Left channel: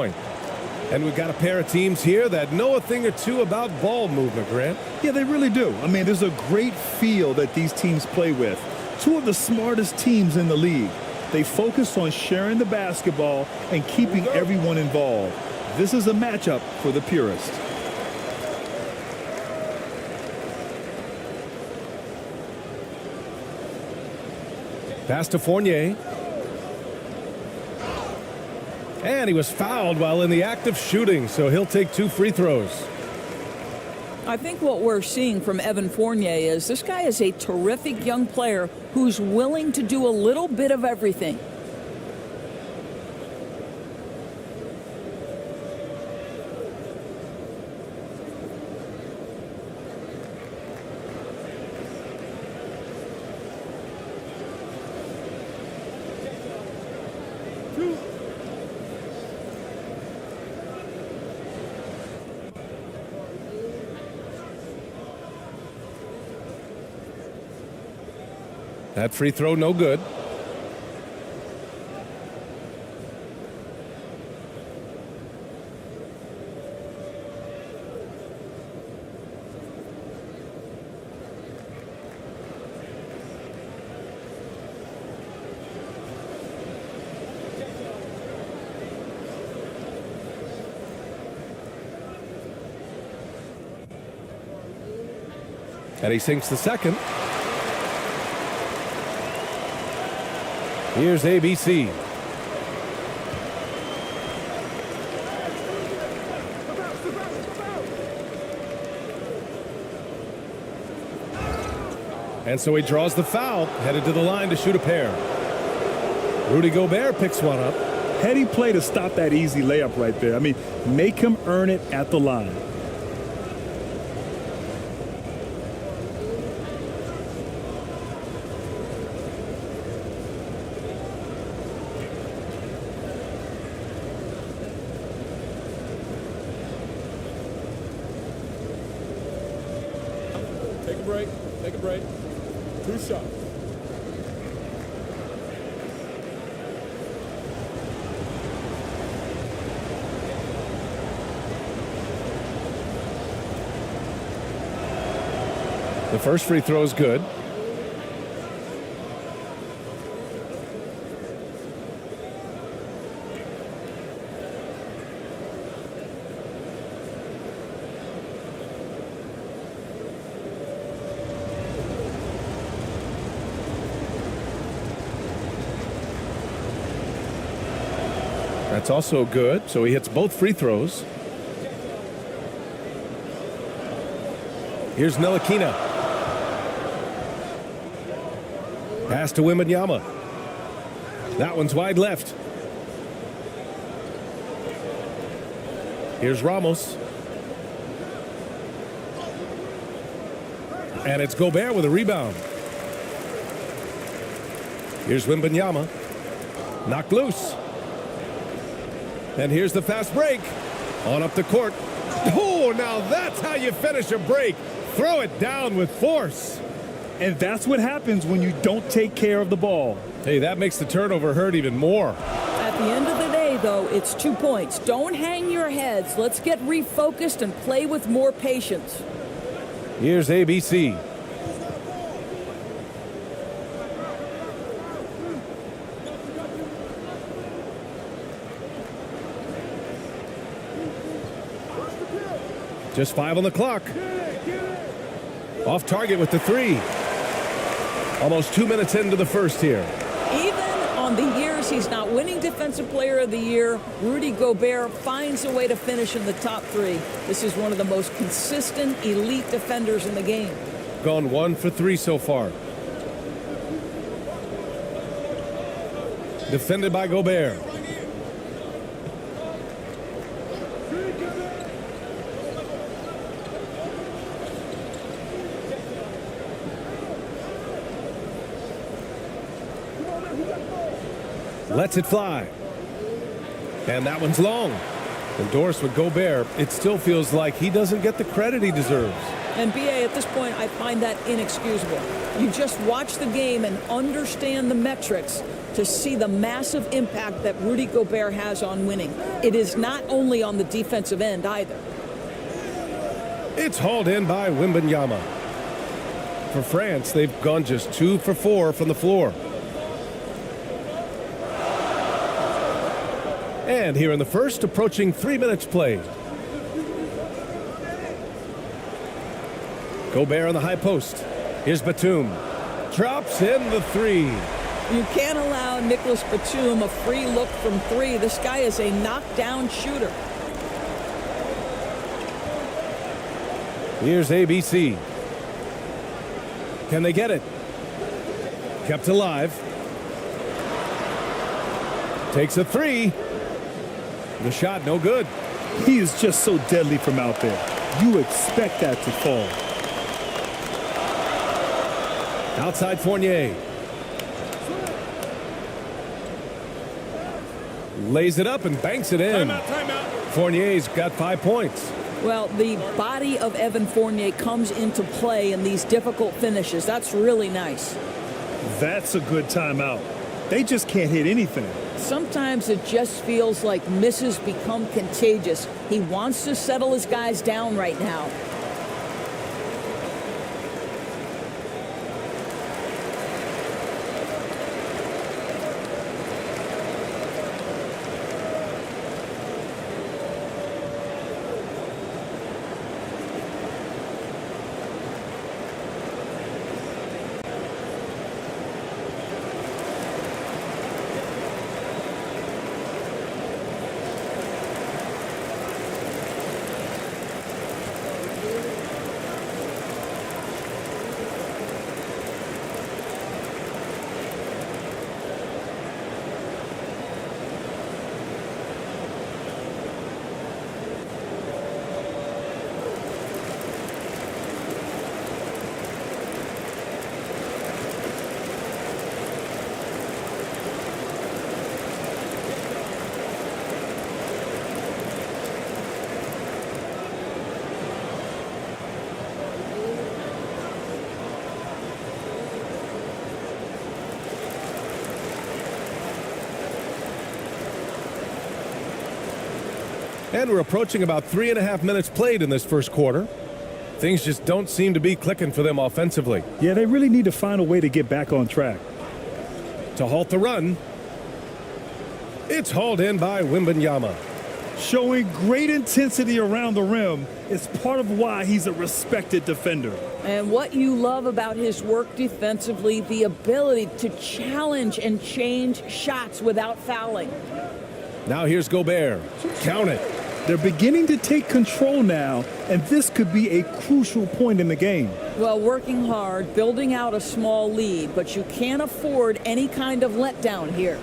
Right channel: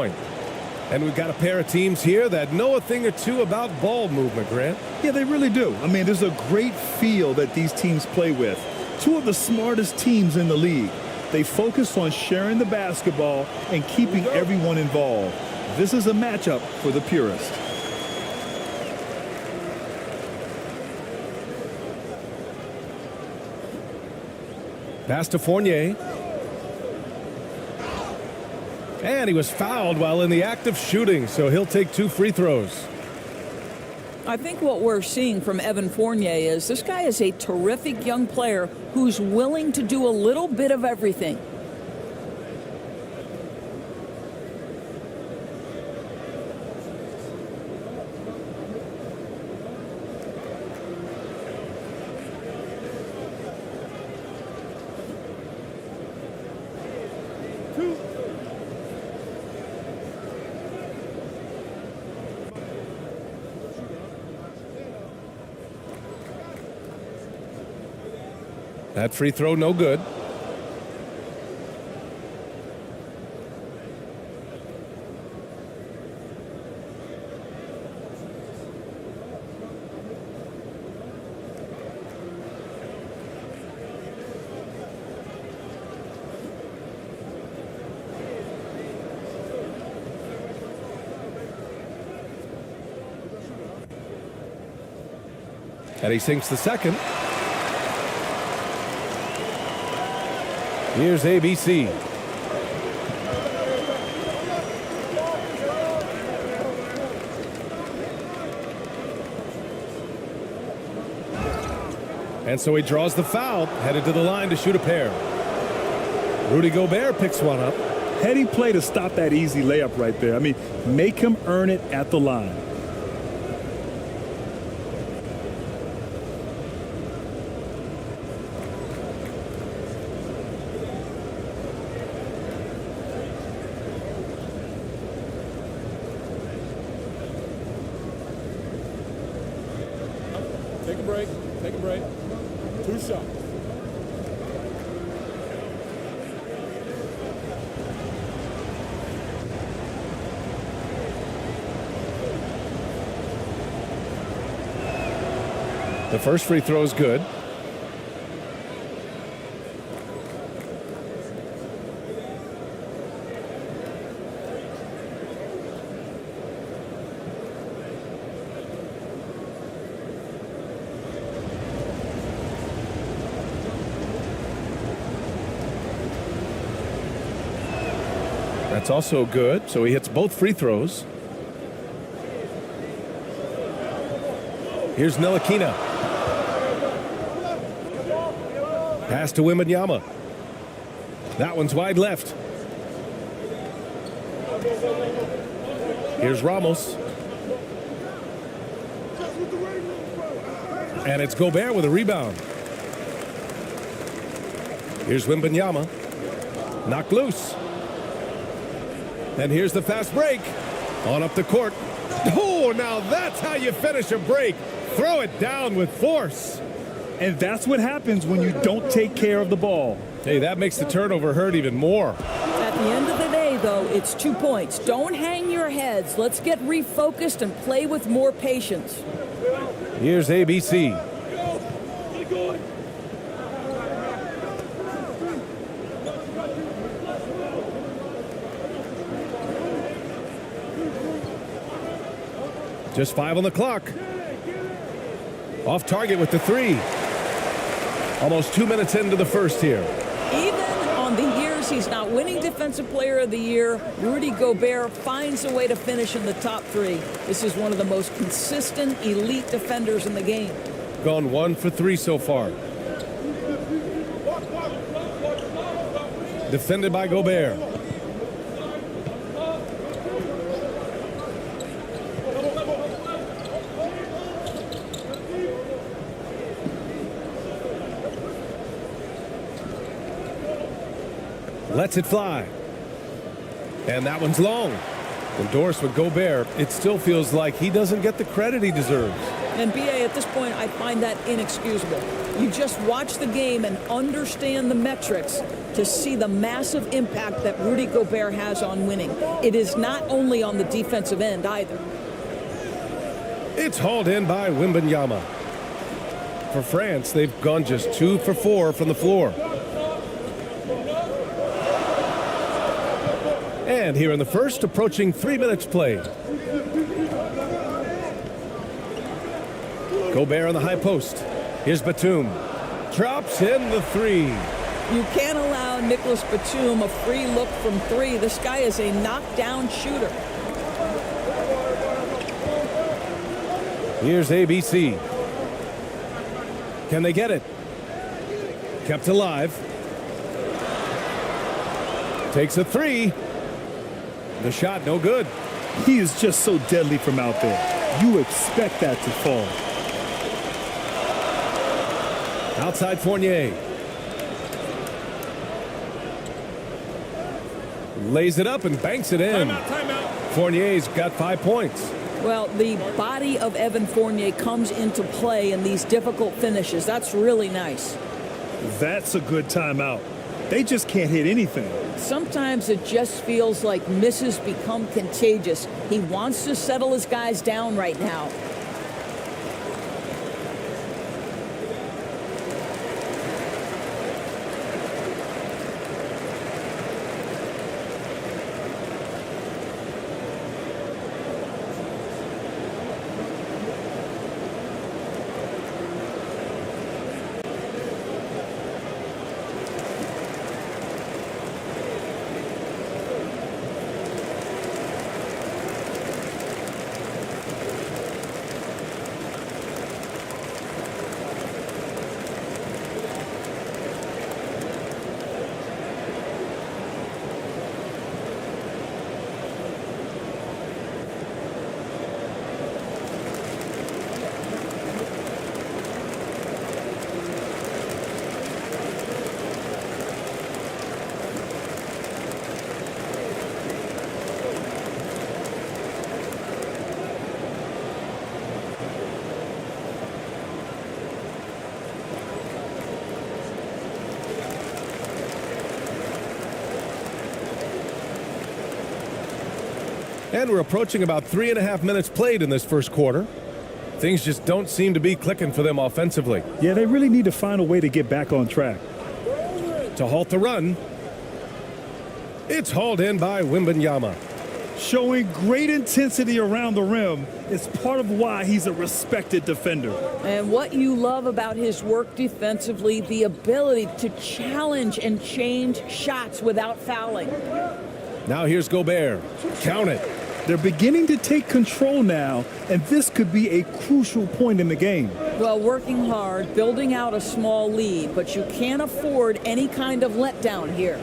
And we've got a pair of teams here that know a thing or two about ball movement, Grant. Yeah, they really do. I mean, there's a great feel that these teams play with. Two of the smartest teams in the league. They focus on sharing the basketball and keeping everyone involved. This is a matchup for the purist. Pass to Fournier. And he was fouled while in the act of shooting, so he'll take 2 free throws. I think what we're seeing from Evan Fournier is this guy is a terrific young player who's willing to do a little bit of everything. That free throw, no good. And he sinks the second. Here's ABC. And so he draws the foul, headed to the line to shoot a pair. Rudy Gobert picks one up. Heady play to stop that easy layup right there. I mean, make him earn it at the line. Take a break. Take a break. 2 shots. The first free throw is good. That's also good, so he hits both free throws. Here's Ntilikina. Pass to Wembanyama. That one's wide left. Here's Ramos. And it's Gobert with a rebound. Here's Wembanyama. Knocked loose. And here's the fast break. On up the court. Oh, now that's how you finish a break. Throw it down with force. And that's what happens when you don't take care of the ball. Hey, that makes the turnover hurt even more. At the end of the day, though, it's 2 points. Don't hang your heads. Let's get refocused and play with more patience. Here's ABC. Just 5 on the clock. Off target with the 3. Almost 2 minutes into the first here. Even on the years he's not winning Defensive Player of the Year, Rudy Gobert finds a way to finish in the top 3. This is one of the most consistent elite defenders in the game. Gone 1 for 3 so far. Defended by Gobert. Lets it fly. And that one's long. Endorsed with Gobert. It still feels like he doesn't get the credit he deserves. And BA, at this point, I find that inexcusable. You just watch the game and understand the metrics. to see the massive impact that Rudy Gobert has on winning. It is not only on the defensive end either. It's hauled in by Wembanyama. For France, they've gone just 2 for 4 from the floor. And here in the first, approaching 3 minutes played. Gobert on the high post. Here's Batum. Drops in the 3. You can't allow Nicholas Batum a free look from 3. This guy is a knockdown shooter. Here's ABC. Can they get it? Kept alive. Takes a 3. The shot no good. He is just so deadly from out there. You expect that to fall. Outside Fournier. Lays it up and banks it in. Timeout. Fournier's got 5 points. Well, the body of Evan Fournier comes into play in these difficult finishes. That's really nice. That's a good timeout. They just can't hit anything. Sometimes it just feels like misses become contagious. He wants to settle his guys down right now. And we're approaching about 3.5 minutes played in this first quarter. Things just don't seem to be clicking for them offensively. Yeah, they really need to find a way to get back on track. To halt the run, it's hauled in by Wembanyama. Showing great intensity around the rim is part of why he's a respected defender. And what you love about his work defensively, the ability to challenge and change shots without fouling. Now here's Gobert. Count it. They're beginning to take control now, and this could be a crucial point in the game. Well, working hard, building out a small lead, but you can't afford any kind of letdown here.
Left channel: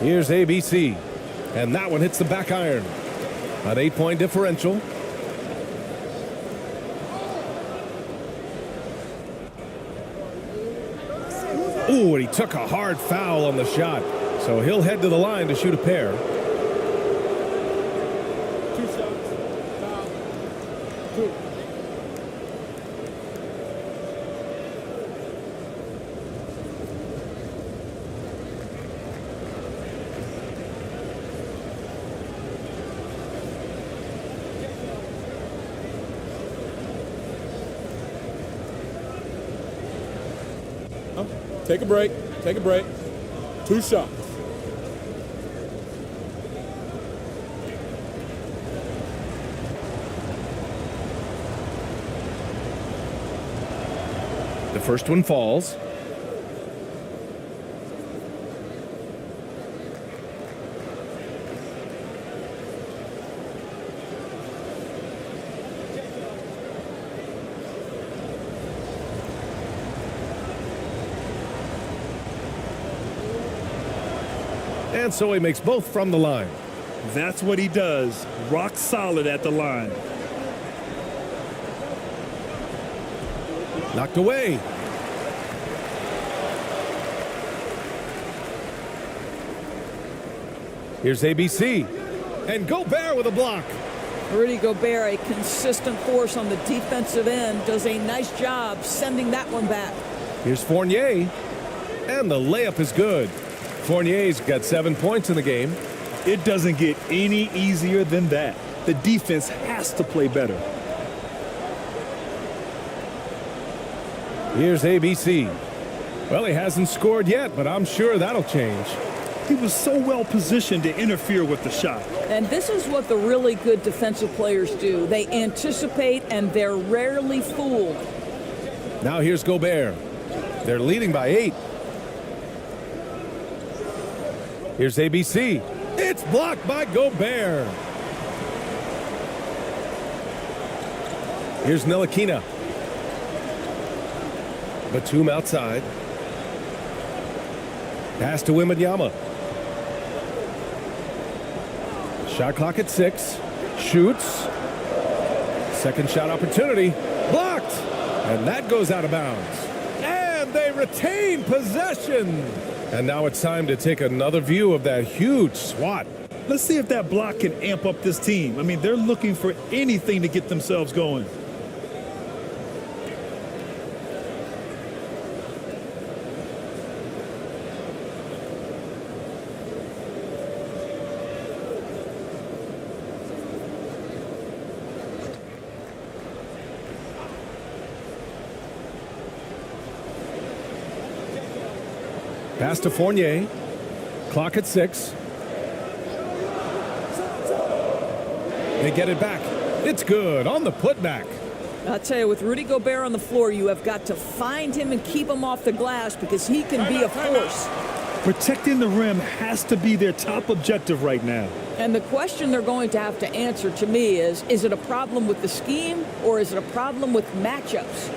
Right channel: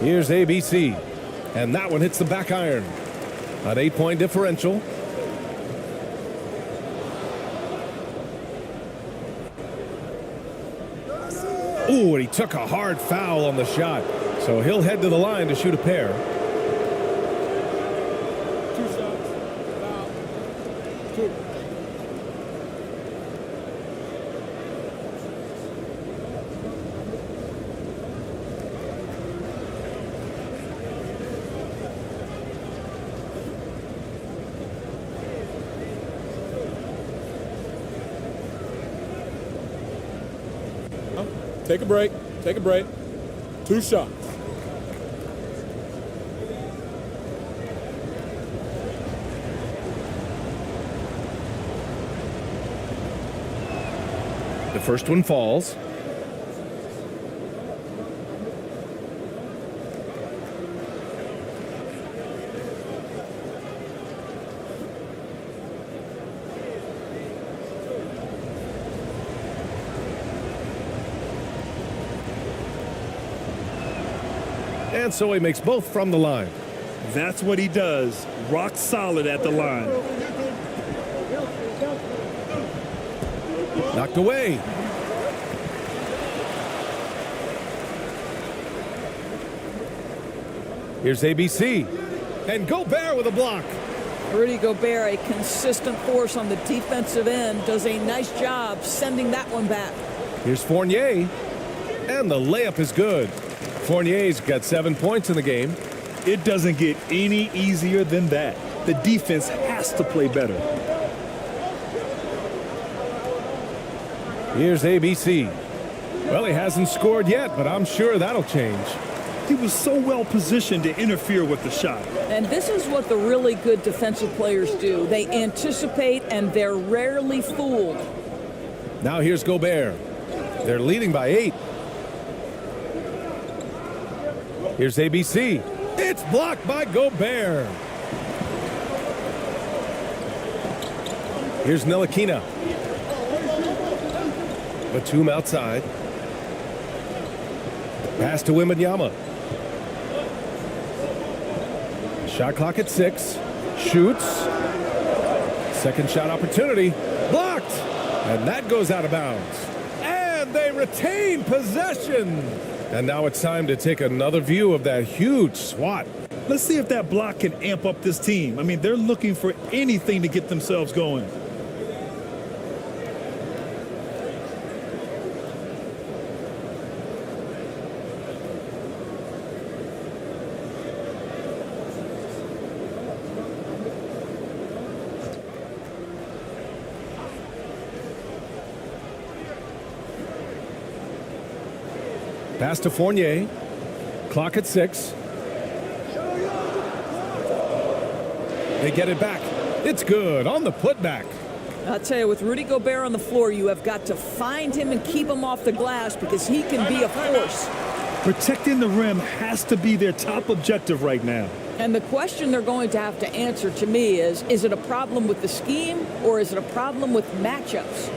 Here's ABC. And that one hits the back iron. An 8-point differential. Ooh, and he took a hard foul on the shot. So he'll head to the line to shoot a pair. 2 shots. Foul. 2. Take a break. Take a break. 2 shots. The first one falls. And so he makes both from the line. That's what he does. Rock solid at the line. Knocked away. Here's ABC. And Gobert with a block. Rudy Gobert, a consistent force on the defensive end, does a nice job sending that one back. Here's Fournier. And the layup is good. Fournier's got 7 points in the game. It doesn't get any easier than that. The defense has to play better. Here's ABC. Well, he hasn't scored yet, but I'm sure that'll change. He was so well positioned to interfere with the shot. And this is what the really good defensive players do. They anticipate, and they're rarely fooled. Now here's Gobert. They're leading by 8. Here's ABC. It's blocked by Gobert. Here's Ntilikina. Batum outside. Pass to Wembanyama. Shot clock at 6. Shoots. Second shot opportunity. Blocked. And that goes out of bounds. And they retain possession. And now it's time to take another view of that huge swat. Let's see if that block can amp up this team. I mean, they're looking for anything to get themselves going. Pass to Fournier. Clock at 6. They get it back. It's good on the putback. I'll tell you, with Rudy Gobert on the floor, you have got to find him and keep him off the glass because he can be a force. Protecting the rim has to be their top objective right now. And the question they're going to have to answer to me is it a problem with the scheme or is it a problem with matchups?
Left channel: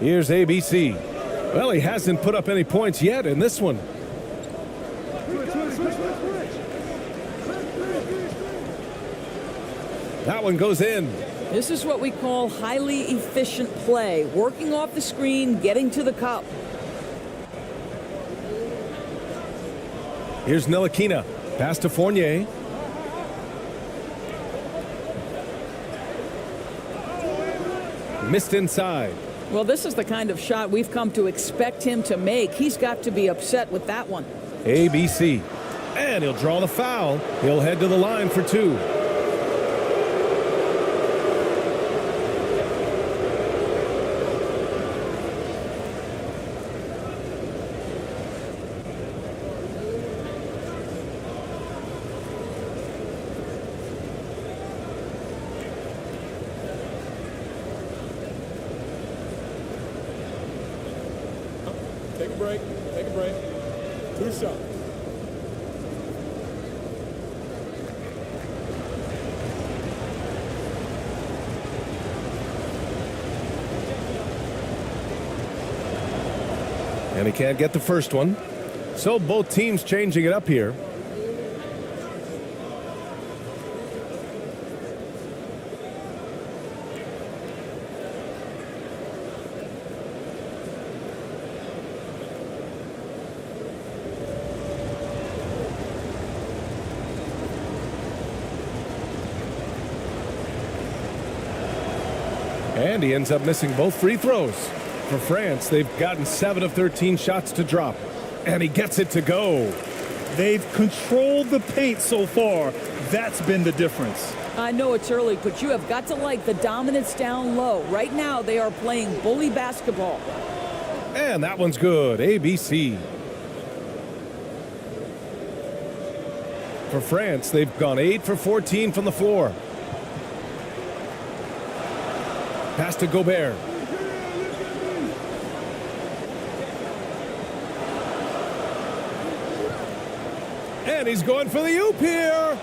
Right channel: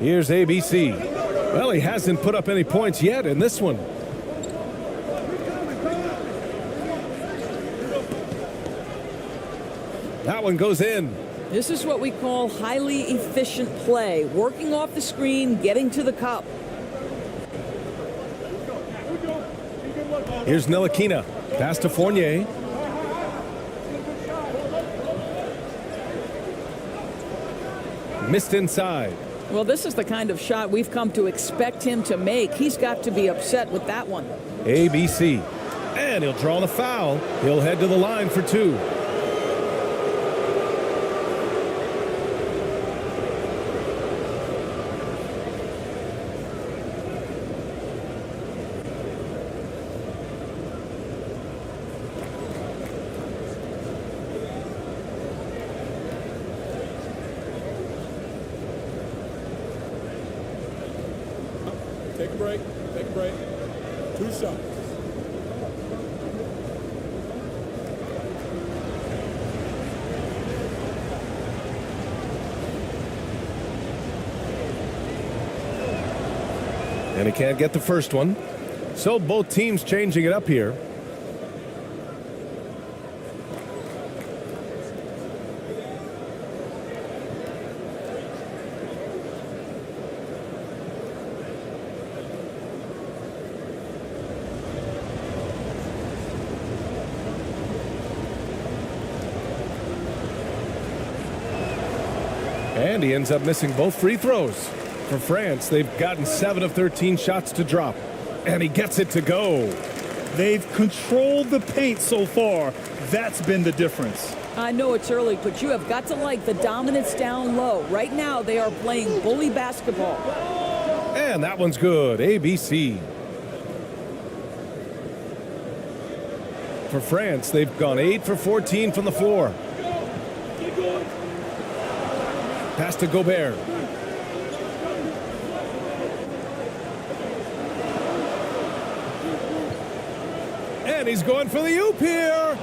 Here's ABC. Well, he hasn't put up any points yet in this one. That one goes in. This is what we call highly efficient play. Working off the screen, getting to the cup. Here's Ntilikina. Pass to Fournier. Missed inside. Well, this is the kind of shot we've come to expect him to make. He's got to be upset with that one. ABC. And he'll draw the foul. He'll head to the line for 2. Take a break. Take a break. 2 shots. And he can't get the first one. So both teams changing it up here. And he ends up missing both free throws. For France, they've gotten 7 of 13 shots to drop. And he gets it to go. They've controlled the paint so far. That's been the difference. I know it's early, but you have got to like the dominance down low. Right now, they are playing bully basketball. And that one's good. ABC. For France, they've gone 8 for 14 from the floor. Pass to Gobert. And he's going for the oop here.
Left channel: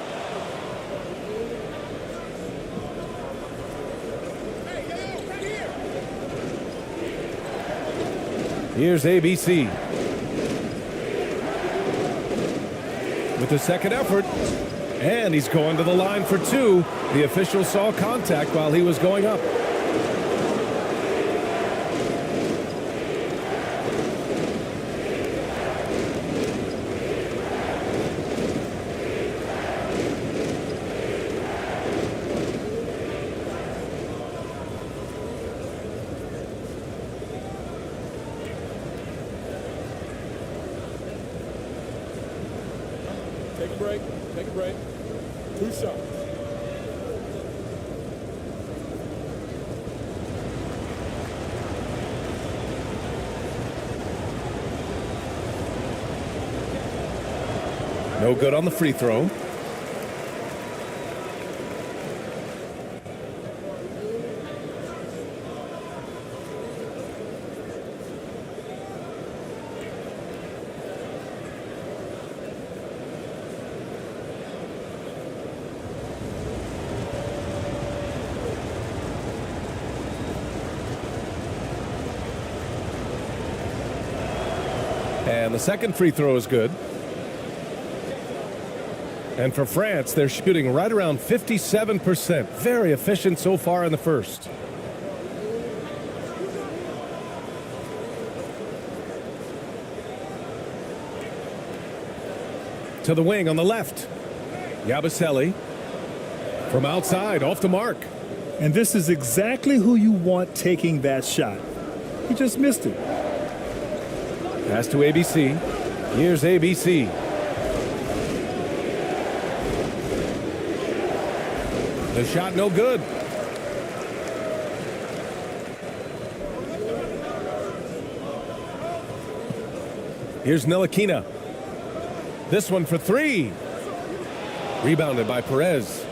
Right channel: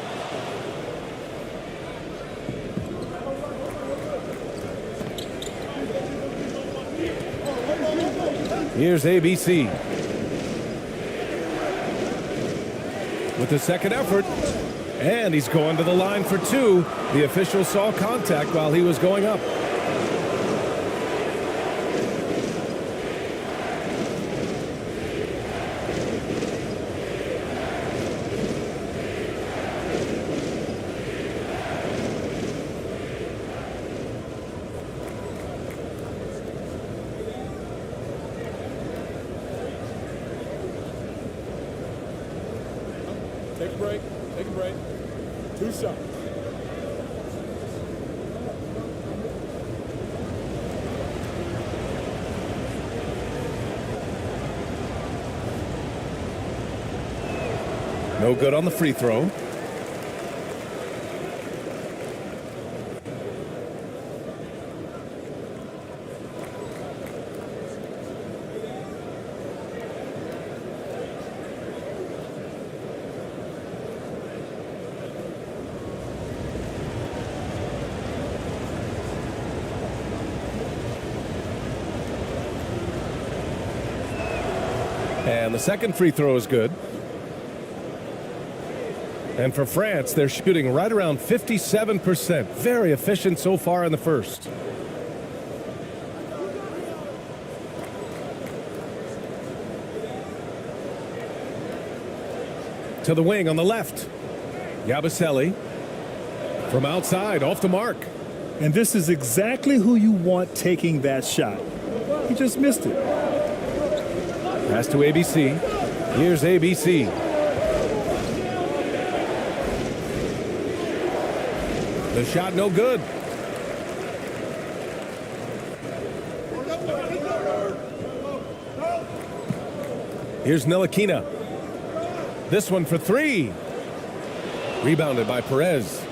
Here's ABC. With the second effort. And he's going to the line for 2. The official saw contact while he was going up. Take a break. Take a break. 2 shots. No good on the free throw. And the second free throw is good. And for France, they're shooting right around 57%. Very efficient so far in the first. To the wing on the left. Yabusele from outside, off the mark. And this is exactly who you want taking that shot. He just missed it. Pass to ABC. Here's ABC. The shot no good. Here's Ntilikina. This one for 3. Rebounded by Perez.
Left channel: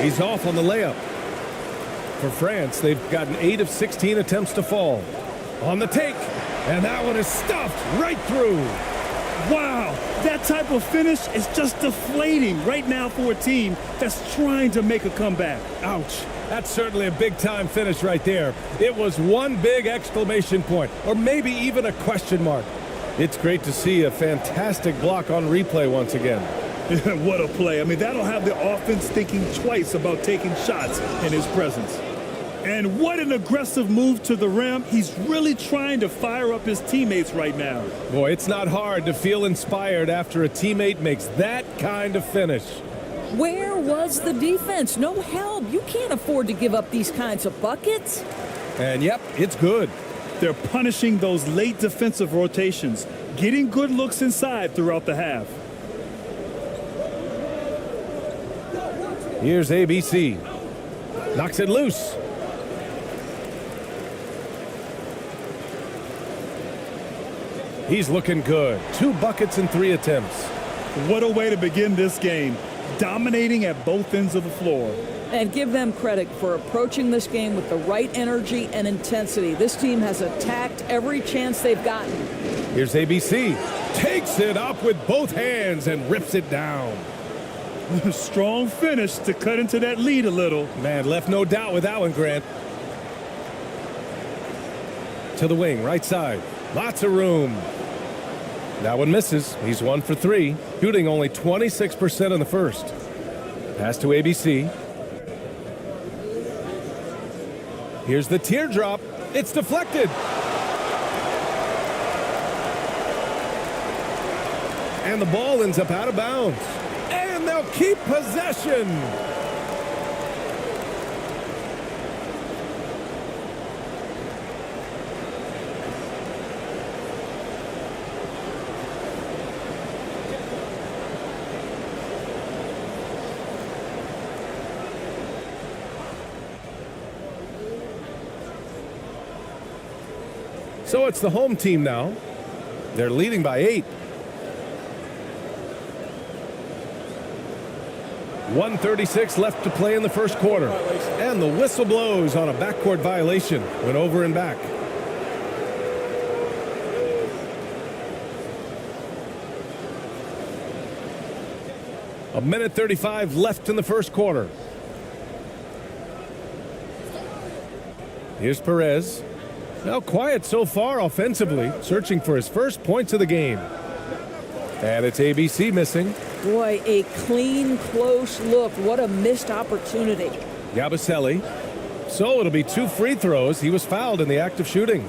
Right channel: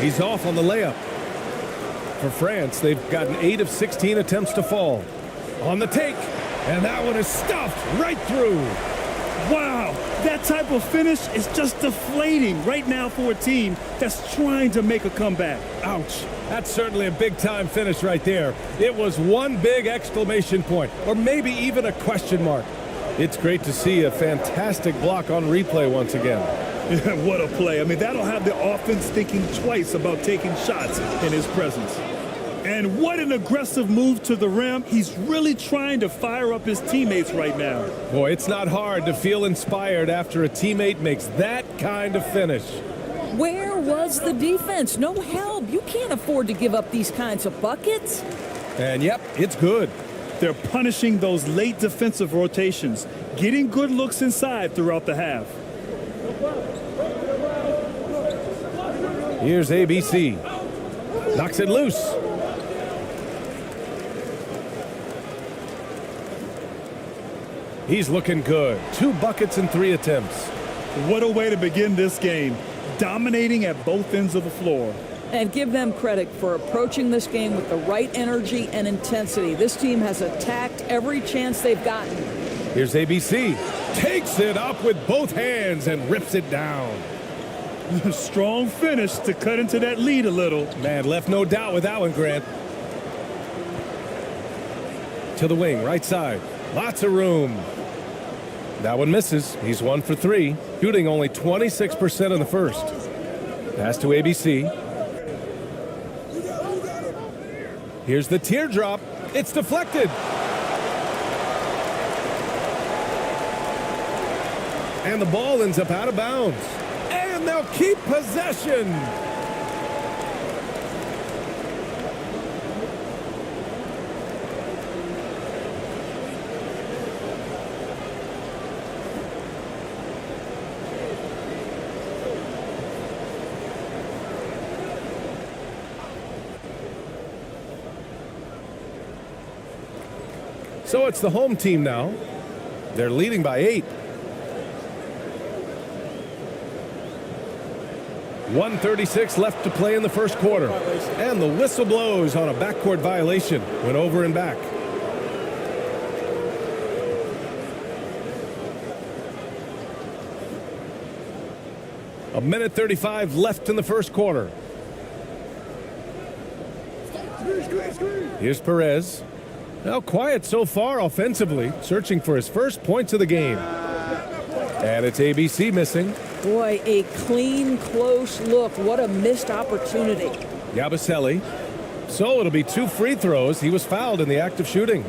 He's off on the layup. For France, they've gotten 8 of 16 attempts to fall. On the take, and that one is stuffed right through. Wow, that type of finish is just deflating right now for a team that's trying to make a comeback. Ouch. That's certainly a big-time finish right there. It was one big exclamation point, or maybe even a question mark. It's great to see a fantastic block on replay once again. What a play. I mean, that'll have the offense thinking twice about taking shots in his presence. And what an aggressive move to the rim. He's really trying to fire up his teammates right now. Boy, it's not hard to feel inspired after a teammate makes that kind of finish. Where was the defense? No help. You can't afford to give up these kinds of buckets. And yep, it's good. They're punishing those late defensive rotations, getting good looks inside throughout the half. Here's ABC. Knocks it loose. He's looking good. 2 buckets and 3 attempts. What a way to begin this game. Dominating at both ends of the floor. And give them credit for approaching this game with the right energy and intensity. This team has attacked every chance they've gotten. Here's ABC. Takes it up with both hands and rips it down. Strong finish to cut into that lead a little. Man, left no doubt with that one, Grant. To the wing, right side. Lots of room. That one misses. He's 1 for 3, shooting only 26% in the first. Pass to ABC. Here's the teardrop. It's deflected. And the ball ends up out of bounds. And they'll keep possession. So it's the home team now. They're leading by 8. 1:36 left to play in the first quarter. And the whistle blows on a backcourt violation. Went over and back. A minute 35 left in the first quarter. Here's Perez. Now quiet so far offensively, searching for his first points of the game. And it's ABC missing. Boy, a clean, close look. What a missed opportunity. Yabusele. So it'll be 2 free throws. He was fouled in the act of shooting.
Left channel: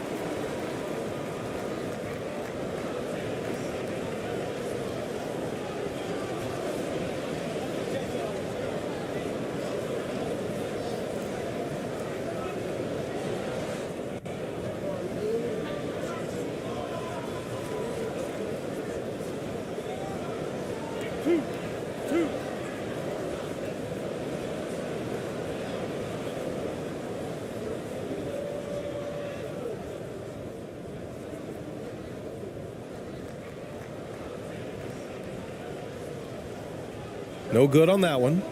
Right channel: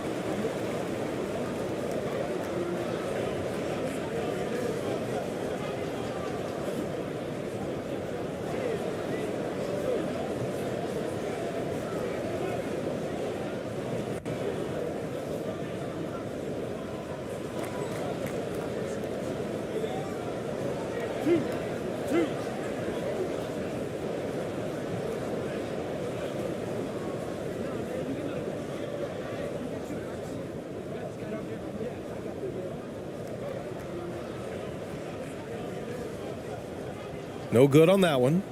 No good on that one.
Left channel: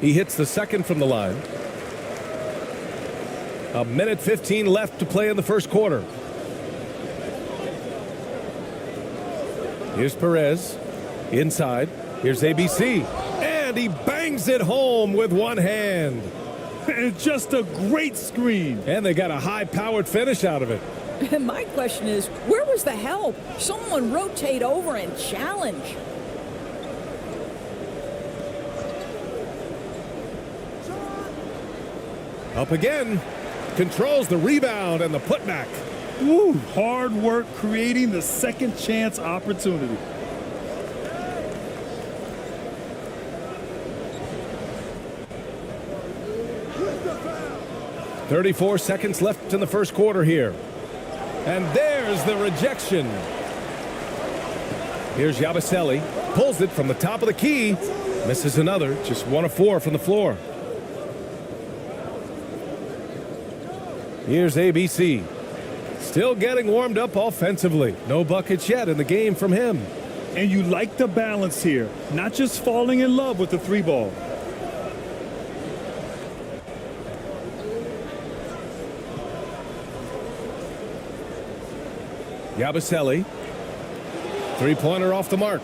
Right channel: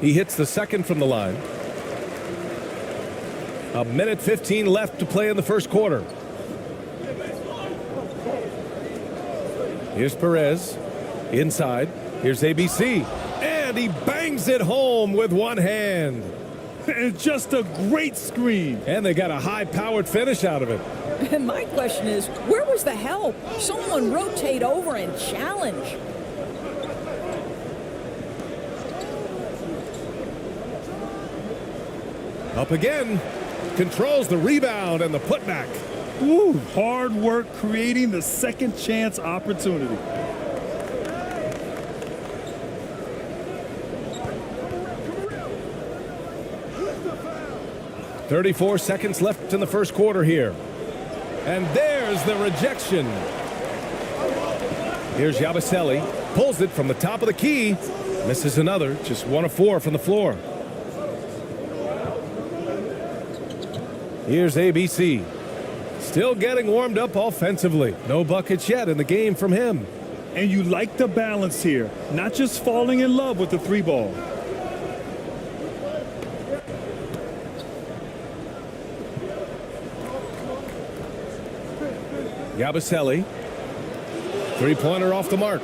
He hits the second from the line. A minute 15 left to play in the first quarter. Here's Perez. Inside. Here's ABC. And he bangs it home with one hand. And just a great screen. And they got a high-powered finish out of it. And my question is, where was the help? Someone rotate over and challenge. Up again. Controls the rebound and the putback. Ooh, hard work creating the second chance opportunity. "34 seconds left in the first quarter here. And there's the rejection. Here's Yabusele. Pulls it from the top of the key. Misses another. Just 1 of 4 from the floor. Here's ABC. Still getting warmed up offensively. No buckets yet in the game from him. And you like the balance here. Not just falling in love with the 3 ball. Yabusele. 3-pointer off the mark.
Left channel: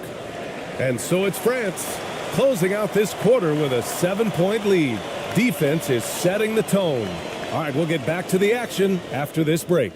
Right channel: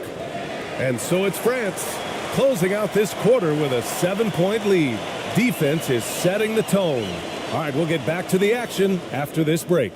And so it's France closing out this quarter with a 7-point lead. Defense is setting the tone. All right, we'll get back to the action after this break.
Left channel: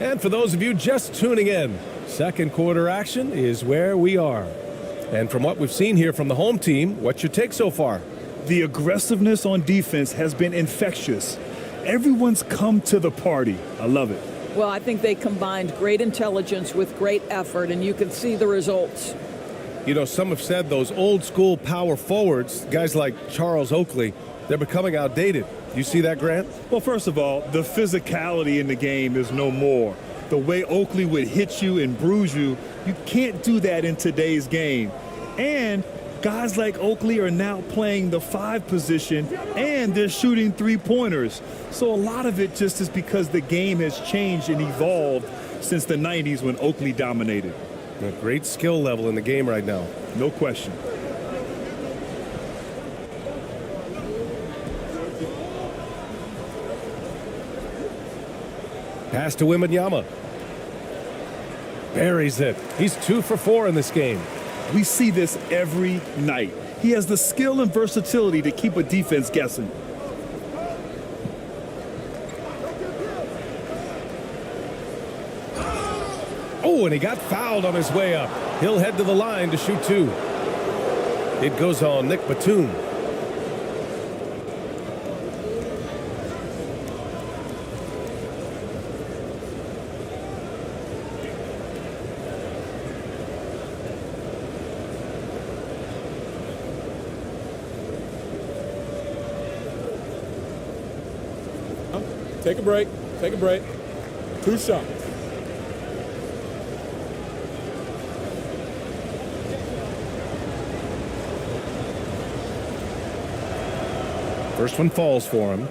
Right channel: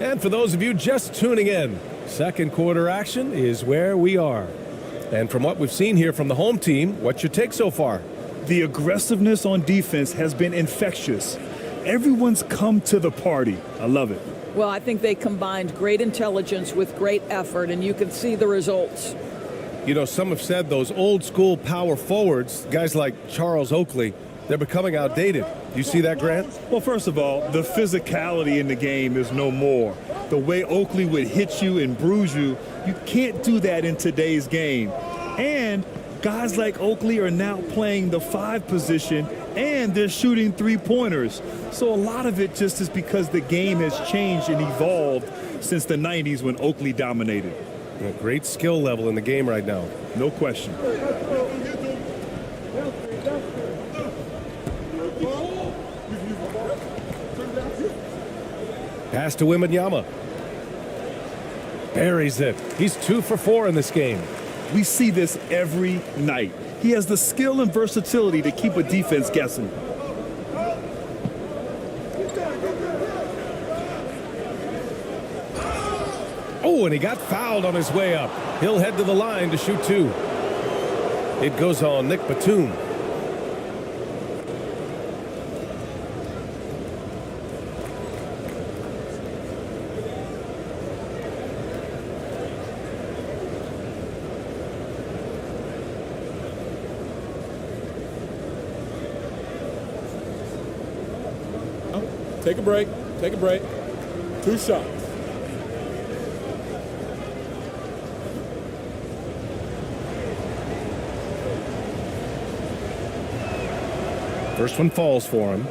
And for those of you just tuning in, second quarter action is where we are. And from what we've seen here from the home team, what's your take so far? The aggressiveness on defense has been infectious. Everyone's come to the party. I love it. Well, I think they combined great intelligence with great effort, and you can see the results. You know, some have said those old school power forwards, guys like Charles Oakley, they're becoming outdated. You see that, Grant? Well, first of all, the physicality in the game is no more. The way Oakley would hit you and bruise you, you can't do that in today's game. And guys like Oakley are now playing the 5 position, and they're shooting 3-pointers. So a lot of it just is because the game has changed and evolved since the 90s when Oakley dominated. A great skill level in the game right now. No question. Pass to Wembanyama. Buries it. He's 2 for 4 in this game. We see this every night. He has the skill and versatility to keep a defense guessing. Oh, and he got fouled on his way up. He'll head to the line to shoot 2. It goes on Nick Batum. Take a break. Take a break. 2 shots. First one falls for him.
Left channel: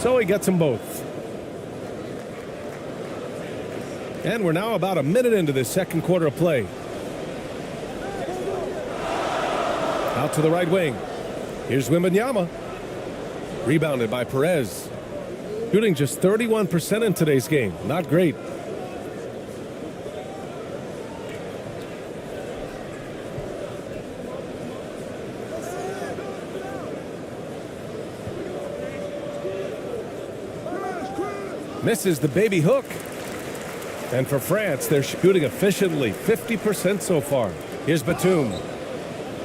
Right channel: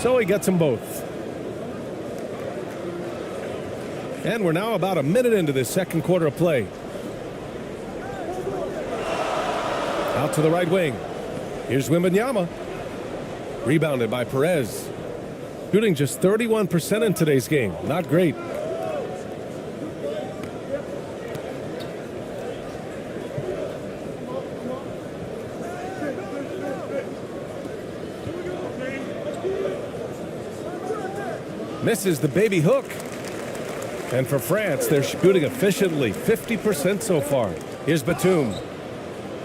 So he gets them both. And we're now about a minute into this second quarter of play. Out to the right wing. Here's Wembanyama. Rebounded by Perez. Shooting just 31% in today's game. Not great. Misses the baby hook. And for France, they're shooting efficiently, 50% so far. Here's Batum.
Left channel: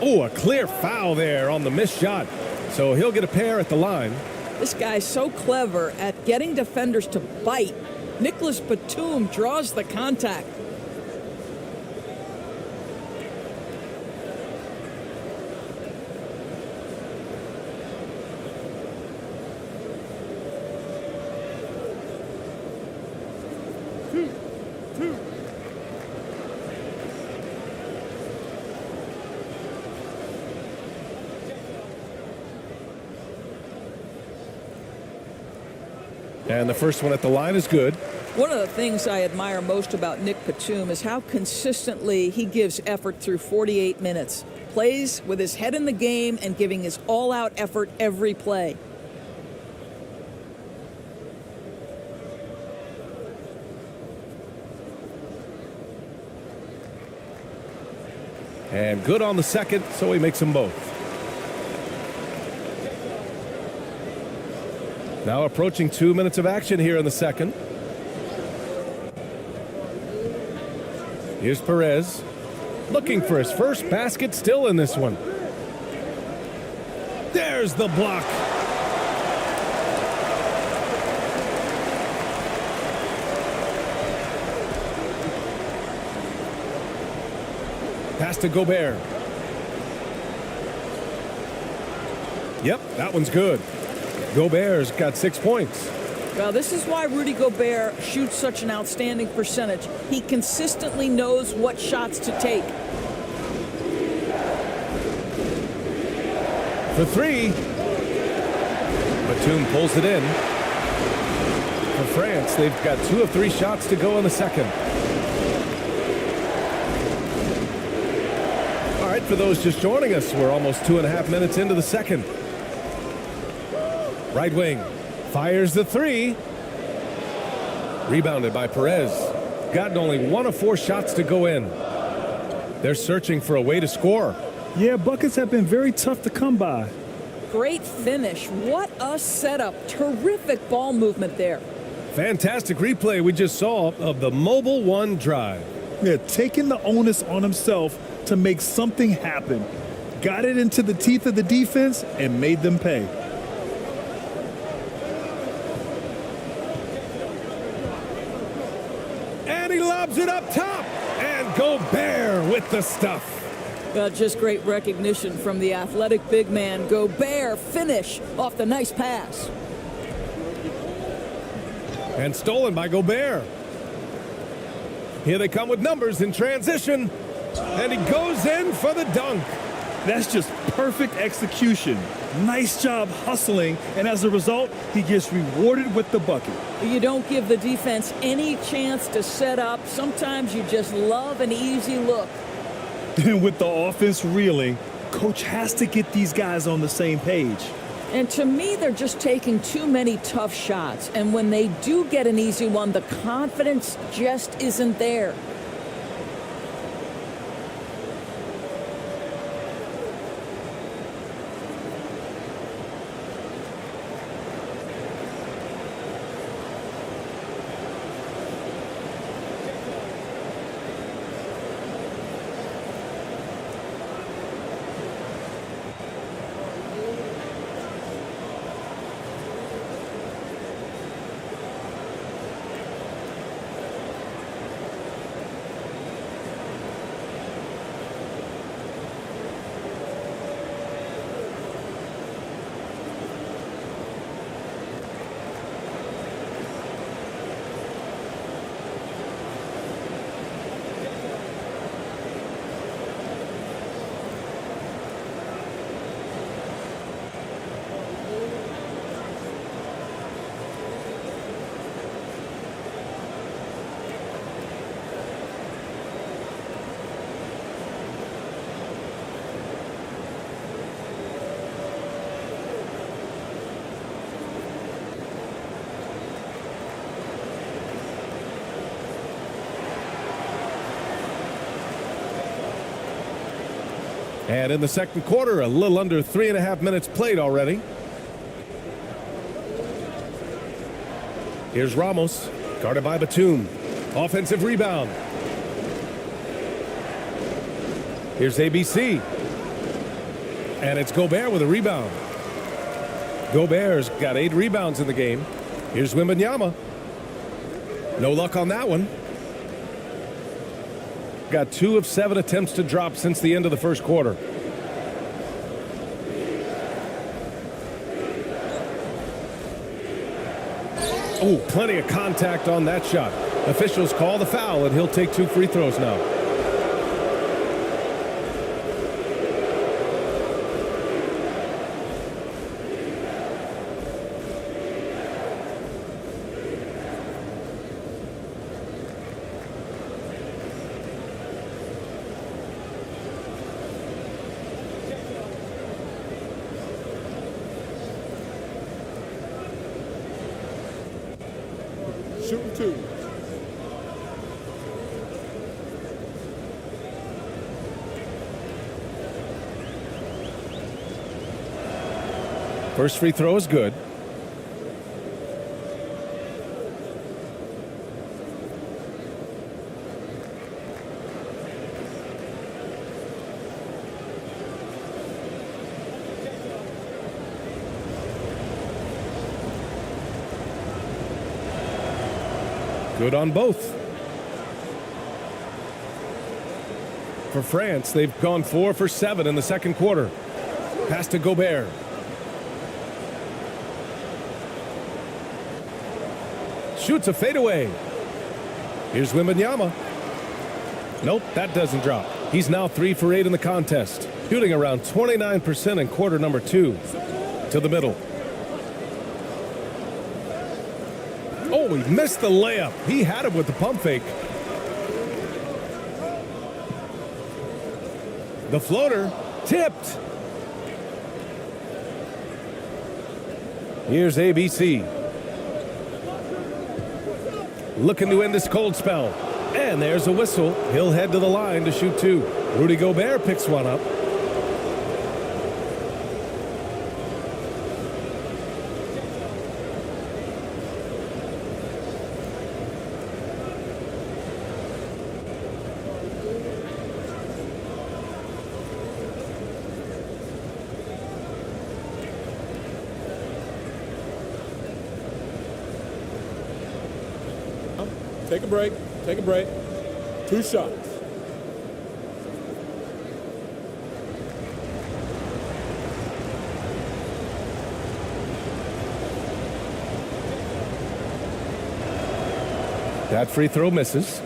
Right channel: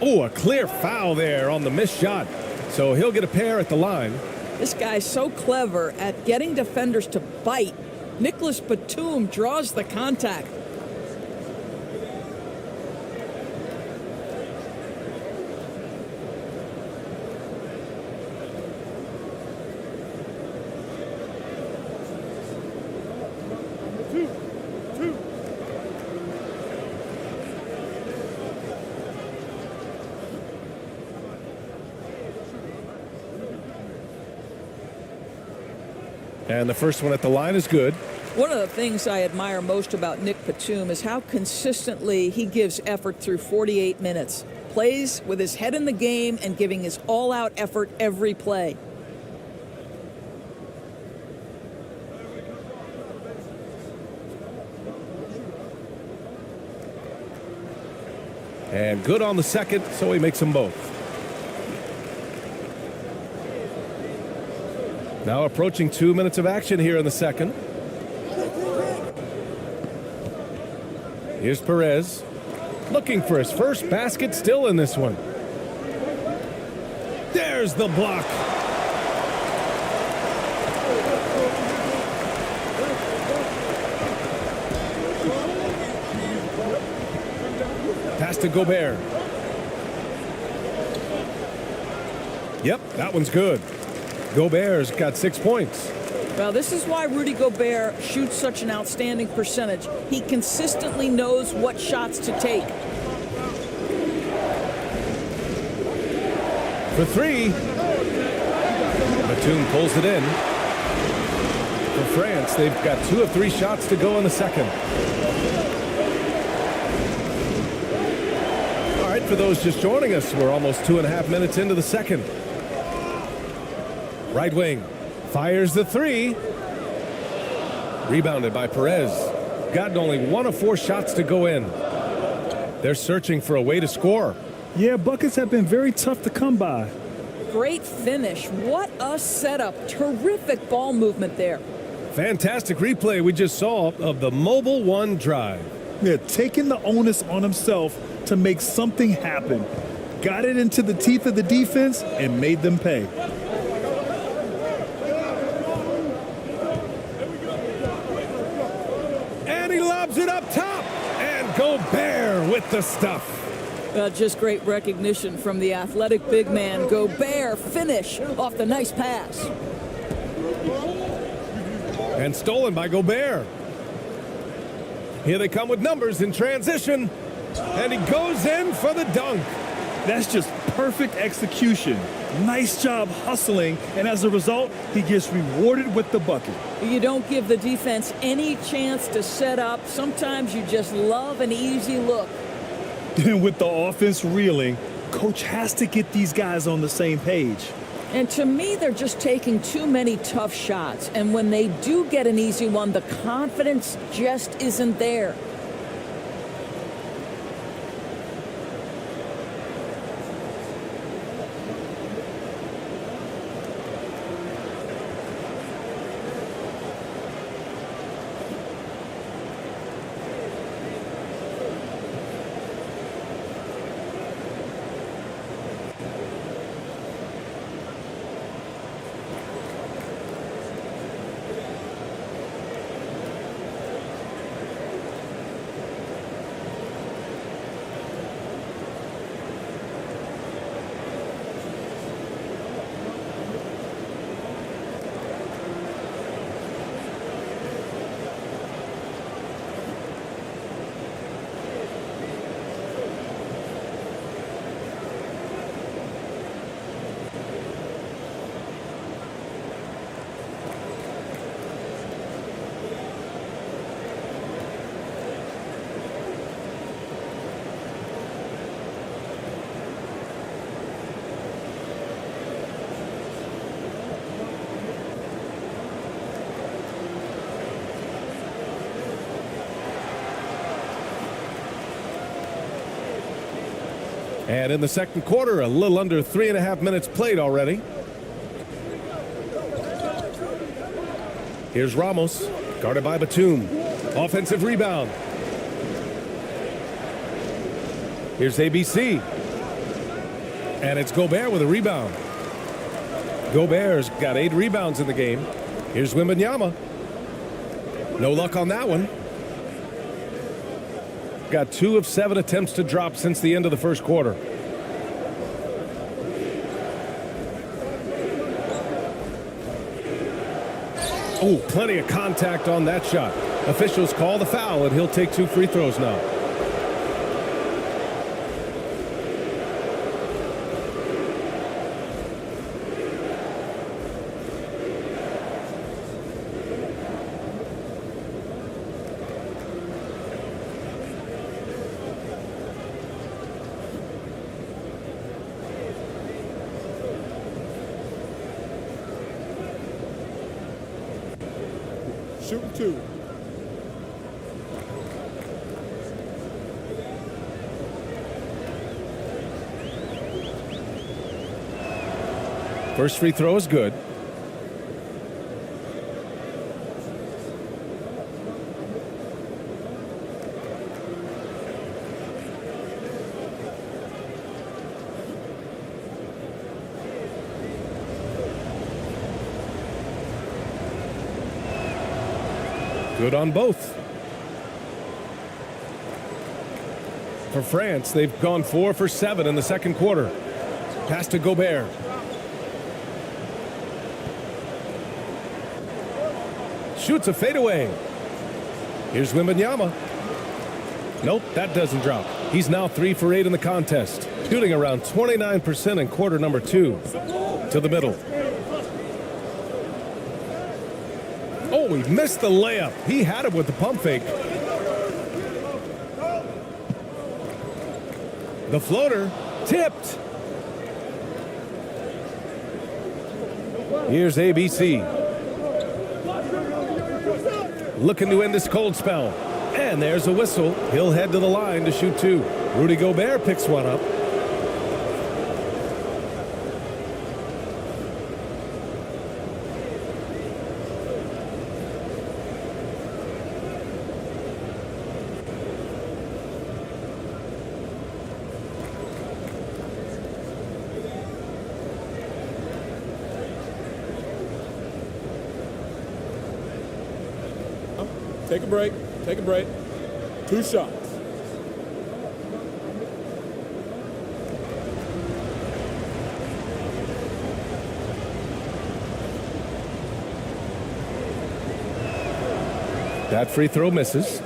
Oh, a clear foul there on the missed shot. So he'll get a pair at the line. This guy's so clever at getting defenders to bite. Nicholas Batum draws the contact. And the first one at the line is good. One of the things I admire most about Nick Batum is how consistently he gives effort through 48 minutes. Plays with his head in the game and giving his all-out effort every play. And good on the second, so he makes them both. Now approaching 2 minutes of action here in the second. Here's Perez. Looking for his first basket, still in this one. There's the block. Pass to Gobert. Yep, that one's good. Gobert's got 6 points. Well, this is why Rudy Gobert shoots such an outstanding percentage. He consistently knows what shots to take. For 3. Batum pulls it in. For France, they've got 2 of 3 shots to go in the second. All right, for those just joining us, we're almost 2.5 minutes into the second. Right wing, fires the 3. Rebounded by Perez. Gotten only 1 of 4 shots to go in. They're searching for a way to score. Yeah, buckets have been very tough to come by. Great finish. What a setup. Terrific ball movement there. Fantastic replay we just saw of the Mobile One drive. Yeah, taking the onus on himself to make something happen. Got it into the teeth of the defense and made them pay. And he lobs it up top. And Gobert with the stuff. Just great recognition from the athletic big man. Gobert finish off the nice pass. And stolen by Gobert. Here they come with numbers in transition. And he goes in for the dunk. That's just perfect execution. Nice job hustling, and as a result, he gets rewarded with the bucket. You don't give the defense any chance to set up. Sometimes you just love an easy look. And with the offense reeling, coach has to get these guys on the same page. And to me, they're just taking too many tough shots. And when they do get an easy one, the confidence just isn't there. And in the second quarter, a little under 3.5 minutes played already. Here's Ramos, guarded by Batum. Offensive rebound. Here's ABC. And it's Gobert with a rebound. Gobert's got 8 rebounds in the game. Here's Wembanyama. No luck on that one. Got 2 of 7 attempts to drop since the end of the first quarter. Oh, plenty of contact on that shot. Officials call the foul, and he'll take 2 free throws now. Shooting 2. First free throw is good. Good on both. For France, they've gone 4 for 7 in the second quarter. Pass to Gobert. Shoots a fadeaway. Here's Wembanyama. Nope, that doesn't drop. He's now 3 for 8 in the contest, shooting around 29% in quarter number 2. To the middle. Oh, he missed the layup. He had it with the pump fake. The floater tipped. Here's ABC. Looking to end this cold spell. And there's a whistle. He'll head to the line to shoot 2. Rudy Gobert picks one up. Take a break. Take a break. 2 shots. That free throw misses.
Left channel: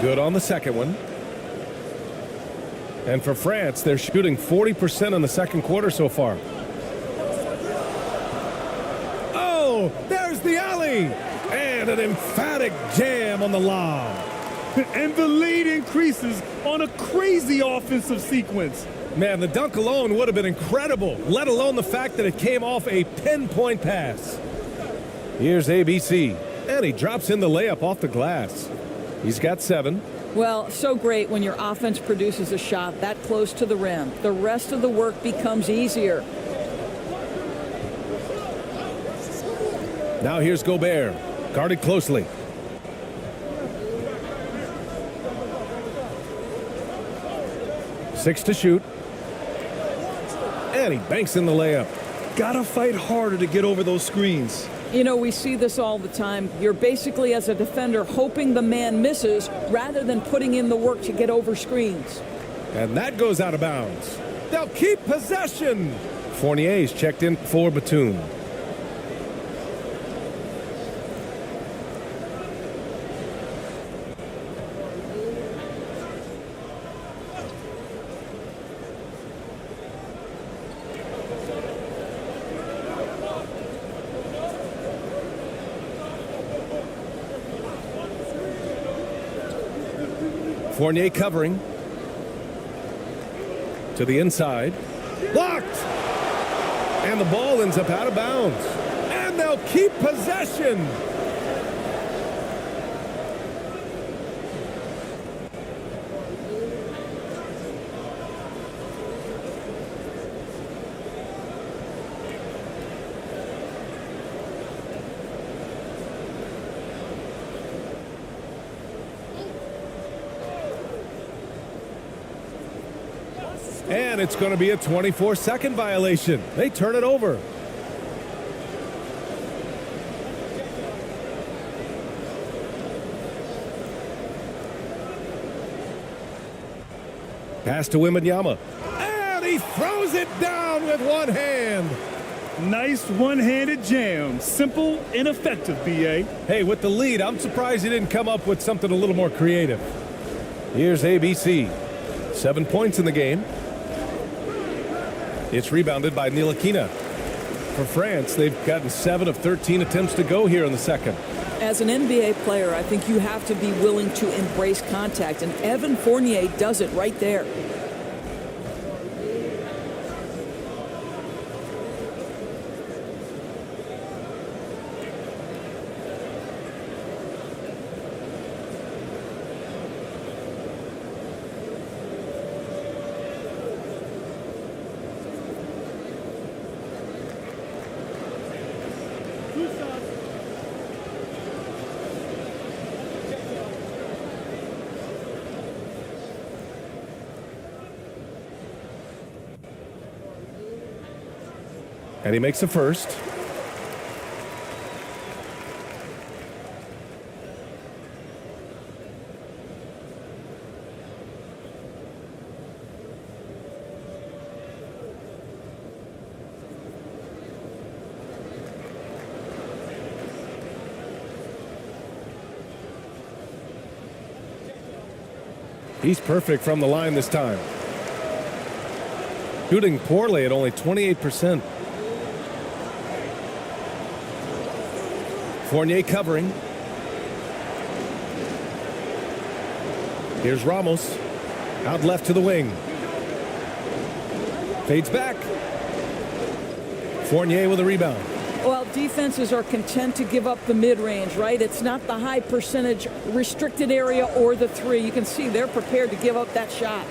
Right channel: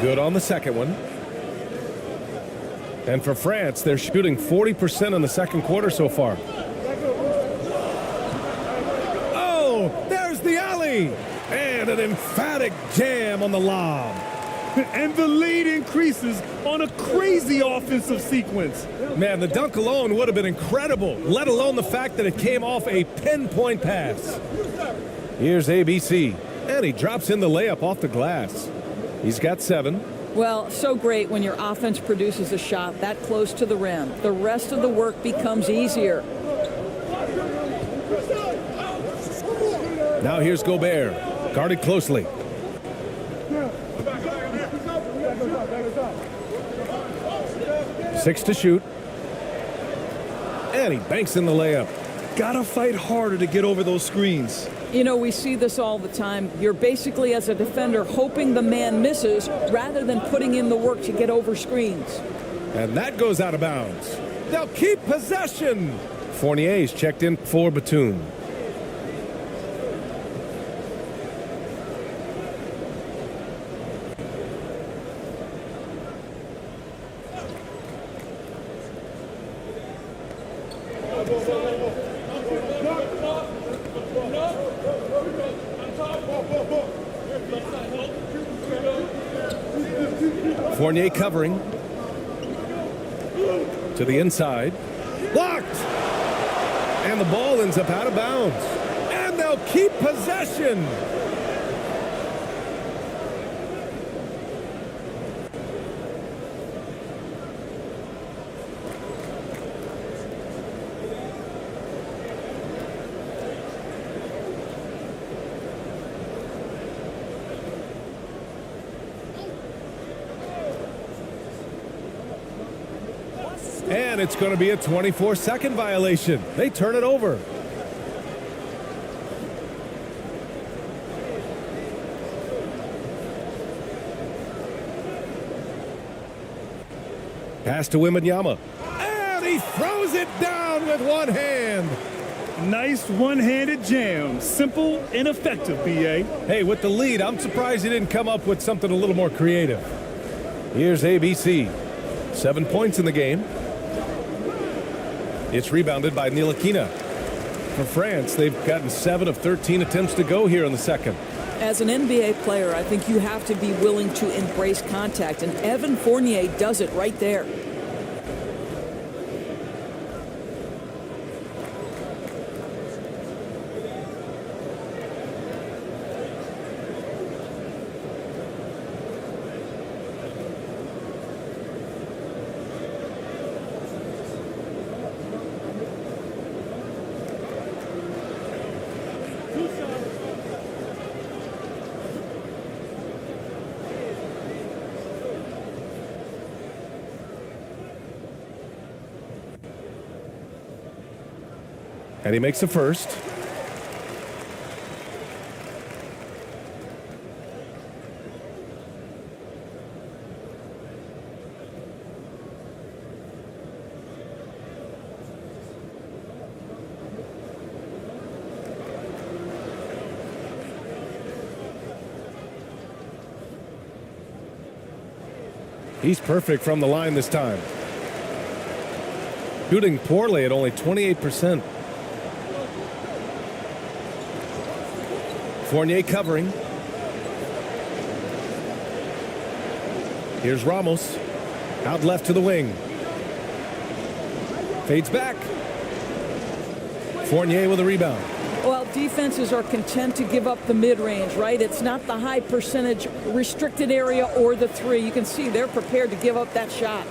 Good on the second one. And for France, they're shooting 40% in the second quarter so far. Oh, there's the alley. And an emphatic jam on the lob. And the lead increases on a crazy offensive sequence. Man, the dunk alone would have been incredible, let alone the fact that it came off a pinpoint pass. Here's ABC, and he drops in the layup off the glass. He's got 7. Well, so great when your offense produces a shot that close to the rim. The rest of the work becomes easier. Now here's Gobert, guarded closely. Six to shoot. And he banks in the layup. Gotta fight harder to get over those screens. You know, we see this all the time. You're basically, as a defender, hoping the man misses rather than putting in the work to get over screens. And that goes out of bounds. They'll keep possession. Fournier's checked in for Batum. Fournier covering. To the inside. Blocked! And the ball ends up out of bounds. And they'll keep possession. And it's going to be a 24-second violation. They turn it over. Pass to Wembanyama. And he throws it down with one hand. Nice one-handed jam. Simple and effective, B.A. Hey, with the lead, I'm surprised he didn't come up with something a little more creative. Here's ABC. 7 points in the game. It's rebounded by Ntilikina. For France, they've gotten 7 of 13 attempts to go here in the second. As an NBA player, I think you have to be willing to embrace contact, and Evan Fournier does it right there. And he makes the first. He's perfect from the line this time. Shooting poorly at only 28%. Fournier covering. Here's Ramos. Out left to the wing. Fades back. Fournier with a rebound. Well, defenses are content to give up the mid-range, right? It's not the high percentage restricted area or the 3. You can see they're prepared to give up that shot.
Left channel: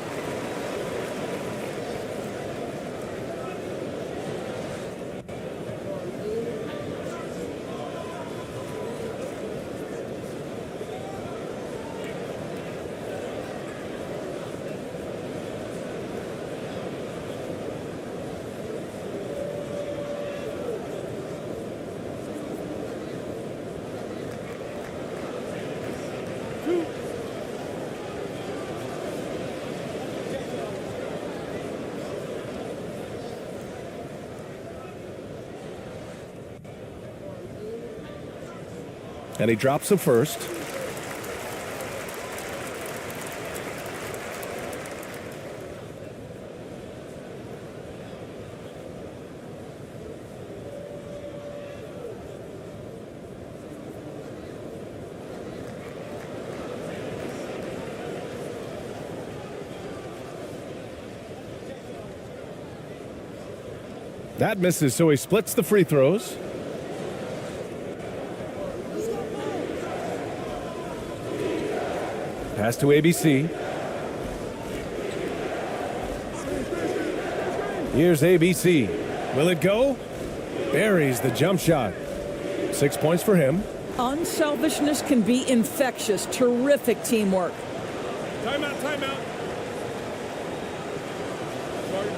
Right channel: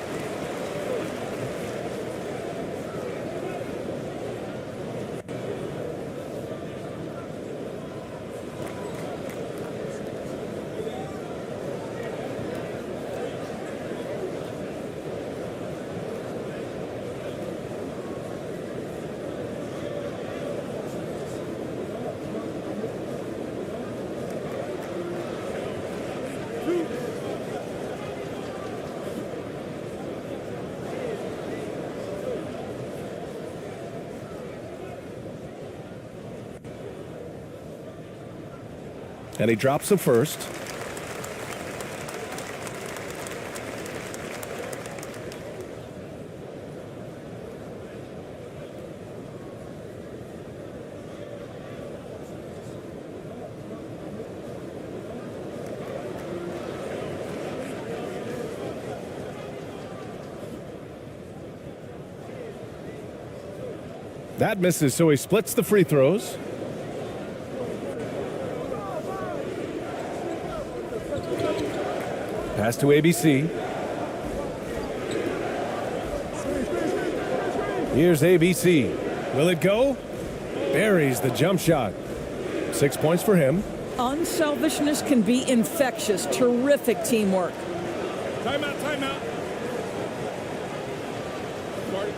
And he drops the first. That misses, so he splits the free throws. Pass to ABC. Here's ABC. Will it go? Buries the jump shot. 6 points for him. Unselfishness can be infectious. Terrific teamwork. Timeout, timeout. Marty.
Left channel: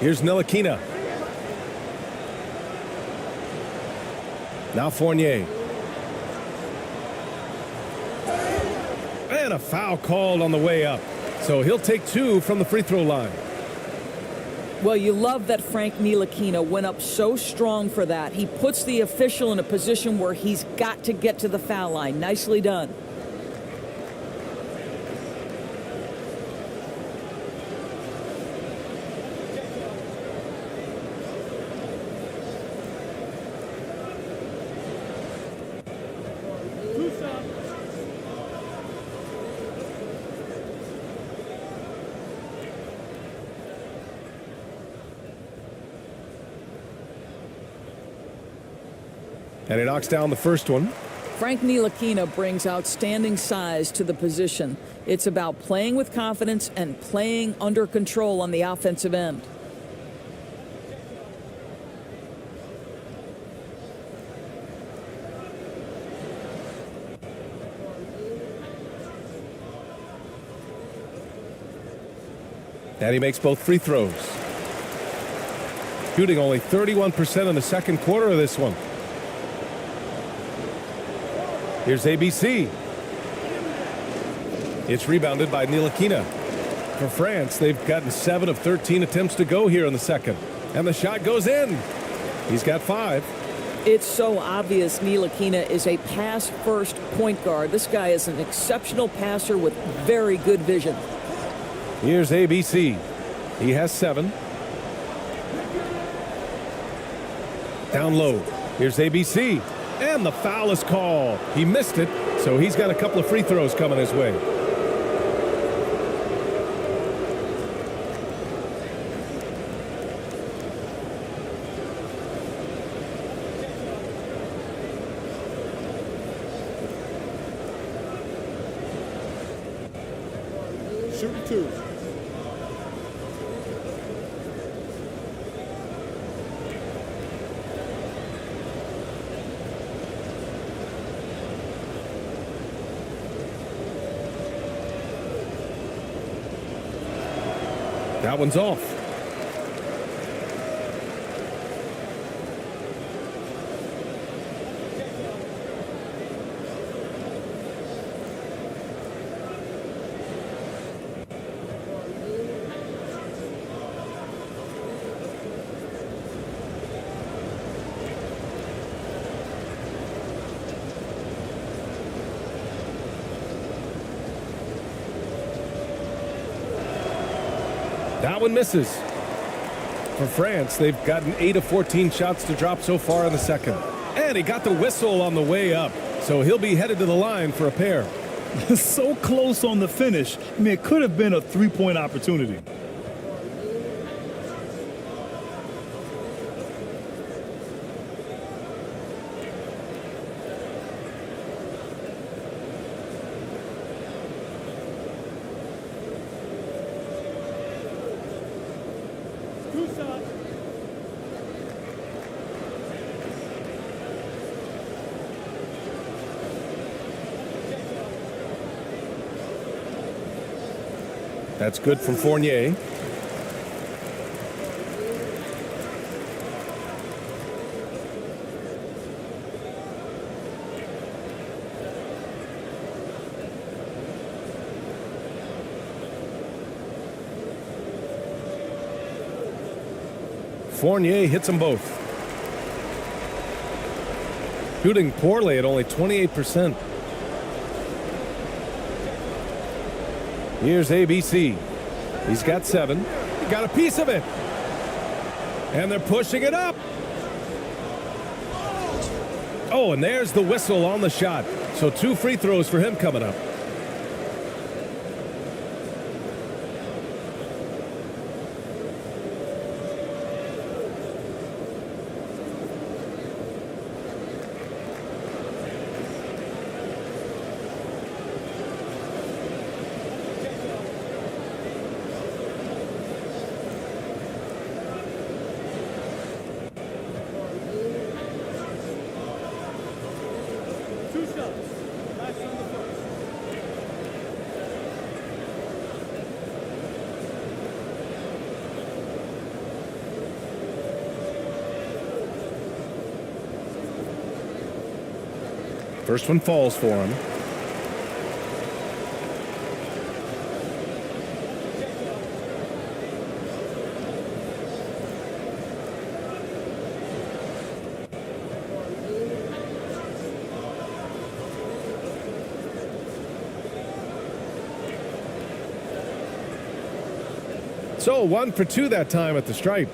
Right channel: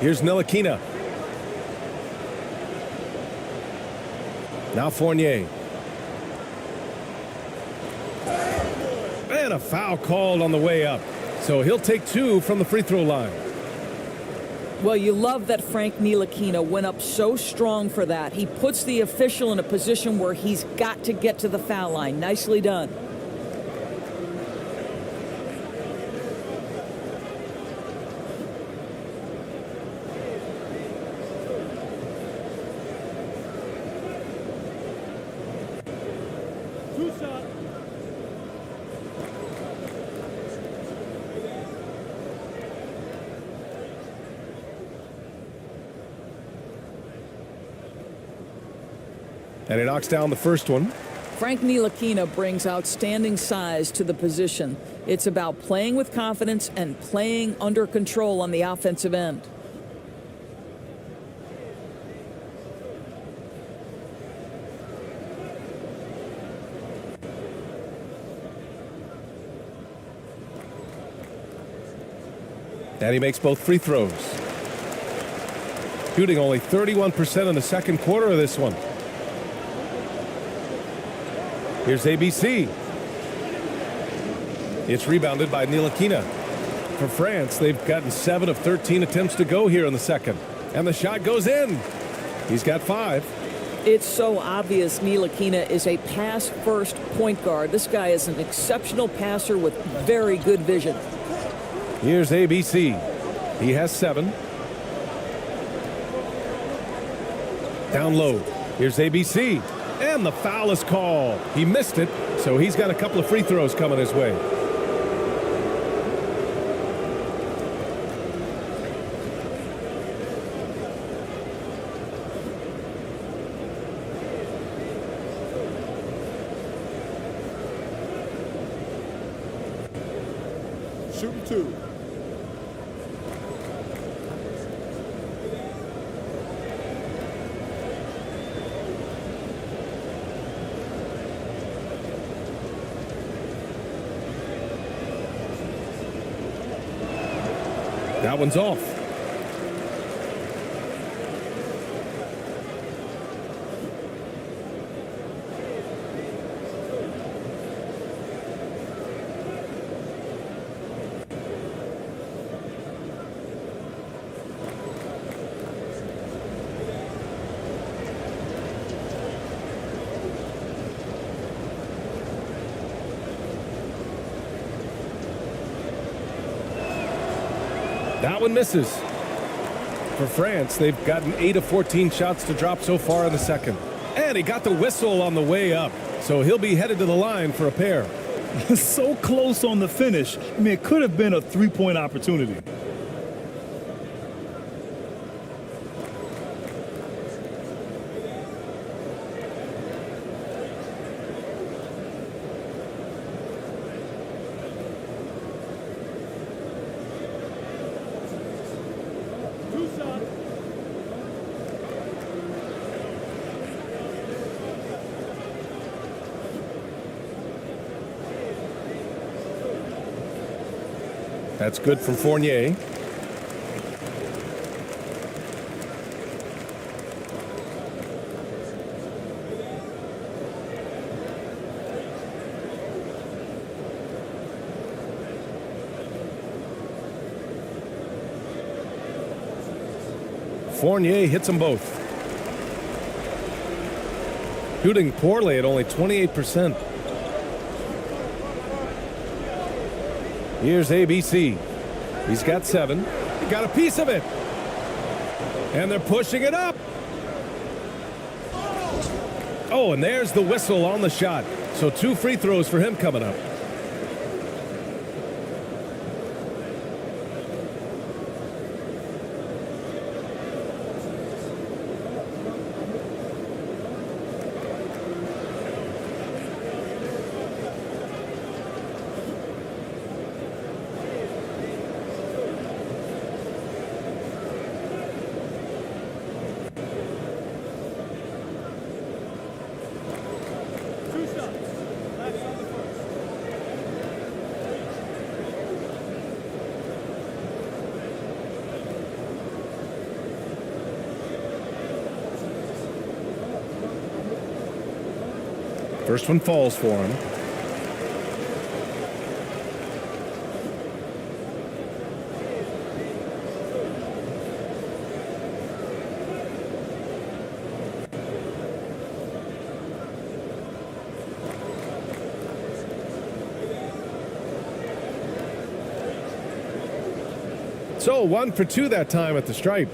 Here's Ntilikina. Now Fournier. And a foul called on the way up. So he'll take 2 from the free throw line. Well, you love that Frank Ntilikina went up so strong for that. He puts the official in a position where he's got to get to the foul line. Nicely done. And he knocks down the first one. Frank Ntilikina brings outstanding size to the position. It's about playing with confidence and playing under control on the offensive end. And he makes both free throws. Shooting only 31% in the second quarter of this one. Here's ABC. It's rebounded by Ntilikina. For France, they've gotten 7 of 13 attempts to go here in the second. And the shot goes in. He's got 5. It's so obvious Ntilikina is a pass-first point guard. This guy is an exceptional passer with very good vision. Here's ABC. He has 7. Down low. Here's ABC. And the foul is called. He missed it, so he's got a couple of free throws coming his way. Shooting 2. That one's off. That one misses. For France, they've gotten 8 of 14 shots to drop so far in the second. And he got the whistle on the way up, so he'll be headed to the line for a pair. So close on the finish. I mean, it could have been a three-point opportunity. Two shots. That's good from Fournier. Fournier hits them both. Shooting poorly at only 28%. Here's ABC. He's got 7. He got a piece of it. And they're pushing it up. Oh, and there's the whistle on the shot. So 2 free throws for him coming up. Two shots. Last on the first. First one falls for him. So 1 for 2 that time at the stripe.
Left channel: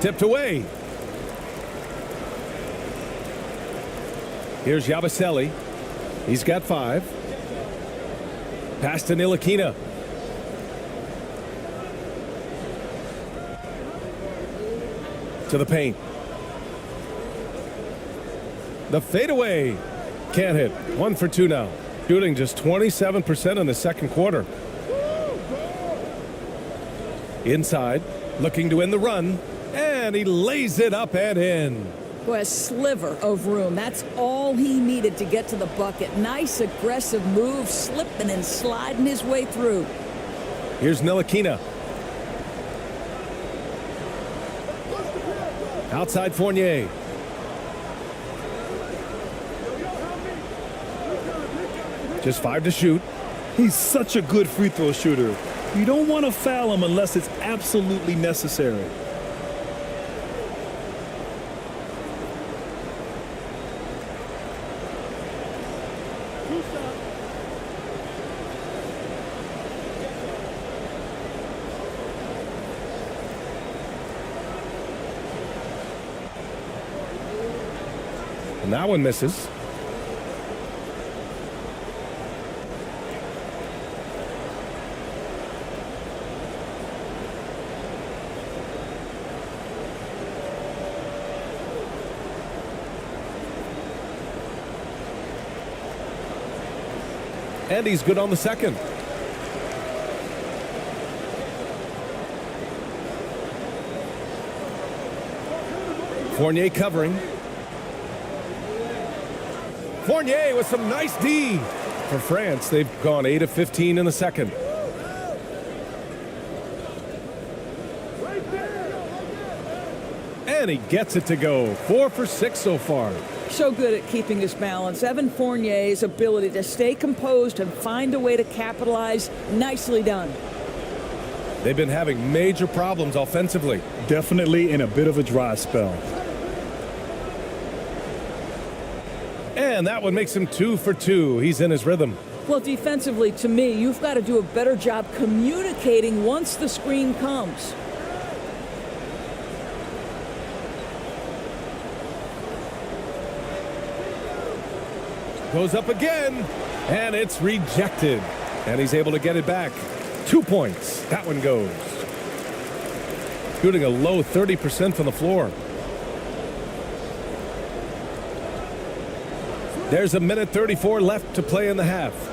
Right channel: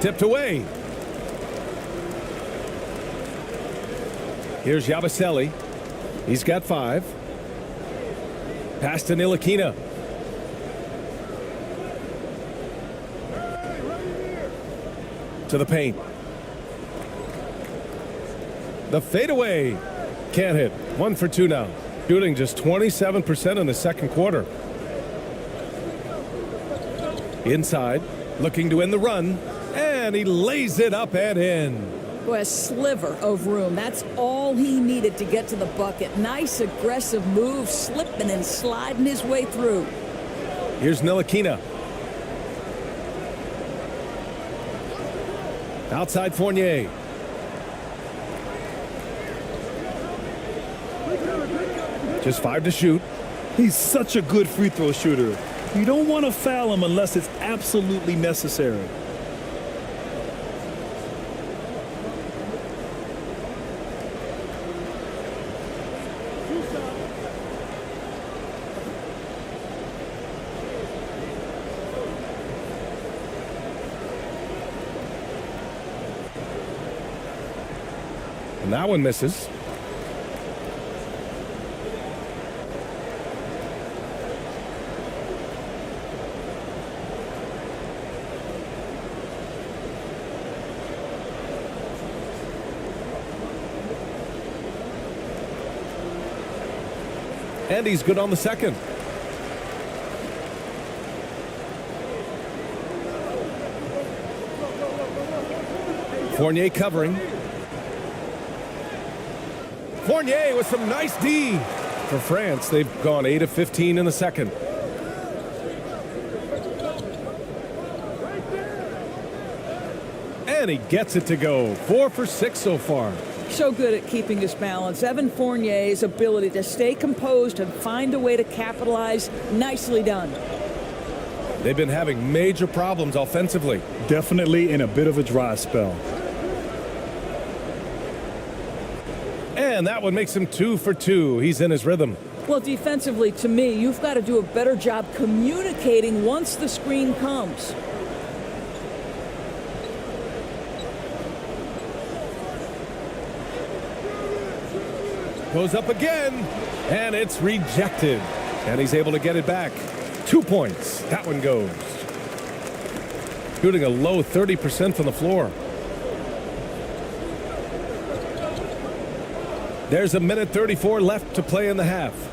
Tipped away. Here's Yabusele. He's got 5. Pass to Ntilikina. To the paint. The fadeaway. Can't hit. 1 for 2 now. Shooting just 27% in the second quarter. Inside, looking to end the run, and he lays it up and in. A sliver of room. That's all he needed to get to the bucket. Nice aggressive move, slipping and sliding his way through. Here's Ntilikina. Outside Fournier. Just 5 to shoot. He's such a good free throw shooter. You don't want to foul him unless it's absolutely necessary. Two shots. And that one misses. And he's good on the second. Fournier covering. Fournier with some nice D. For France, they've gone 8 of 15 in the second. And he gets it to go. 4 for 6 so far. So good at keeping his balance. Evan Fournier's ability to stay composed and find a way to capitalize, nicely done. They've been having major problems offensively. Definitely in a bit of a dry spell. And And that one makes him 2 for 2. He's in his rhythm. Well, defensively, to me, you've got to do a better job communicating once the screen comes. Goes up again, and it's rejected. And he's able to get it back. 2 points. That one goes. Shooting a low 30% from the floor. There's a minute 34 left to play in the half.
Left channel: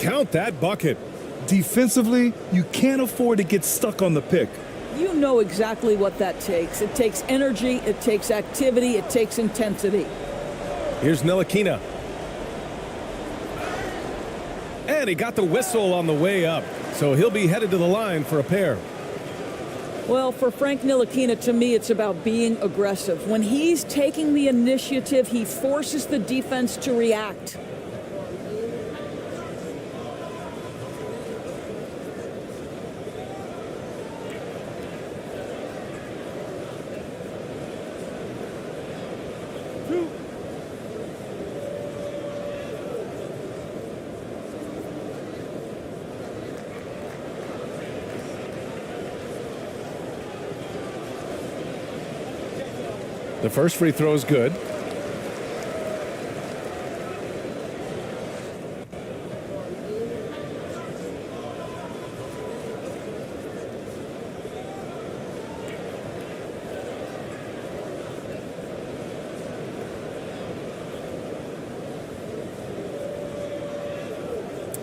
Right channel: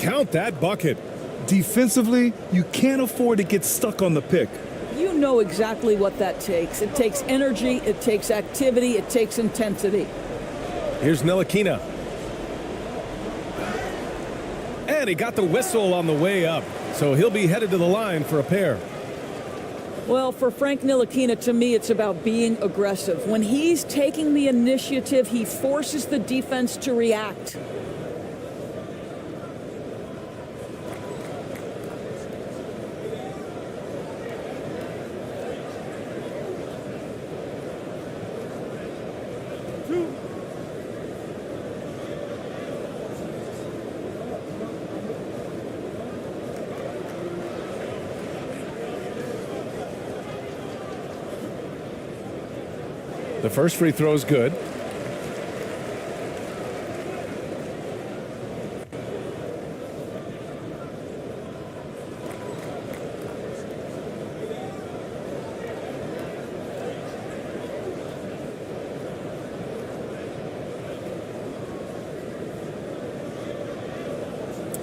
Count that bucket. Defensively, you can't afford to get stuck on the pick. You know exactly what that takes. It takes energy, it takes activity, it takes intensity. Here's Ntilikina. And he got the whistle on the way up, so he'll be headed to the line for a pair. Well, for Frank Ntilikina, to me, it's about being aggressive. When he's taking the initiative, he forces the defense to react. The first free throw is good.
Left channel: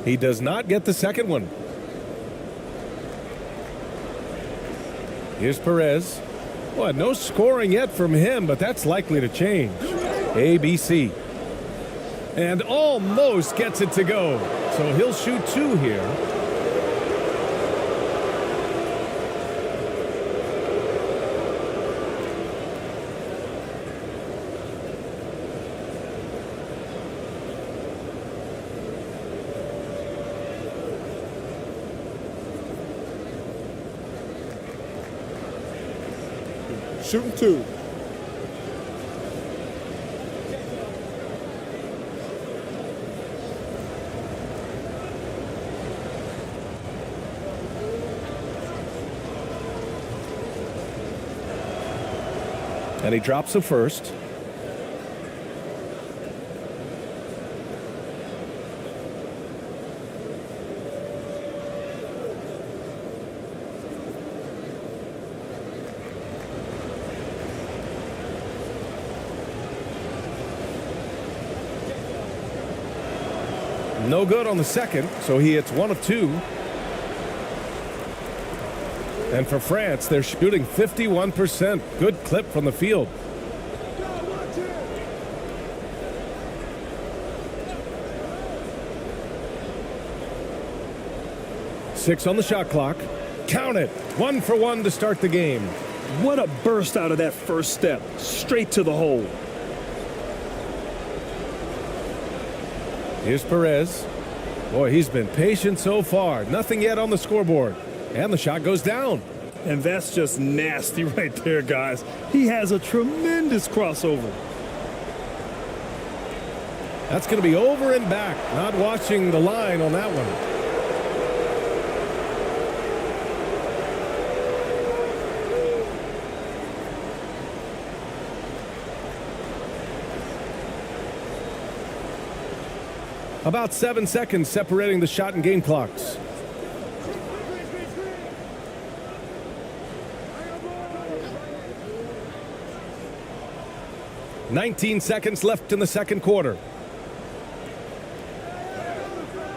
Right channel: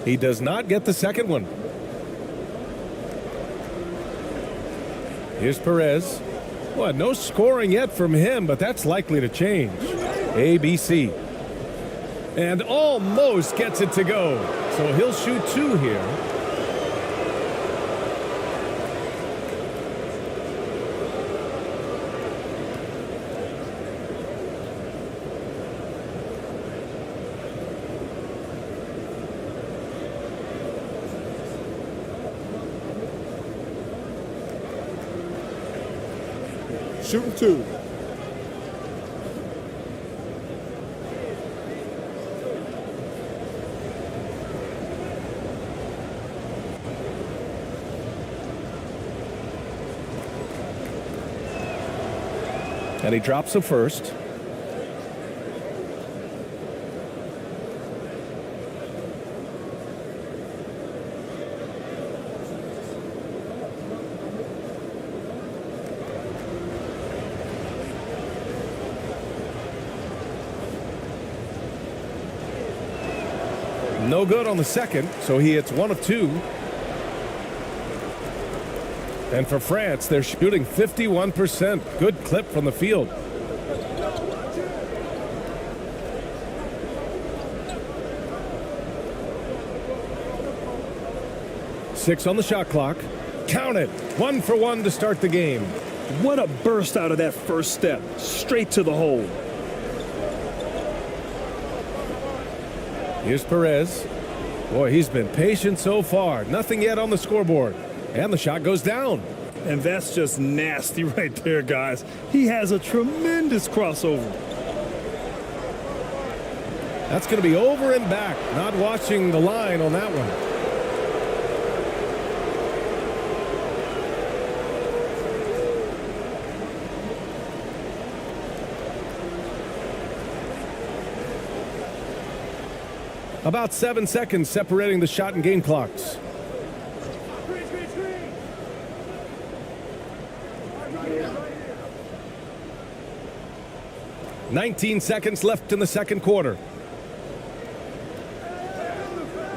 He does not get the second one. Here's Perez. Well, no scoring yet from him, but that's likely to change. ABC. And almost gets it to go. So he'll shoot 2 here. Shooting 2. And he drops the first. No good on the second, so he hits 1 of 2. And for France, they're shooting 51%. Good clip from the field. Six on the shot clock. Count it. 1 for 1 to start the game. What a burst out of that first step. Straight to the hole. Here's Perez. Boy, he's been patient so far. Nothing yet on the scoreboard. And the shot goes down. And that's just nasty right there, guys. He has a tremendous crossover. That's going to be over and back. Not watching the line on that one. About 7 seconds separating the shot and game clocks. Screen. 19 seconds left in the second quarter.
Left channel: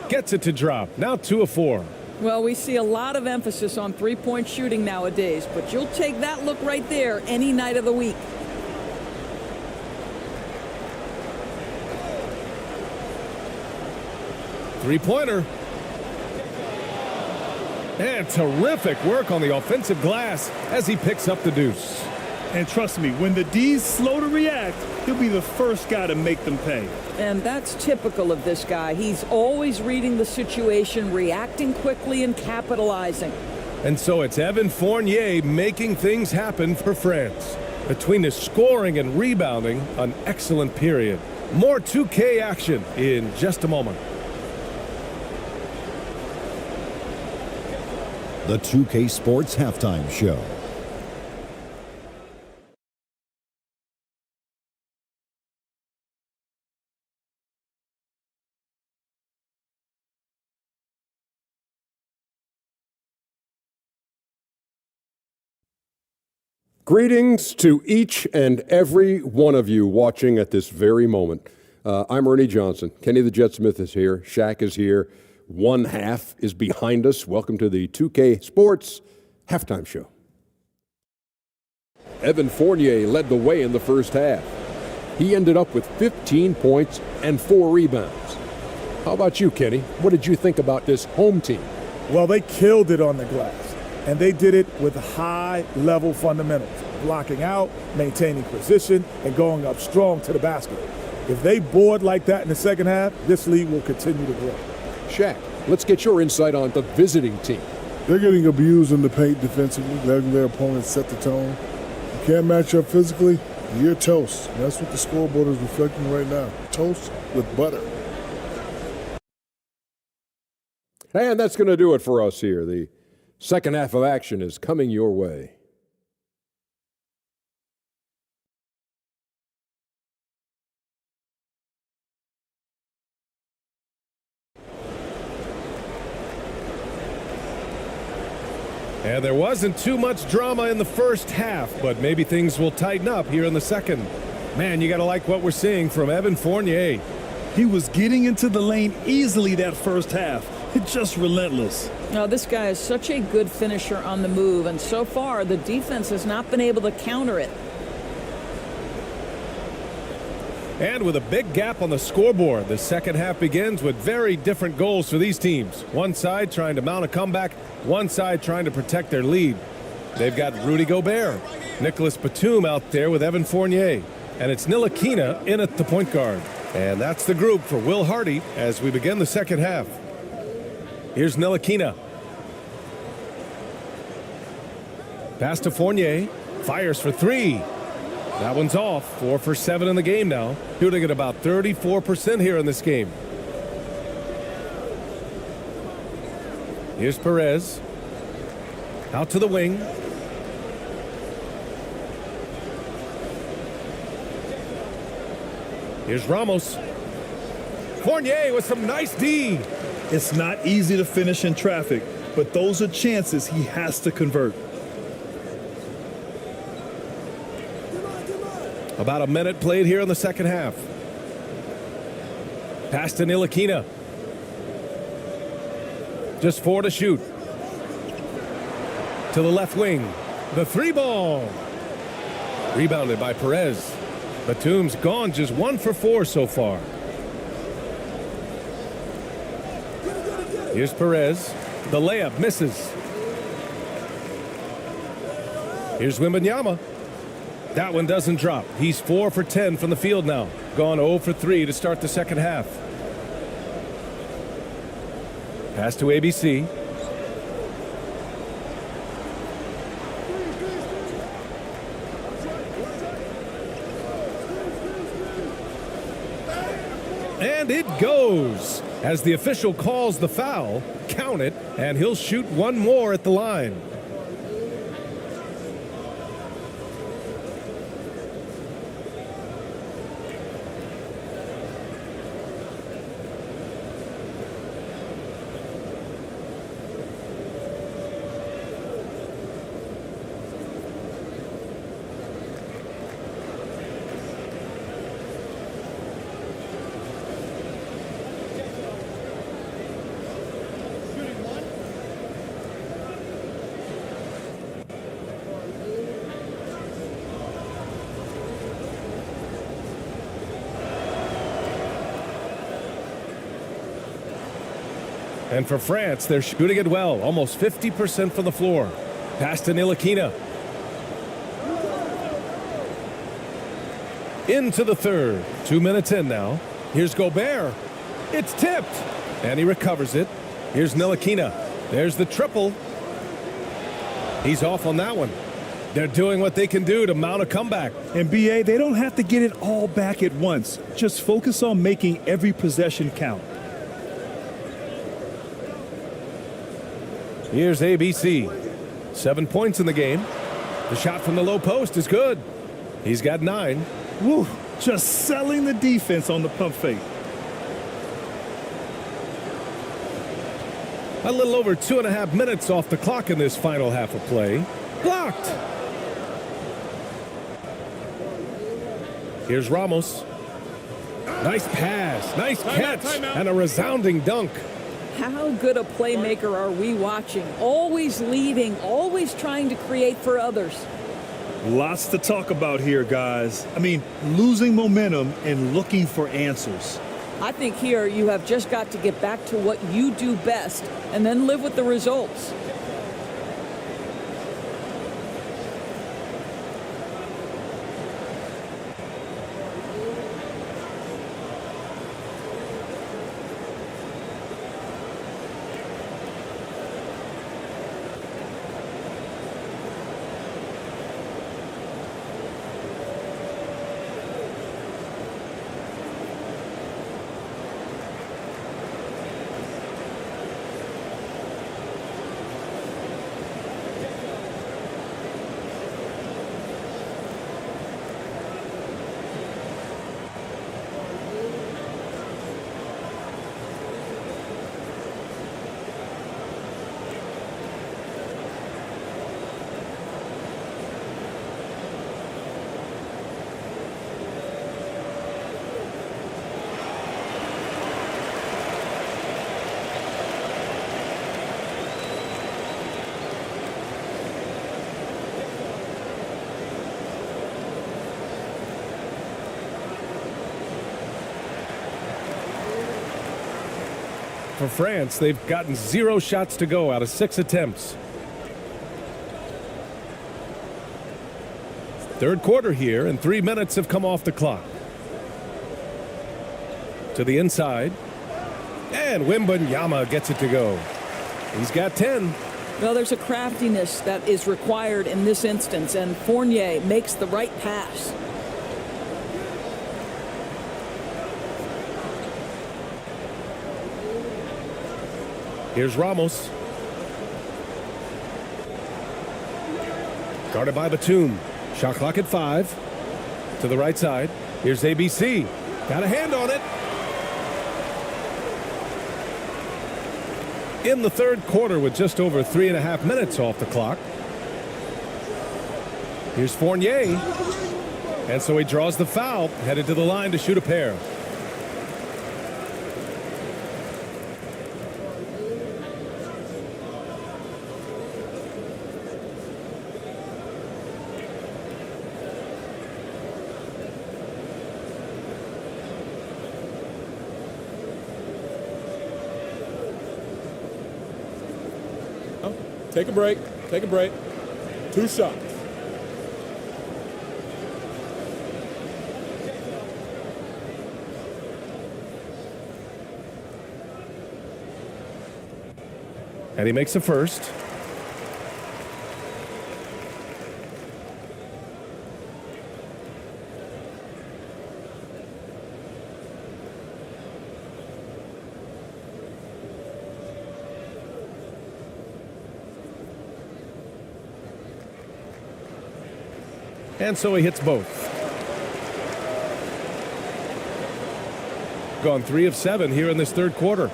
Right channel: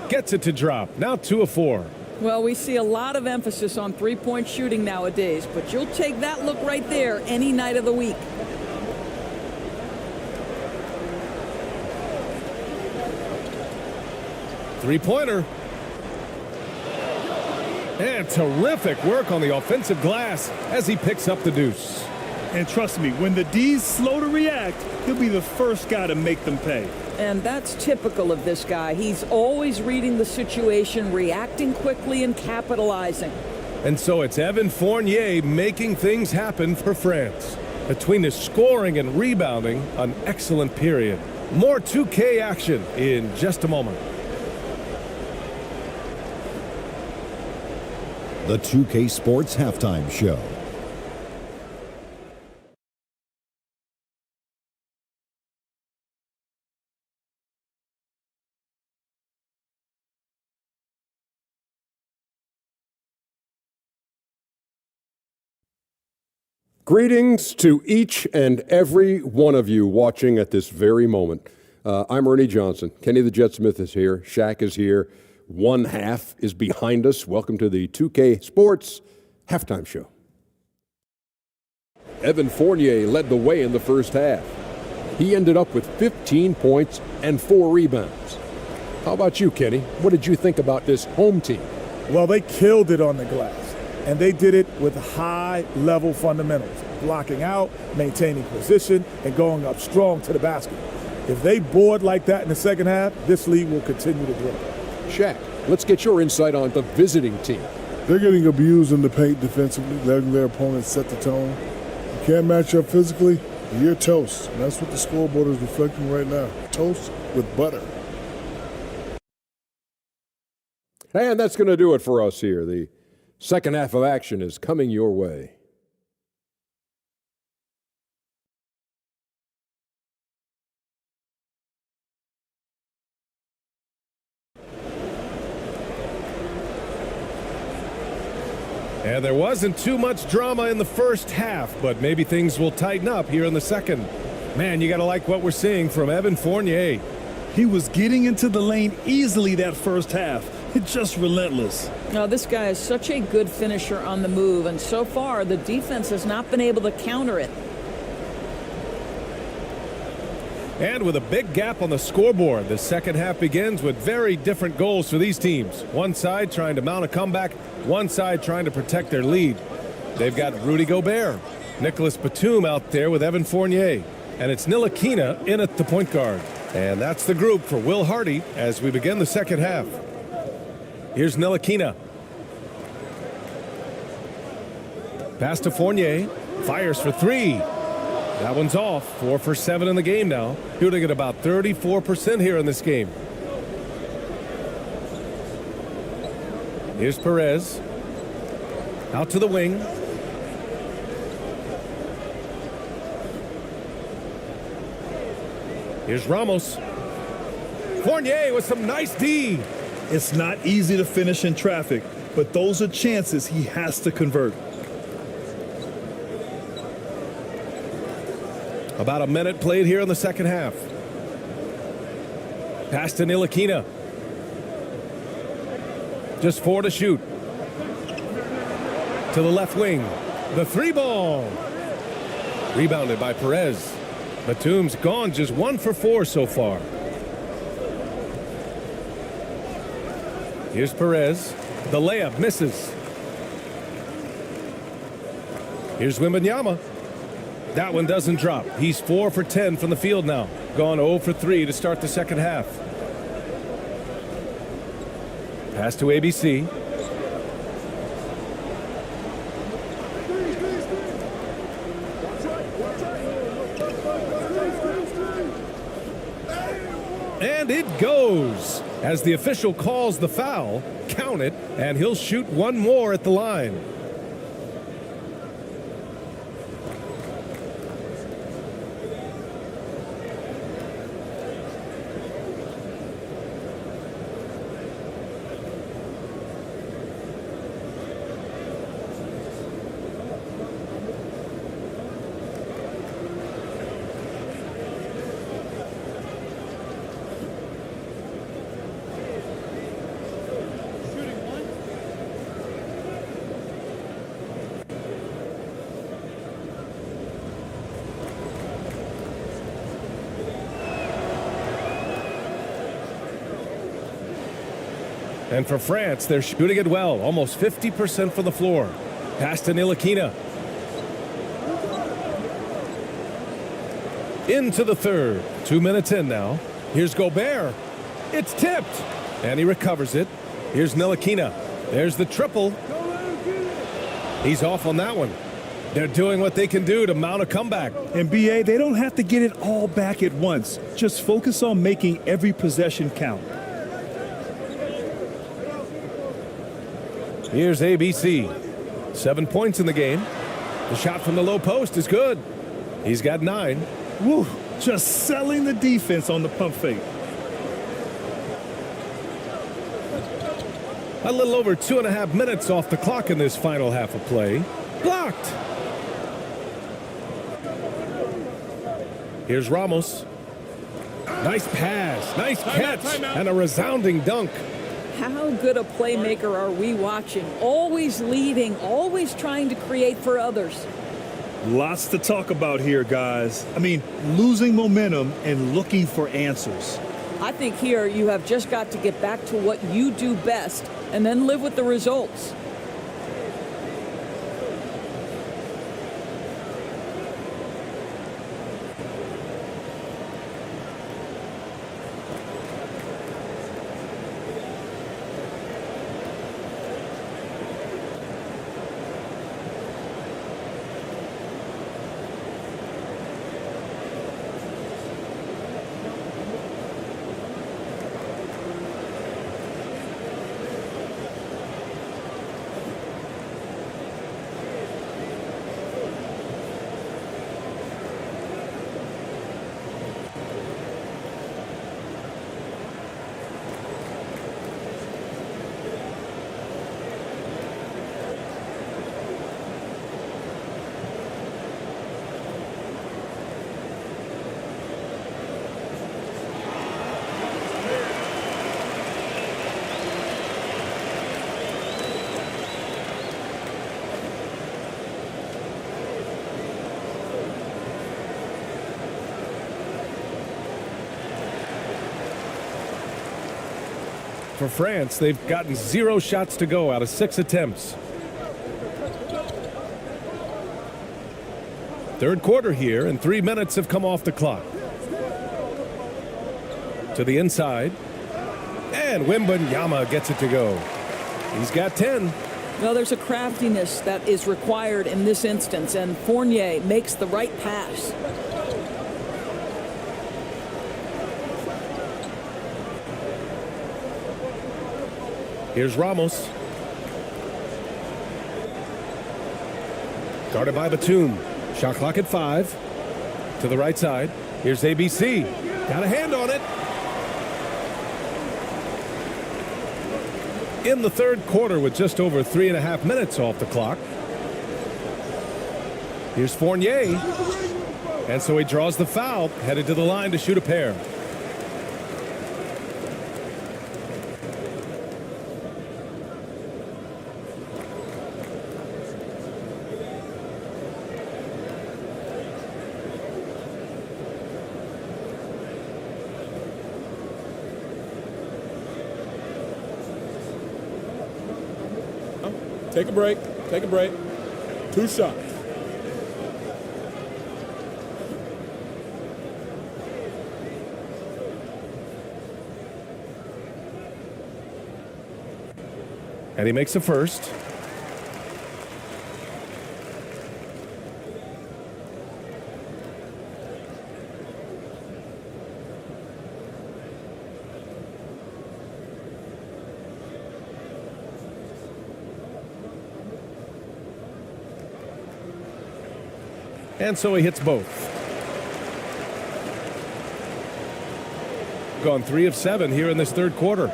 Gets it to drop. Now 2 of 4. Well, we see a lot of emphasis on three-point shooting nowadays, but you'll take that look right there any night of the week. Three-pointer. And terrific work on the offensive glass as he picks up the deuce. And trust me, when the D's slow to react, he'll be the first guy to make them pay. And that's typical of this guy. He's always reading the situation, reacting quickly, and capitalizing. And so it's Evan Fournier making things happen for France. Between his scoring and rebounding, an excellent period. More 2K action in just a moment. The 2K Sports Halftime Show. Greetings to each and every one of you watching at this very moment. I'm Ernie Johnson. Kenny the Jet Smith is here. Shaq is here. One half is behind us. Welcome to the 2K Sports Halftime Show. Evan Fournier led the way in the first half. He ended up with 15 points and 4 rebounds. How about you, Kenny? What did you think about this home team? Well, they killed it on the glass. And they did it with high-level fundamentals, blocking out, maintaining position, and going up strong to the basket. If they board like that in the second half, this league will continue to grow. Shaq, let's get your insight on the visiting team. They're getting abused in the paint defensively, letting their opponents set the tone. You can't match up physically, you're toast. And that's what the scoreboard is reflecting right now. Toast with butter. And that's going to do it for us here. The second half of action is coming your way. And there wasn't too much drama in the first half, but maybe things will tighten up here in the second. Man, you got to like what we're seeing from Evan Fournier. He was getting into the lane easily that first half. It's just relentless. Now, this guy is such a good finisher on the move, and so far the defense has not been able to counter it. And with a big gap on the scoreboard, the second half begins with very different goals for these teams. One side trying to mount a comeback, one side trying to protect their lead. They've got Rudy Gobert, Nicholas Batum out there with Evan Fournier, and it's Ntilikina in at the point guard. And that's the group for Will Hardy as we begin the second half. Here's Ntilikina. Pass to Fournier. Fires for 3. That one's off. 4 for 7 in the game now. Shooting at about 34% here in this game. Here's Perez. Out to the wing. Here's Ramos. Fournier with some nice D. It's not easy to finish in traffic, but those are chances he has to convert. About a minute played here in the second half. Pass to Ntilikina. Just 4 to shoot. To the left wing. The 3-ball. Rebounded by Perez. Batum's gone just 1 for 4 so far. Here's Perez. The layup misses. Here's Wembanyama. That one doesn't drop. He's 4 for 10 from the field now. Gone 0 for 3 to start the second half. Pass to ABC. And it goes. As the official calls the foul, count it, and he'll shoot one more at the line. And for France, they're shooting it well, almost 50% from the floor. Pass to Ntilikina. Into the third. 2 minutes in now. Here's Gobert. It's tipped. And he recovers it. Here's Ntilikina. There's the triple. He's off on that one. They're doing what they can do to mount a comeback. And BA, they don't have to get it all back at once. Just focus on making every possession count. Here's ABC. 7 points in the game. The shot from the low post is good. He's got 9. Woo, just selling the defense on the pump fake. A little over 2.5 minutes off the clock in this final half of play. Blocked. Here's Ramos. Nice pass, nice catch, and a resounding dunk. How good a playmaker are we watching? Always leading, always trying to create for others. Lots to talk about here, guys. I mean, losing momentum and looking for answers. I think here you have just got to get back to what you do best and then live with the results. For France, they've gotten 0 shots to go out of 6 attempts. Third quarter here, and 3 minutes have come off the clock. To the inside, and Wembanyama gets it to go. He's got 10. Well, there's a craftiness that is required in this instance, and Fournier makes the right pass. Here's Ramos. Guarded by Batum. Shot clock at 5. To the right side. Here's ABC. Got a hand on it. In the third quarter with just over 3.5 minutes off the clock. Here's Fournier. And so he draws the foul, headed to the line to shoot a pair. Take a break. Take a break. 2 shots. And he makes a first. And so he hits both. Gone 3 of 7 here in this third quarter.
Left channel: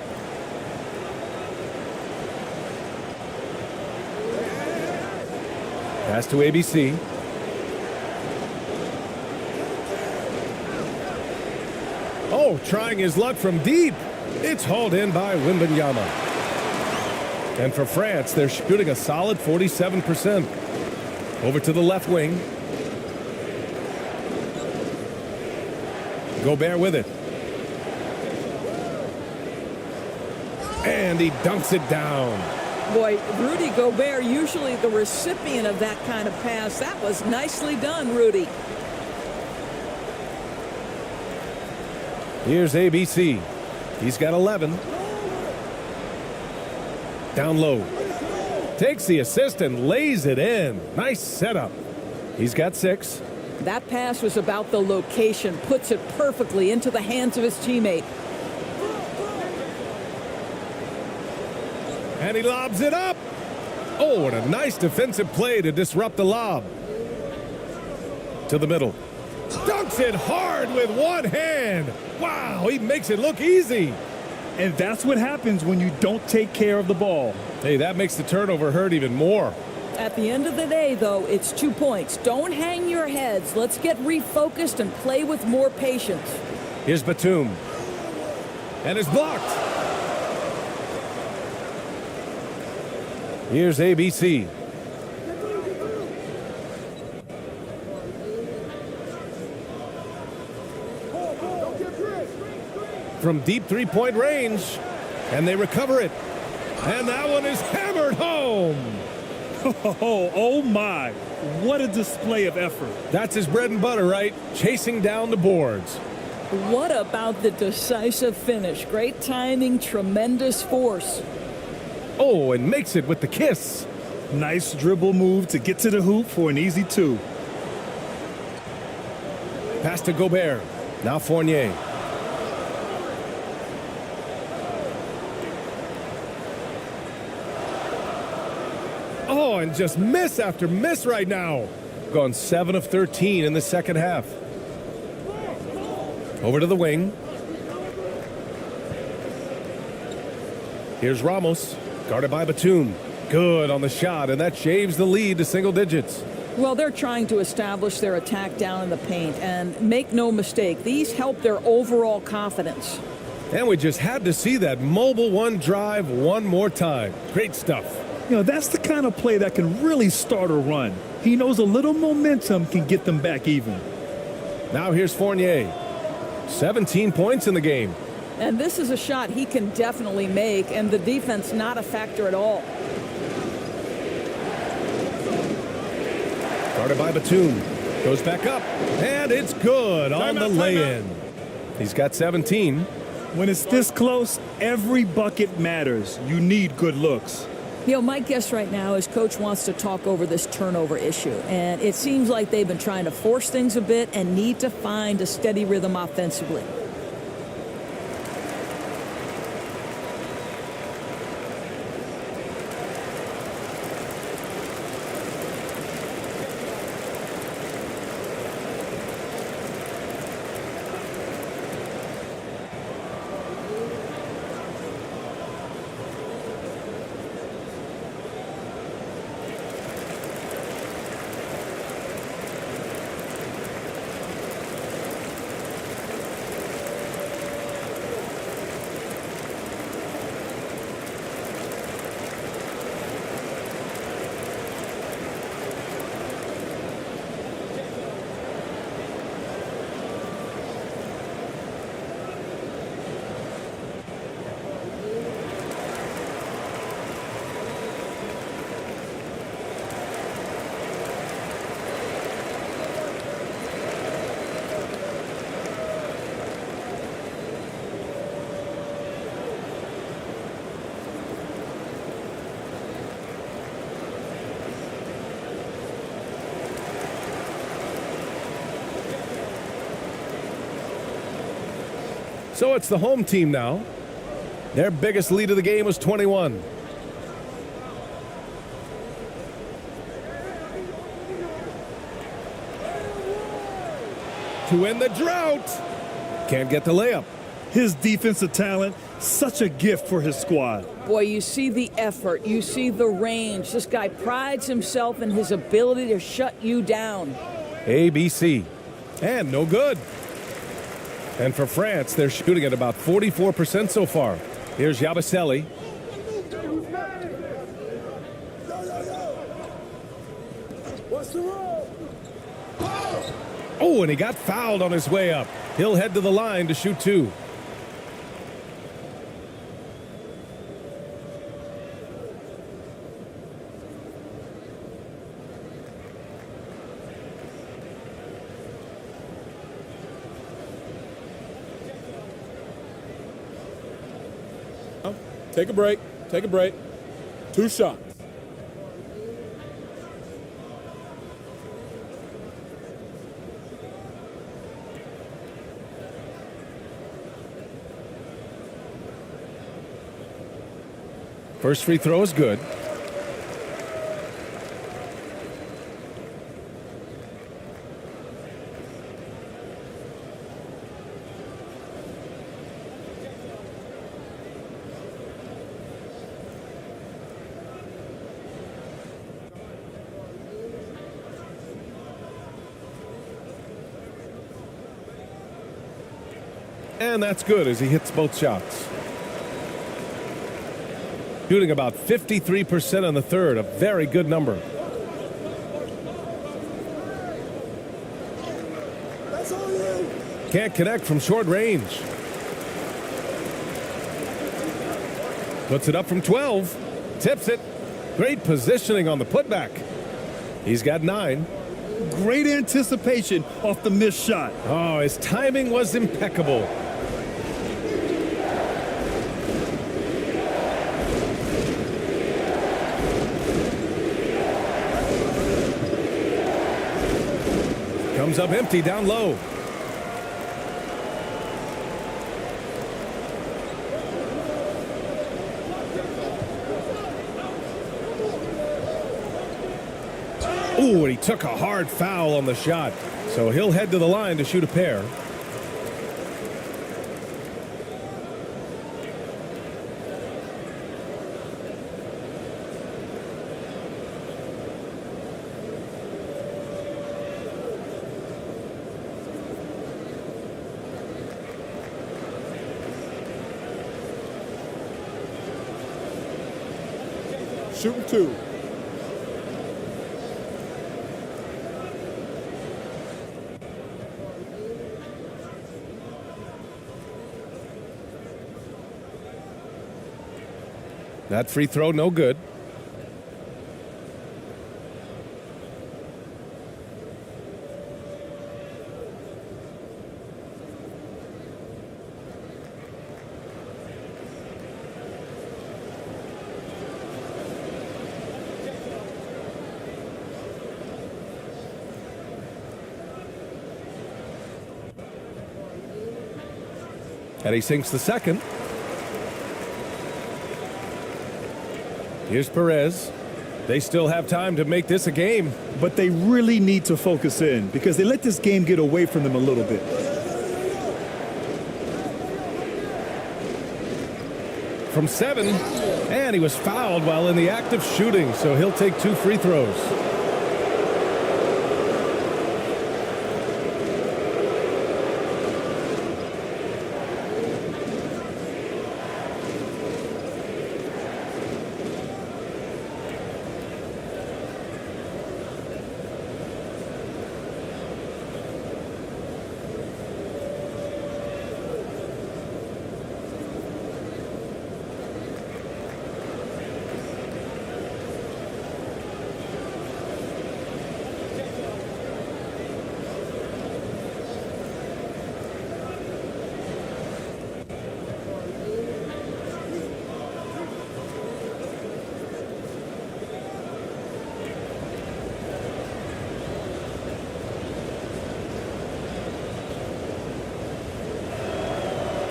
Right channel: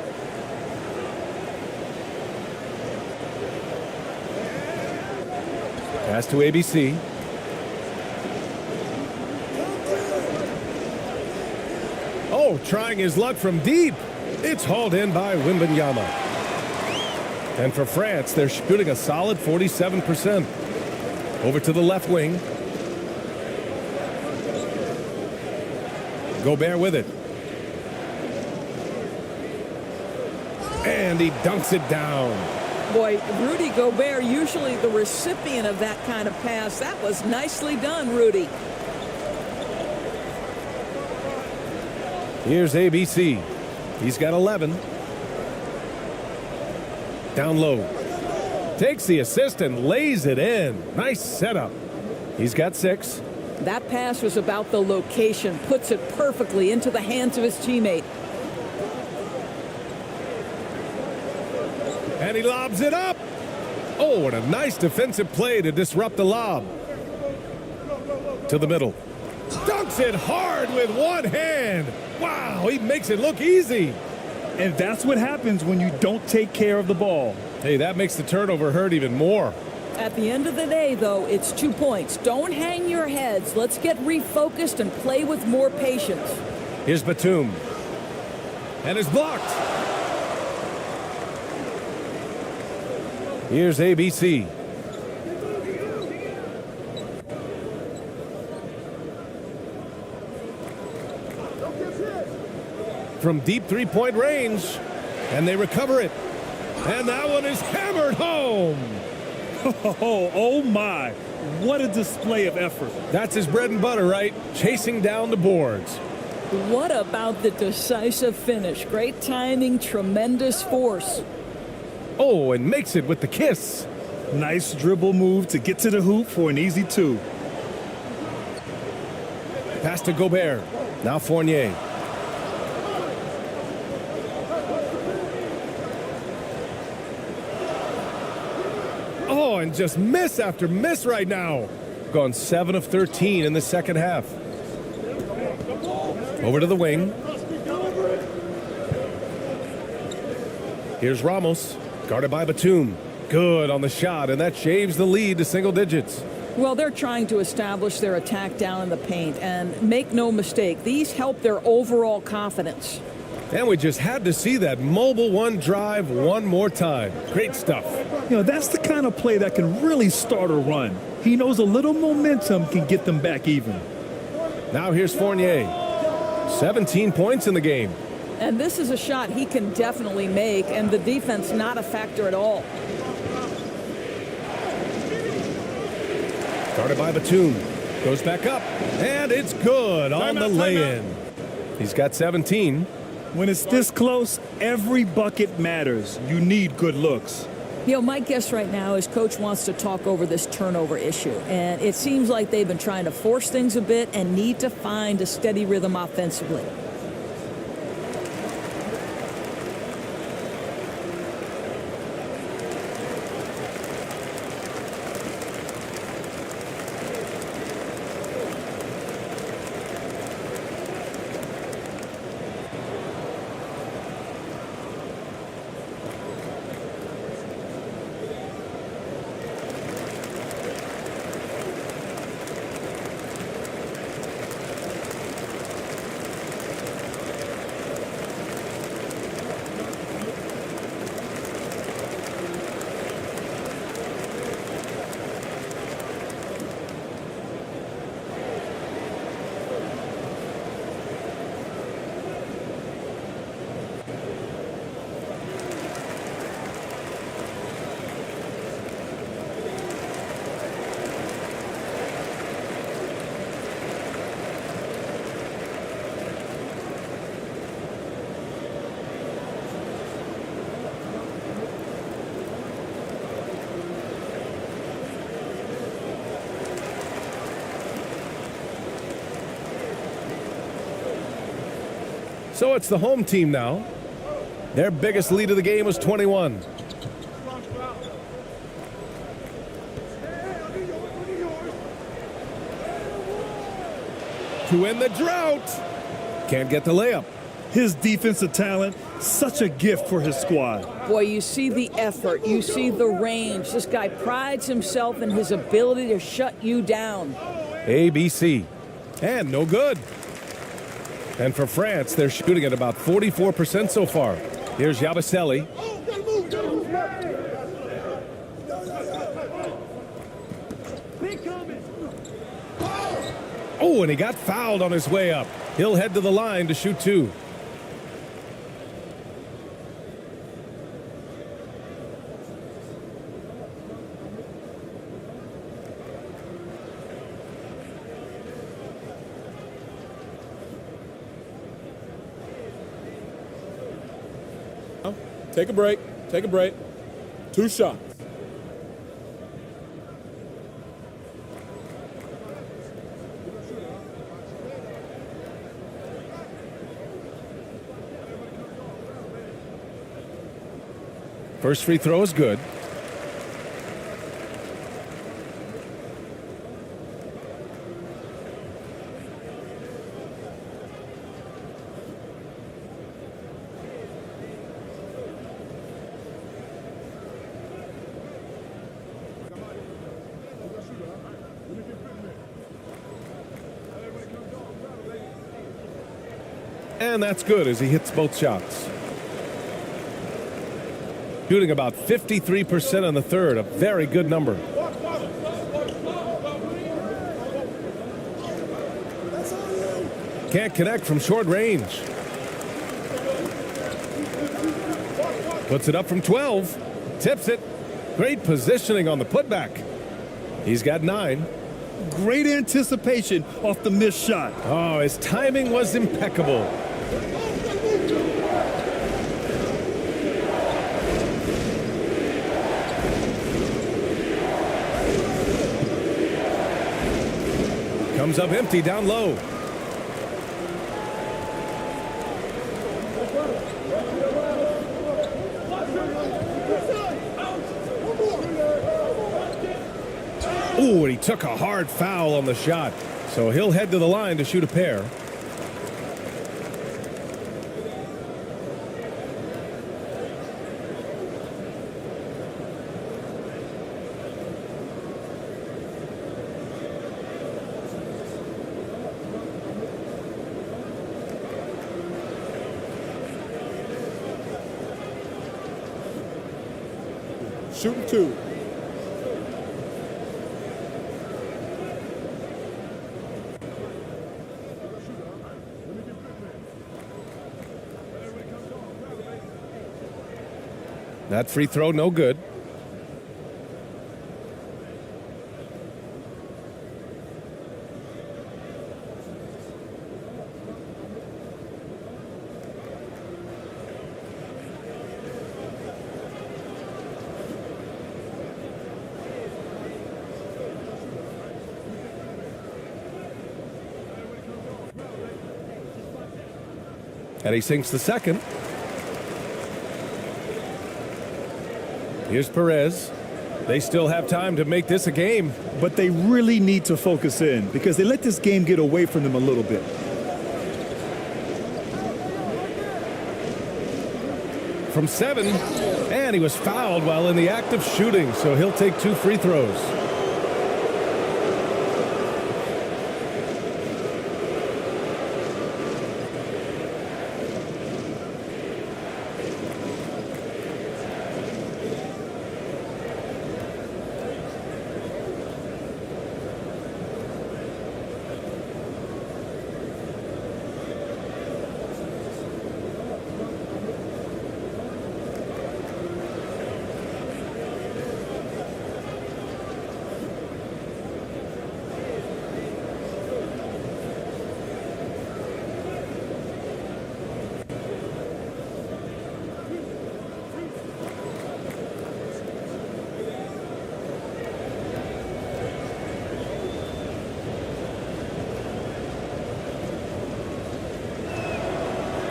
Pass to ABC. Oh, trying his luck from deep. It's hauled in by Wembanyama. And for France, they're shooting a solid 47%. Over to the left wing. Gobert with it. And he dunks it down. Boy, Rudy Gobert, usually the recipient of that kind of pass. That was nicely done, Rudy. Here's ABC. He's got 11. Down low. Takes the assist and lays it in. Nice setup. He's got 6. That pass was about the location, puts it perfectly into the hands of his teammate. And he lobs it up. Oh, what a nice defensive play to disrupt the lob. To the middle. Dunks it hard with one hand. Wow, he makes it look easy. And that's what happens when you don't take care of the ball. Hey, that makes the turnover hurt even more. At the end of the day, though, it's 2 points. Don't hang your heads. Let's get refocused and play with more patience. Here's Batum. And it's blocked. Here's ABC. From deep three-point range. And they recover it. And that one is hammered home. Oh my, what a display of effort. That's his bread and butter, right? Chasing down the boards. What about the decisive finish? Great timing, tremendous force. Oh, and makes it with the kiss. Nice dribble move to get to the hoop for an easy 2. Pass to Gobert. Now Fournier. Oh, and just miss after miss right now. Gone 7 of 13 in the second half. Over to the wing. Here's Ramos, guarded by Batum. Good on the shot, and that shaves the lead to single digits. Well, they're trying to establish their attack down in the paint, and make no mistake, these help their overall confidence. And we just had to see that mobile one drive one more time. Great stuff. You know, that's the kind of play that can really start a run. He knows a little momentum can get them back even. Now here's Fournier. 17 points in the game. And this is a shot he can definitely make, and the defense not a factor at all. Guarded by Batum. Goes back up, and it's good on the lay-in. He's got 17. When it's this close, every bucket matters. You need good looks. You know, my guess right now is Coach wants to talk over this turnover issue, and it seems like they've been trying to force things a bit and need to find a steady rhythm offensively. So it's the home team now. Their biggest lead of the game was 21. To end the drought. Can't get the layup. His defensive talent, such a gift for his squad. Boy, you see the effort, you see the range. This guy prides himself in his ability to shut you down. ABC. And no good. And for France, they're shooting at about 44% so far. Here's Yabusele. Oh, and he got fouled on his way up. He'll head to the line to shoot 2. Take a break. Take a break. 2 shots. First free throw is good. And that's good as he hits both shots. Shooting about 53% in the third, a very good number. Can't connect from short range. Puts it up from 12. Tips it. Great positioning on the putback. He's got 9. Great anticipation off the missed shot. Oh, his timing was impeccable. Comes up empty down low. Ooh, and he took a hard foul on the shot. So he'll head to the line to shoot a pair. Shooting 2. That free throw, no good. And he sinks the second. Here's Perez. They still have time to make this a game. But they really need to focus in because they let this game get away from them a little bit. From 7, and he was fouled while in the act of shooting, so he'll take 2 free throws.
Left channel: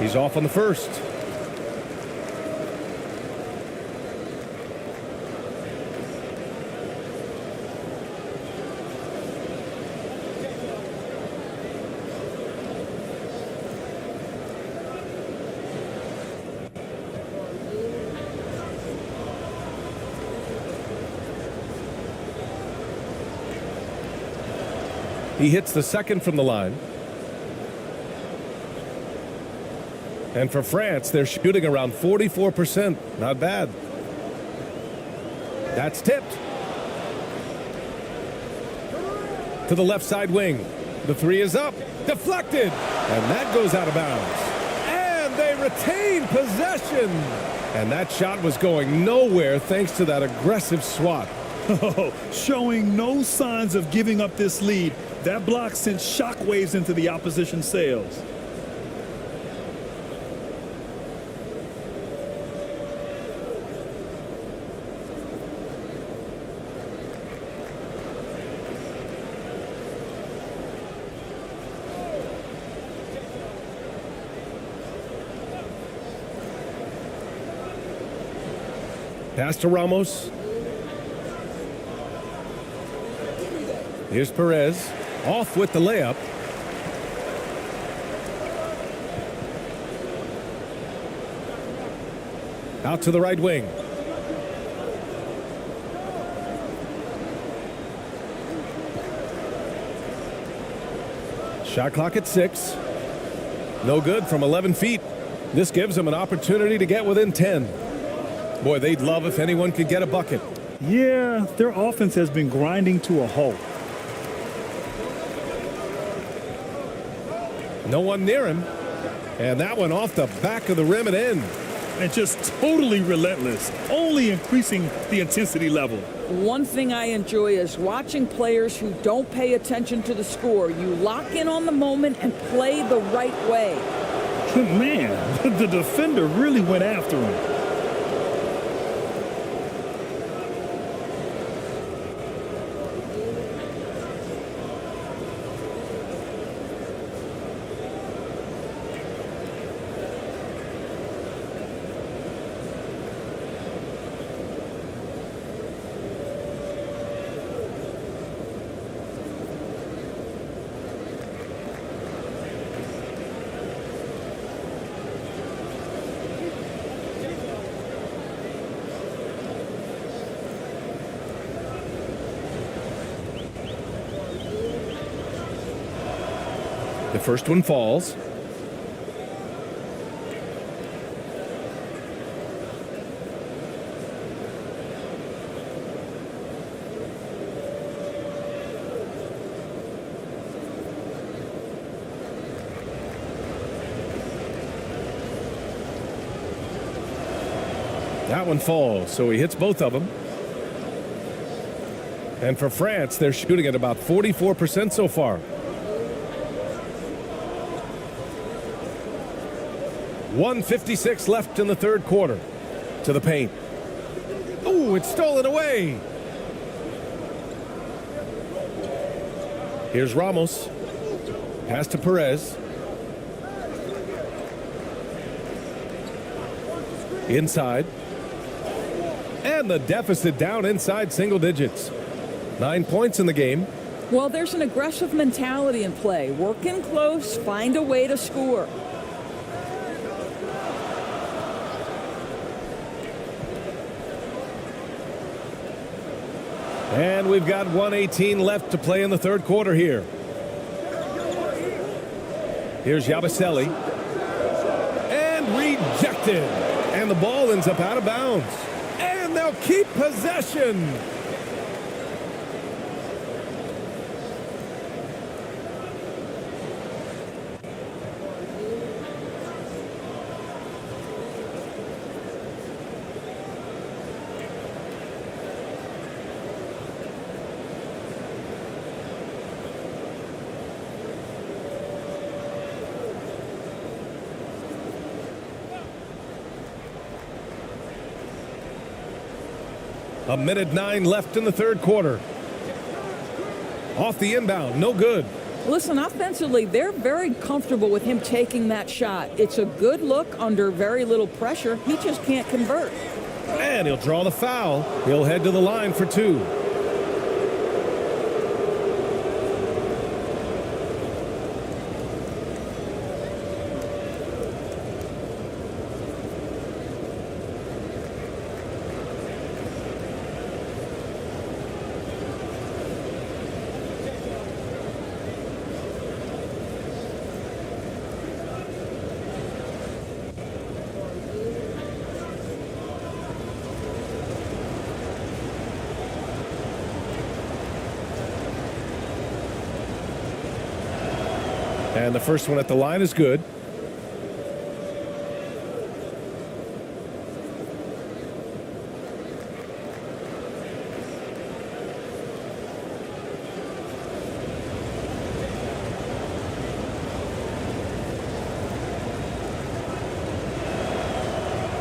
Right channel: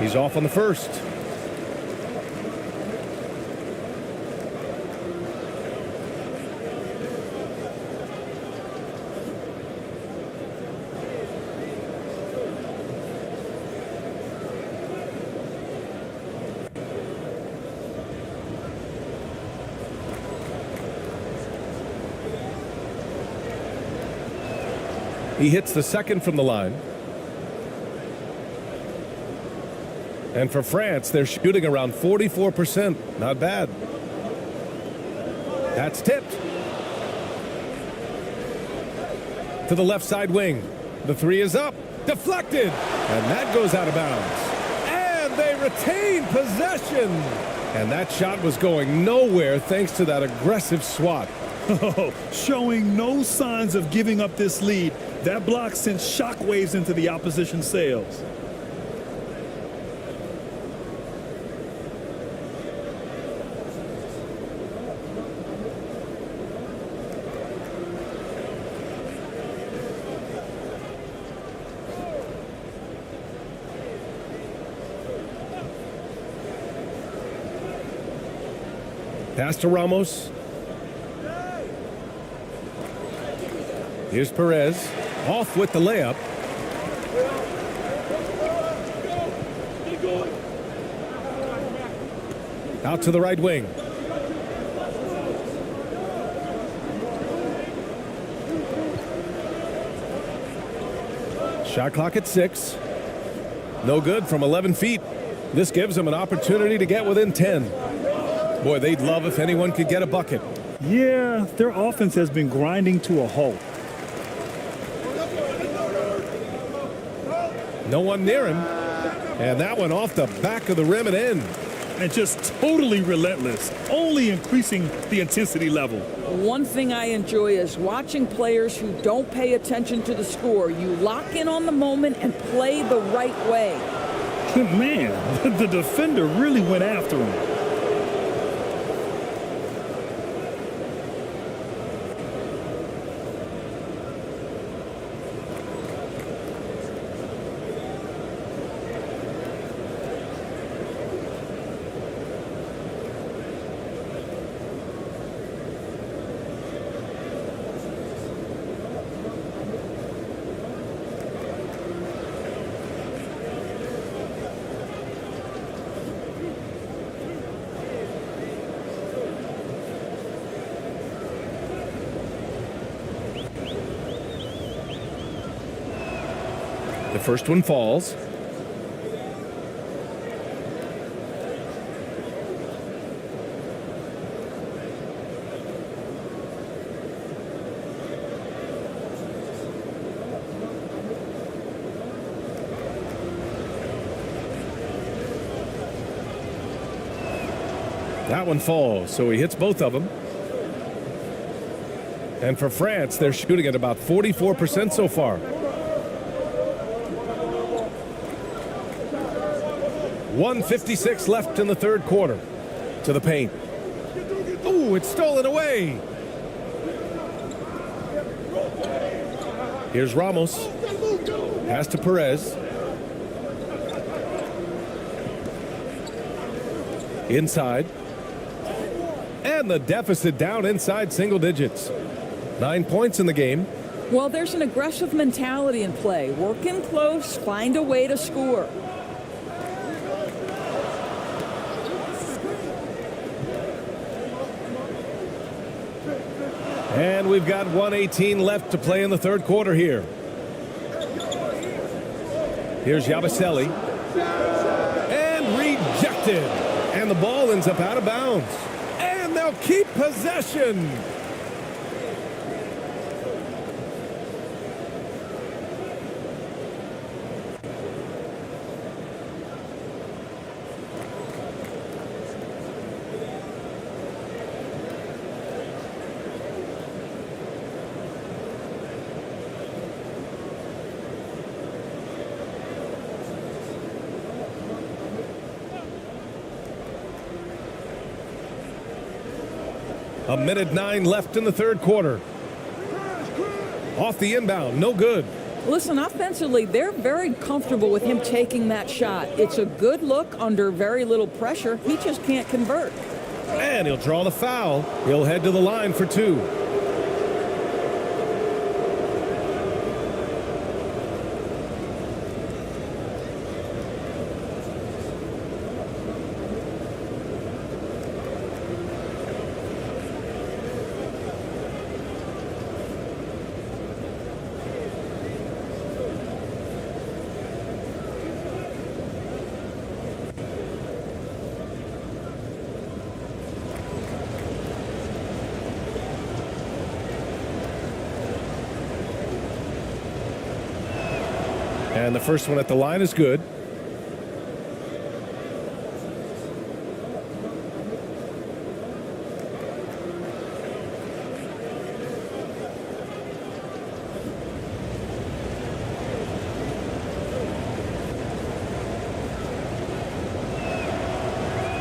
He's off on the first. He hits the second from the line. And for France, they're shooting around 44%. Not bad. That's tipped. To the left side wing. The 3 is up. Deflected. And that goes out of bounds. And they retain possession. And that shot was going nowhere thanks to that aggressive swat. Showing no signs of giving up this lead. That block sent shockwaves into the opposition sails. Pass to Ramos. Here's Perez. Off with the layup. Out to the right wing. Shot clock at 6. No good from 11 feet. This gives them an opportunity to get within 10. Boy, they'd love if anyone could get a bucket. Yeah, their offense has been grinding to a halt. No one near him. And that one off the back of the rim and in. And just totally relentless, only increasing the intensity level. One thing I enjoy is watching players who don't pay attention to the score. You lock in on the moment and play the right way. Man, the defender really went after him. The first one falls. That one falls, so he hits both of them. And for France, they're shooting at about 44% so far. 1:56 left in the third quarter. To the paint. Ooh, it's stolen away. Here's Ramos. Pass to Perez. Inside. And the deficit down inside single digits. 9 points in the game. Well, there's an aggressive mentality in play. Work in close, find a way to score. And we've got 1:18 left to play in the third quarter here. Here's Yabusele. And rejected. And the ball ends up out of bounds. And they'll keep possession. A minute 9 left in the third quarter. Off the inbound, no good. Listen, offensively, they're very comfortable with him taking that shot. It's a good look under very little pressure. He just can't convert. And he'll draw the foul. He'll head to the line for 2. And the first one at the line is good.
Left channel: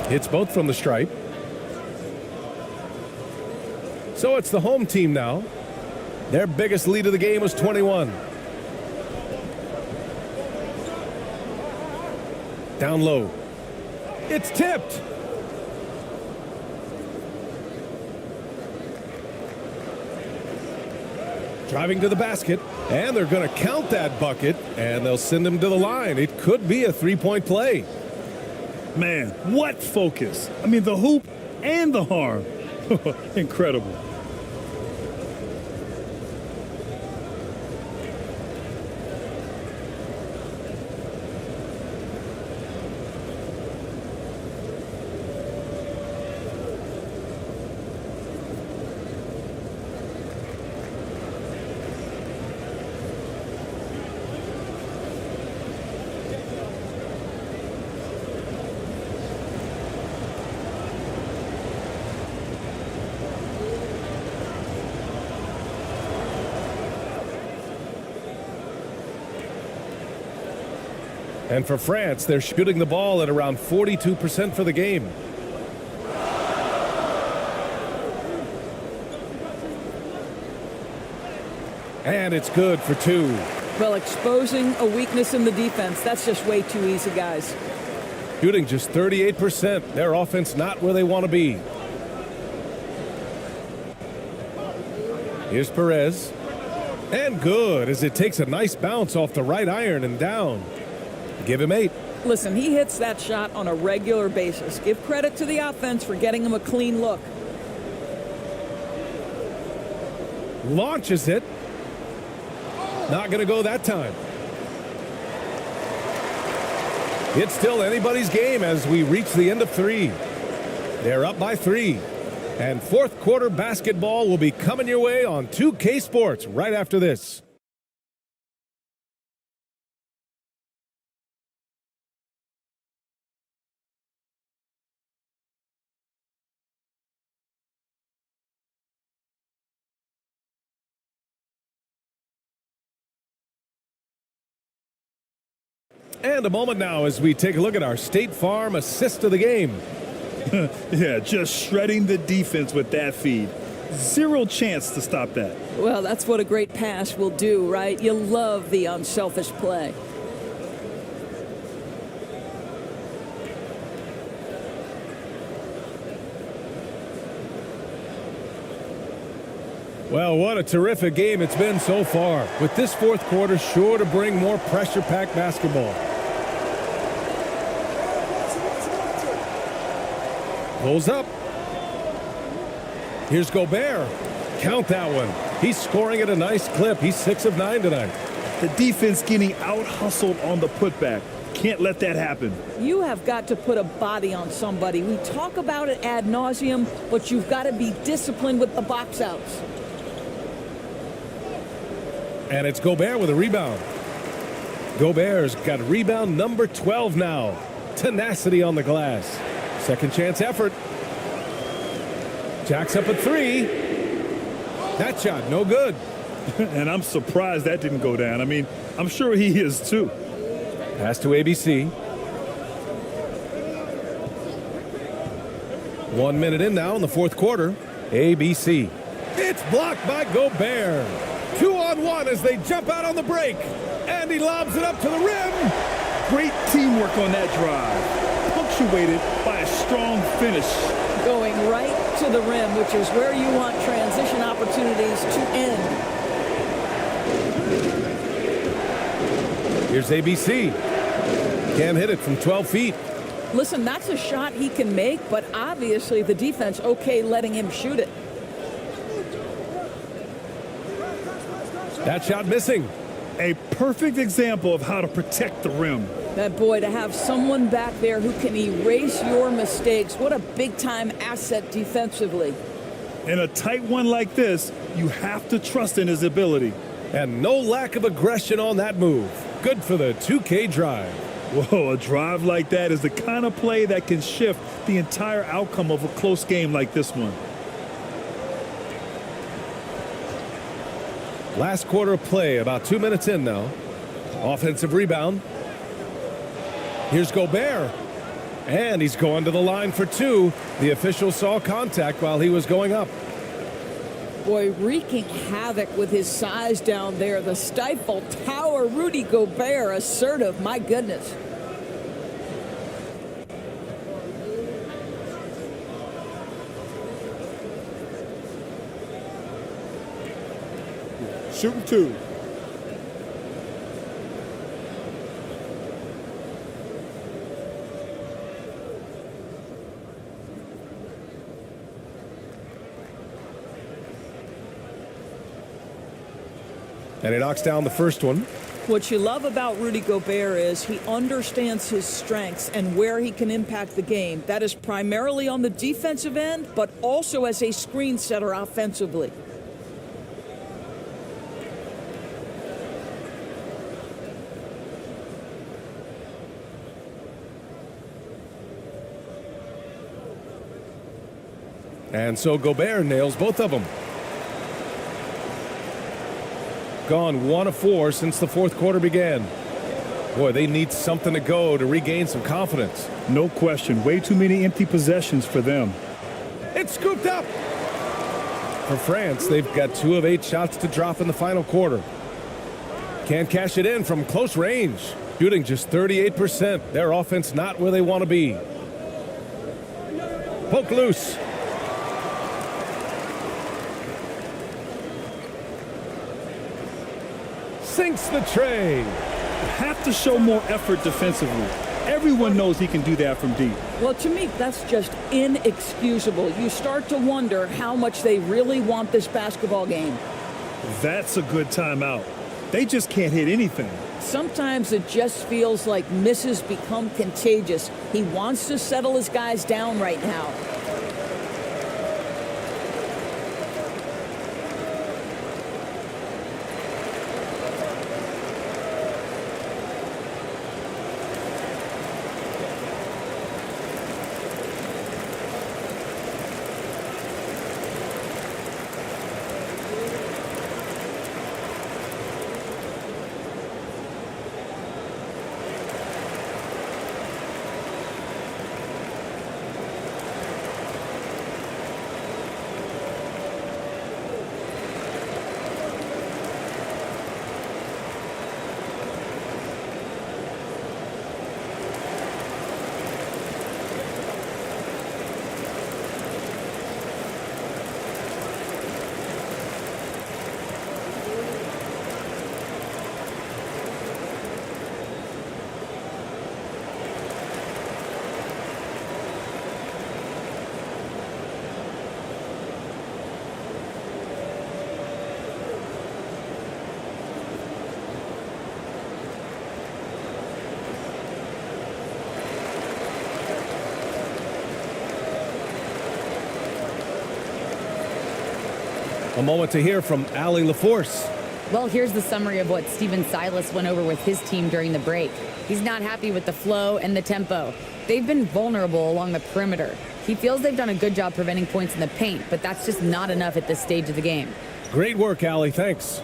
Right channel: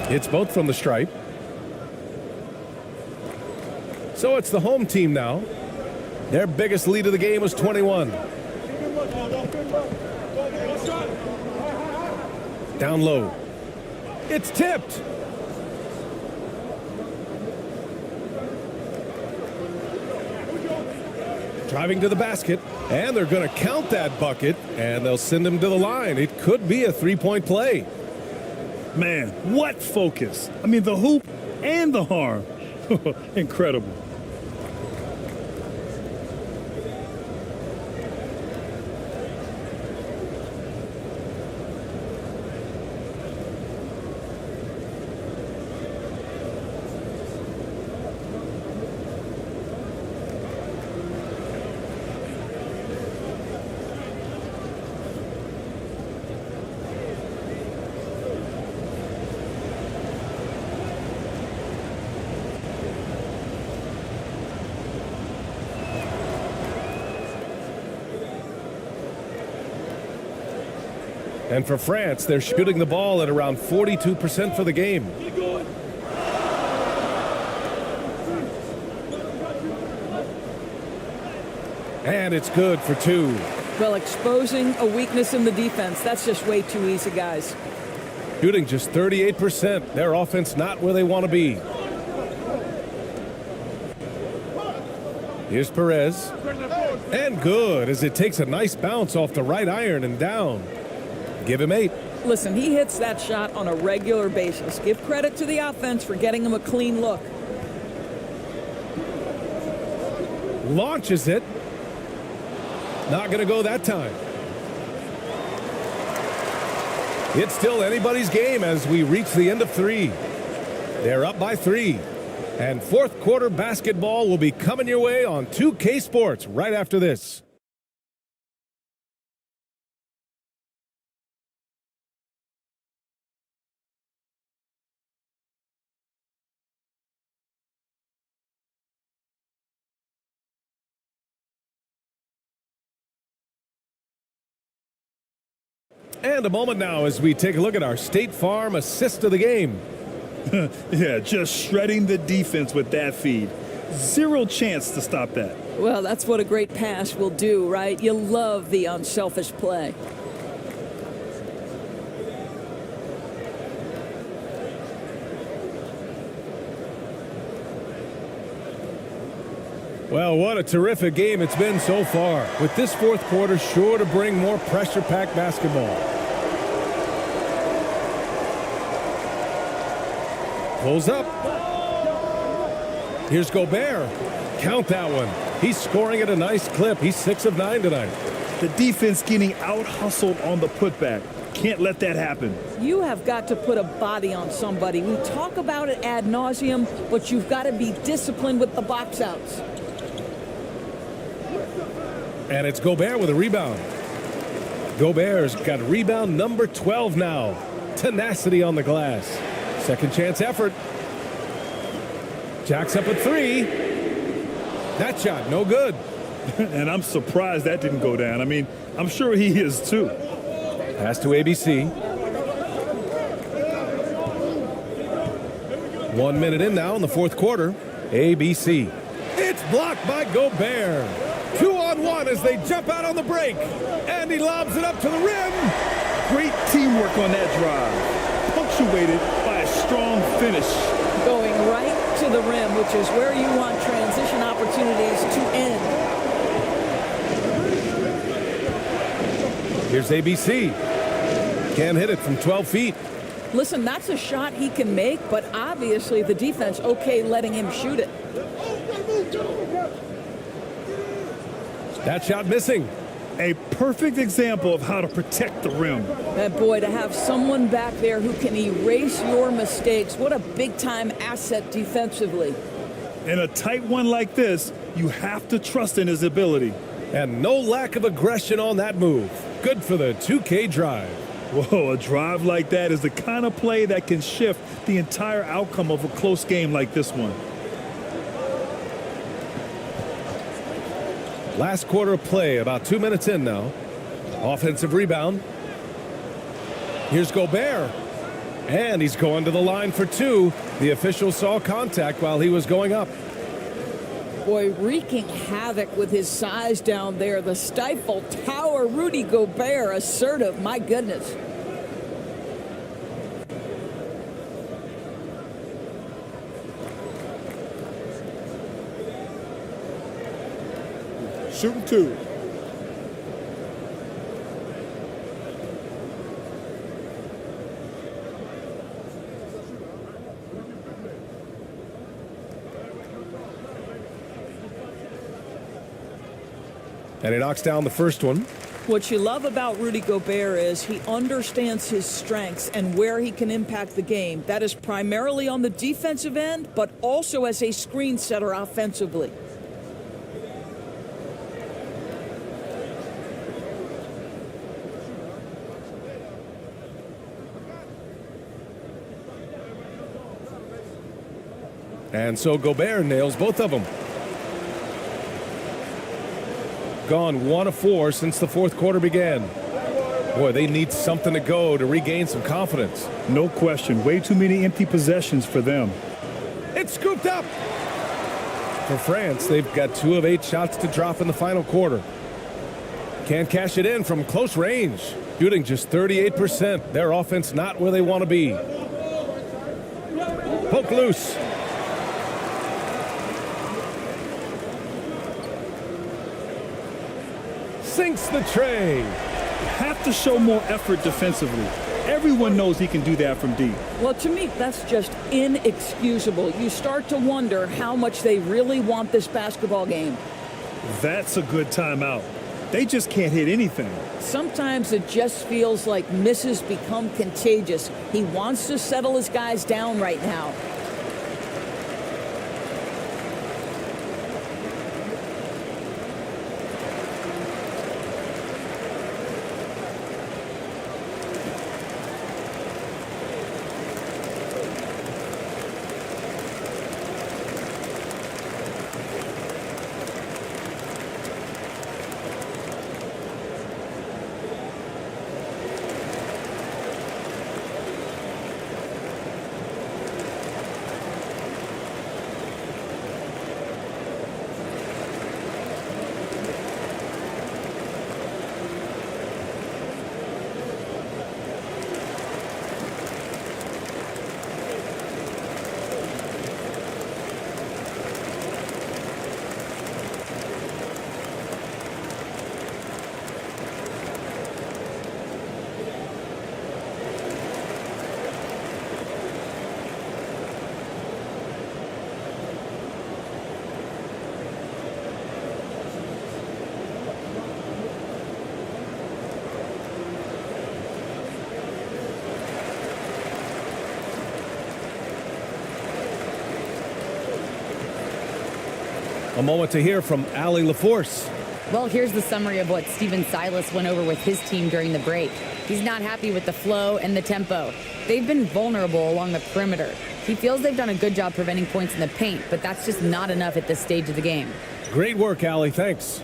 Hits both from the stripe. So it's the home team now. Their biggest lead of the game was 21. Down low. It's tipped. Driving to the basket, and they're going to count that bucket, and they'll send him to the line. It could be a three-point play. Man, what focus. I mean, the hoop and the harm. Incredible. And for France, they're shooting the ball at around 42% for the game. And it's good for two. Well, exposing a weakness in the defense, that's just way too easy, guys. Shooting just 38%. Their offense not where they want to be. Here's Perez. And good, as it takes a nice bounce off the right iron and down. Give him 8. Listen, he hits that shot on a regular basis. Give credit to the offense for getting him a clean look. Launches it. Not going to go that time. It's still anybody's game as we reach the end of 3. They're up by 3. And fourth quarter basketball will be coming your way on 2K Sports right after this. And a moment now as we take a look at our State Farm assist of the game. Yeah, just shredding the defense with that feed. Zero chance to stop that. Well, that's what a great pass will do, right? You love the unselfish play. Well, what a terrific game it's been so far, with this fourth quarter sure to bring more pressure-packed basketball. Pulls up. Here's Gobert. Count that one. He's scoring at a nice clip. He's 6 of 9 tonight. The defense getting out-hustled on the putback. Can't let that happen. You have got to put a body on somebody. We talk about it ad nauseum, but you've got to be disciplined with the box outs. And it's Gobert with a rebound. Gobert's got rebound number 12 now. Tenacity on the glass. Second chance effort. Jacks up at 3. That shot, no good. And I'm surprised that didn't go down. I mean, I'm sure he is too. Pass to ABC. 1 minute in now in the fourth quarter. ABC. It's blocked by Gobert. 2-on-1 as they jump out on the break. And he lobs it up to the rim. Great teamwork on that drive. Punctuated by a strong finish. Going right to the rim, which is where you want transition opportunities to end. Here's ABC. Can't hit it from 12 feet. Listen, that's a shot he can make, but obviously the defense okay letting him shoot it. That shot missing. A perfect example of how to protect the rim. That boy, to have someone back there who can erase your mistakes, what a big-time asset defensively. In a tight one like this, you have to trust in his ability. And no lack of aggression on that move. Good for the 2K drive. Whoa, a drive like that is the kind of play that can shift the entire outcome of a close game like this one. Last quarter of play, about 2 minutes in now. Offensive rebound. Here's Gobert. And he's going to the line for 2. The official saw contact while he was going up. Boy, wreaking havoc with his size down there. The stifle tower, Rudy Gobert, assertive, my goodness. Shooting 2. And he knocks down the first one. What you love about Rudy Gobert is he understands his strengths and where he can impact the game. That is primarily on the defensive end, but also as a screen setter offensively. And so Gobert nails both of them. Gone 1 of 4 since the fourth quarter began. Boy, they need something to go to regain some confidence. No question. Way too many empty possessions for them. It's scooped up. For France, they've got 2 of 8 shots to drop in the final quarter. Can't cash it in from close range. Shooting just 38%. Their offense not where they want to be. Poke loose. Sinks the tray. Have to show more effort defensively. Everyone knows he can do that from deep. Well, to me, that's just inexcusable. You start to wonder how much they really want this basketball game. That's a good timeout. They just can't hit anything. Sometimes it just feels like misses become contagious. He wants to settle his guys down right now. A moment to hear from Allie LaForce. Well, here's the summary of what Steven Silas went over with his team during the break. He's not happy with the flow and the tempo. They've been vulnerable along the perimeter. He feels they've done a good job preventing points in the paint, but that's just not enough at this stage of the game. Great work, Allie. Thanks.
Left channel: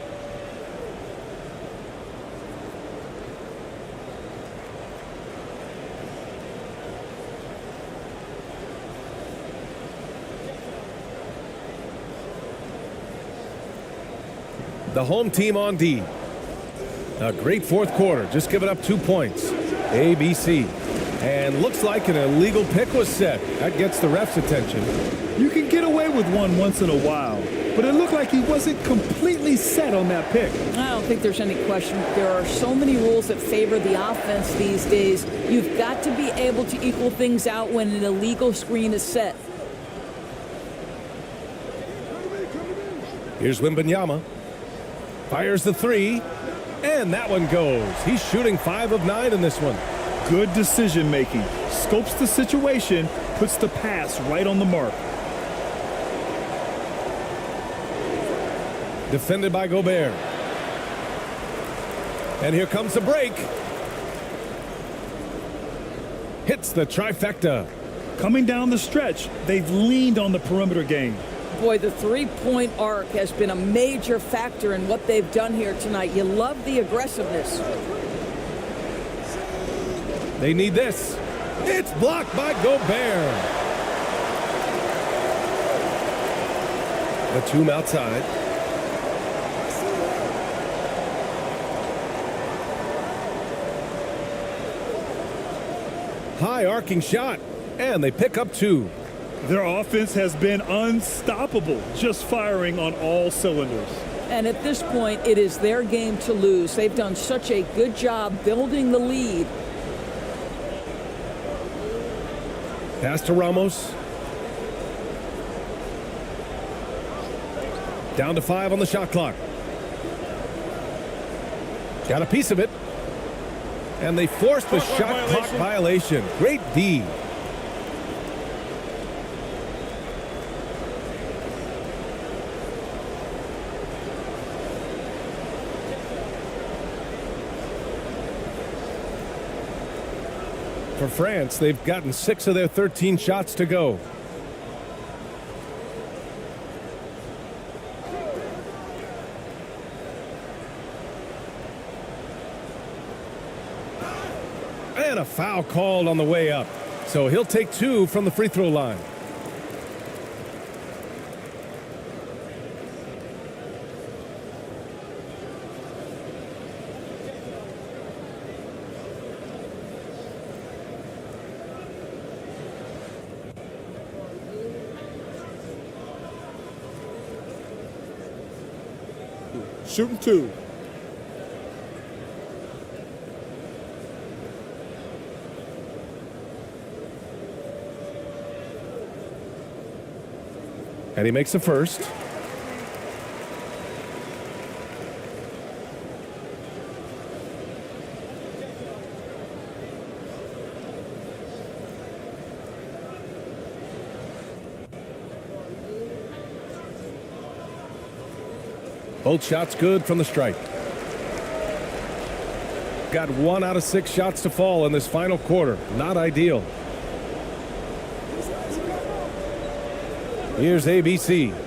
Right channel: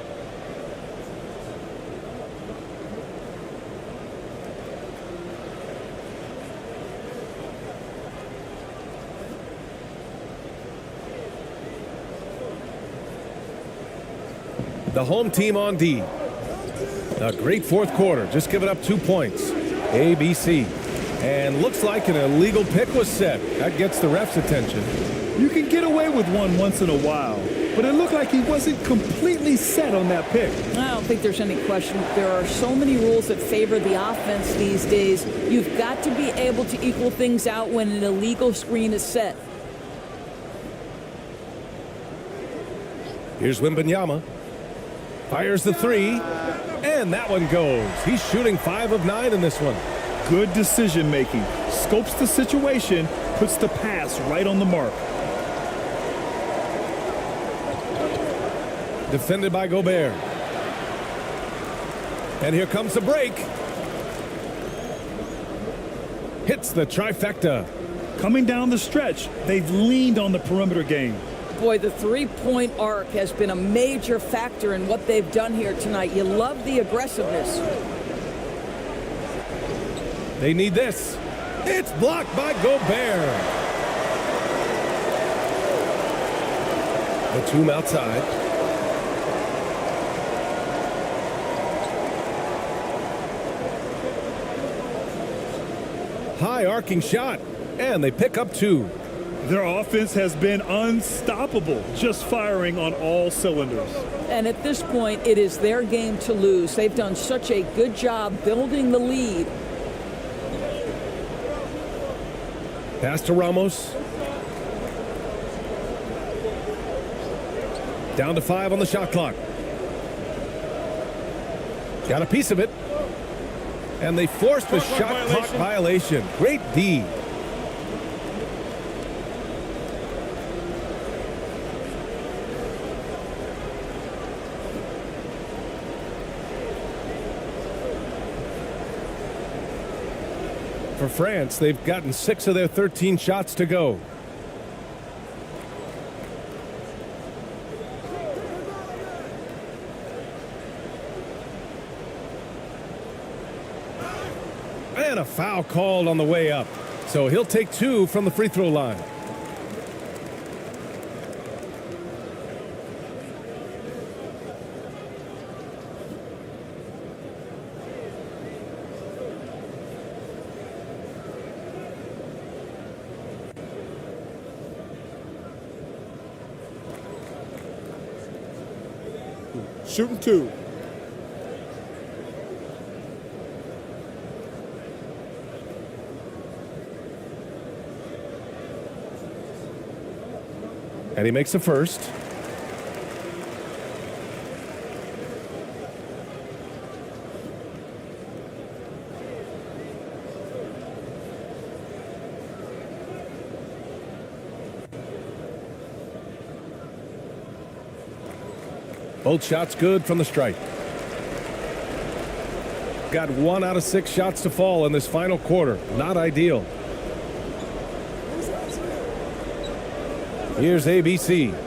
The home team on D. A great fourth quarter. Just giving up 2 points. ABC. And looks like an illegal pick was set. That gets the ref's attention. You can get away with one once in a while, but it looked like he wasn't completely set on that pick. I don't think there's any question. There are so many rules that favor the offense these days. You've got to be able to equal things out when an illegal screen is set. Here's Wembanyama. Fires the 3, and that one goes. He's shooting 5 of 9 in this one. Good decision making. Scopes the situation, puts the pass right on the mark. Defended by Gobert. And here comes the break. Hits the trifecta. Coming down the stretch, they've leaned on the perimeter game. Boy, the three-point arc has been a major factor in what they've done here tonight. You love the aggressiveness. They need this. It's blocked by Gobert. Batum outside. High arcing shot, and they pick up 2. Their offense has been unstoppable, just firing on all cylinders. And at this point, it is their game to lose. They've done such a good job building the lead. Pass to Ramos. Down to 5 on the shot clock. Got a piece of it. And they forced the shot clock violation. Great D. For France, they've gotten 6 of their 13 shots to go. And a foul called on the way up. So he'll take 2 from the free throw line. Shooting 2. And he makes the first. Both shots good from the stripe. Got 1 out of 6 shots to fall in this final quarter. Not ideal. Here's ABC.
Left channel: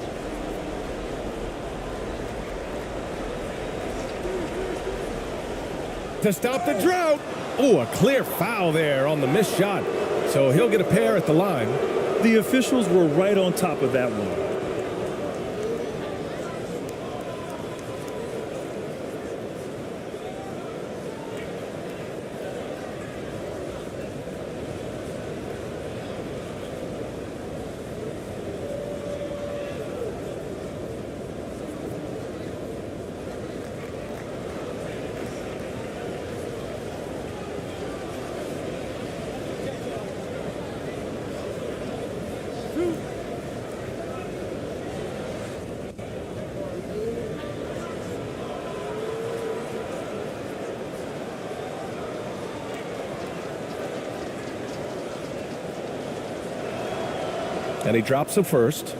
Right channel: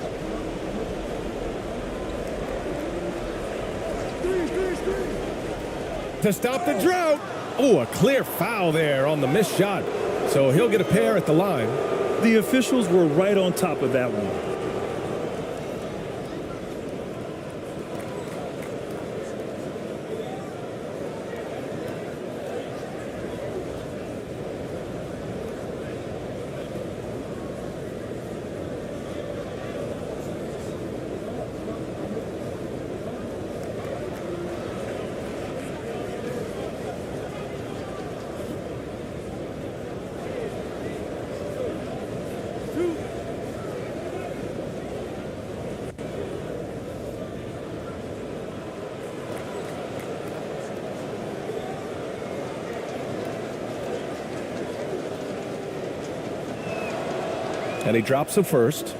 To stop the drought. Oh, a clear foul there on the missed shot. So he'll get a pair at the line. The officials were right on top of that one. And he drops the first.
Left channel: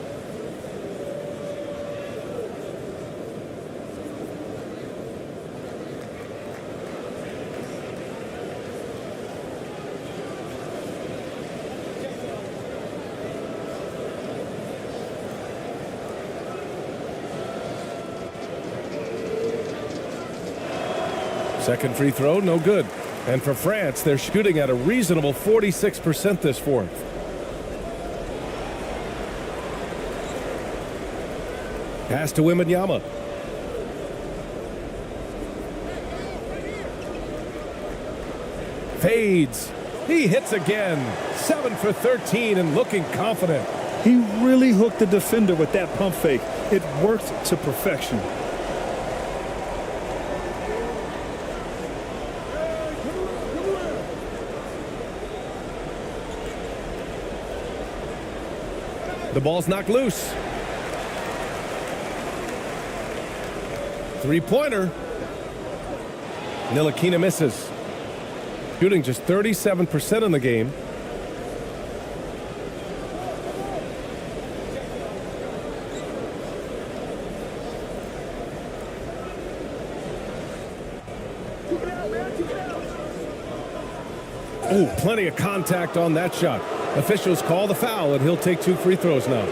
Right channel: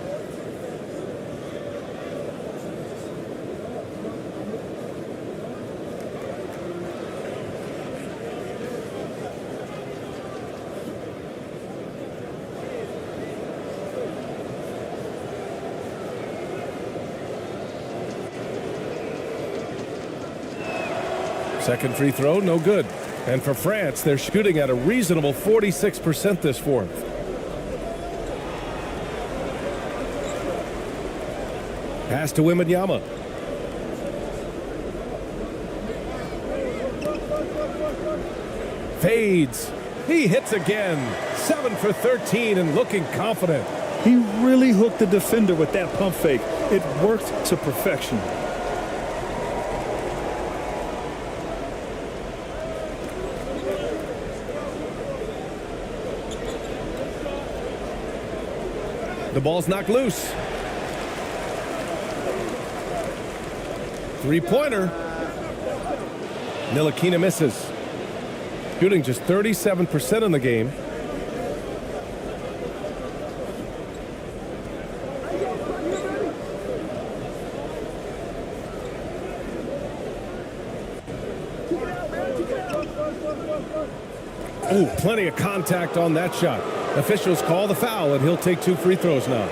Second free throw, no good. And for France, they're shooting at a reasonable 46% this fourth. Pass to Wembanyama. Fades. He hits again. 7 for 13 and looking confident. He really hooked the defender with that pump fake. It worked to perfection. The ball's knocked loose. Three-pointer. Ntilikina misses. Shooting just 37% in the game. Oh, plenty of contact on that shot. Officials call the foul, and he'll take 2 free throws now.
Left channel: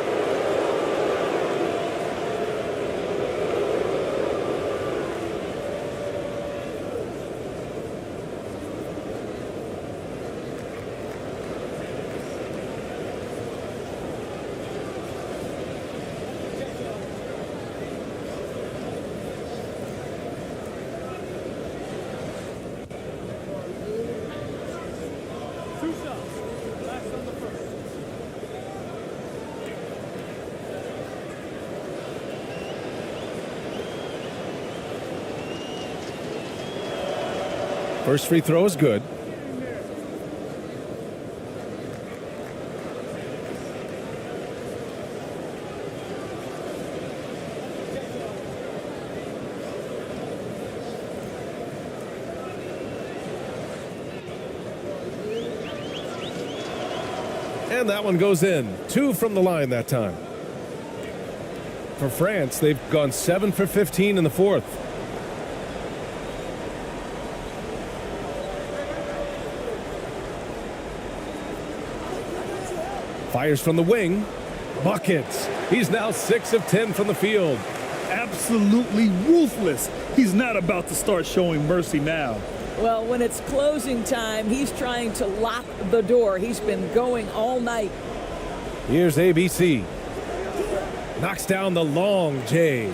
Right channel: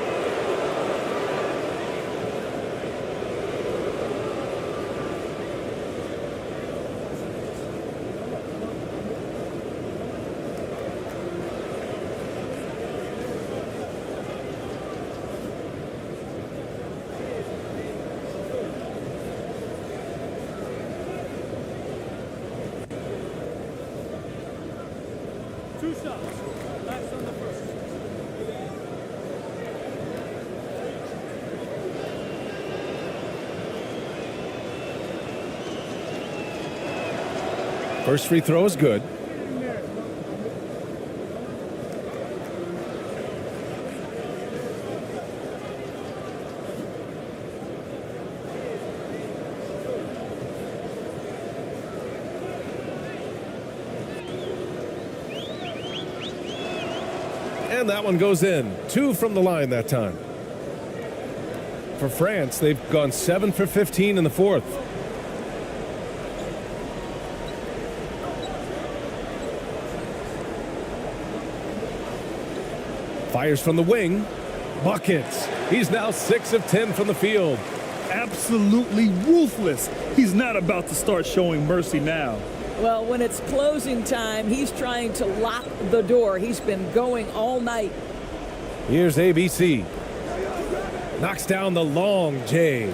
First free throw is good. And that one goes in. 2 from the line that time. For France, they've gone 7 for 15 in the fourth. Fires from the wing. Buckets. He's now 6 of 10 from the field. Absolutely ruthless. He's not about to start showing mercy now. Well, when it's closing time, he's trying to lock the door. He's been going all night. Here's ABC. Knocks down the long J.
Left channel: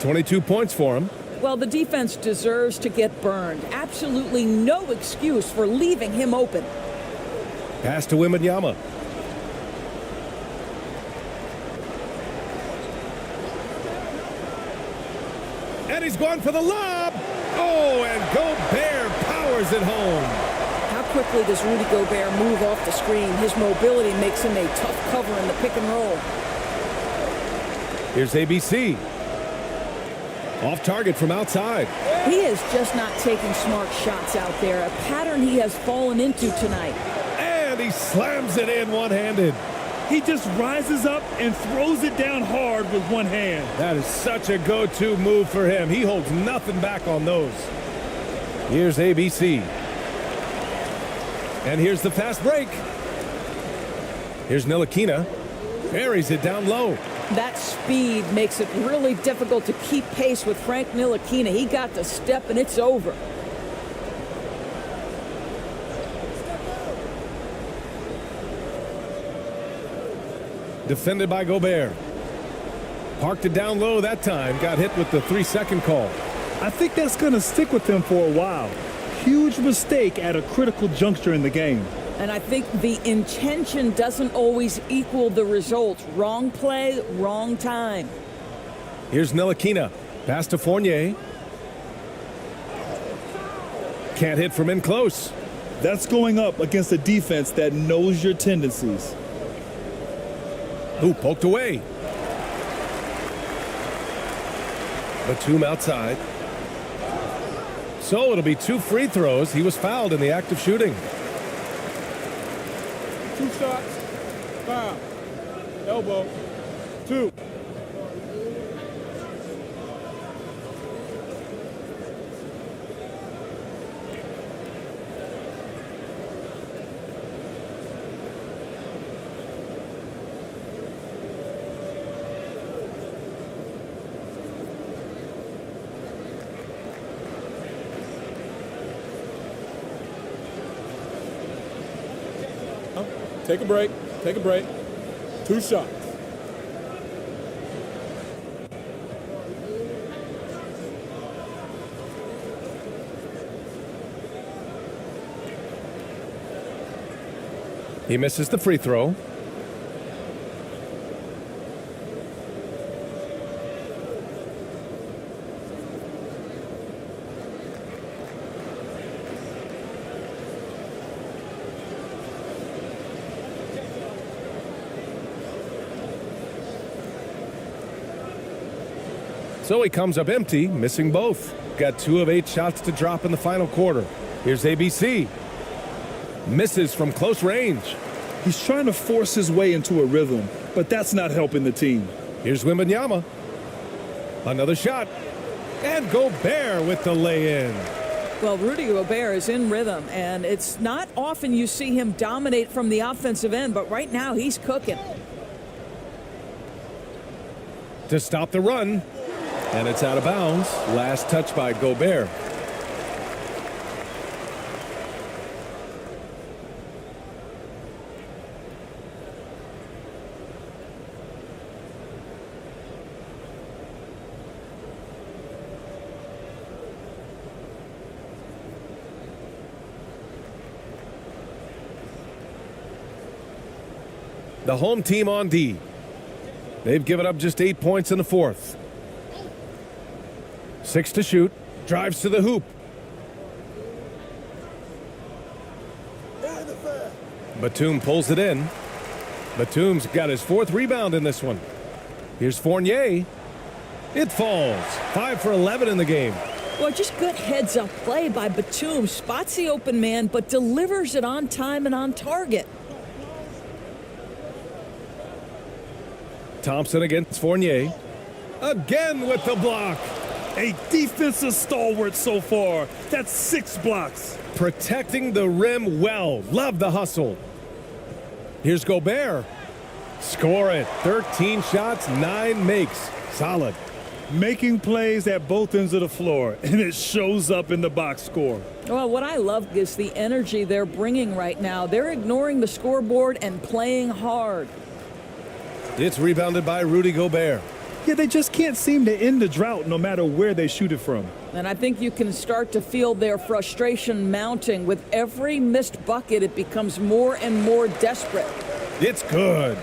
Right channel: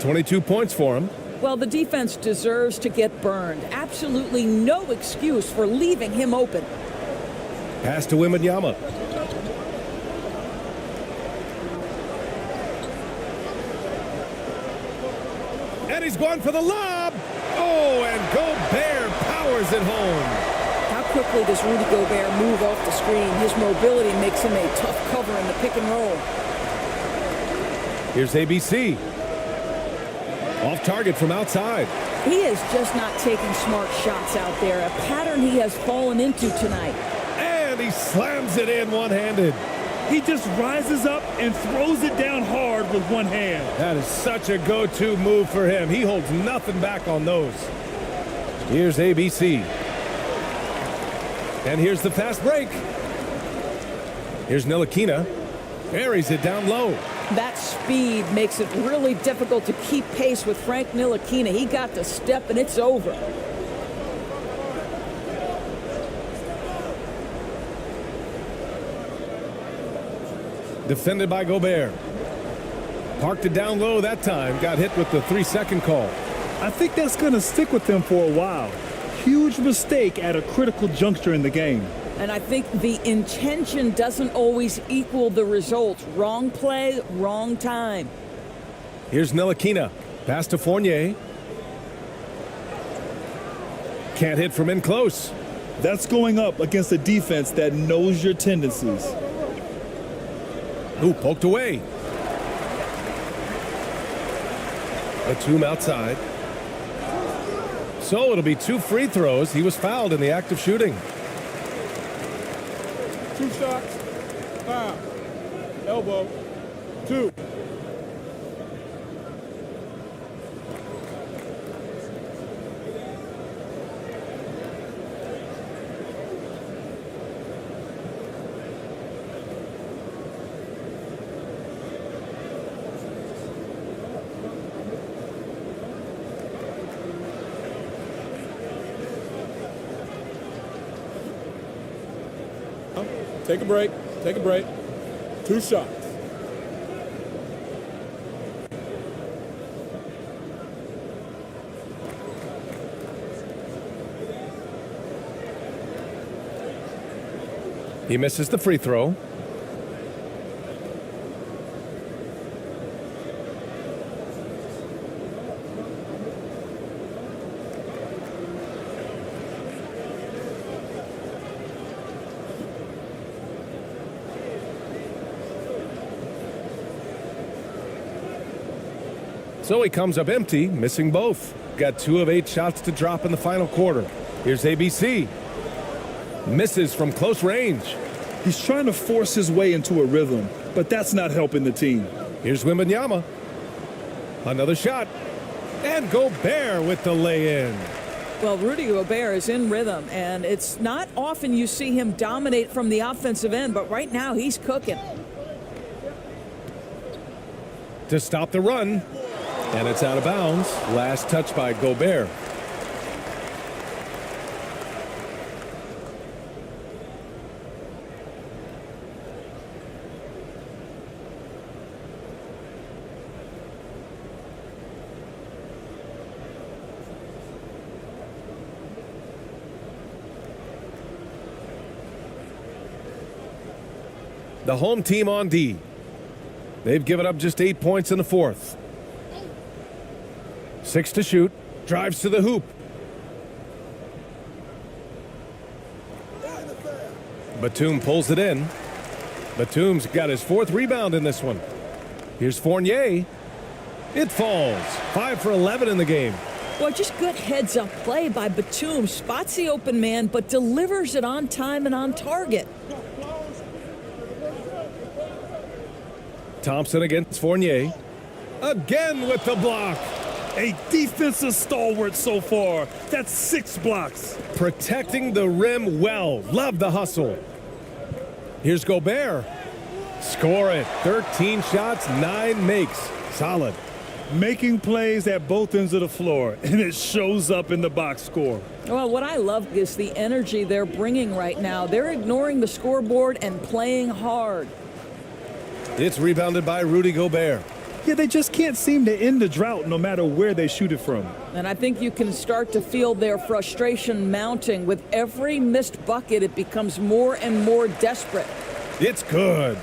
22 points for him. Well, the defense deserves to get burned. Absolutely no excuse for leaving him open. Pass to Wembanyama. And he's going for the lob. Oh, and Gobert powers it home. How quickly does Rudy Gobert move off the screen? His mobility makes him a tough cover in the pick and roll. Here's ABC. Off target from outside. He is just not taking smart shots out there, a pattern he has fallen into tonight. And he slams it in one-handed. He just rises up and throws it down hard with one hand. That is such a go-to move for him. He holds nothing back on those. Here's ABC. And here's the fast break. Here's Ntilikina. Buries it down low. That speed makes it really difficult to keep pace with Frank Ntilikina. He got the step and it's over. Defended by Gobert. Parked it down low that time. Got hit with the 3-second call. I think that's going to stick with him for a while. Huge mistake at a critical juncture in the game. And I think the intention doesn't always equal the results. Wrong play, wrong time. Here's Ntilikina. Pass to Fournier. Can't hit from in close. That's going up against a defense that knows your tendencies. Ooh, poked away. Batum outside. So it'll be 2 free throws. He was fouled in the act of shooting. 2 shots. Foul. Elbow. 2. Take a break. Take a break. 2 shots. He misses the free throw. So he comes up empty, missing both. Got 2 of 8 shots to drop in the final quarter. Here's ABC. Misses from close range. He's trying to force his way into a rhythm, but that's not helping the team. Here's Wembanyama. Another shot. And Gobert with the lay-in. Well, Rudy Gobert is in rhythm, and it's not often you see him dominate from the offensive end, but right now he's cooking. To stop the run. And it's out of bounds. Last touch by Gobert. The home team on D. They've given up just 8 points in the fourth. 6 to shoot. Drives to the hoop. Batum pulls it in. Batum's got his 4th rebound in this one. Here's Fournier. It falls. 5 for 11 in the game. Well, just good heads-up play by Batum. Spots the open man, but delivers it on time and on target. Thompson against Fournier. Again with the block. A defensive stalwart so far. That's 6 blocks. Protecting the rim well. Love the hustle. Here's Gobert. Score it. 13 shots, 9 makes. Solid. Making plays at both ends of the floor, and it shows up in the box score. Well, what I love is the energy they're bringing right now. They're ignoring the scoreboard and playing hard. It's rebounded by Rudy Gobert. Yeah, they just can't seem to end the drought no matter where they shoot it from. And I think you can start to feel their frustration mounting. With every missed bucket, it becomes more and more desperate. It's good.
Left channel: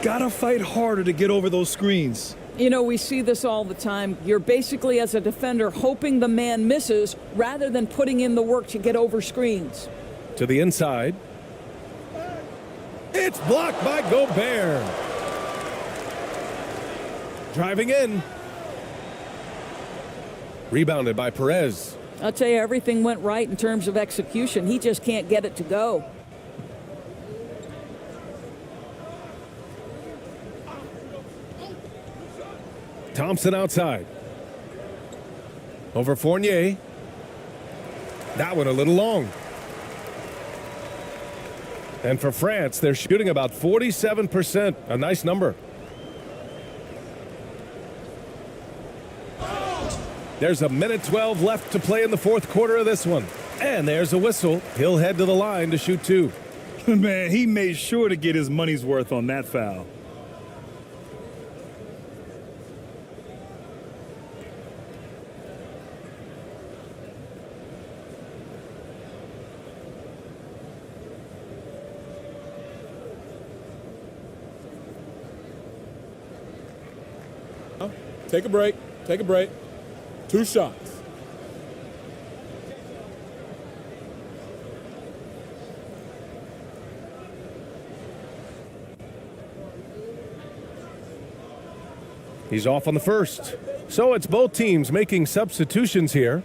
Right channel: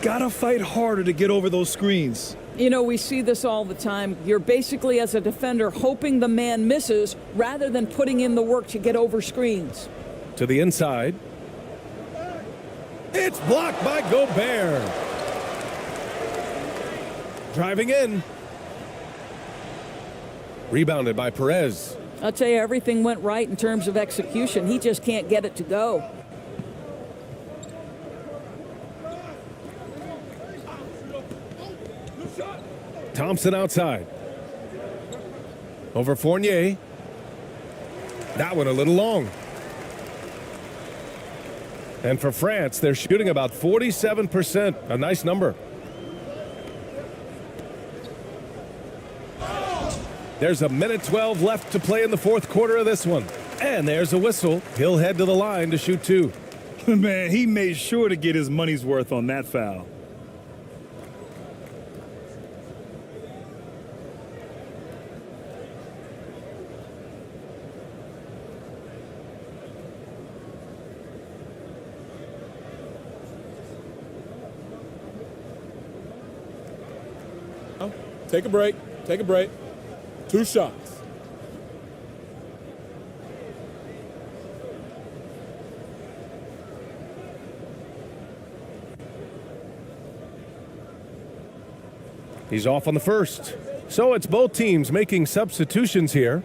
Gotta fight harder to get over those screens. You know, we see this all the time. You're basically, as a defender, hoping the man misses rather than putting in the work to get over screens. To the inside. It's blocked by Gobert. Driving in. Rebounded by Perez. I'll tell you, everything went right in terms of execution. He just can't get it to go. Thompson outside. Over Fournier. That one a little long. And for France, they're shooting about 47%. A nice number. There's a minute 12 left to play in the 4th quarter of this one. And there's a whistle. He'll head to the line to shoot 2. Man, he made sure to get his money's worth on that foul. Take a break. Take a break. 2 shots. He's off on the first. So it's both teams making substitutions here.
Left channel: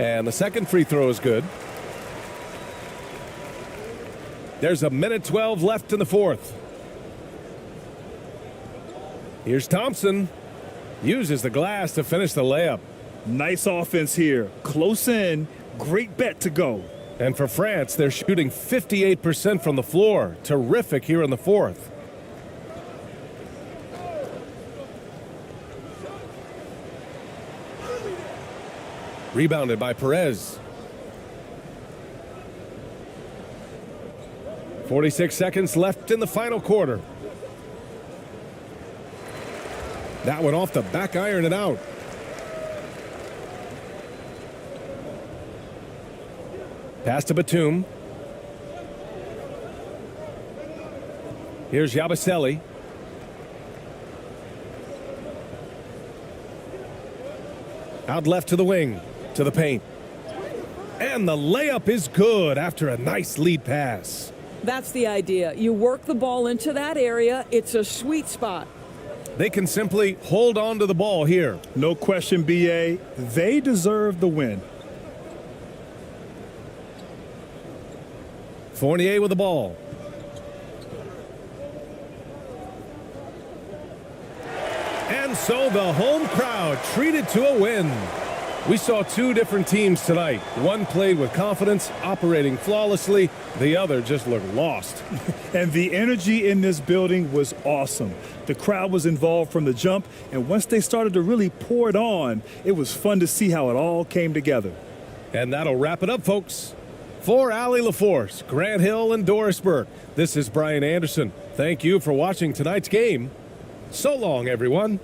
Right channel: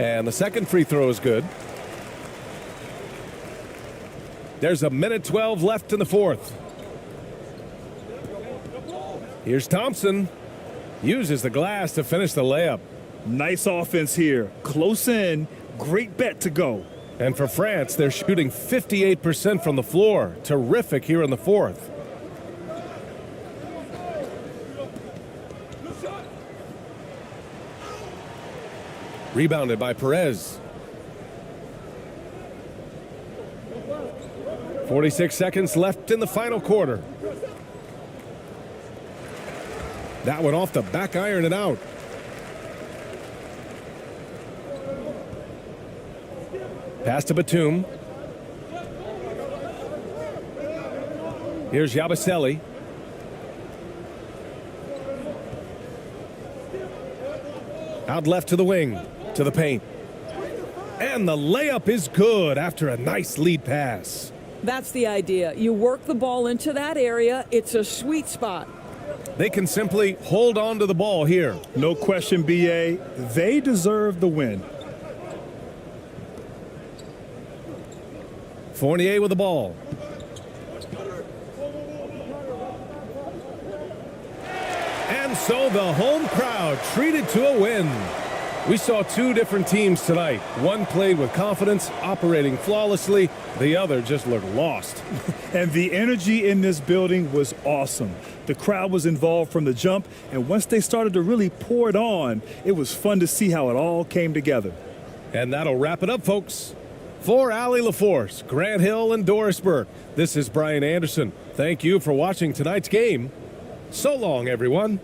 And the second free throw is good. There's a minute 12 left in the 4th. Here's Thompson. Uses the glass to finish the layup. Nice offense here. Close in. Great bet to go. And for France, they're shooting 58% from the floor. Terrific here in the 4th. Rebounded by Perez. 46 seconds left in the final quarter. That one off the back iron and out. Pass to Batum. Here's Yabusele. Out left to the wing. To the paint. And the layup is good after a nice lead pass. That's the idea. You work the ball into that area. It's a sweet spot. They can simply hold on to the ball here. No question, BA. They deserve the win. Fournier with the ball. And so the home crowd treated to a win. We saw 2 different teams tonight. One played with confidence, operating flawlessly. The other just looked lost. And the energy in this building was awesome. The crowd was involved from the jump, and once they started to really pour it on, it was fun to see how it all came together. And that'll wrap it up, folks. For Allie LaForce, Grant Hill, and Doris Burke, this is Bryan Anderson. Thank you for watching tonight's game. So long, everyone.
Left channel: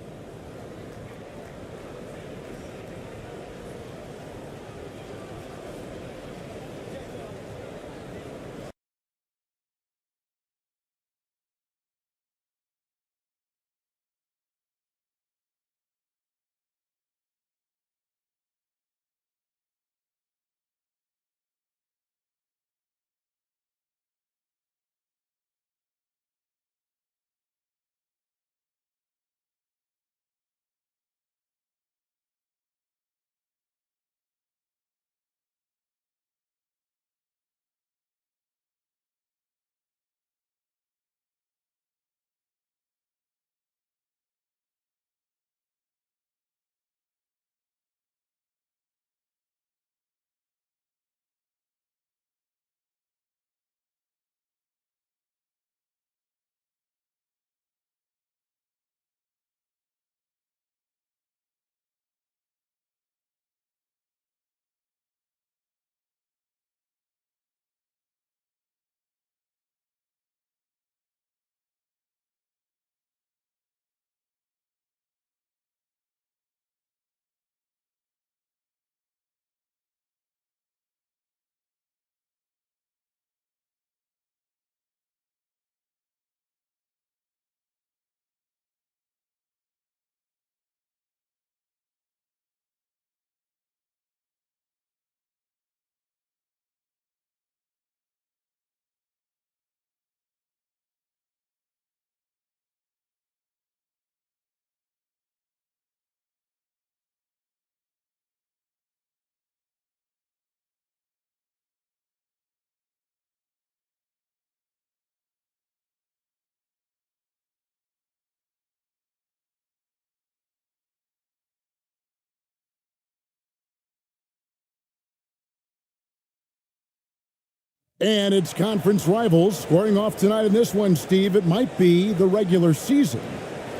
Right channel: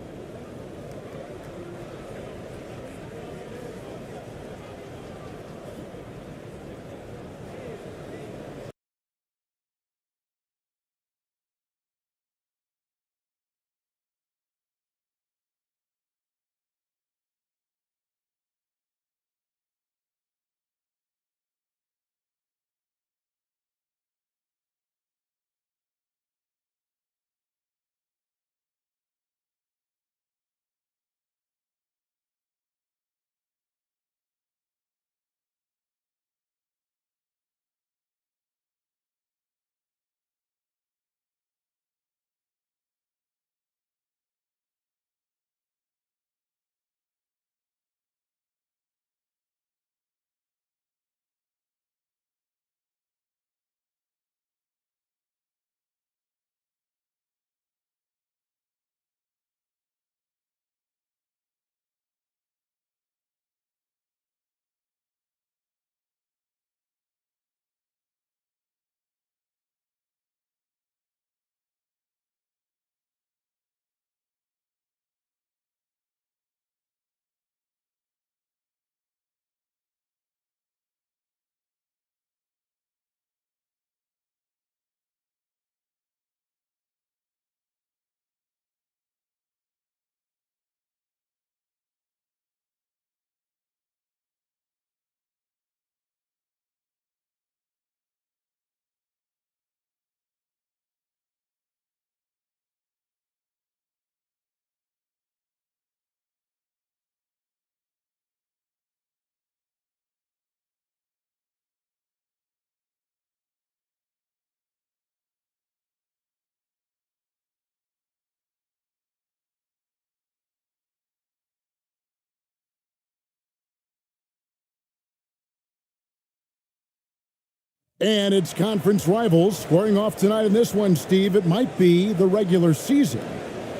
And it's conference rivals squaring off tonight in this one, Steve. It might be the regular season,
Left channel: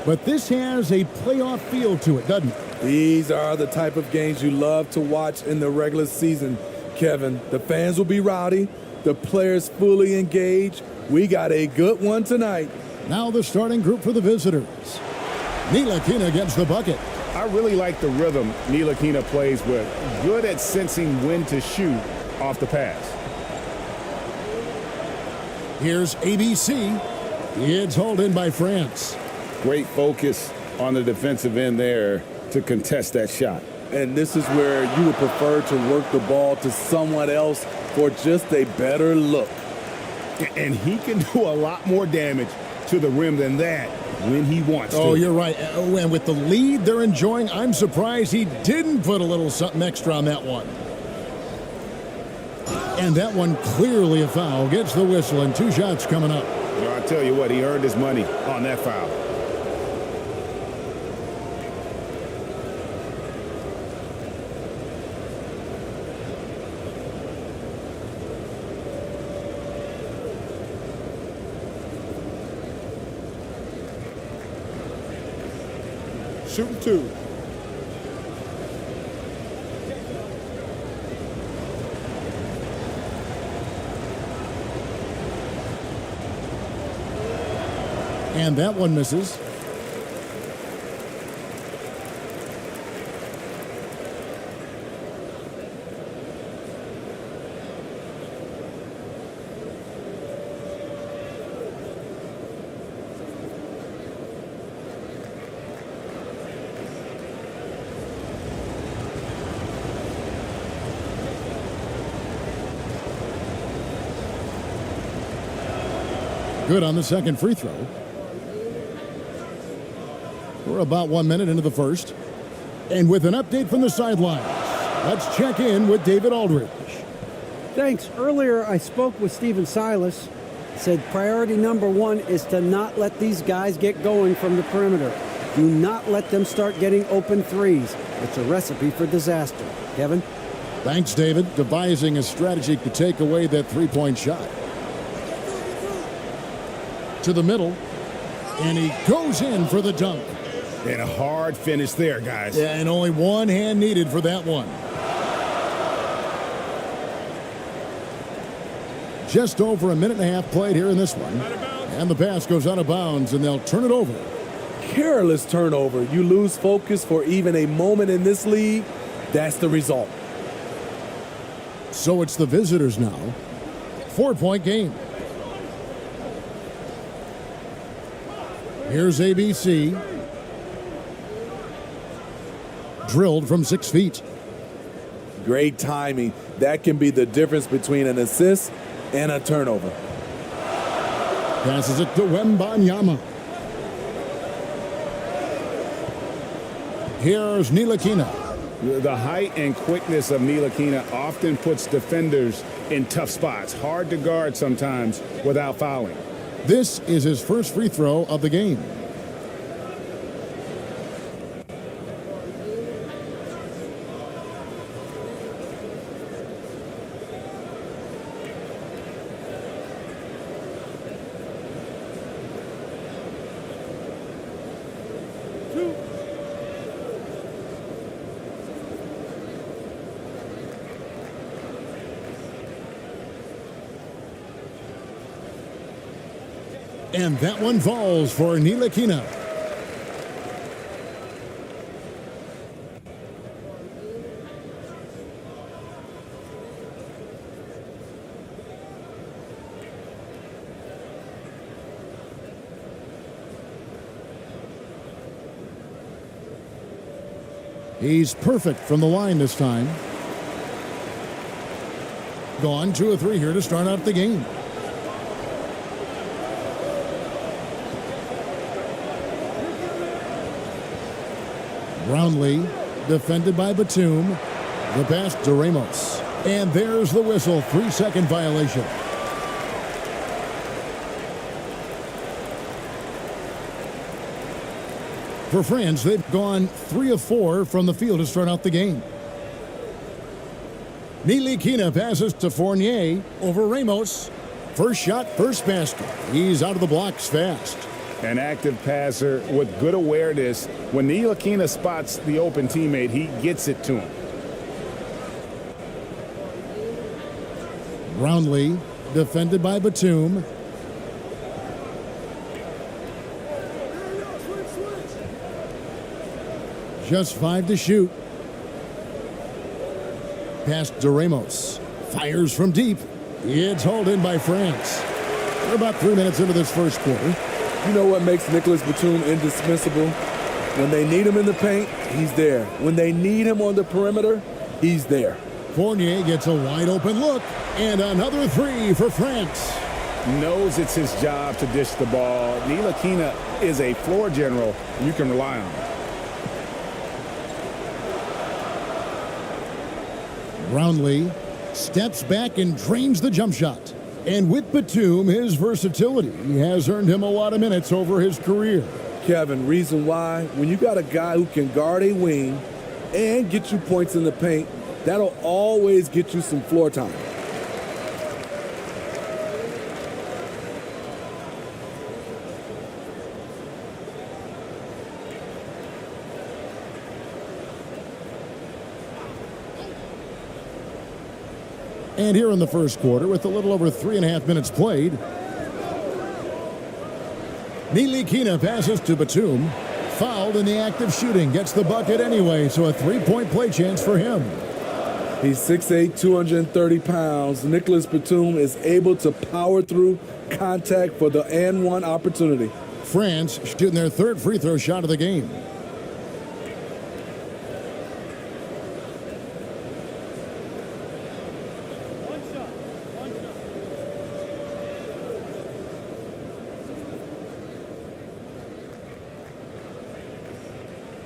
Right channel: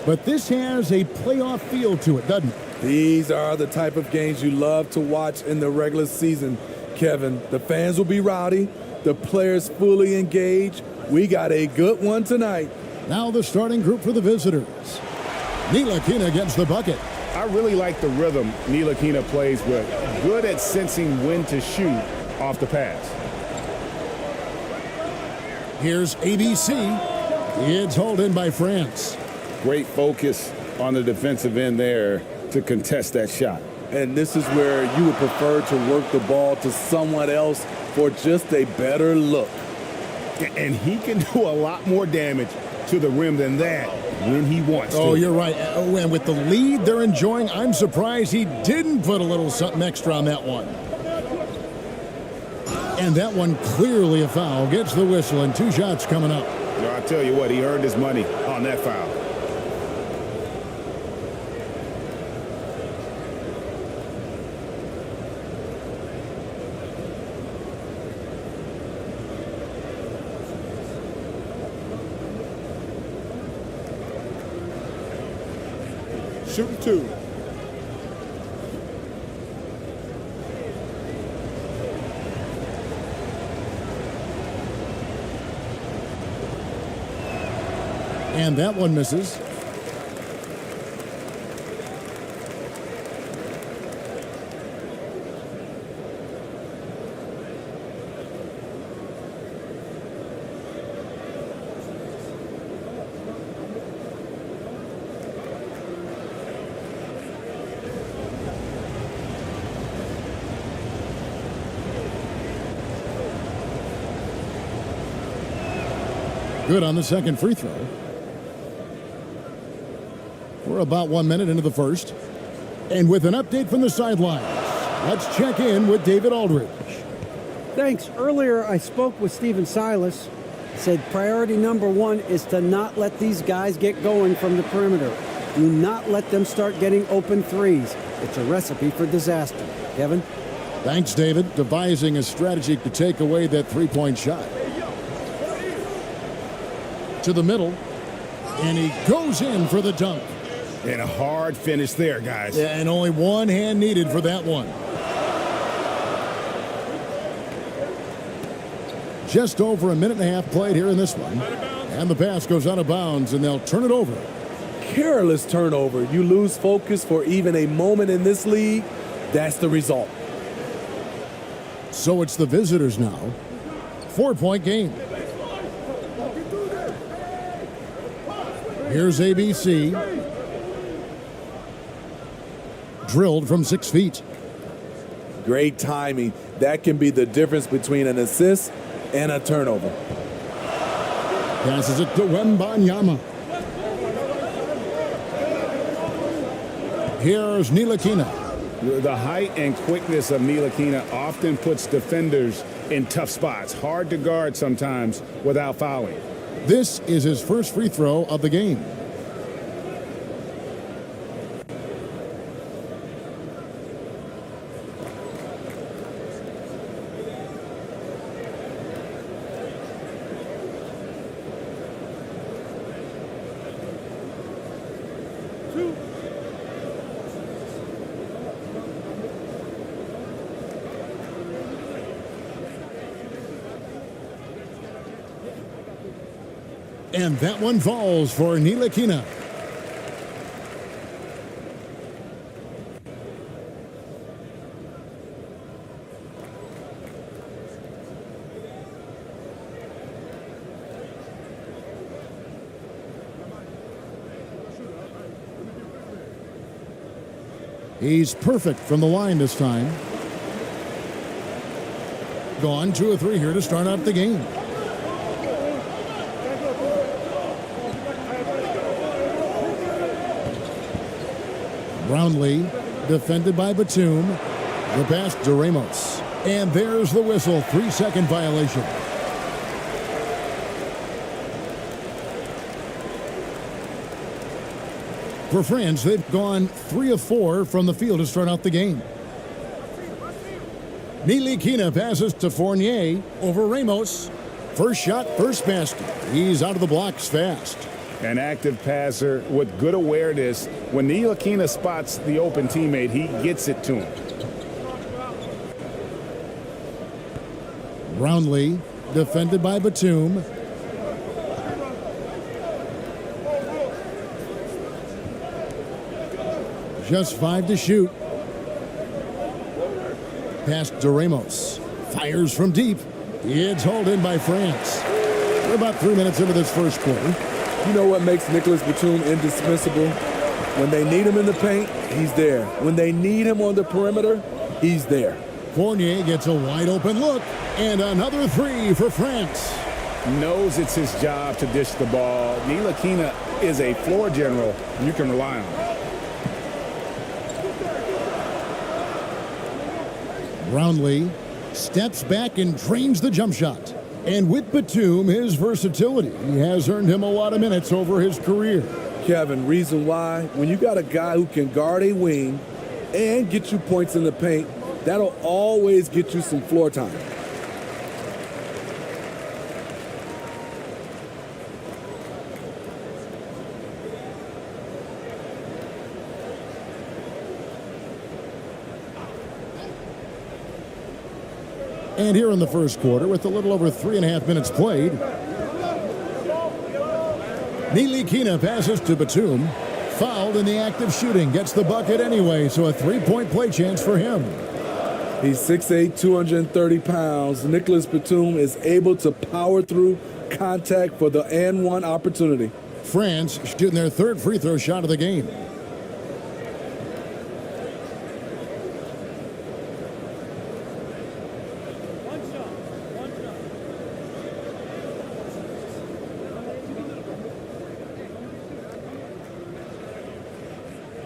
but this has a playoff feel to it, doesn't it? These are the type of games you love to watch in the regular season, Kevin. The fans will be rowdy, the players fully engaged. We got a good one tonight. Now the starting group for the visitors. Ntilikina gets the bucket. I really like the rhythm Ntilikina plays with. Good at sensing when to shoot off the pass. Here's ABC. It's hauled in by France. Great focus on the defensive end there to contest that shot. And this is where you would prefer to work the ball to someone else for just a better look. And he can do a lot more damage to the rim than that when he wants to. Oh, you're right. And with the lead they're enjoying, I'm surprised he didn't put a little something extra on that one. And that one clearly a foul. Gets the whistle and 2 shots coming up. I tell you what, he earned his money on that foul. Shooting 2. And that one misses. Good on the second free throw. We're about 1 minute into the first. And with an update from the sidelines, let's check in with David Aldridge. Thanks. Earlier, I spoke with Stephen Silas. He said priority number 1 is to not let these guys get going from the perimeter. Do not let them start getting open threes. It's a recipe for disaster. Kevin? Thanks, David. Devising a strategy to take away that three-point shot. To the middle, and he goes in for the dunk. And a hard finish there, guys. Yeah, and only one hand needed for that one. Just over a minute and a half played here in this one. And the pass goes out of bounds, and they'll turn it over. Careless turnover. You lose focus for even a moment in this league. That's the result. So it's the visitors now. 4-point game. Here's ABC. Drilled from 6 feet. Great timing. That can be the difference between an assist and a turnover. Passes it to Wembanyama. Here's Ntilikina. The height and quickness of Ntilikina often puts defenders in tough spots. Hard to guard sometimes without fouling. This is his first free throw of the game. And that one falls for Ntilikina. He's perfect from the line this time. Gone 2 of 3 here to start out the game. Brownlee, defended by Batum. The pass to Ramos. And there's the whistle. 3-second violation. For France, they've gone 3 of 4 from the field to start out the game. Ntilikina passes to Fournier over Ramos. First shot, first basket. He's out of the blocks fast. An active passer with good awareness. When Ntilikina spots the open teammate, he gets it to him. Brownlee, defended by Batum. Just 5 to shoot. Pass to Ramos. Fires from deep. It's hauled in by France. We're about 3 minutes into this first quarter. You know what makes Nicholas Batum indispensable? When they need him in the paint, he's there. When they need him on the perimeter, he's there. Fournier gets a wide open look, and another 3 for France. Knows it's his job to dish the ball. Ntilikina is a floor general, and you can rely on him. Brownlee steps back and drains the jump shot. And with Batum, his versatility has earned him a lot of minutes over his career. Kevin, reason why? When you got a guy who can guard a wing and get you points in the paint, that'll always get you some floor time. And here in the first quarter, with a little over 3.5 minutes played, Ntilikina passes to Batum. Fouled in the act of shooting. Gets the bucket anyway, so a 3-point play chance for him. He's 6'8", 230 pounds. Nicholas Batum is able to power through contact for the and one opportunity. France shooting their third free throw shot of the game.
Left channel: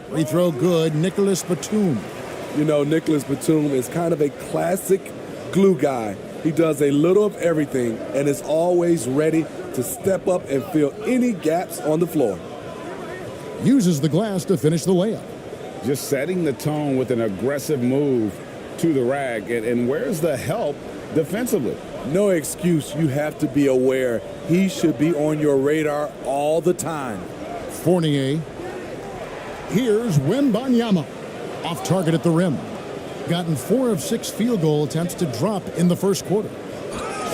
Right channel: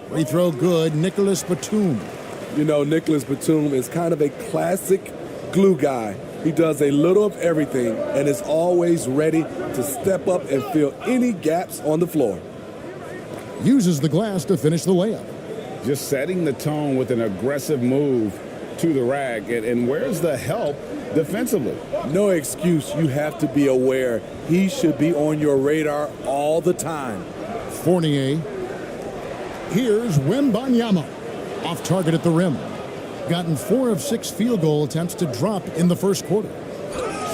Free throw good, Nicholas Batum. You know, Nicholas Batum is kind of a classic glue guy. He does a little of everything and is always ready to step up and fill any gaps on the floor. Uses the glass to finish the layup. Just setting the tone with an aggressive move to the rack. And where's the help defensively? No excuse. You have to be aware. He should be on your radar all the time. Fournier. Here's Wembanyama. Off target at the rim. Gotten 4 of 6 field goal attempts to drop in the first quarter.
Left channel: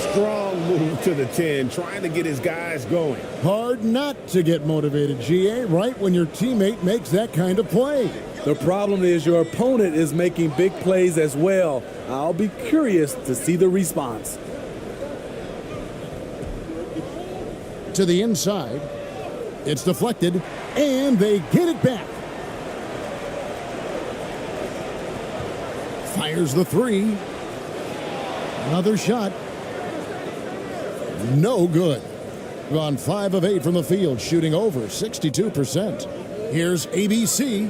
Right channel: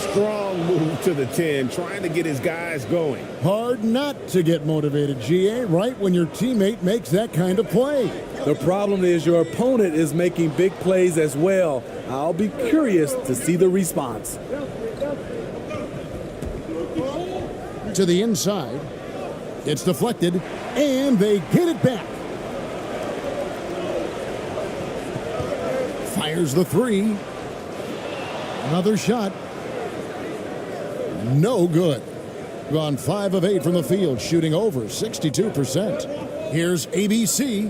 Strong move to the 10, trying to get his guys going. Hard not to get motivated, GA, right when your teammate makes that kind of play. The problem is your opponent is making big plays as well. I'll be curious to see the response. To the inside. It's deflected, and they get it back. Fires the 3. Another shot. No good. Gone 5 of 8 from the field, shooting over 62%. Here's ABC.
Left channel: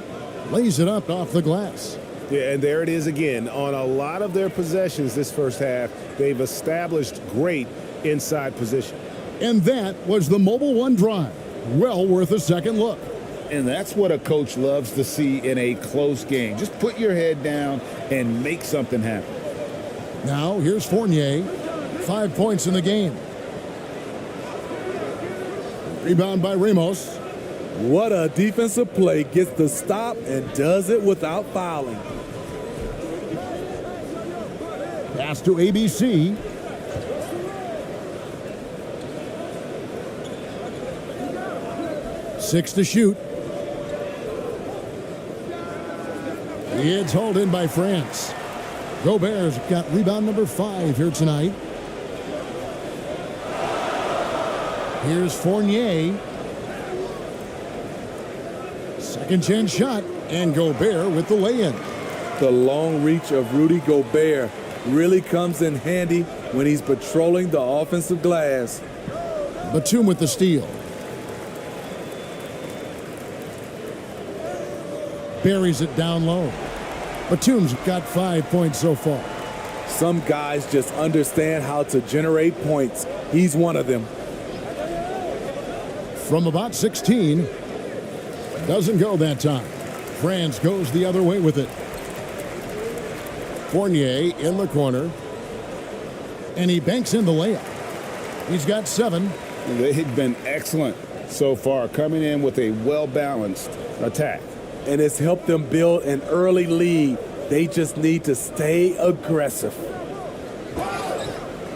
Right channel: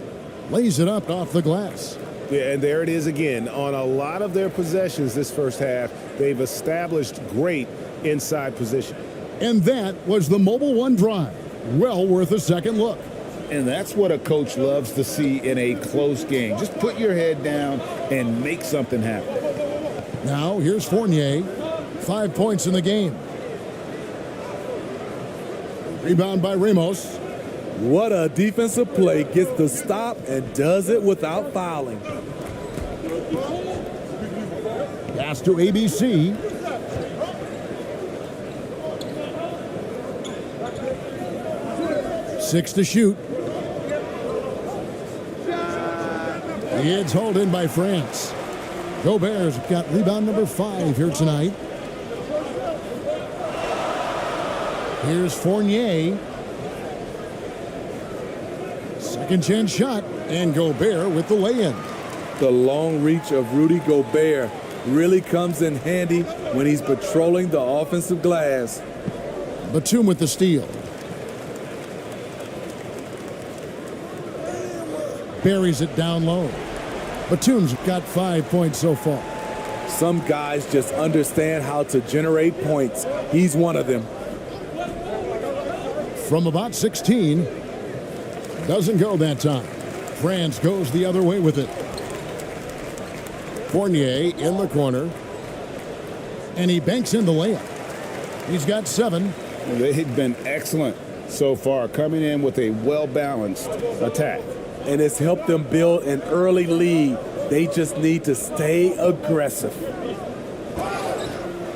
Lays it up off the glass. Yeah, and there it is again. On a lot of their possessions this first half, they've established great inside position. And that was the Mobile One drive. Well worth a second look. And that's what a coach loves to see in a close game. Just put your head down and make something happen. Now, here's Fournier. 5 points in the game. Rebound by Ramos. What a defensive play. Gets the stop and does it without fouling. Pass to ABC. Six to shoot. It's hauled in by France. Gobert's got rebound number 5 here tonight. Here's Fournier. Second chance shot, and Gobert with the lay-in. The long reach of Rudy Gobert really comes in handy when he's patrolling the offensive glass. Batum with the steal. Buries it down low. Batum's got 5 points so far. Some guys just understand how to generate points. He's one of them. From about 16. Doesn't go that time. France goes the other way with it. Fournier in the corner. And he banks in the layup. He's got 7. They've been excellent so far, coming in with a well-balanced attack. And it's helped them build an early lead. They just need to stay aggressive.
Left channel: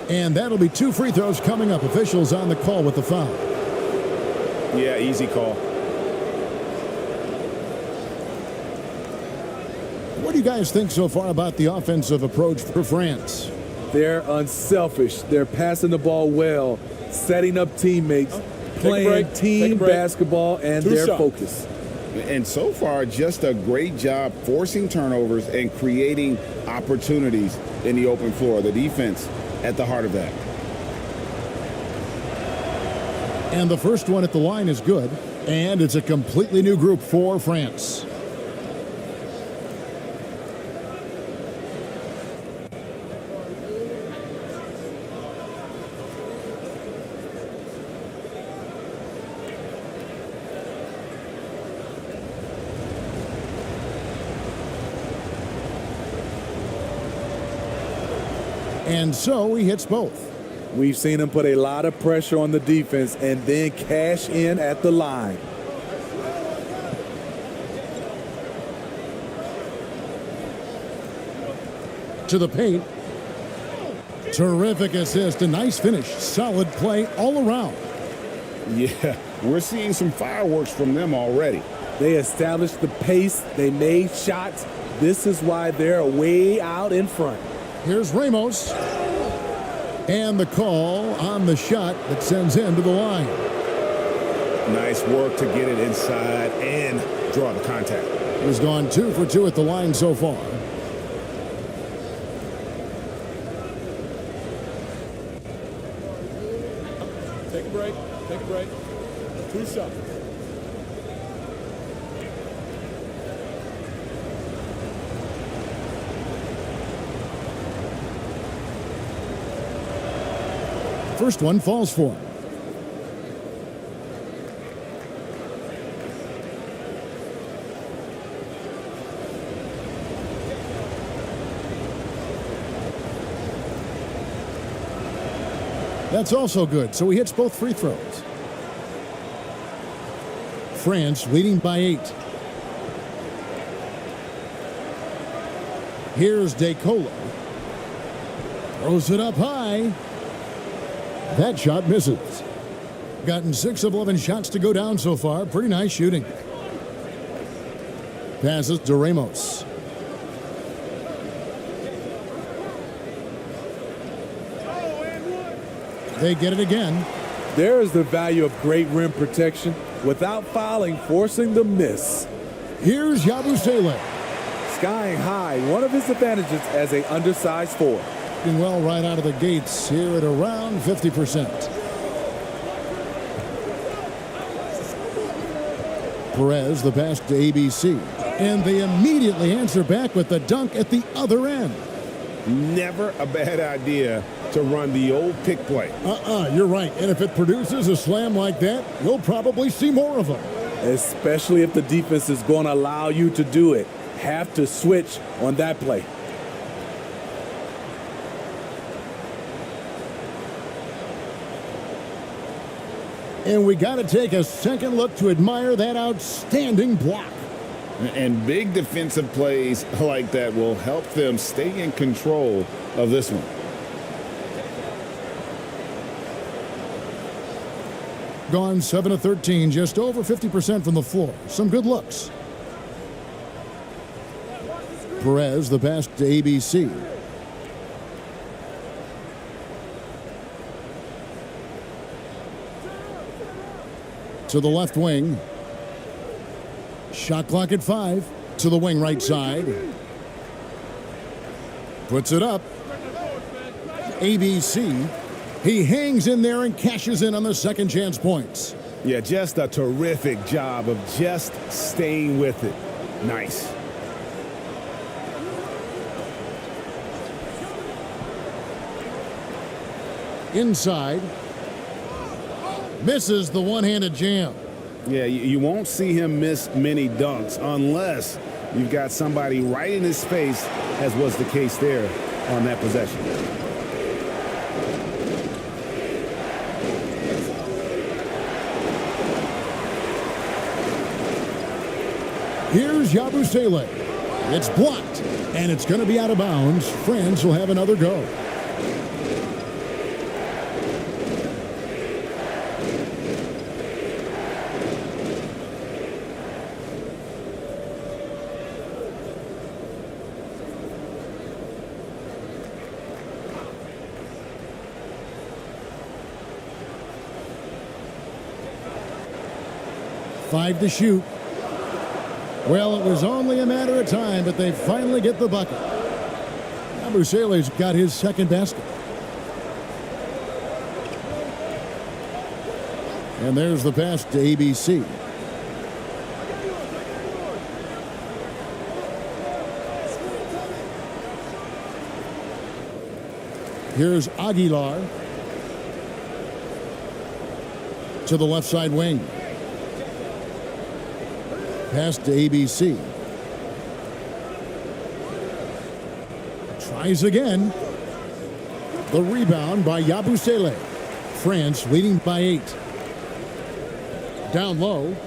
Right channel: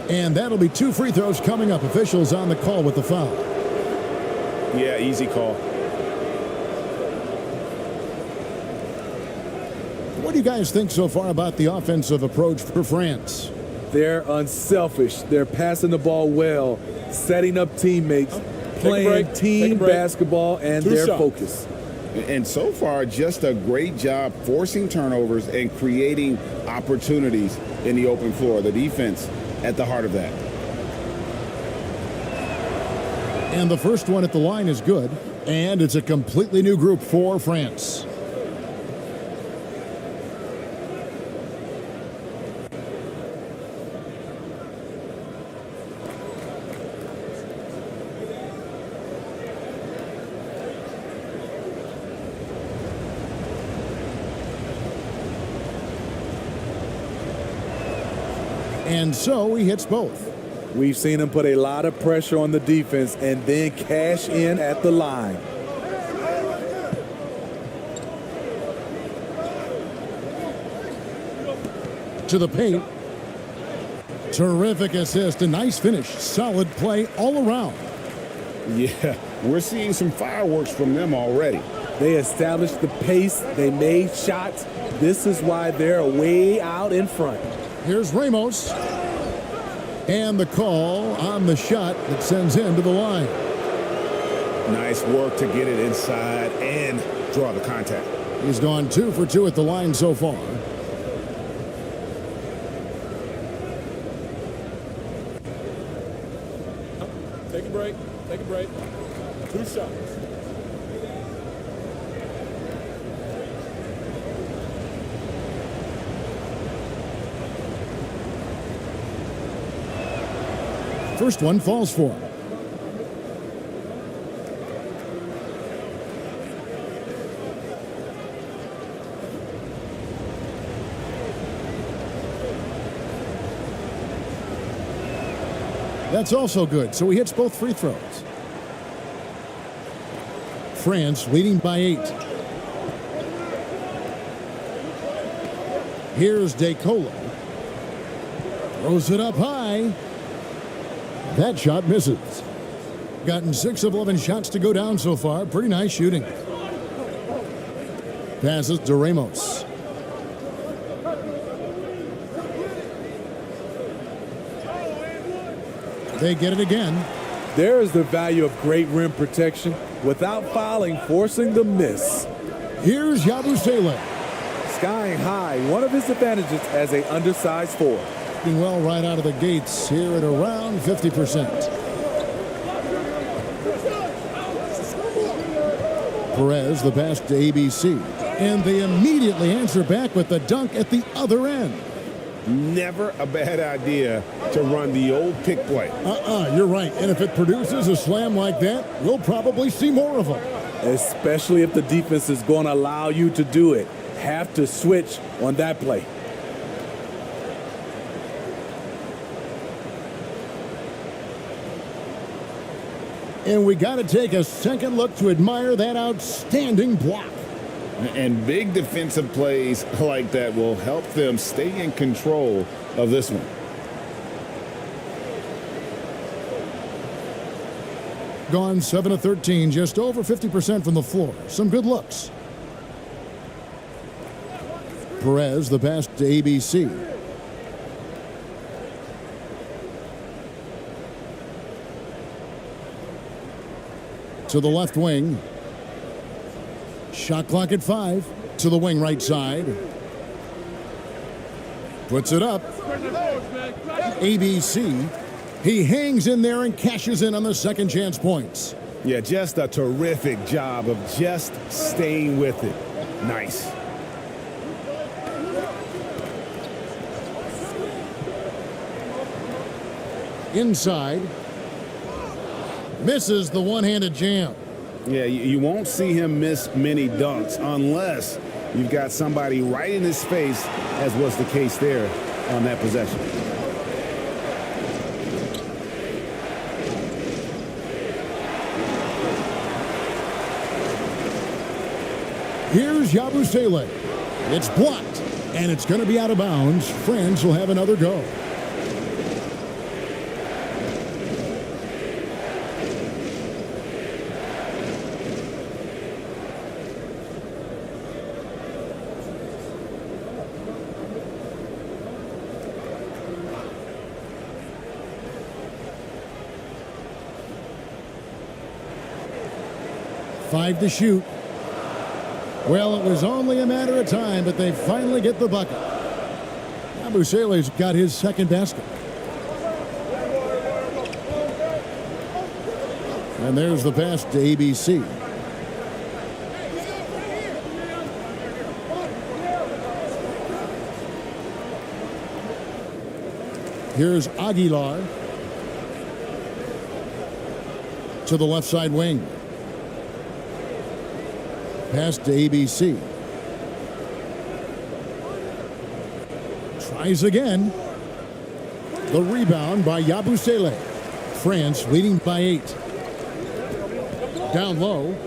And that'll be 2 free throws coming up. Officials on the call with the foul. Yeah, easy call. What do you guys think so far about the offensive approach for France? They're unselfish. They're passing the ball well, setting up teammates, playing team basketball, and their focus. And so far, just a great job forcing turnovers and creating opportunities in the open floor. The defense at the heart of that. And the first one at the line is good. And it's a completely new group for France. And so he hits both. We've seen him put a lot of pressure on the defense and then cash in at the line. To the paint. Terrific assist, a nice finish. Solid play all around. Yeah, we're seeing some fireworks from them already. They established the pace. They made shots. This is why they're way out in front. Here's Ramos. And the call on the shot that sends him to the line. Nice work to get it inside and draw the contact. He's gone 2 for 2 at the line so far. Take a break. Take a break. 2 shots. First one falls for him. That's also good, so he hits both free throws. France leading by 8. Here's DeColo. Throws it up high. That shot misses. Gotten 6 of 11 shots to go down so far. Pretty nice shooting. Passes to Ramos. They get it again. There is the value of great rim protection without fouling, forcing the miss. Here's Yabusele. Skying high, one of his advantages as an undersized 4. Doing well right out of the gates here at around 50%. Perez, the pass to ABC. And they immediately answer back with the dunk at the other end. Never a bad idea to run the old pick play. You're right. And if it produces a slam like that, we'll probably see more of them. Especially if the defense is going to allow you to do it. Have to switch on that play. And we got to take a second look to admire that outstanding block. And big defensive plays like that will help them stay in control of this one. Gone 7 of 13, just over 50% from the floor. Some good looks. Perez, the pass to ABC. To the left wing. Shot clock at 5. To the wing right side. Puts it up. ABC. He hangs in there and cashes in on the second chance points. Yeah, just a terrific job of just staying with it. Nice. Inside. Misses the one-handed jam. Yeah, you won't see him miss many dunks unless you've got somebody right in his face, as was the case there on that possession. Here's Yabusele. It's blocked, and it's going to be out of bounds. France will have another go. Five to shoot. Well, it was only a matter of time, but they finally get the bucket. Yabusele's got his second basket. And there's the pass to ABC. Here's Aguilar to the left side wing. Pass to ABC. Tries again. The rebound by Yabusele. France leading by 8. Down low.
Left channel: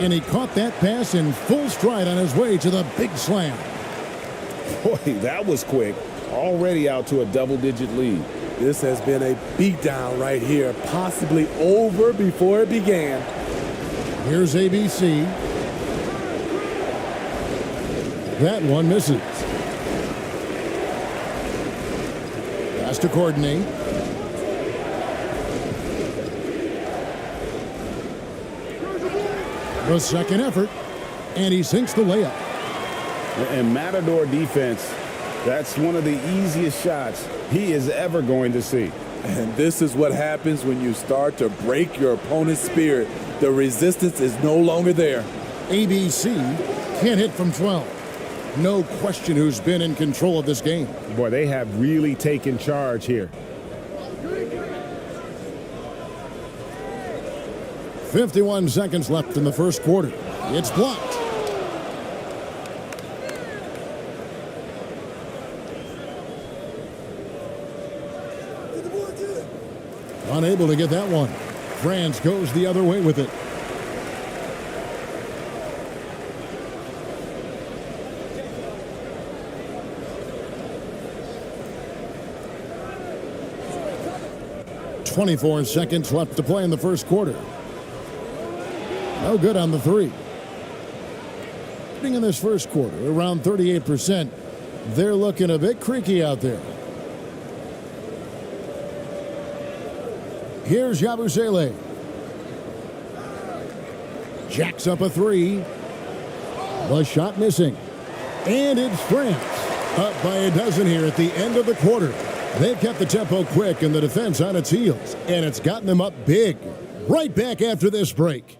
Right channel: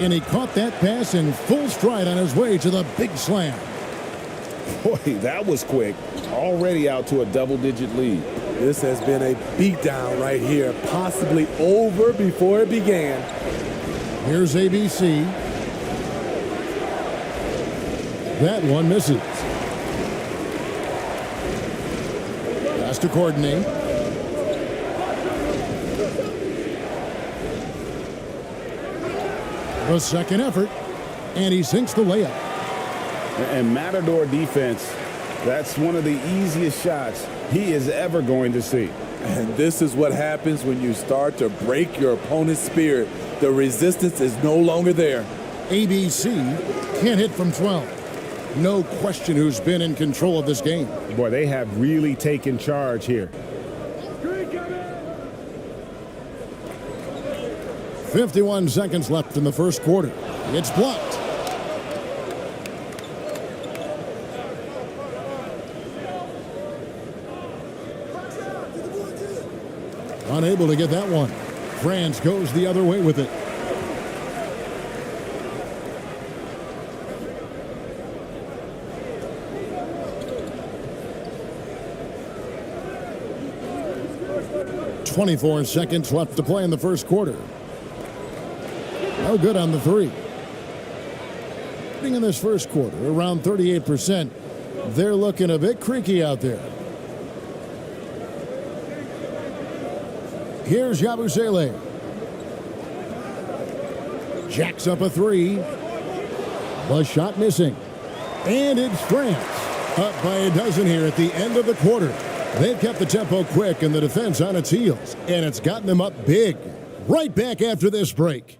And he caught that pass in full stride on his way to the big slam. Boy, that was quick. Already out to a double-digit lead. This has been a beatdown right here, possibly over before it began. Here's ABC. That one misses. Pass to coordinate. The second effort, and he sinks the layup. And Matador defense, that's one of the easiest shots he is ever going to see. And this is what happens when you start to break your opponent's spirit. The resistance is no longer there. ABC can't hit from 12. No question who's been in control of this game. Boy, they have really taken charge here. 51 seconds left in the first quarter. It's blocked. Unable to get that one. France goes the other way with it. .24 seconds left to play in the first quarter. No good on the three. In this first quarter, around 38%. They're looking a bit creaky out there. Here's Yabusele. Jacks up a three. The shot missing. And it's France. Up by a dozen here at the end of the quarter. They've kept the tempo quick and the defense on its heels. And it's gotten them up big. Right back after this break.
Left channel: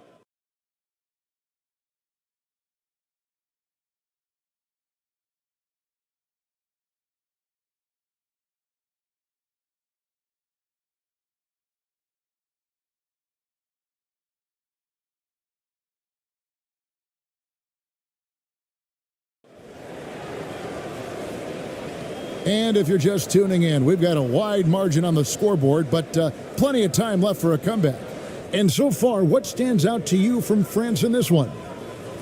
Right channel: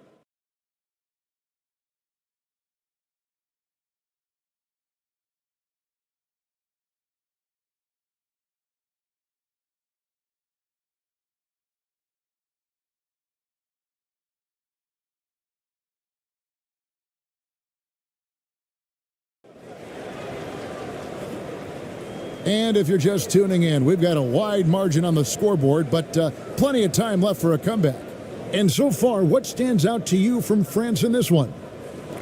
And if you're just tuning in, we've got a wide margin on the scoreboard, but plenty of time left for a comeback. And so far, what stands out to you from France in this one?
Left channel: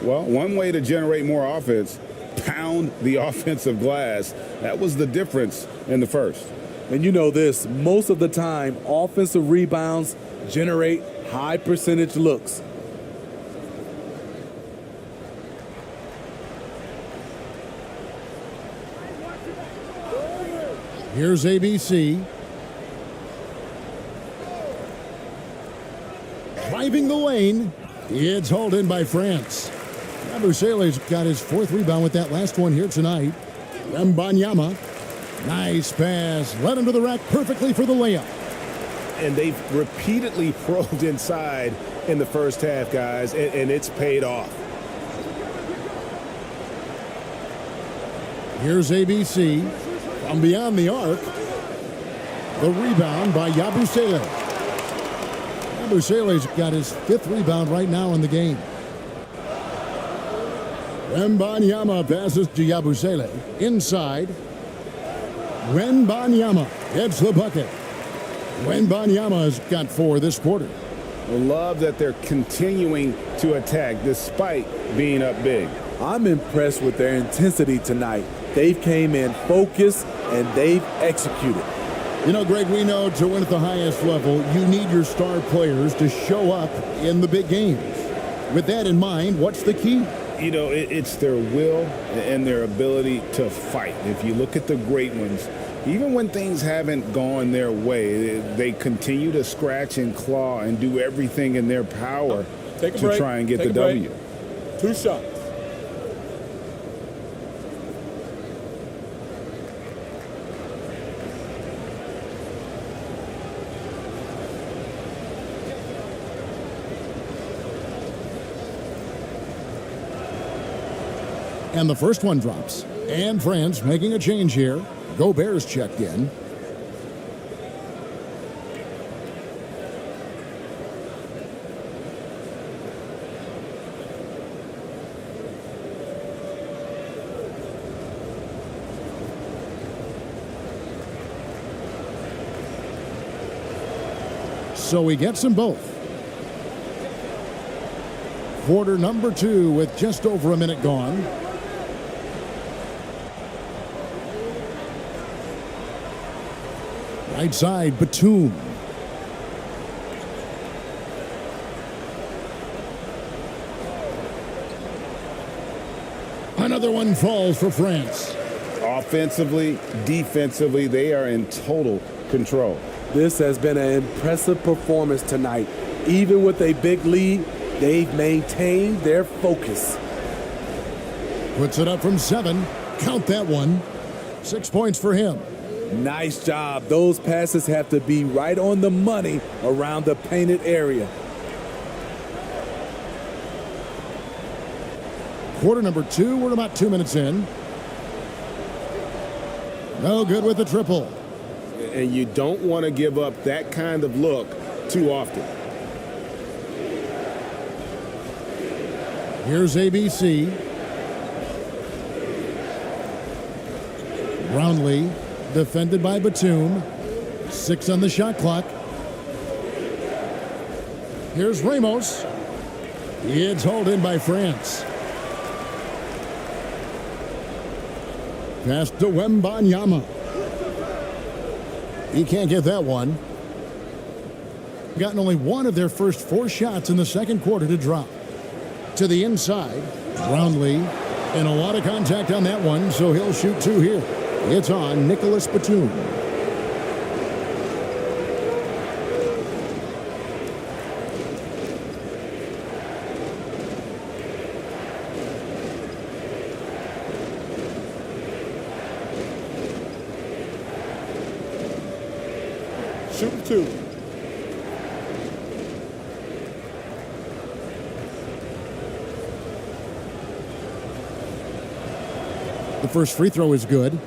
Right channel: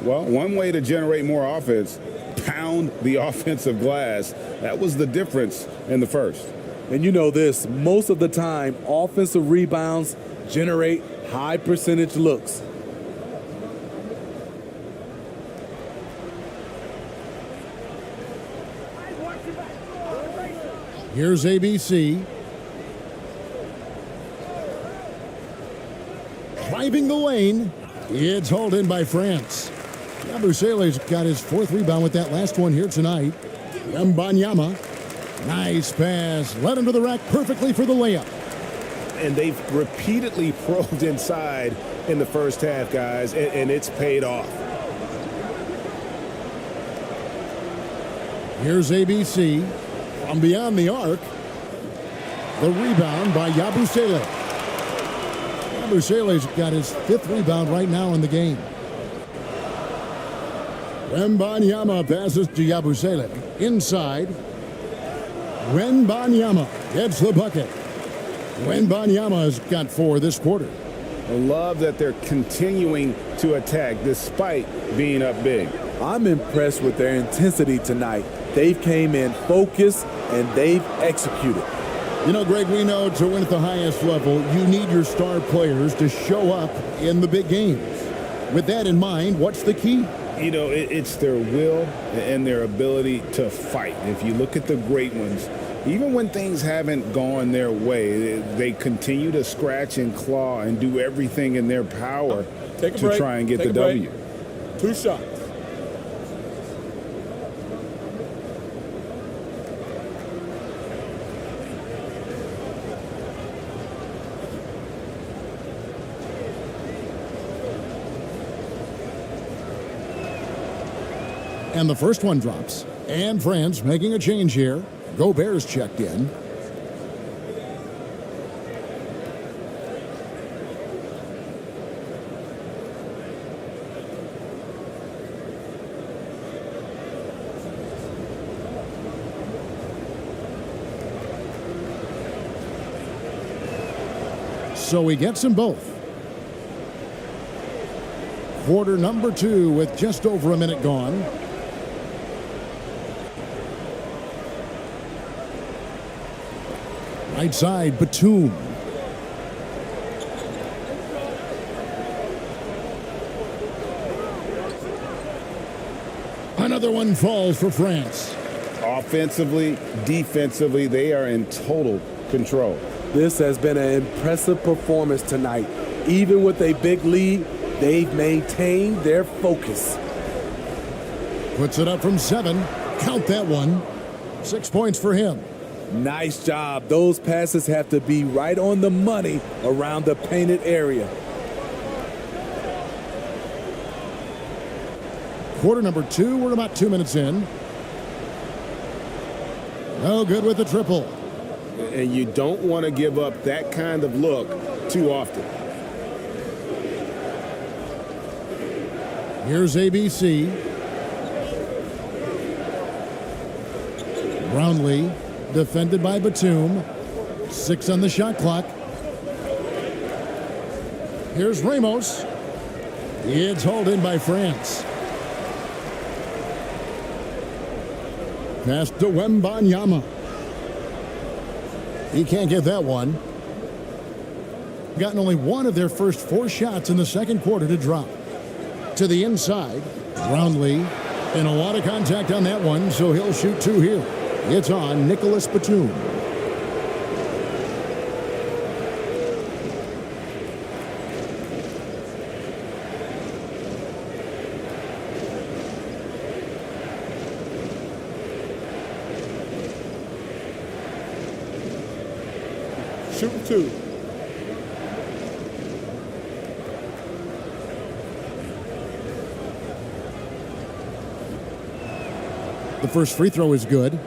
Well, one way to generate more offense, pound the offensive glass. That was the difference in the first. And you know this, most of the time, offensive rebounds generate high percentage looks. Here's ABC. Driving the lane. It's hauled in by France. Yabusele's got his fourth rebound with that last one here tonight. Mbanyama. Nice pass. Led him to the rack perfectly for the layup. And they've repeatedly probed inside in the first half, guys, and it's paid off. Here's ABC. From beyond the arc, the rebound by Yabusele. Yabusele's got his fifth rebound right now in the game. Wembanyama passes to Yabusele. Inside. Wembanyama gets the bucket. Wembanyama's got 4 this quarter. I love that they're continuing to attack despite being up big. I'm impressed with their intensity tonight. They've came in focused and they've executed. You know, Greg, we know to win at the highest level, you need your star players to show up in the big games. With that in mind, what's the key? You know, it's their will and their ability to fight. If you look at the great ones, even when things haven't gone their way, they continue to scratch and claw and do everything in their power to try and get the W. 2 shots. And the first one drops. And France making a change here. Gobert's checked in. So he gets them both. Quarter number 2 with just over a minute gone. Right side, Batum. Another one falls for France. Offensively, defensively, they are in total control. This has been an impressive performance tonight. Even with a big lead, they've maintained their focus. Puts it up from 7. Count that one. 6 points for him. Nice job. Those passes have to be right on the money around the painted area. Quarter number 2, we're about 2 minutes in. No good with the triple. And you don't want to give up that kind of look too often. Here's ABC. Brownlee, defended by Batum. 6 on the shot clock. Here's Ramos. It's hauled in by France. Pass to Wembanyama. He can't get that one. Gotten only one of their first 4 shots in the second quarter to drop. To the inside, Brownlee, and a lot of contact on that one, so he'll shoot 2 here. It's on Nicholas Batum. Shooting 2. The first free throw is good.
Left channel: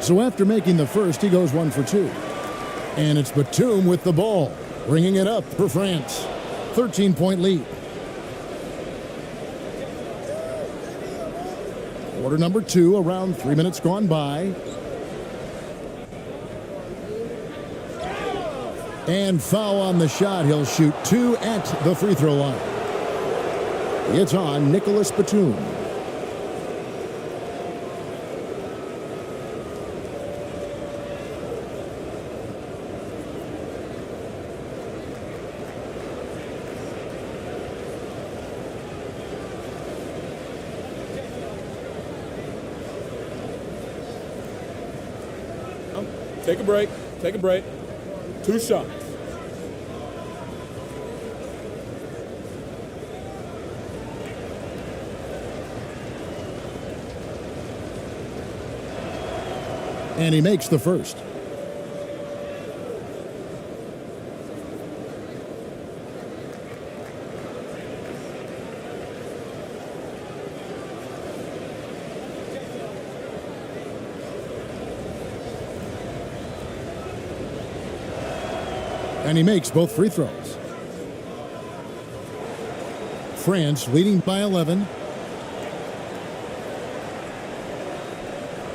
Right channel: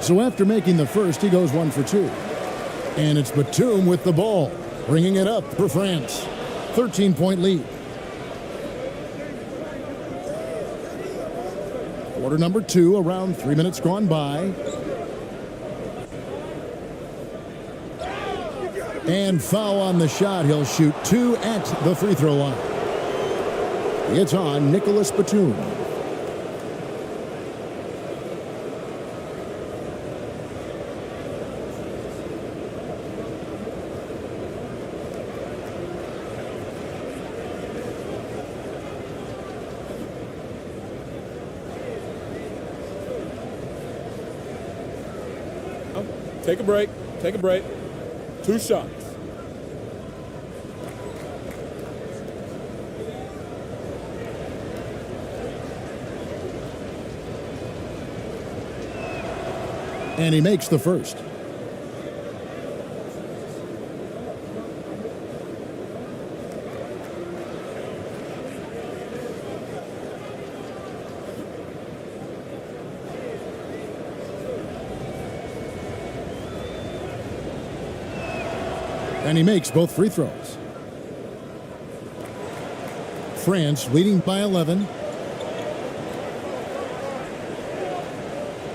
So after making the first, he goes 1 for 2. And it's Batum with the ball, bringing it up for France. 13-point lead. Quarter number 2, around 3 minutes gone by. And foul on the shot. He'll shoot 2 at the free throw line. It's on Nicholas Batum. Take a break. Take a break. 2 shots. And he makes the first. And he makes both free throws. France leading by 11.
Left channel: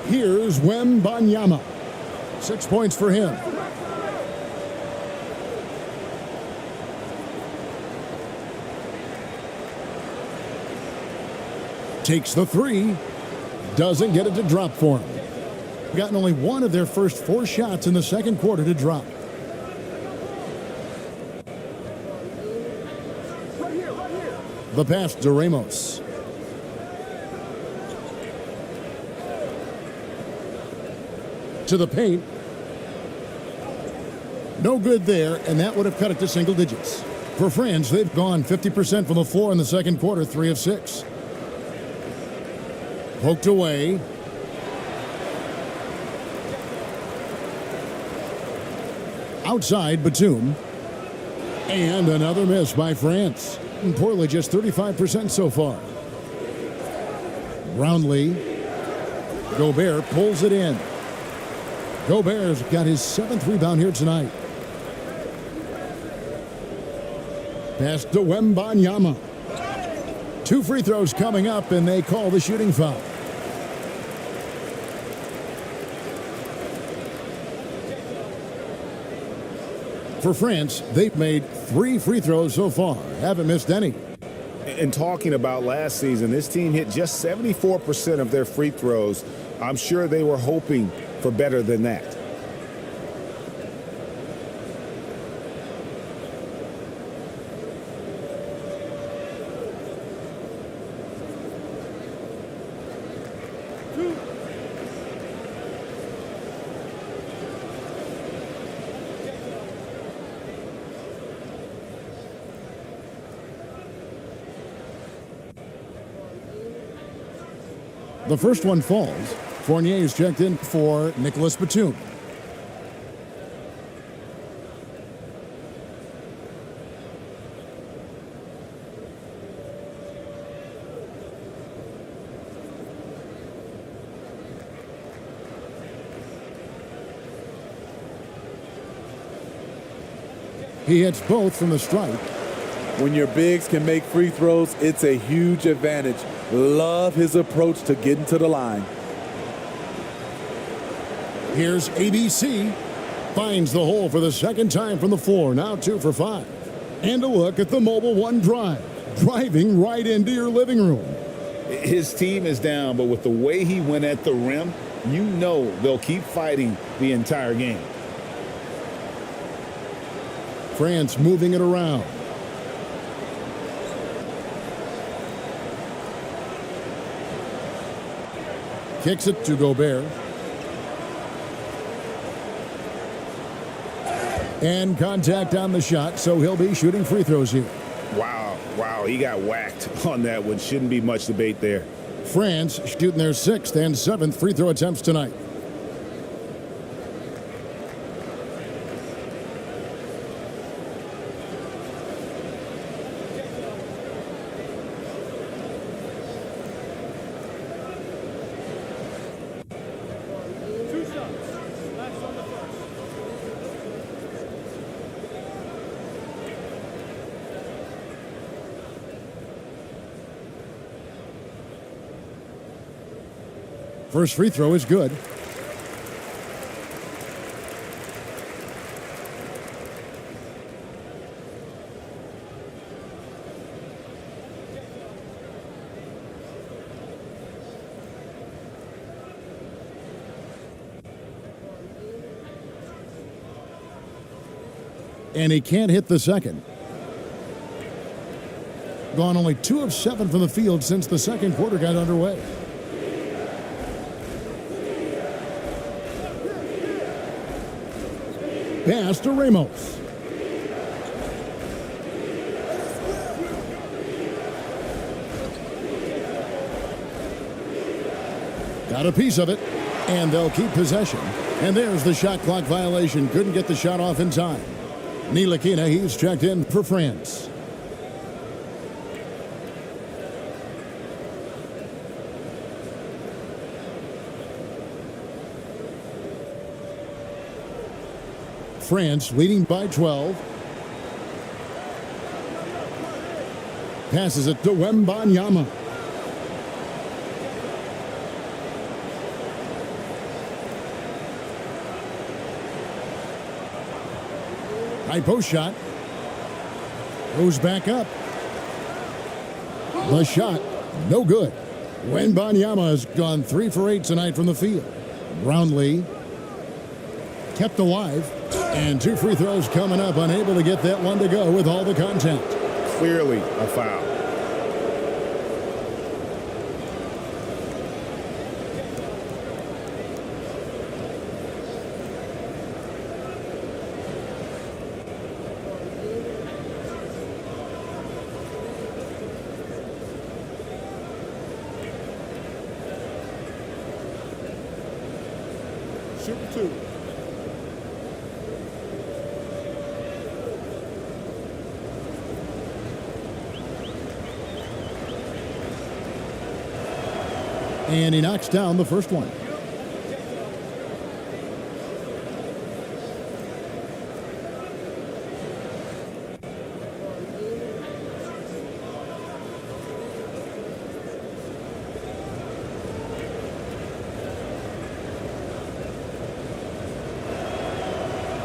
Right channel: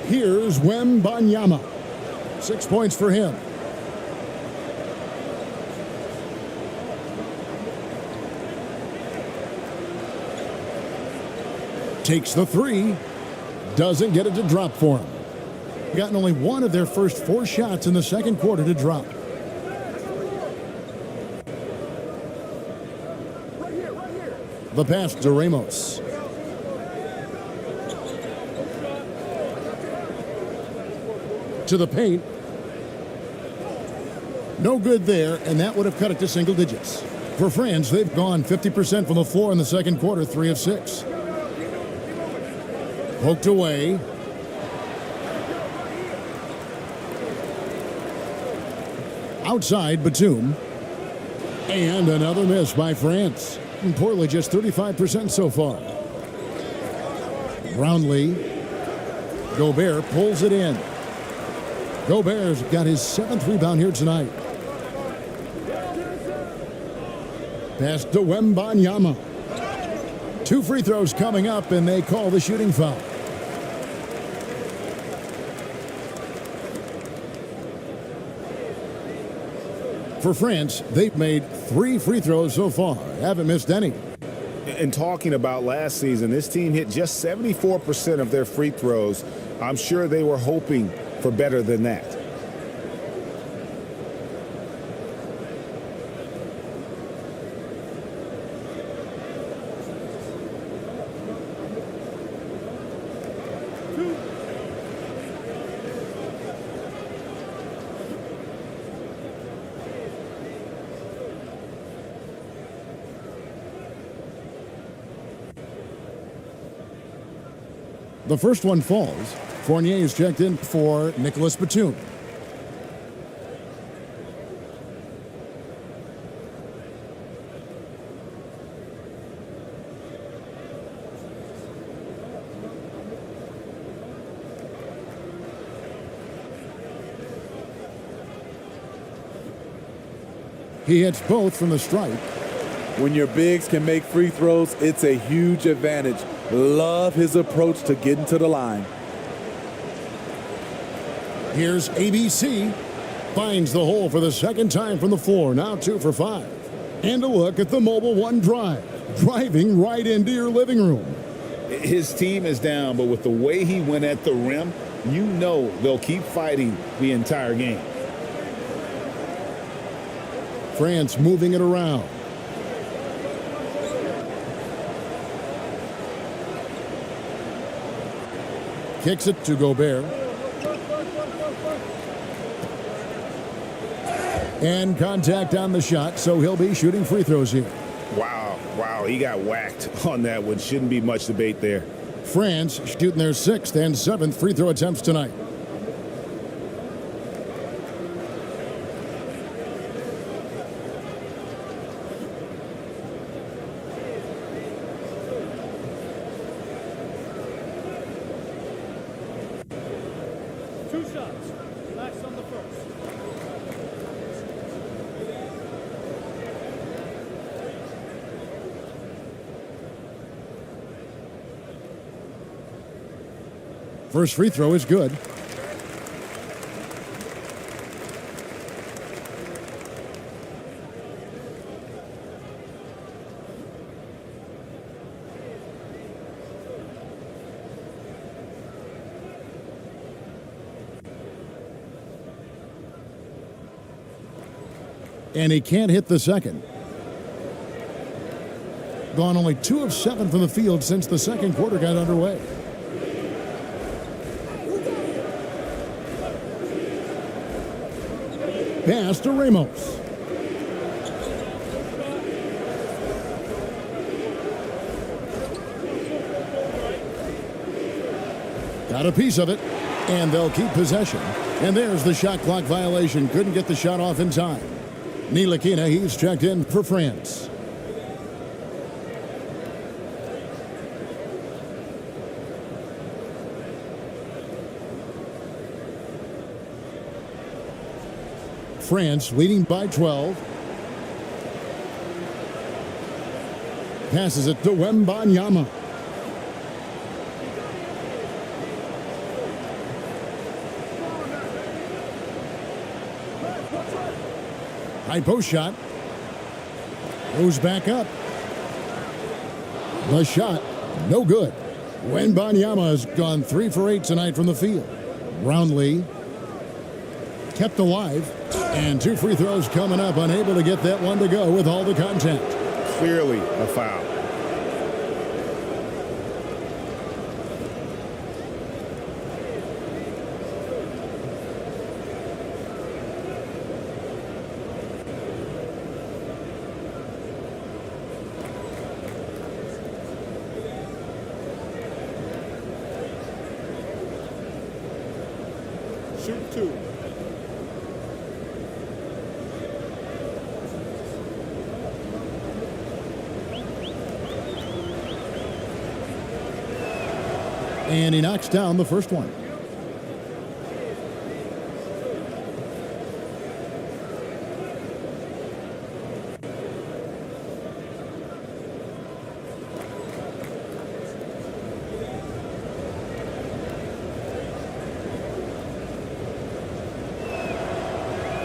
Here's Wembanyama. 6 points for him. Takes the three. Doesn't get it to drop for him. Gotten only one of their first 4 shots in the second quarter to drop. The pass to Ramos. To the paint. No good there, and that would have cut it to single digits. For France, they've gone 50% from the floor in the second quarter, 3 of 6. Poked away. Outside, Batum. And another miss by France. And Portland just 35% so far. Brownlee. Gobert pulls it in. Gobert's got his 7th rebound here tonight. Pass to Wembanyama. 2 free throws coming up, and they call the shooting foul. For France, they've made 3 free throws so far. Haven't missed any. And talking about last season, this team hit just 74% of their free throws. I'm sure they were hoping for better than that. The first one falls. Fournier is checked in for Nicholas Batum. He hits both from the stripe. When your bigs can make free throws, it's a huge advantage. Love his approach to getting to the line. Here's ABC. Finds the hole for the second time from the floor. Now 2 for 5. And a look at the Mobile One drive. Driving right into your living room. His team is down, but with the way he went at the rim, you know they'll keep fighting the entire game. France moving it around. Kicks it to Gobert. And contact on the shot, so he'll be shooting free throws here. Wow, he got whacked on that one. Shouldn't be much debate there. France shooting their 6th and 7th free throw attempts tonight. First free throw is good. And he can't hit the second. Gone only 2 of 7 from the field since the second quarter got underway. Pass to Ramos. Got a piece of it, and they'll keep possession. And there's the shot clock violation. Couldn't get the shot off in time. Ntilikina, he's checked in for France. France leading by 12. Passes it to Wembanyama. High post shot. Goes back up. The shot, no good. Wembanyama has gone 3 for 8 tonight from the field. Brownlee kept alive. And 2 free throws coming up, unable to get that one to go with all the contact. Clearly a foul. Shoot 2. And he knocks down the first one.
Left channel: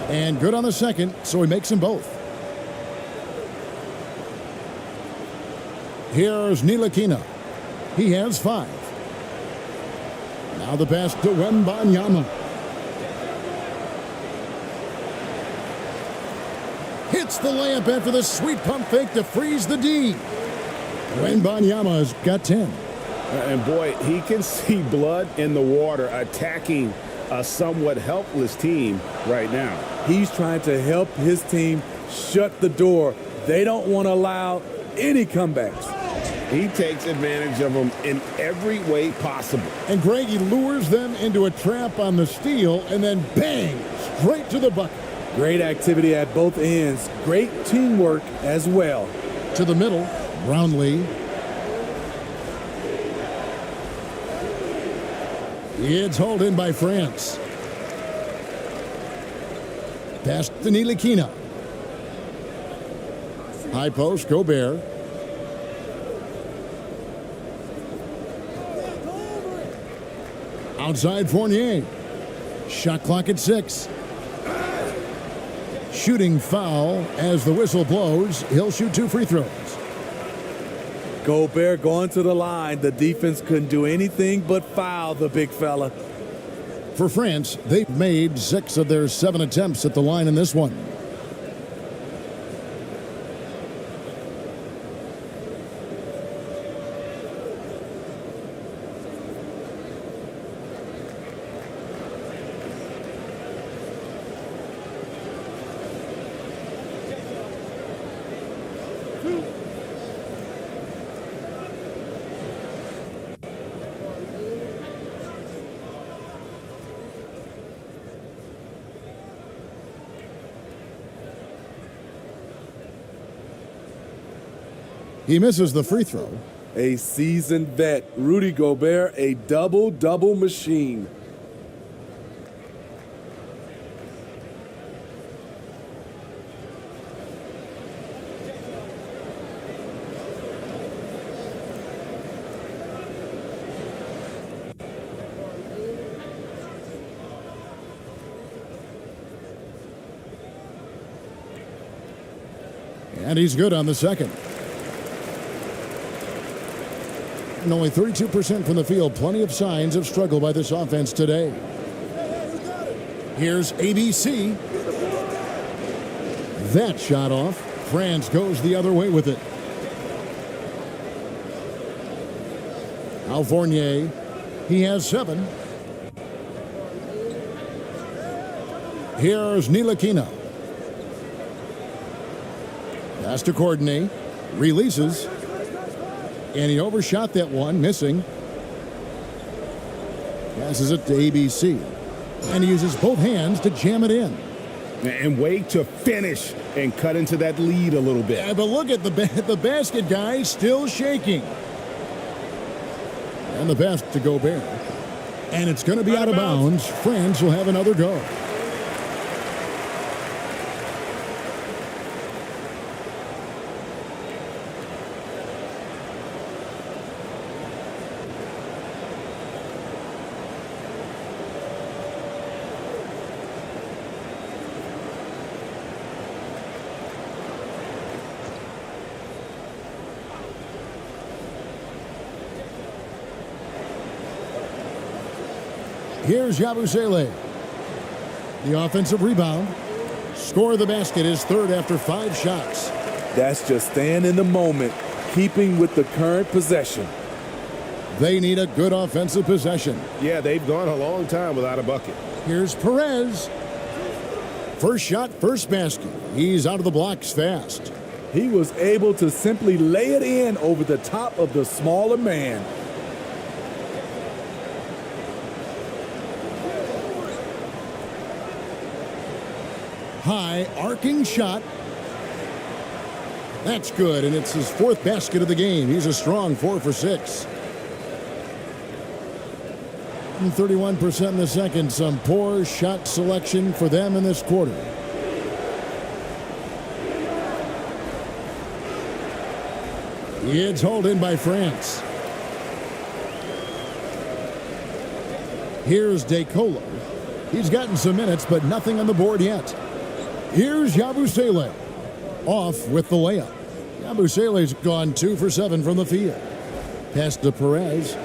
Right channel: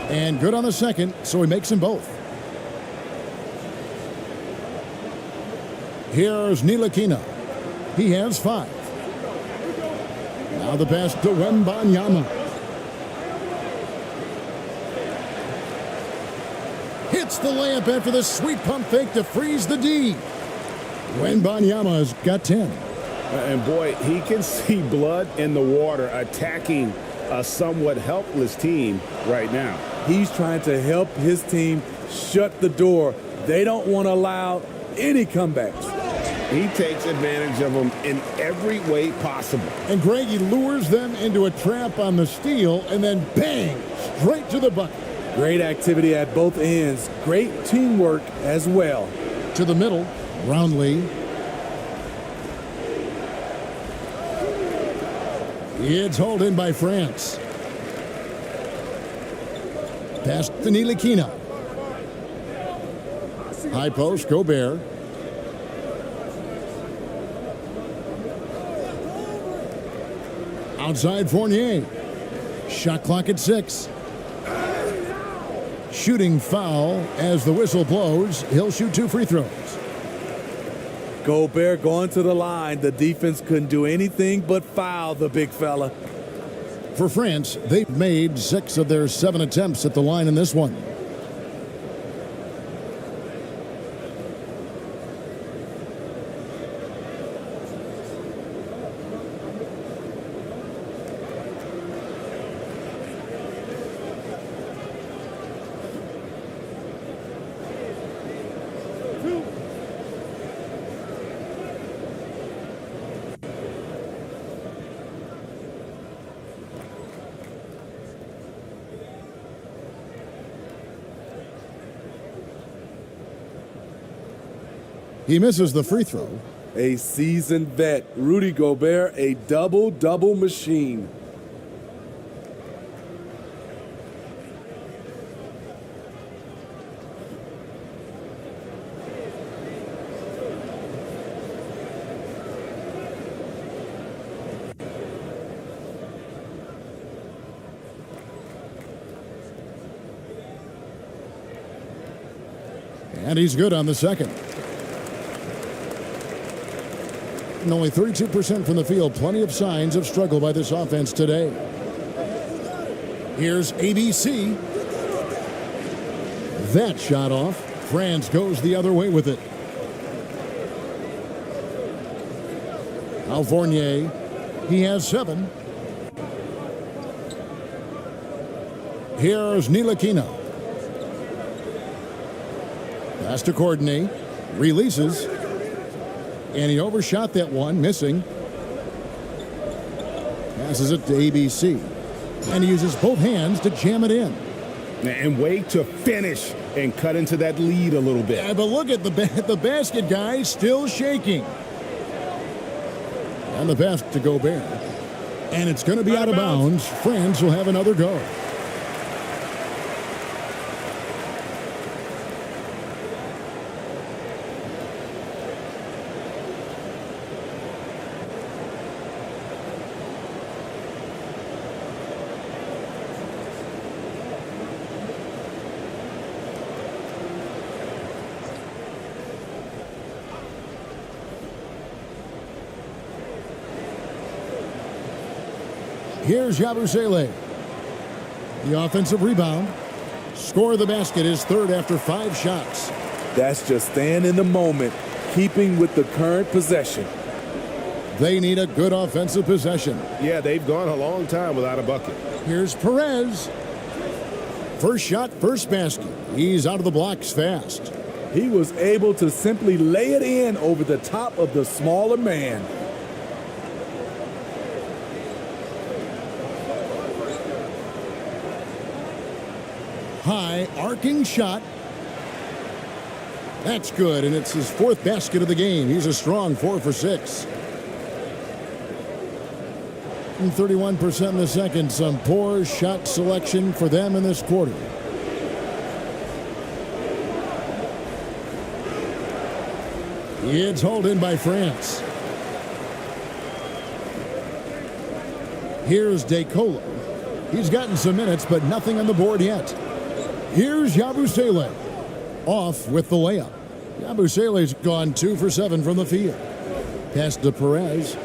And good on the second, so he makes them both. Here's Ntilikina. He has 5. Now the pass to Wembanyama. Hits the layup after the sweet pump fake to freeze the D. Wembanyama's got 10. And boy, he can see blood in the water attacking a somewhat helpless team right now. He's trying to help his team shut the door. They don't want to allow any comebacks. He takes advantage of them in every way possible. And Greg, he lures them into a trap on the steal and then bang, straight to the bucket. Great activity at both ends. Great teamwork as well. To the middle, Brownlee. It's hauled in by France. Pass to Ntilikina. High post, Gobert. Outside Fournier. Shot clock at 6. Shooting foul as the whistle blows. He'll shoot 2 free throws. Gobert going to the line. The defense couldn't do anything but foul the big fella. For France, they've made 6 of their 7 attempts at the line in this one. He misses the free throw. A seasoned vet, Rudy Gobert, a double-double machine. And he's good on the second. And only 32% from the field. Plenty of signs of struggle by this offense today. Here's ABC. That shot off. France goes the other way with it. Al Fournier. He has 7. Here's Ntilikina. Pass to Courtney. Releases. And he overshot that one, missing. Passes it to ABC. And he uses both hands to jam it in. And wait to finish and cut into that lead a little bit. Yeah, but look at the basket guy still shaking. And the pass to Gobert. And it's going to be out of bounds. France will have another go. Here's Yabusele. The offensive rebound. Score of the basket is third after 5 shots. That's just staying in the moment, keeping with the current possession. They need a good offensive possession. Yeah, they've gone a long time without a bucket. Here's Perez. First shot, first basket. He's out of the blocks fast. He was able to simply lay it in over the top of the smaller man. High arcing shot. That's good, and it's his 4th basket of the game. He's a strong 4 for 6. And 31% in the second. Some poor shot selection for them in this quarter. It's hauled in by France. Here's DeColo. He's gotten some minutes, but nothing on the board yet. Here's Yabusele. Off with the layup. Yabusele's gone 2 for 7 from the field. Pass to Perez.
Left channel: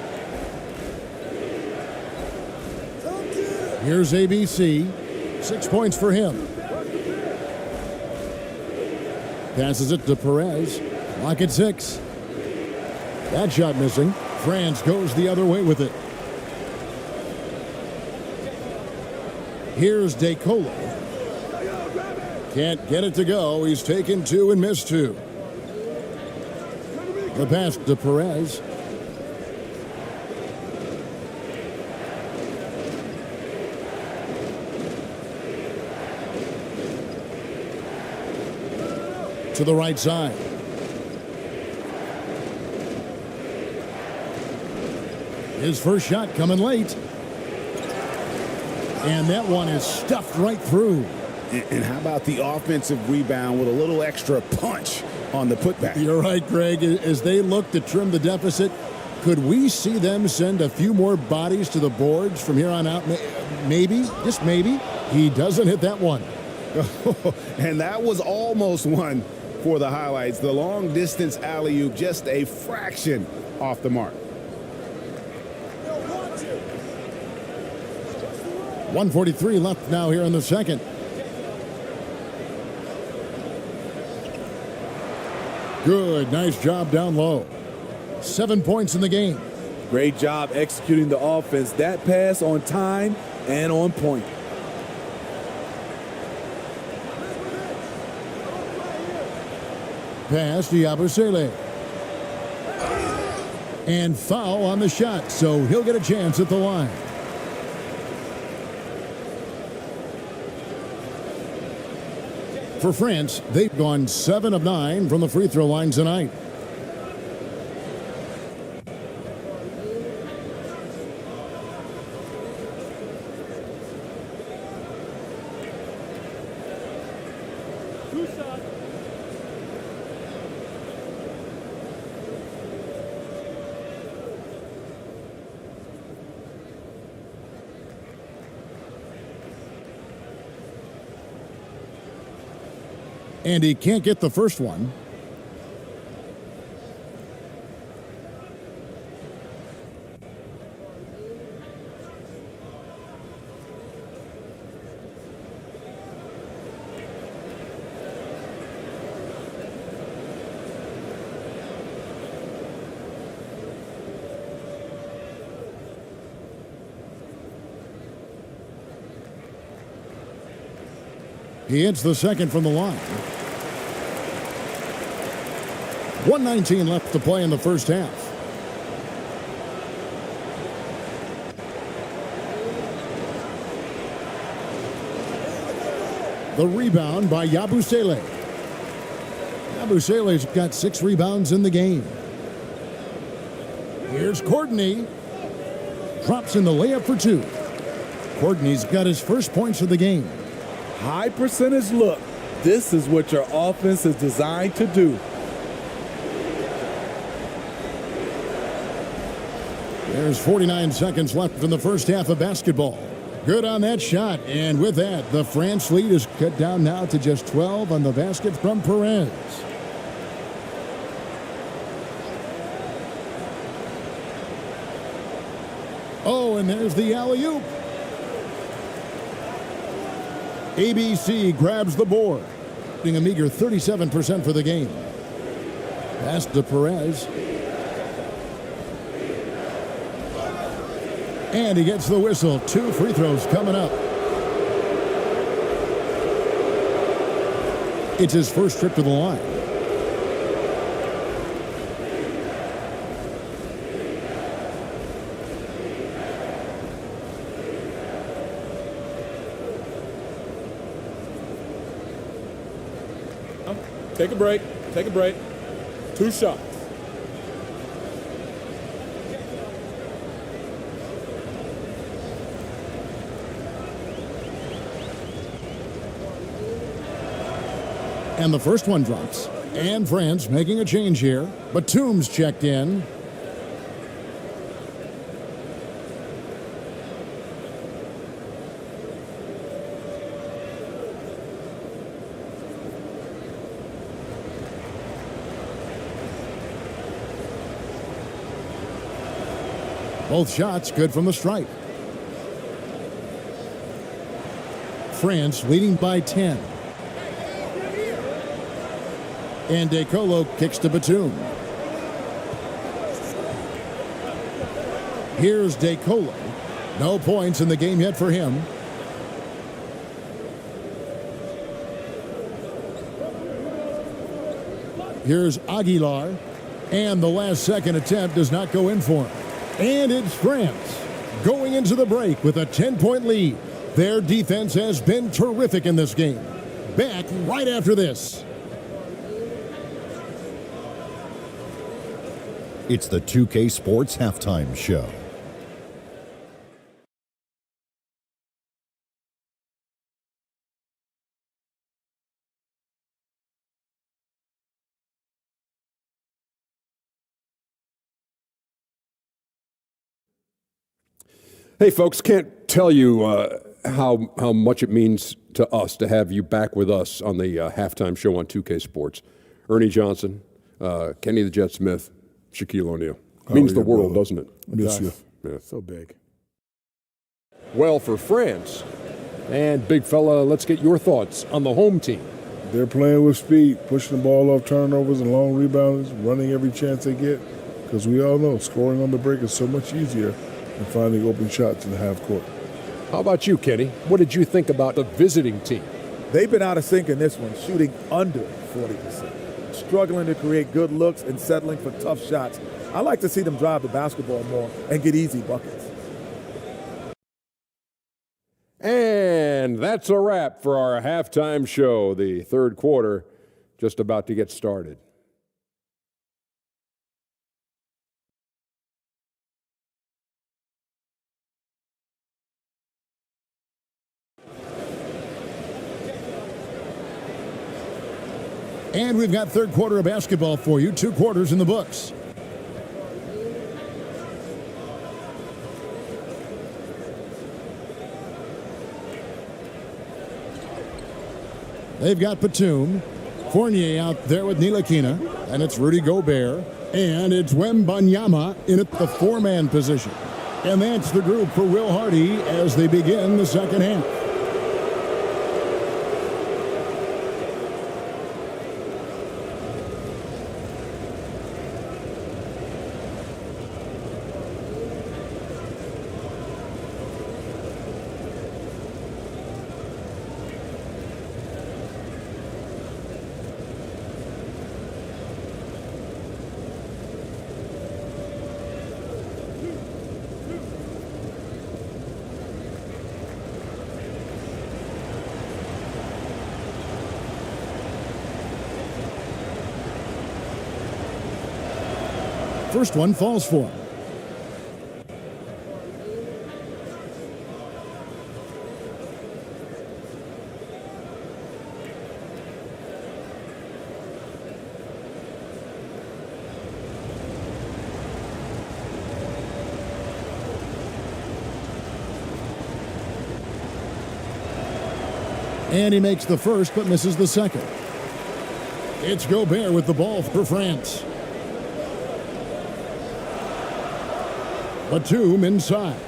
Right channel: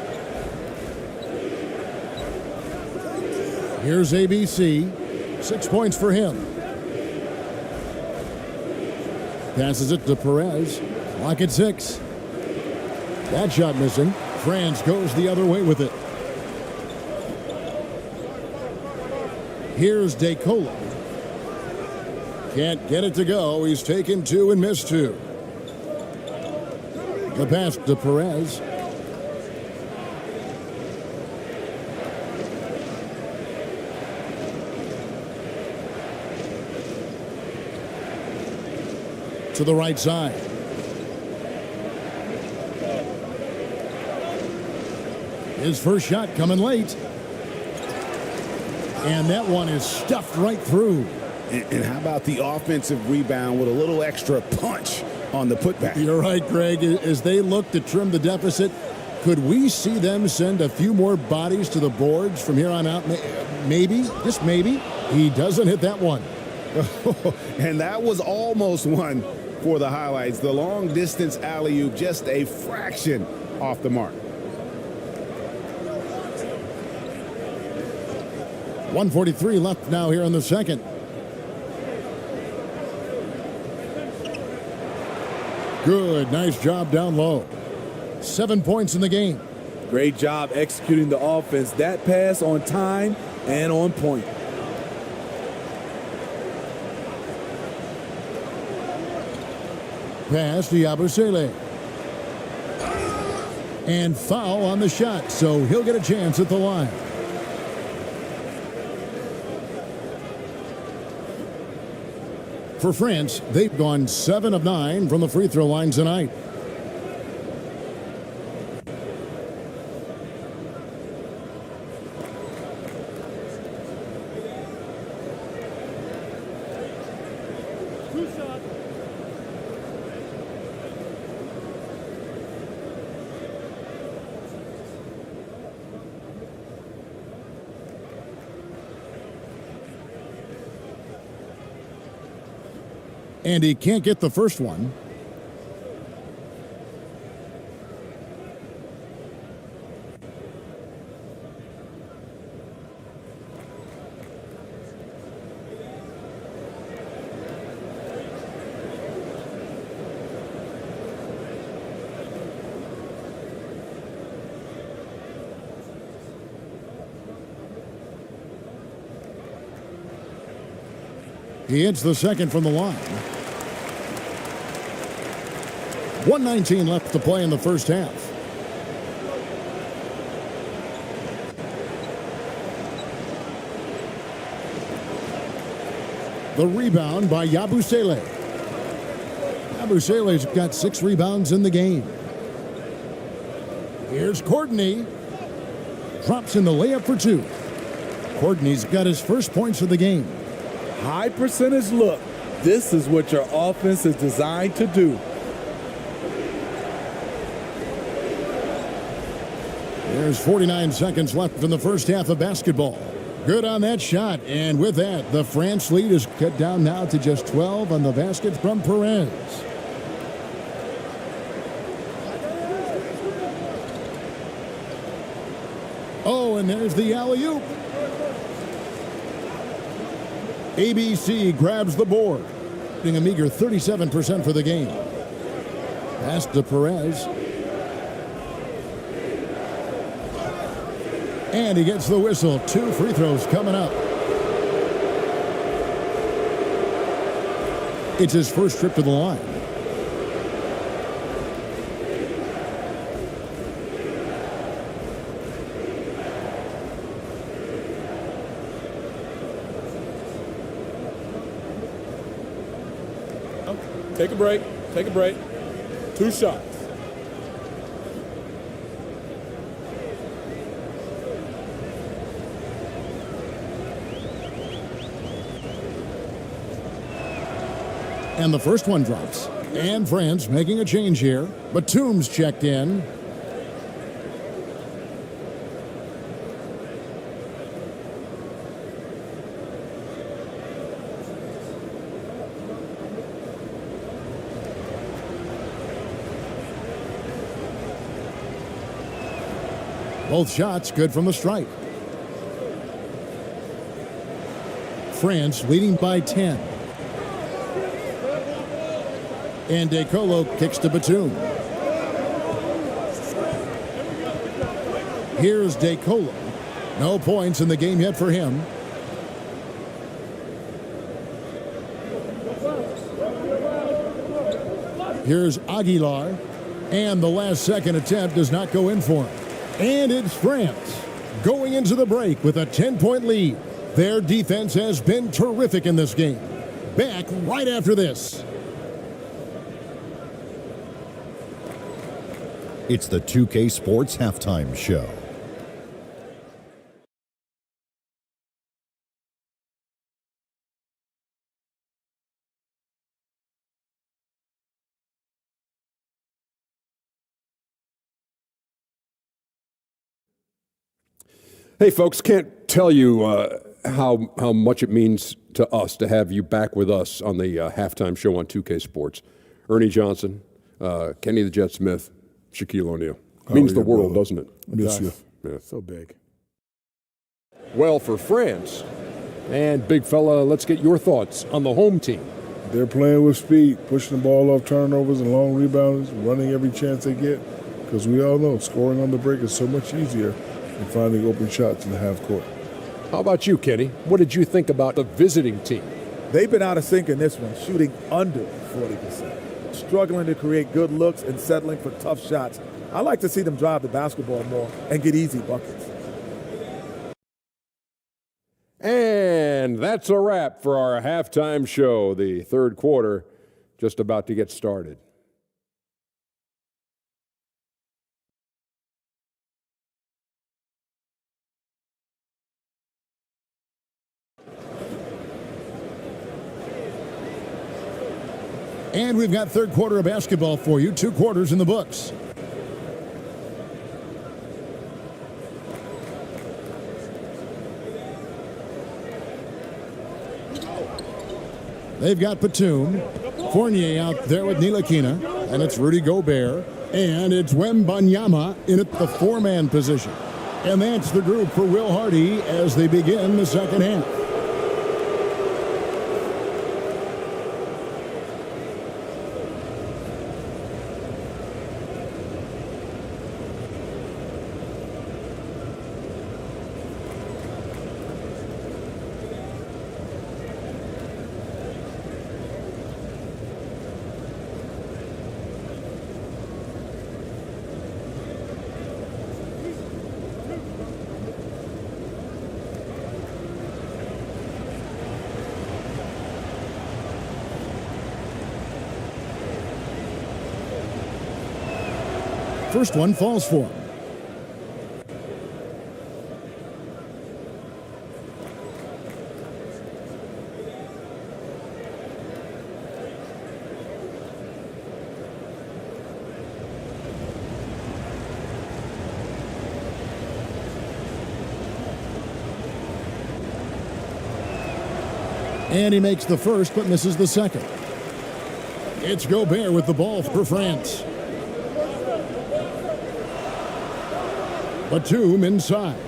Here's ABC. 6 points for him. Passes it to Perez. Clock at 6. That shot missing. France goes the other way with it. Here's DeColo. Can't get it to go. He's taken 2 and missed 2. The pass to Perez. To the right side. His first shot coming late. And that one is stuffed right through. And how about the offensive rebound with a little extra punch on the putback? You're right, Greg. As they look to trim the deficit, could we see them send a few more bodies to the boards from here on out? Maybe, just maybe. He doesn't hit that one. And that was almost one for the highlights. The long distance alley-oop, just a fraction off the mark. 1:43 left now here in the second. Good, nice job down low. 7 points in the game. Great job executing the offense. That pass on time and on point. Pass to Yabusele. And foul on the shot, so he'll get a chance at the line. For France, they've gone 7 of 9 from the free throw line tonight. And he can't get the first one. He hits the second from the line. 1:19 left to play in the first half. The rebound by Yabusele. Yabusele's got 6 rebounds in the game. Here's Courtney. Drops in the layup for 2. Courtney's got his first points of the game. High percentage look. This is what your offense is designed to do. There's 49 seconds left in the first half of basketball. Good on that shot. And with that, the France lead is cut down now to just 12 on the basket from Perez. Oh, and there's the alley-oop. ABC grabs the board, getting a meager 37% for the game. Pass to Perez. And he gets the whistle. 2 free throws coming up. It's his first trip to the line. Take a break. Take a break. 2 shots. And the first one drops. And France making a change here. Batum's checked in. Both shots good from the stripe. France leading by 10. And DeColo kicks to Batum. Here's DeColo. No points in the game yet for him. Here's Aguilar. And the last second attempt does not go in for him. And it's France going into the break with a 10-point lead. Their defense has been terrific in this game. Back right after this. It's the 2K Sports Halftime Show. Hey, folks, can't tell you how much it means to us to have you back with us on the halftime show on 2K Sports. Ernie Johnson, Kenny the Jet Smith, Shaquille O'Neal. Means the world, doesn't it? Miss you. Yeah. So big. Well, for France, and big fella, let's get your thoughts on the home team. They're playing with speed, pushing the ball off turnovers and long rebounds, running every chance they get, because we all know scoring on the break is so much easier than finding open shots in the half court. How about you, Kenny? What did you think about the visiting team? They've been out of sync in this one, shooting under 40%. Struggling to create good looks and settling for tough shots. I like to see them drive the basketball more and get easy buckets. And that's a wrap for our halftime show. The third quarter just about to get started. And we've got third quarter of basketball for you. 2 quarters in the books. They've got Batum. Fournier out there with Ntilikina. And it's Rudy Gobert. And it's Wembanyama in at the 4-man position. And that's the group for Will Hardy as they begin the second half. First one falls for him. And he makes the first but misses the second. It's Gobert with the ball for France. Batum inside.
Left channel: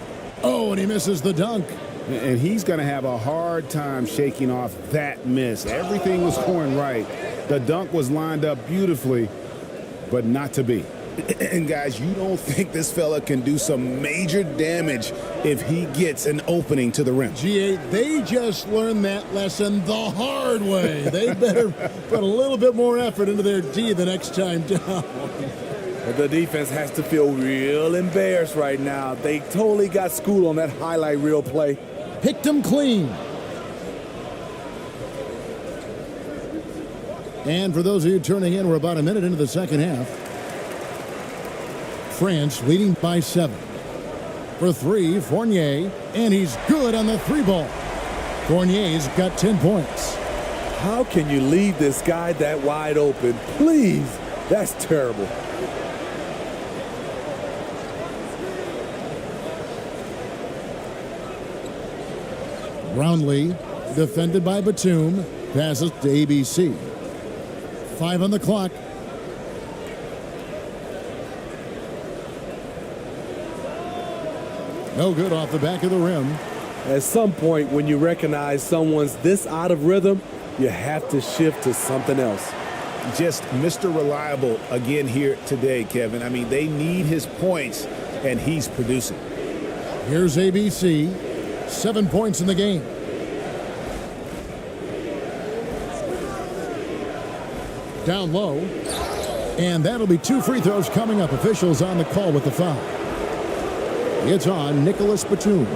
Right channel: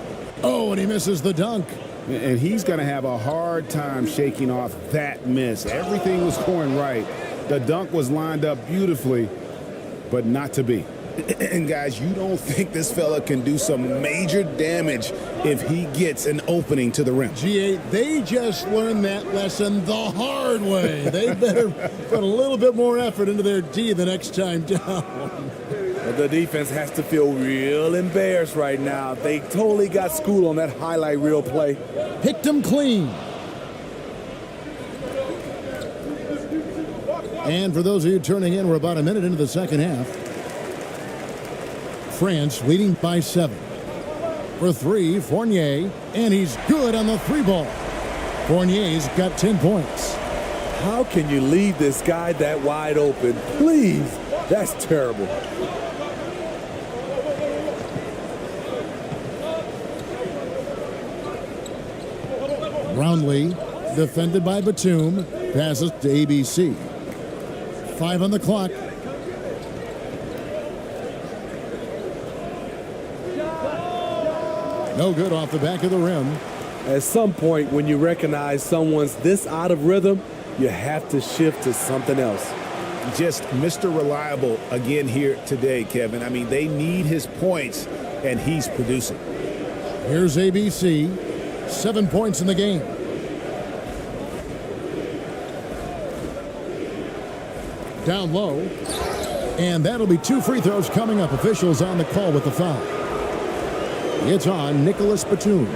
Oh, and he misses the dunk. And he's going to have a hard time shaking off that miss. Everything was going right. The dunk was lined up beautifully, but not to be. And guys, you don't think this fella can do some major damage if he gets an opening to the rim. G8, they just learned that lesson the hard way. They better put a little bit more effort into their D the next time down. The defense has to feel real embarrassed right now. They totally got schooled on that highlight reel play. Picked them clean. And for those of you turning in, we're about a minute into the second half. France leading by 7. For 3, Fournier, and he's good on the 3 ball. Fournier's got 10 points. How can you leave this guy that wide open? Please, that's terrible. Brownlee, defended by Batum, passes to ABC. 5 on the clock. No good off the back of the rim. At some point, when you recognize someone's this out of rhythm, you have to shift to something else. Just Mr. Reliable again here today, Kevin. I mean, they need his points, and he's producing. Here's ABC. 7 points in the game. Down low. And that'll be 2 free throws coming up. Officials on the call with the foul. It's on Nicholas Batum.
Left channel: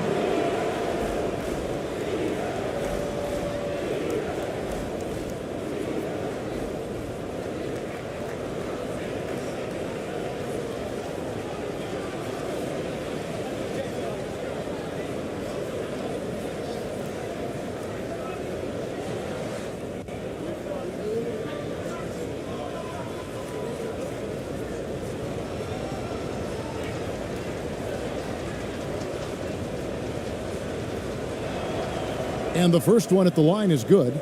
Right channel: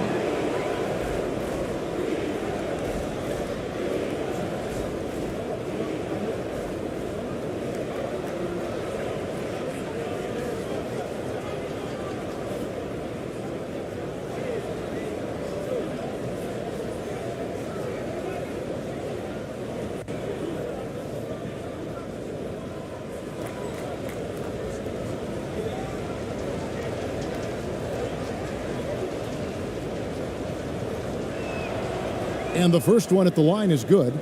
And the first one at the line is good.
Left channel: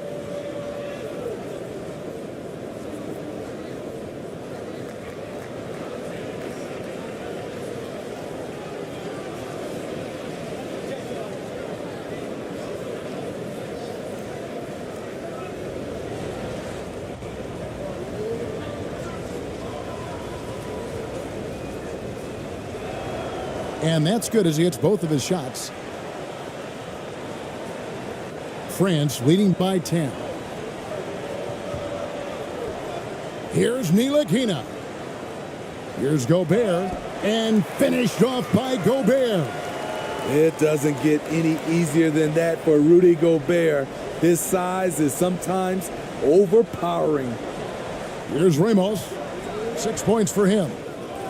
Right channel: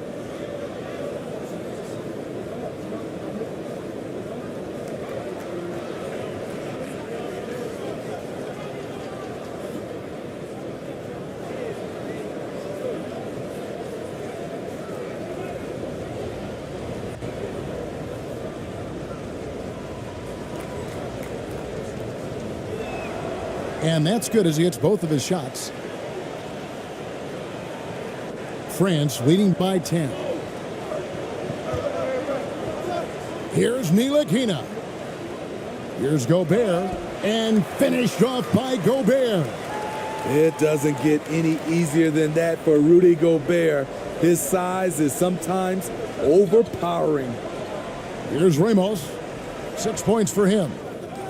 And that's good as he hits both of his shots. France leading by 10. Here's Ntilikina. Here's Gobert. And finished off by Gobert. It doesn't get any easier than that for Rudy Gobert. His size is sometimes overpowering. Here's Ramos. 6 points for him.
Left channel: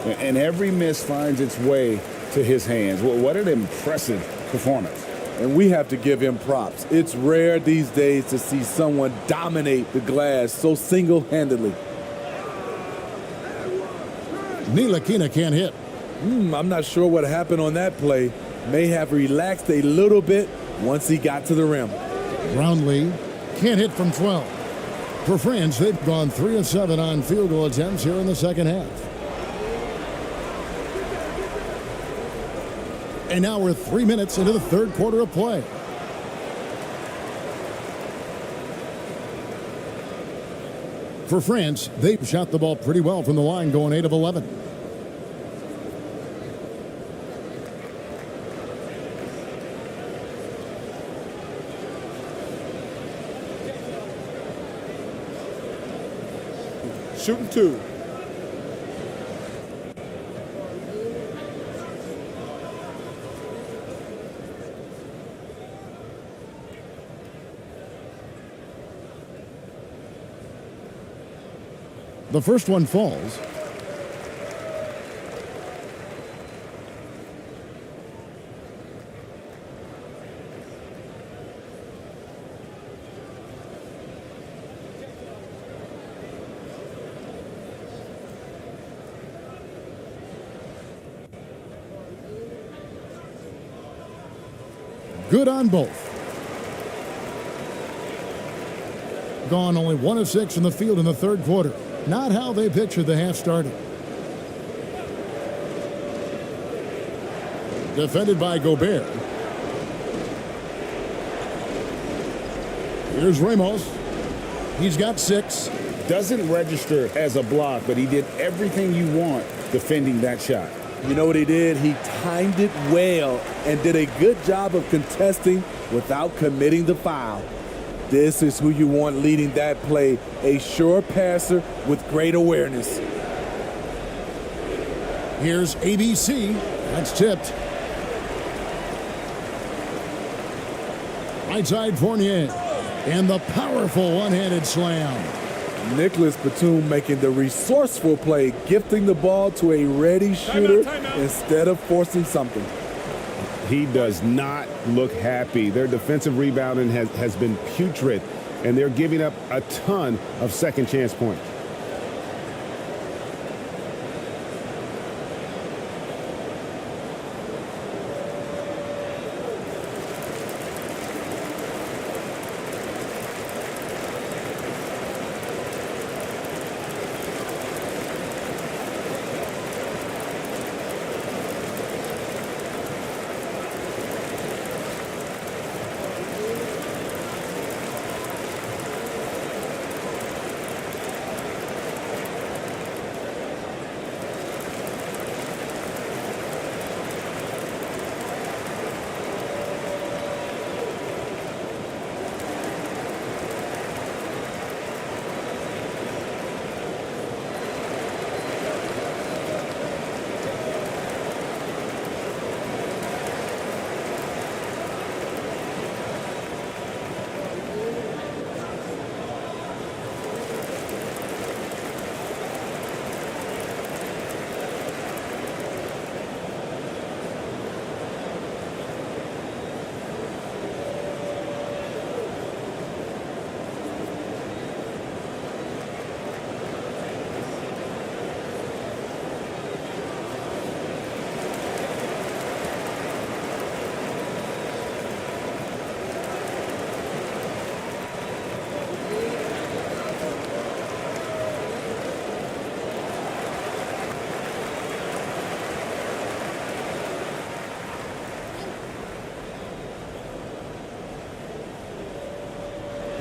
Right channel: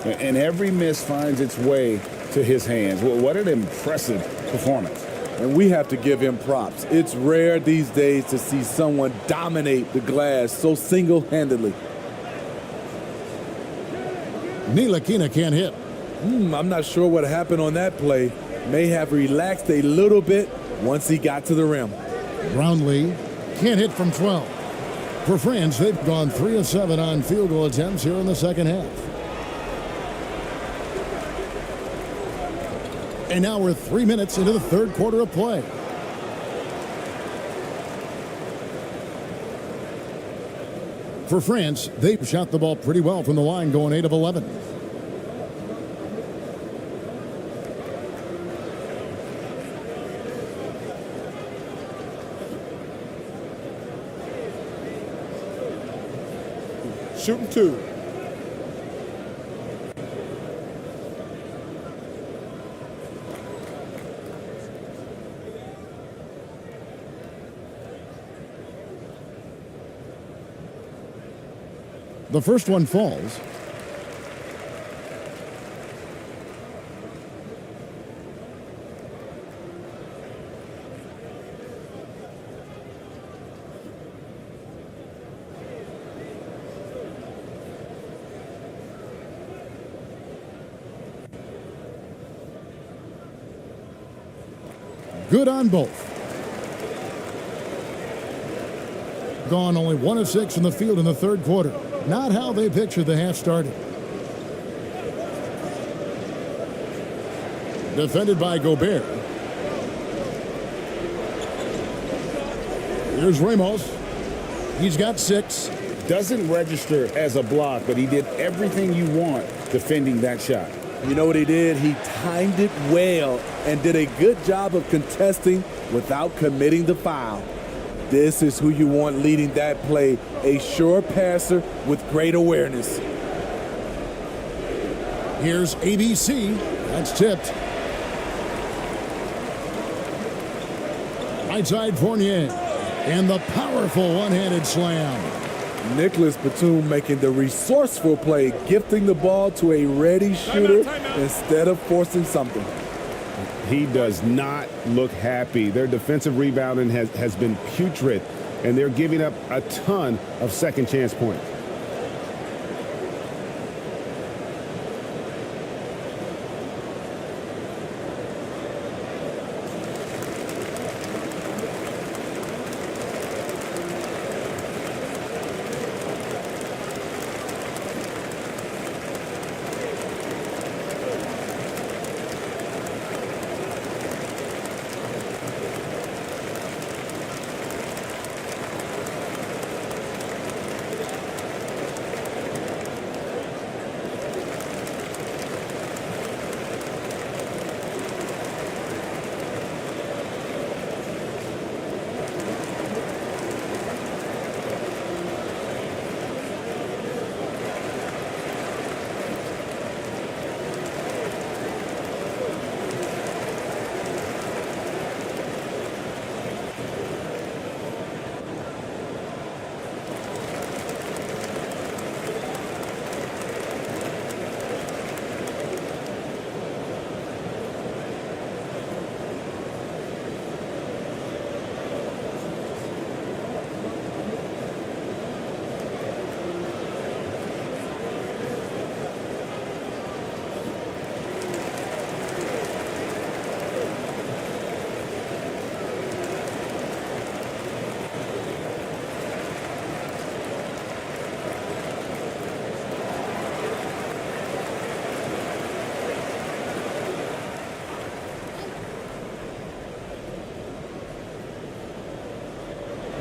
And every miss finds its way to his hands. Well, what an impressive performance. And we have to give him props. It's rare these days to see someone dominate the glass so single-handedly. Ntilikina can't hit. I'm not sure what happened on that play. May have relaxed a little bit once he got to the rim. Brownlee can't hit from 12. For France, they've gone 3 of 7 on field goal attempts here in the second half. And now we're 3 minutes into the third quarter of play. For France, they've shot the ball pretty well from the line, going 8 of 11. Shooting 2. The first one falls. Good on both. Gone only 1 of 6 from the field in the third quarter. Not how they pictured the half started. Defended by Gobert. Here's Ramos. He's got 6. Doesn't register as a block, but he did everything you want defending that shot. You know what he did? He timed it well and did a good job of contesting without committing the foul. This is who you want leading that play, a sure passer with great awareness. Here's ABC. That's tipped. Right side Fournier. And the powerful one-handed slam. Nicholas Batum making the resourceful play, gifting the ball to a ready shooter instead of forcing something. He does not look happy. Their defensive rebounding has been putrid, and they're giving up a ton of second chance points.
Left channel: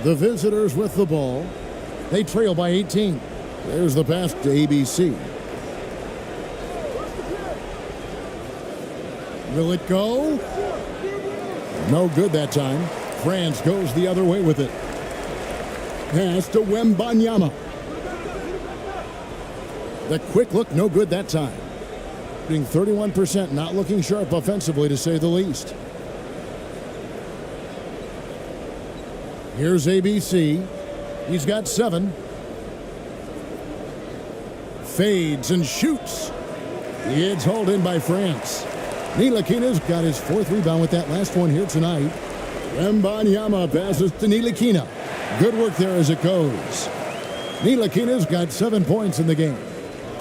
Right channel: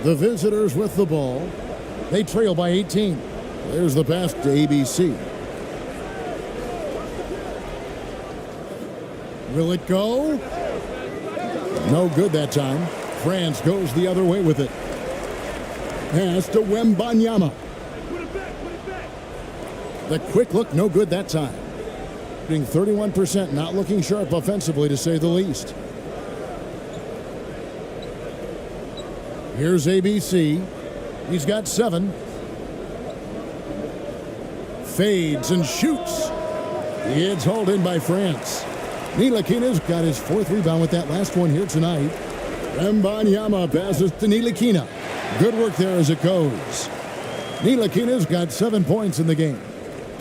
The visitors with the ball. They trail by 18. There's the pass to ABC. Will it go? No good that time. France goes the other way with it. Pass to Wembanyama. The quick look, no good that time. Being 31%, not looking sharp offensively to say the least. Here's ABC. He's got 7. Fades and shoots. It's hauled in by France. Ntilikina's got his 4th rebound with that last one here tonight. Wembanyama passes to Ntilikina. Good work there as it goes. Ntilikina's got 7 points in the game.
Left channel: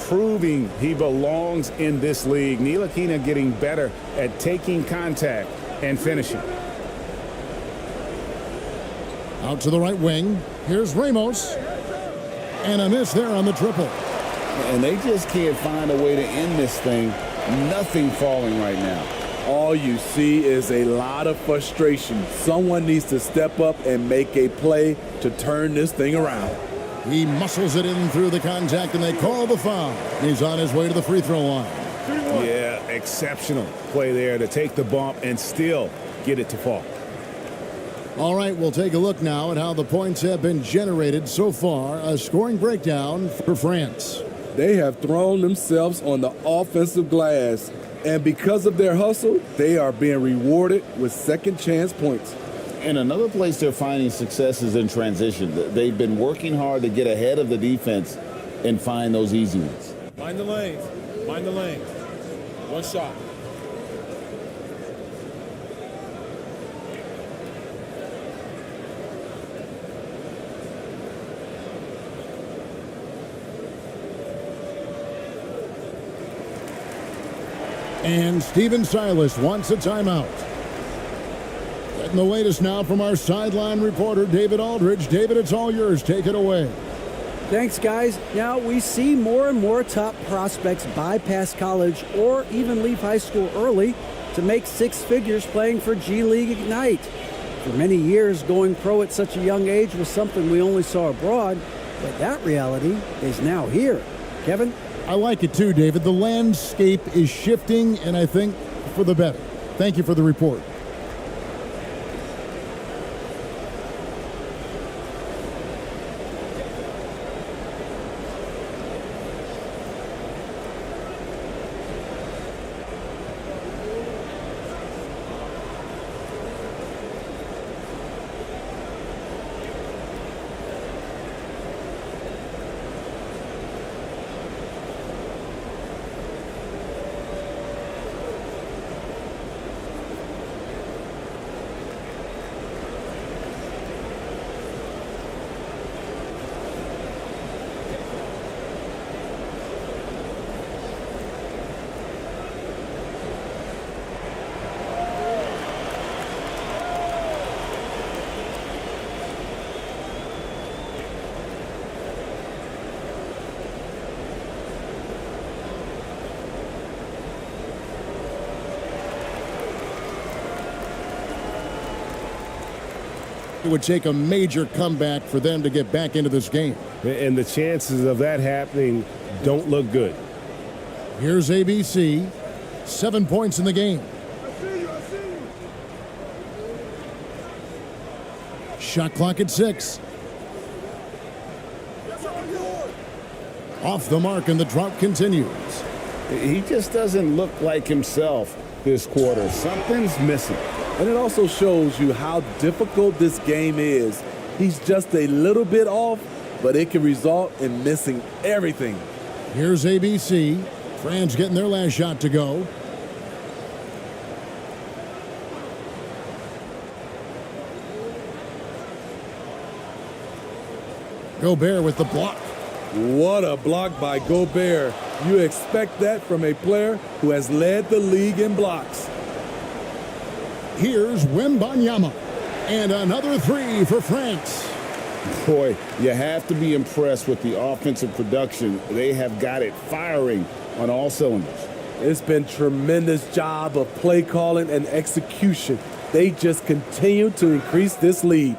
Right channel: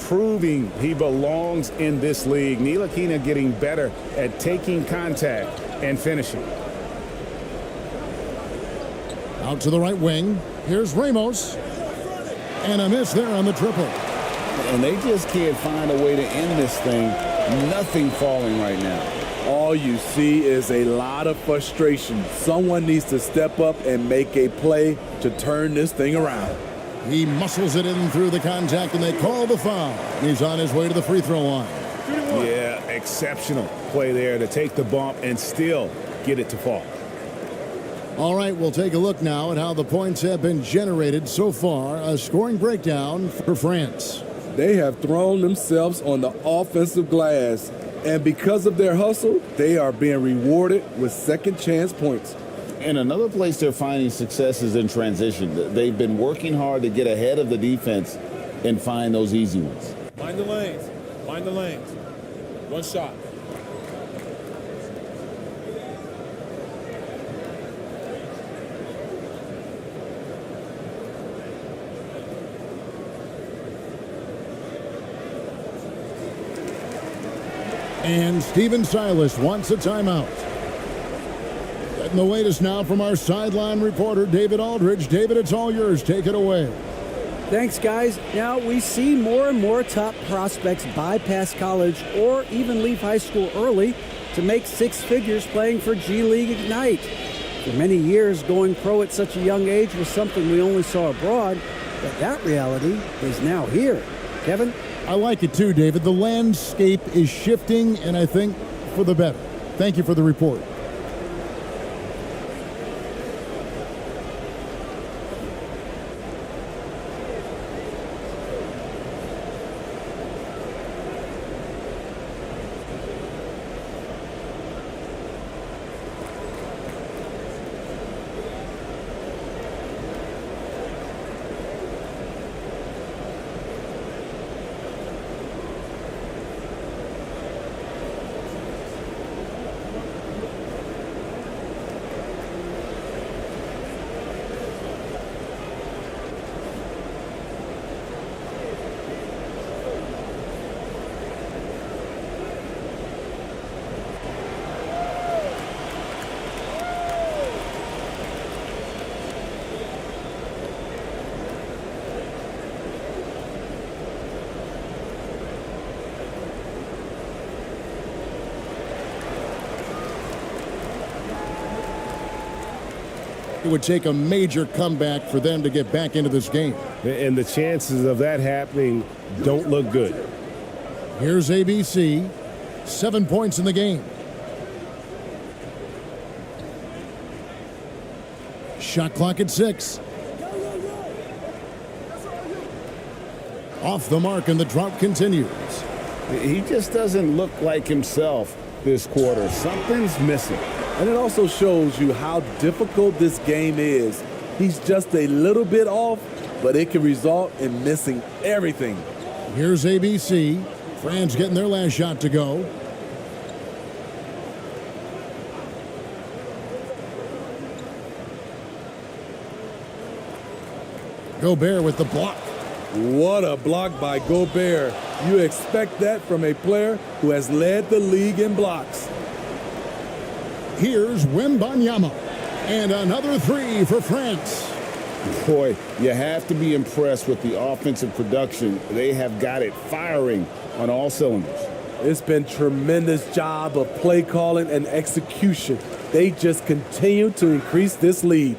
Proving he belongs in this league. Ntilikina getting better at taking contact and finishing. Out to the right wing. Here's Ramos. And a miss there on the triple. And they just can't find a way to end this thing. Nothing falling right now. All you see is a lot of frustration. Someone needs to step up and make a play to turn this thing around. He muscles it in through the contact, and they call the foul. And he's on his way to the free throw line. Yeah, exceptional play there to take the bump and still get it to fall. All right, we'll take a look now at how the points have been generated so far. A scoring breakdown for France. They have thrown themselves on the offensive glass, and because of their hustle, they are being rewarded with second chance points. And another place they're finding success is in transition. They've been working hard to get ahead of the defense and find those easy ones. Mind the lanes. Mind the lanes. One shot. And Stephen Silas wants a timeout. Getting the latest now from our sideline reporter, David Aldridge. David, it's all yours. Take it away. Thanks, guys. Now, we see more and more top prospects bypass college or even leave high school early to make 6 figures playing for G League Ignite. For many years, going pro at such a young age was something we only saw abroad, but that reality is now here. Kevin? I like it too, David. The landscape is shifting, and I think for the better. Thank you for the report. It would take a major comeback for them to get back into this game. And the chances of that happening don't look good. Here's ABC. 7 points in the game. Shot clock at 6. Off the mark, and the drought continues. He just doesn't look like himself this quarter. Something's missing. And it also shows you how difficult this game is. He's just a little bit off, but it can result in missing everything. Here's ABC. France getting their last shot to go. Gobert with the block. What a block by Gobert. You expect that from a player who has led the league in blocks. Here's Wembanyama. And another 3 for France. Boy, you have to be impressed with the offensive production. They have got it firing on all cylinders. It's been tremendous job of play calling and execution. They just continue to increase this lead.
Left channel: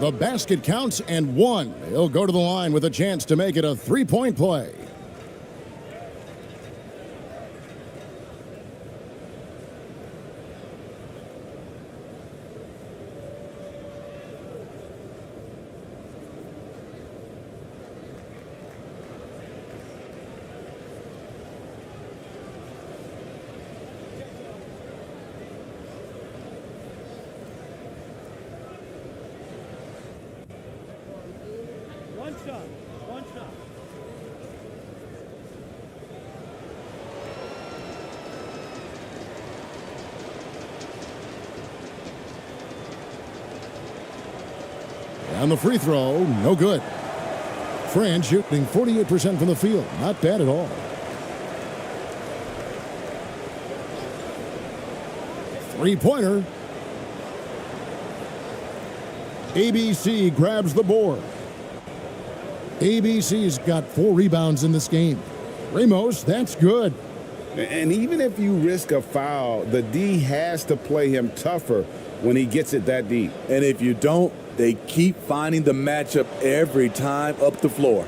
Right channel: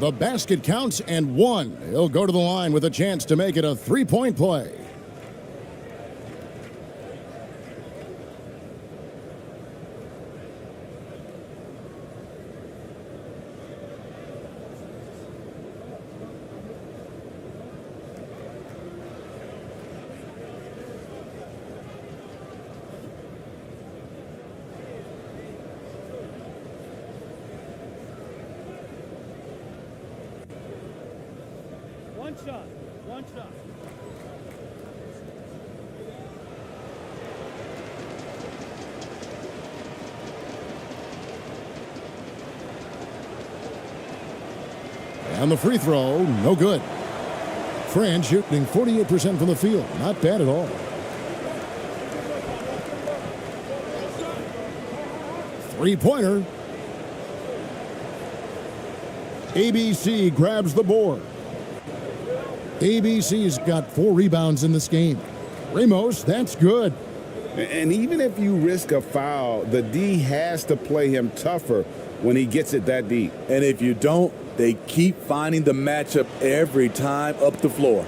The basket counts and 1. He'll go to the line with a chance to make it a 3-point play. One shot. And the free throw, no good. France shooting 48% from the field. Not bad at all. Three-pointer. ABC grabs the board. ABC's got 4 rebounds in this game. Ramos, that's good. And even if you risk a foul, the D has to play him tougher when he gets it that deep. And if you don't, they keep finding the matchup every time up the floor.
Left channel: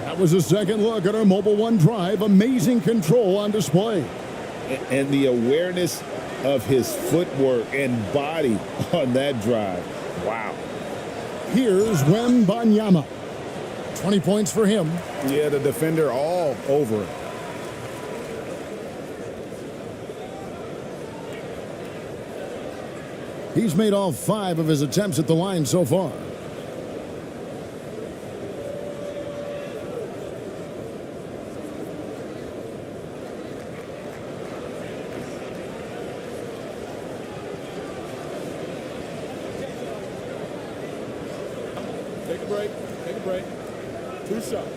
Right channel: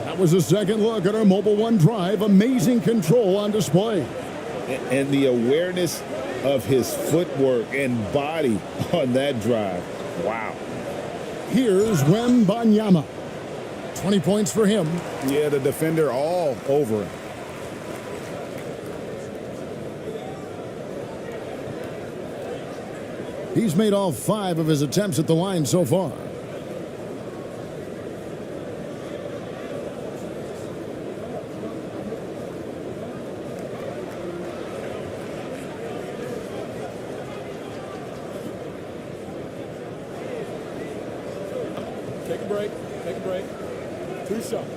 That was a second look at our Mobile One drive. Amazing control on display. And the awareness of his footwork and body on that drive. Wow. Here's Wembanyama. 20 points for him. Yeah, the defender all over him. He's made all 5 of his attempts at the line so far. Take a break. Take a break. 2 shots.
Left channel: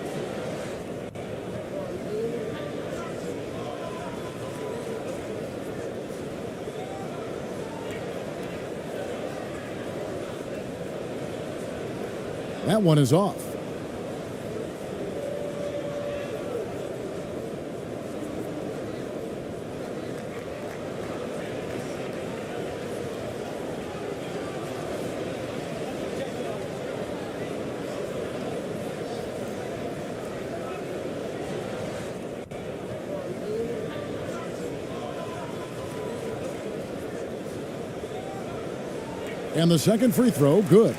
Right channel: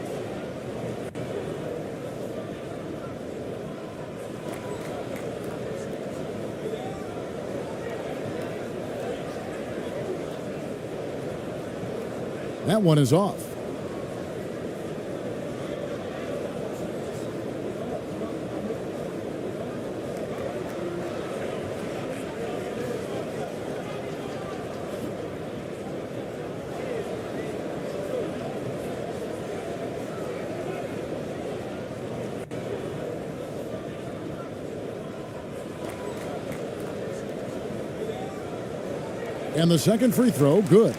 That one is off. And the second free throw, good.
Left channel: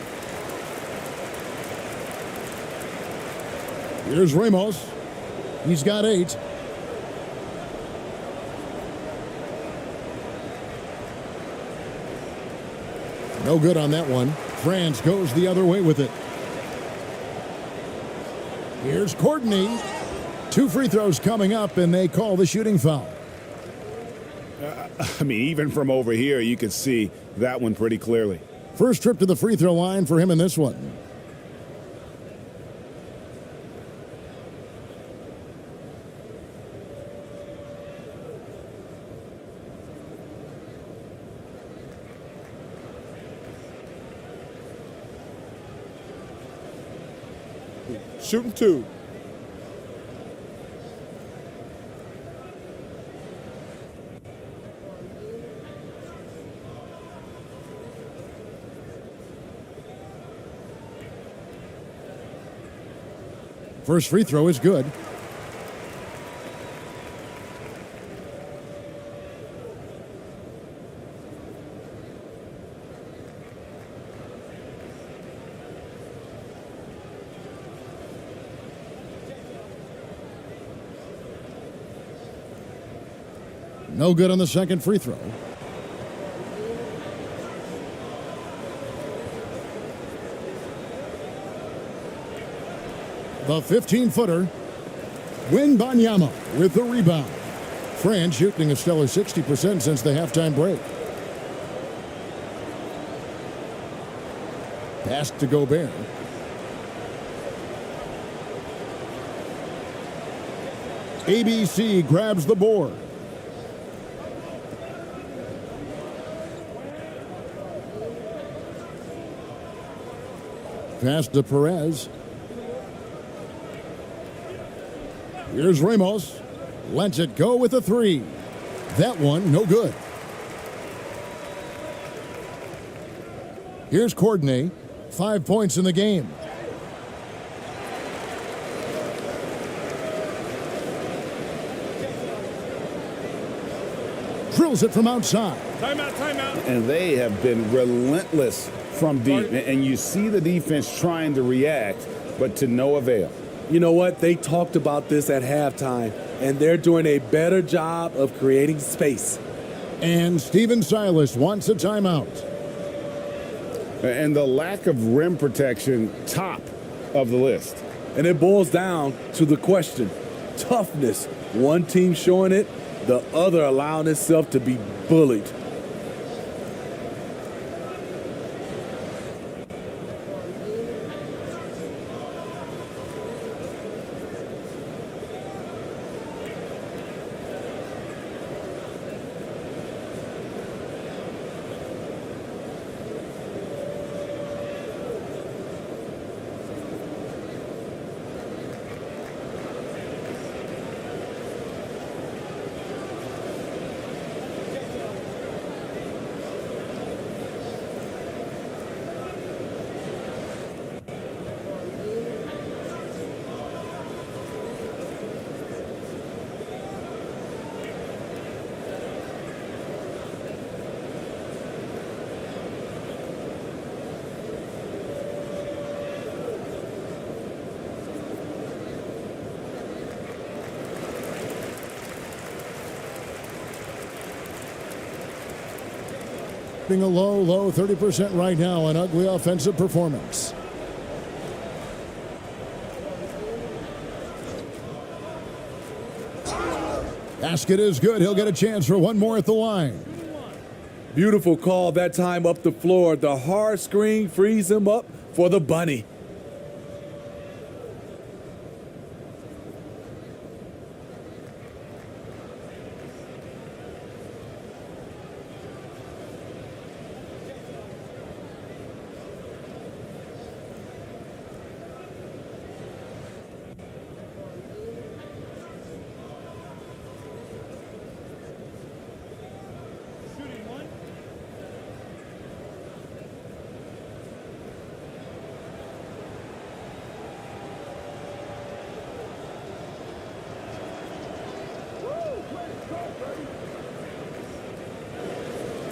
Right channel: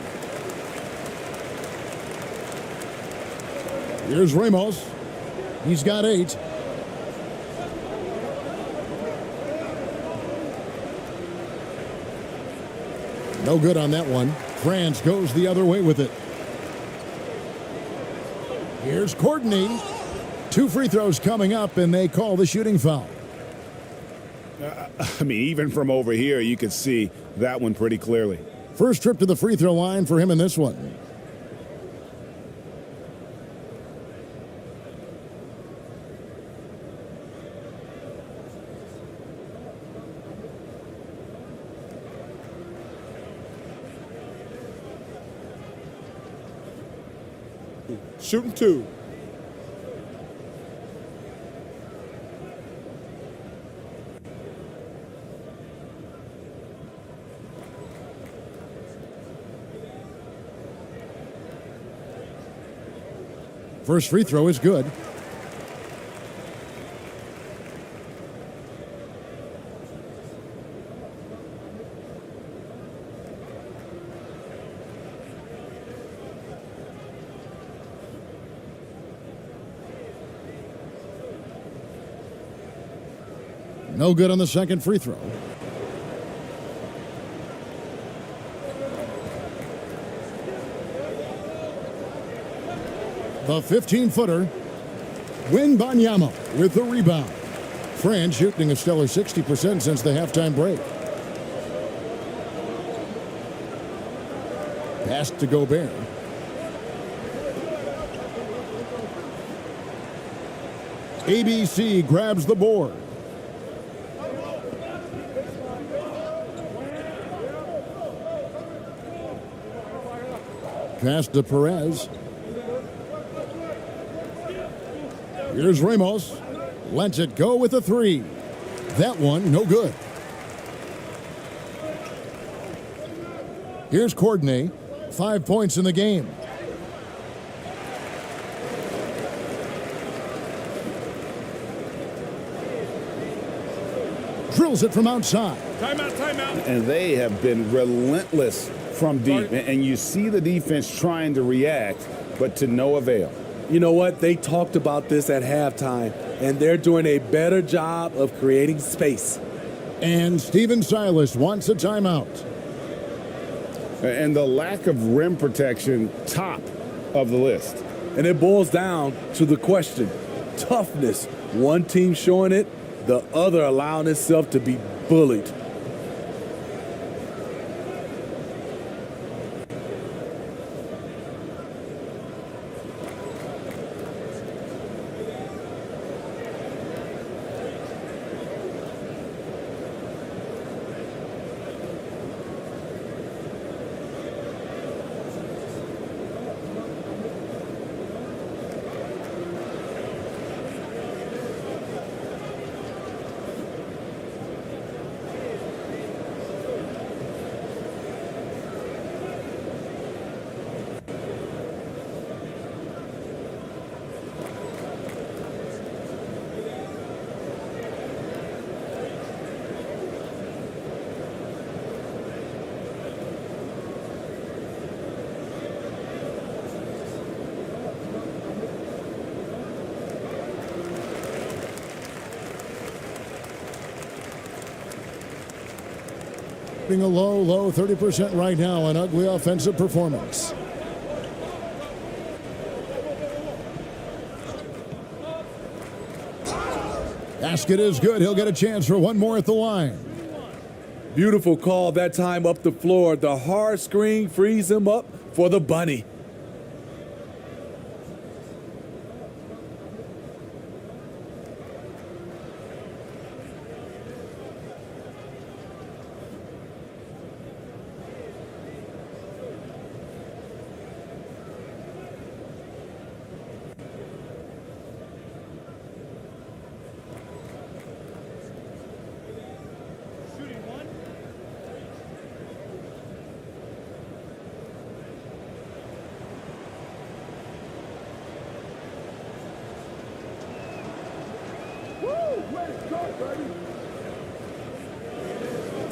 Here's Ramos. He's got 8. No good on that one. France goes the other way with it. Here's Courtney. 2 free throws coming up, and they call the shooting foul. I mean, even from over here, you could see that one pretty clearly. First trip to the free throw line for him in this one. Shooting 2. First free throw is good. No good on the second free throw. The 15-footer, Wembanyama with the rebound. France shooting a stellar 60% since the halftime break. Pass to Gobert. ABC grabs the board. Pass to Perez. Here's Ramos. Lets it go with a 3. That one, no good. Here's Courtney. 5 points in the game. Drills it from outside. Timeout, timeout. And they have been relentless from deep. And you see the defense trying to react, but to no avail. You know what? They talked about this at halftime, and they're doing a better job of creating space. And Stephen Silas wants a timeout. And the lack of rim protection, top of the list. And it boils down to the question, toughness. One team showing it, the other allowing itself to be bullied. A low 30% right now, an ugly offensive performance. Basket is good. He'll get a chance for one more at the line. Beautiful call that time up the floor. The hard screen frees him up for the bunny.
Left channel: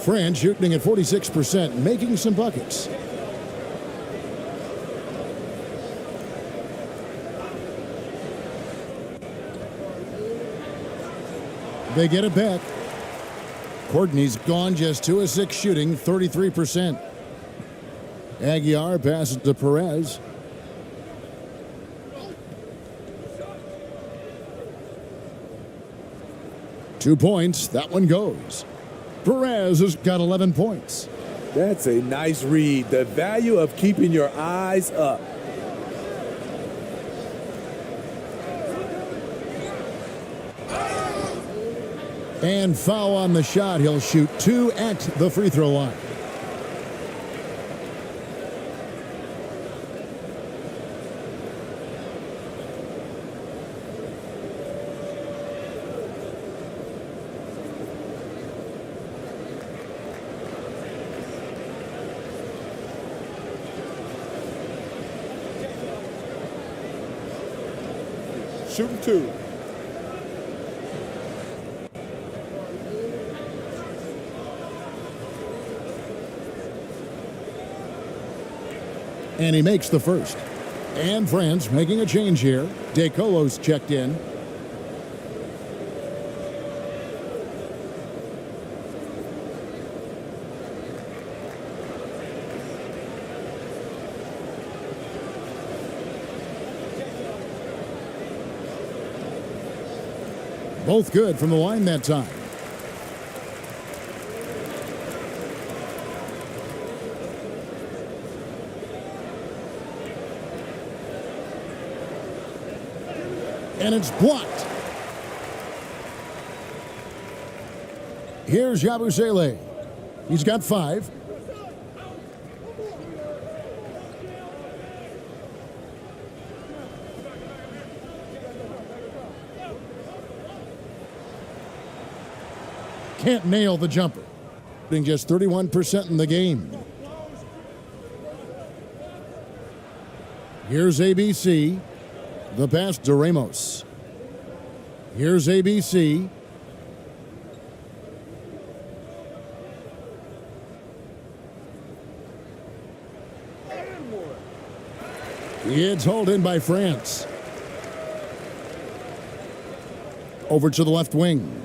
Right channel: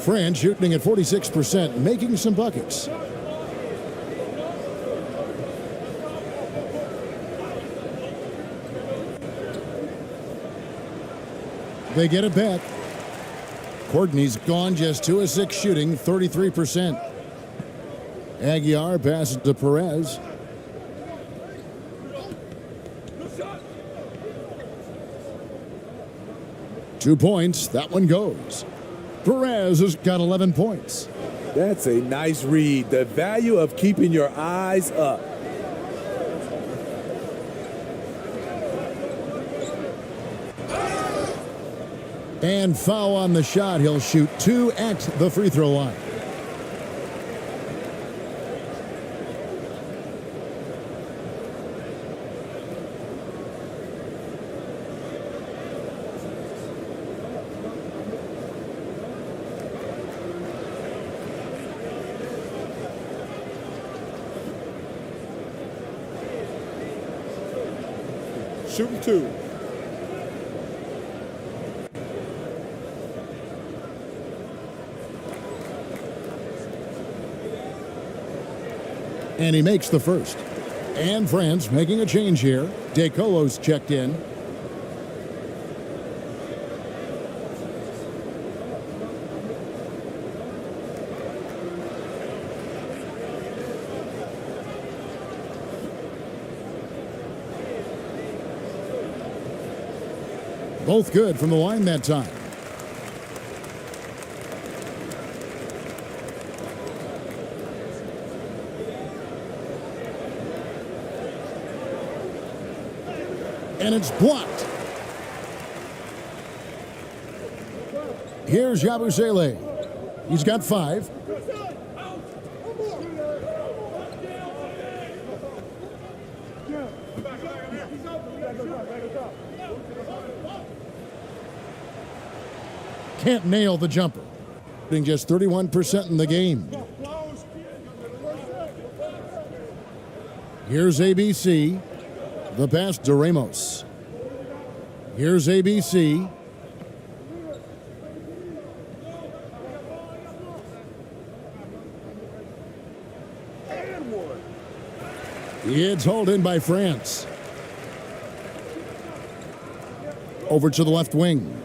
France shooting at 46%, making some buckets. They get it back. Courtney's gone just 2 of 6 shooting, 33%. Aguiar passes to Perez. Two points, that one goes. Perez has got 11 points. That's a nice read. The value of keeping your eyes up. And foul on the shot. He'll shoot 2 at the free throw line. Shooting 2. And he makes the first. And France making a change here. De Colo's checked in. Both good from the line that time. And it's blocked. Here's Yabusele. He's got 5. Can't nail the jumper. Shooting just 31% in the game. Here's ABC. The pass to Ramos. Here's ABC. It's hauled in by France. Over to the left wing.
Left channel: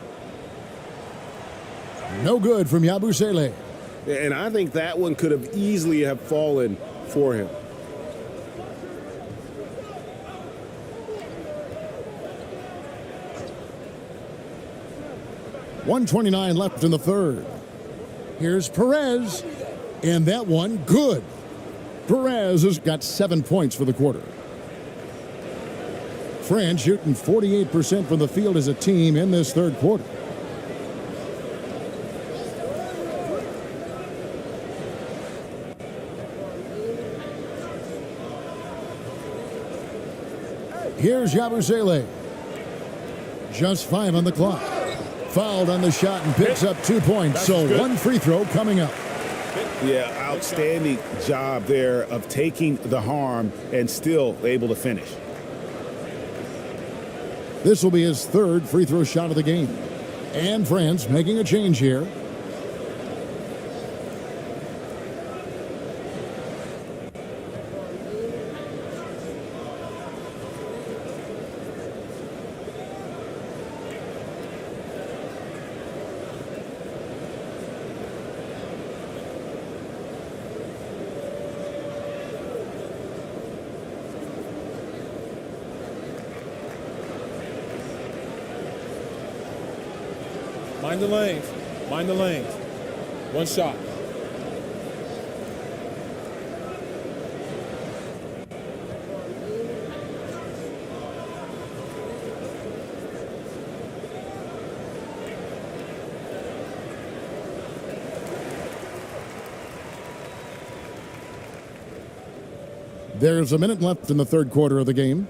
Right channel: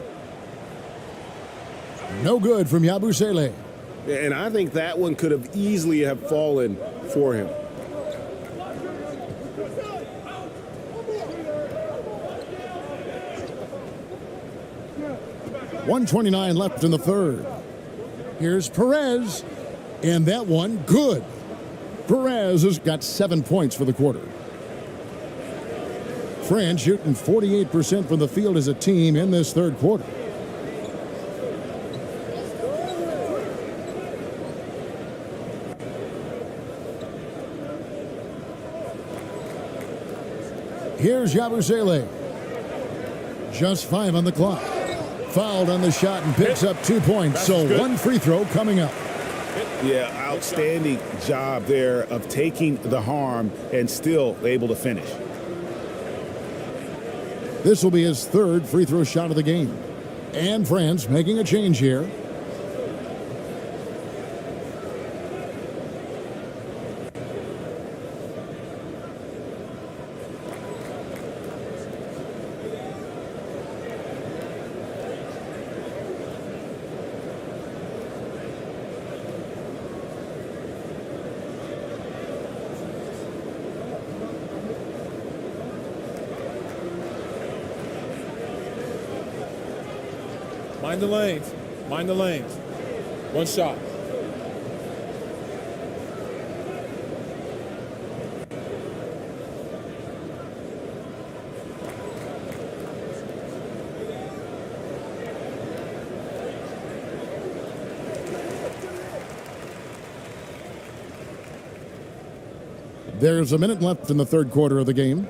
No good from Yabusele. And I think that one could have easily have fallen for him. .129 left in the third. Here's Perez. And that one, good. Perez has got 7 points for the quarter. France shooting 48% from the field as a team in this third quarter. Here's Yabusele. Just 5 on the clock. Fouled on the shot and picks up 2 points. So 1 free throw coming up. Yeah, outstanding job there of taking the harm and still able to finish. This will be his 3rd free throw shot of the game. And France making a change here. Mind the lanes. Mind the lanes. 1 shot. There's a minute left in the third quarter of the game.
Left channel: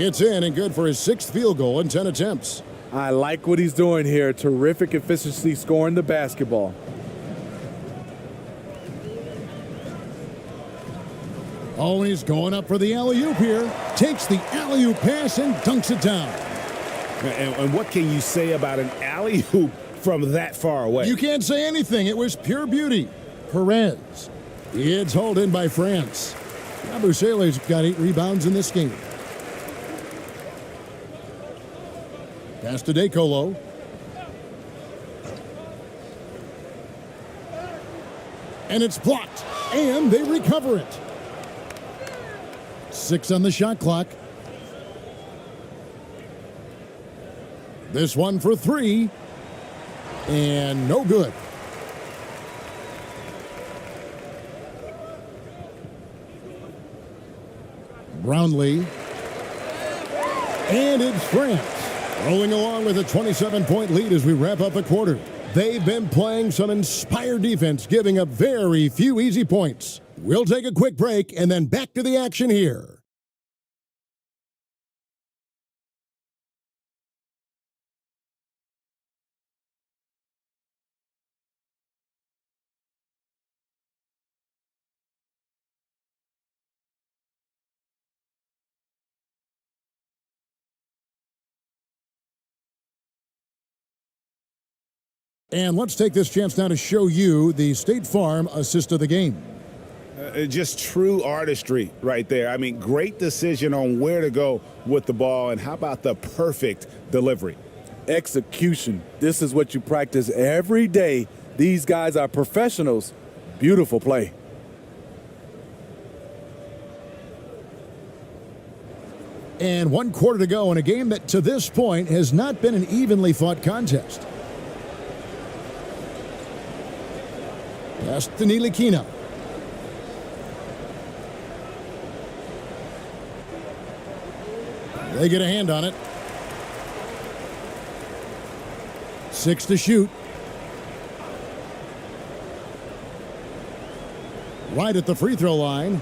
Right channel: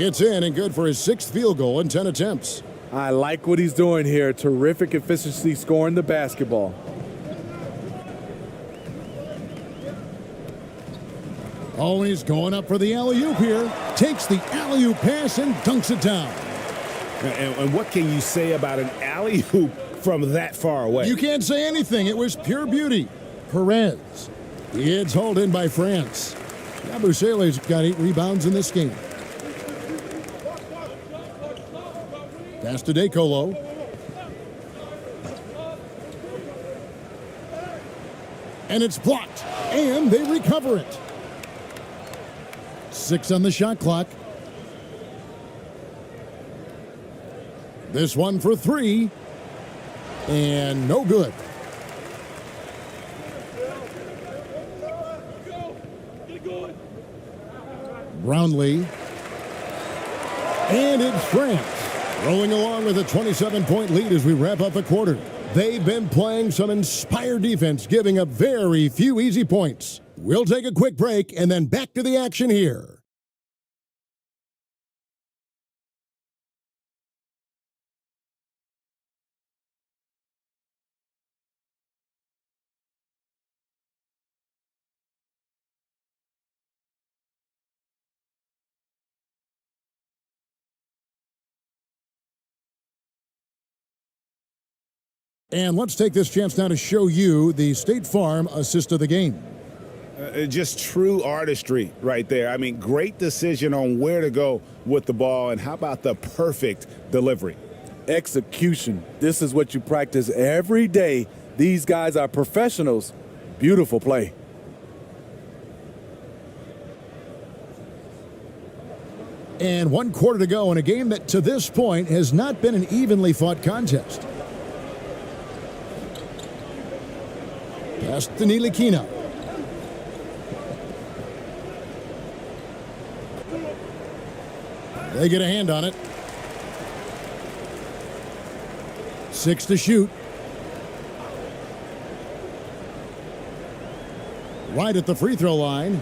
It's in and good for his 6th field goal in 10 attempts. I like what he's doing here. Terrific efficiency scoring the basketball. Oh, and he's going up for the alley-oop here. Takes the alley-oop pass and dunks it down. And what can you say about an alley-oop from that far away? You can't say anything. It was pure beauty. Perez. It's hauled in by France. Yabusele's got 8 rebounds in this game. Pass to Decolo. And it's blocked. And they recover it. 6 on the shot clock. This one for 3. And no good. Brownlee. And it's France. Rolling along with a 27-point lead as we wrap up the quarter. They've been playing some inspired defense, giving up very few easy points. We'll take a quick break and then back to the action here. And let's take this chance now to show you the State Farm assist of the game. Just true artistry right there. I mean, great decision on where to go with the ball, and how about the perfect delivery? Execution. This is what you practice every day. These guys are professionals. Beautiful play. And 1 quarter to go in a game that to this point has not been an evenly fought contest. Pass to Ntilikina. They get a hand on it. 6 to shoot. Right at the free throw line.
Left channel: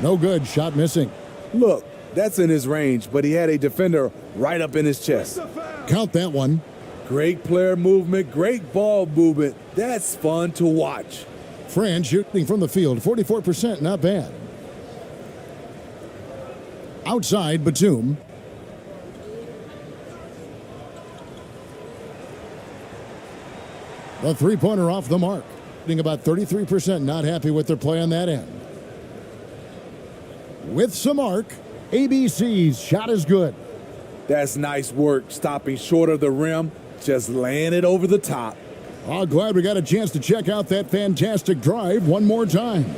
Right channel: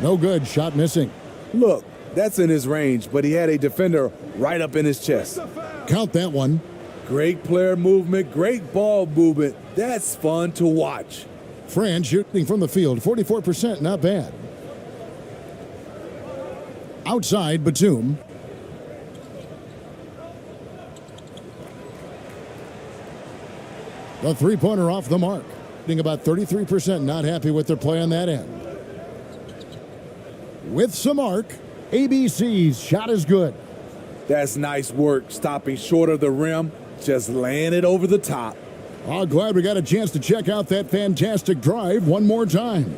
No good. Shot missing. Look, that's in his range, but he had a defender right up in his chest. Count that one. Great player movement, great ball movement. That's fun to watch. France shooting from the field, 44%, not bad. Outside, Batum. The three-pointer off the mark. Shooting about 33%, not happy with their play on that end. With some arc, ABC's shot is good. That's nice work, stopping short of the rim, just laying it over the top. Oh, glad we got a chance to check out that fantastic drive one more time.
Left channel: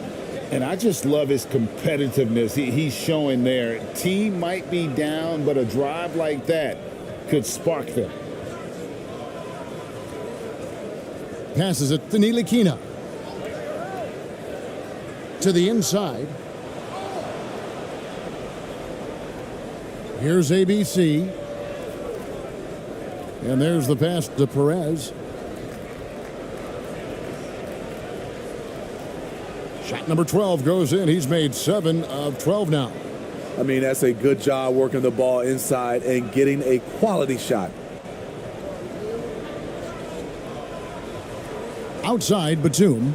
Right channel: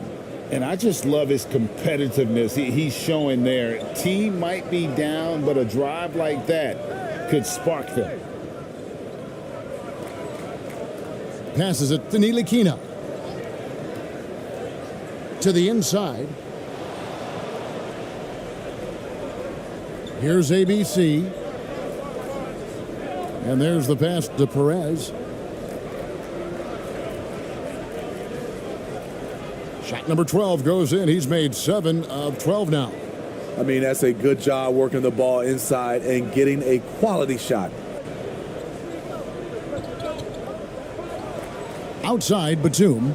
And I just love his competitiveness he's showing there. Team might be down, but a drive like that could spark them. Passes it to Ntilikina. To the inside. Here's ABC. And there's the pass to Perez. Shot number 12 goes in. He's made 7 of 12 now. I mean, that's a good job working the ball inside and getting a quality shot. Outside, Batum.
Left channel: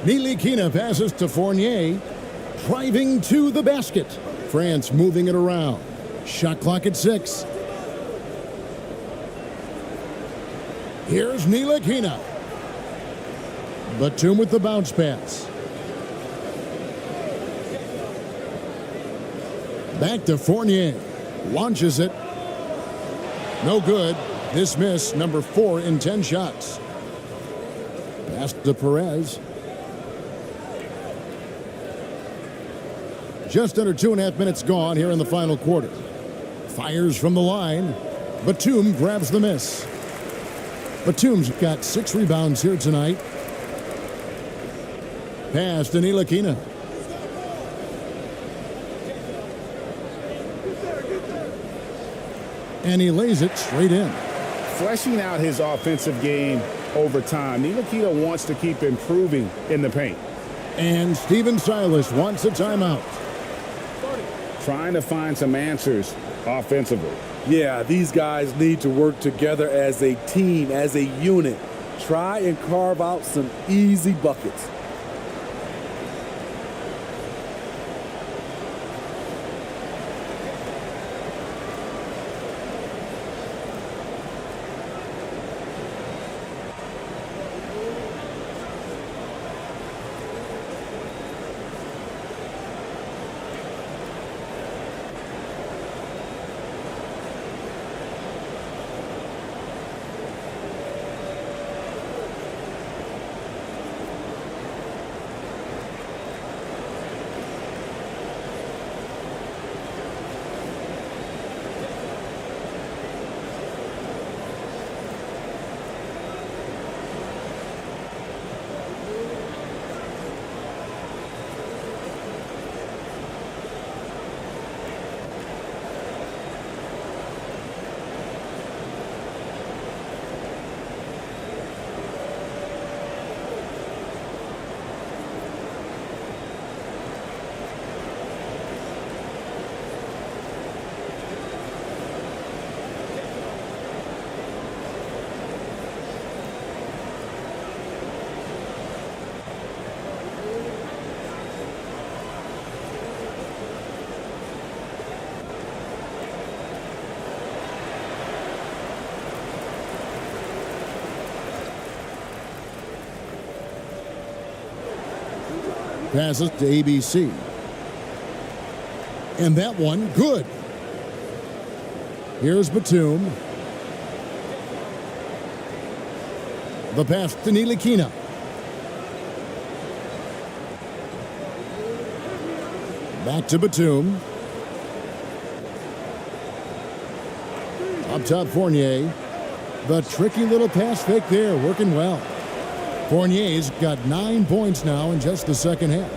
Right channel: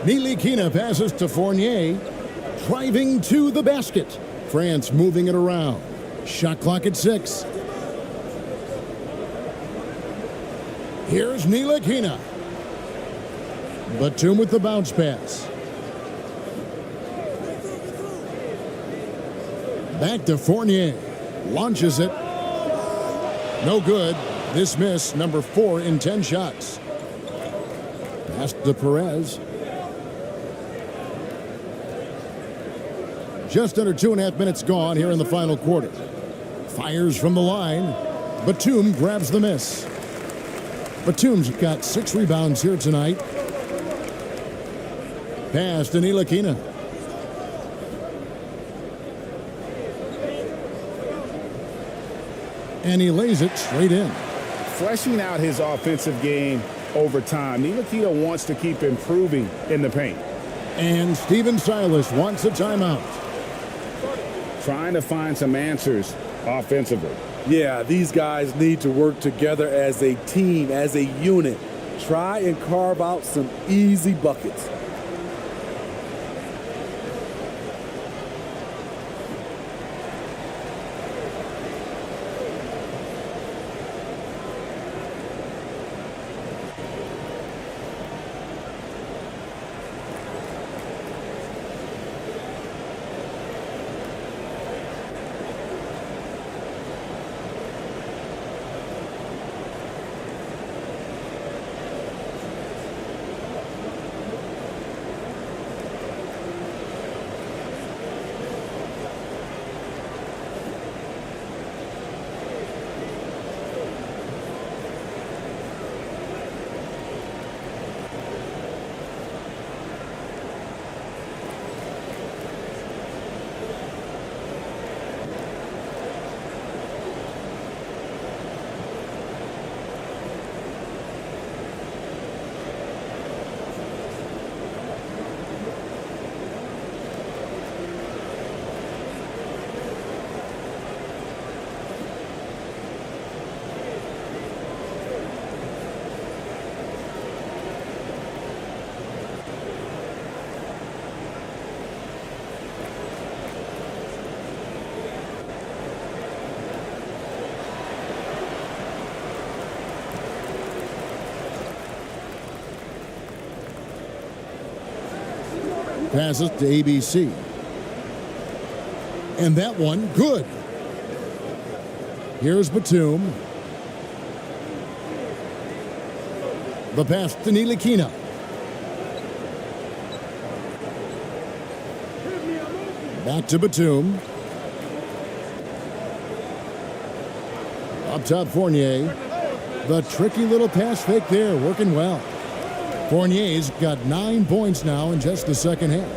Ntilikina passes to Fournier. Driving to the basket. France moving it around. Shot clock at 6. Here's Ntilikina. Batum with the bounce pass. Back to Fournier. Launches it. No good. This miss, number 4 in 10 shots. Pass to Perez. Just under 2.5 minutes gone here in the final quarter. Fires from the line. Batum grabs the miss. Batum's got 6 rebounds here tonight. Pass to Ntilikina. And he lays it straight in. Fleshing out his offensive game over time. Ntilikina wants to keep improving in the paint. And Stephen Silas wants a timeout. Trying to find some answers offensively. Yeah, these guys need to work together as a team, as a unit. Try and carve out some easy buckets. Passes to ABC. And that one, good. Here's Batum. The pass to Ntilikina. Back to Batum. Up top, Fournier. The tricky little pass fake there, working well. Fournier's got 9 points now in just the second half.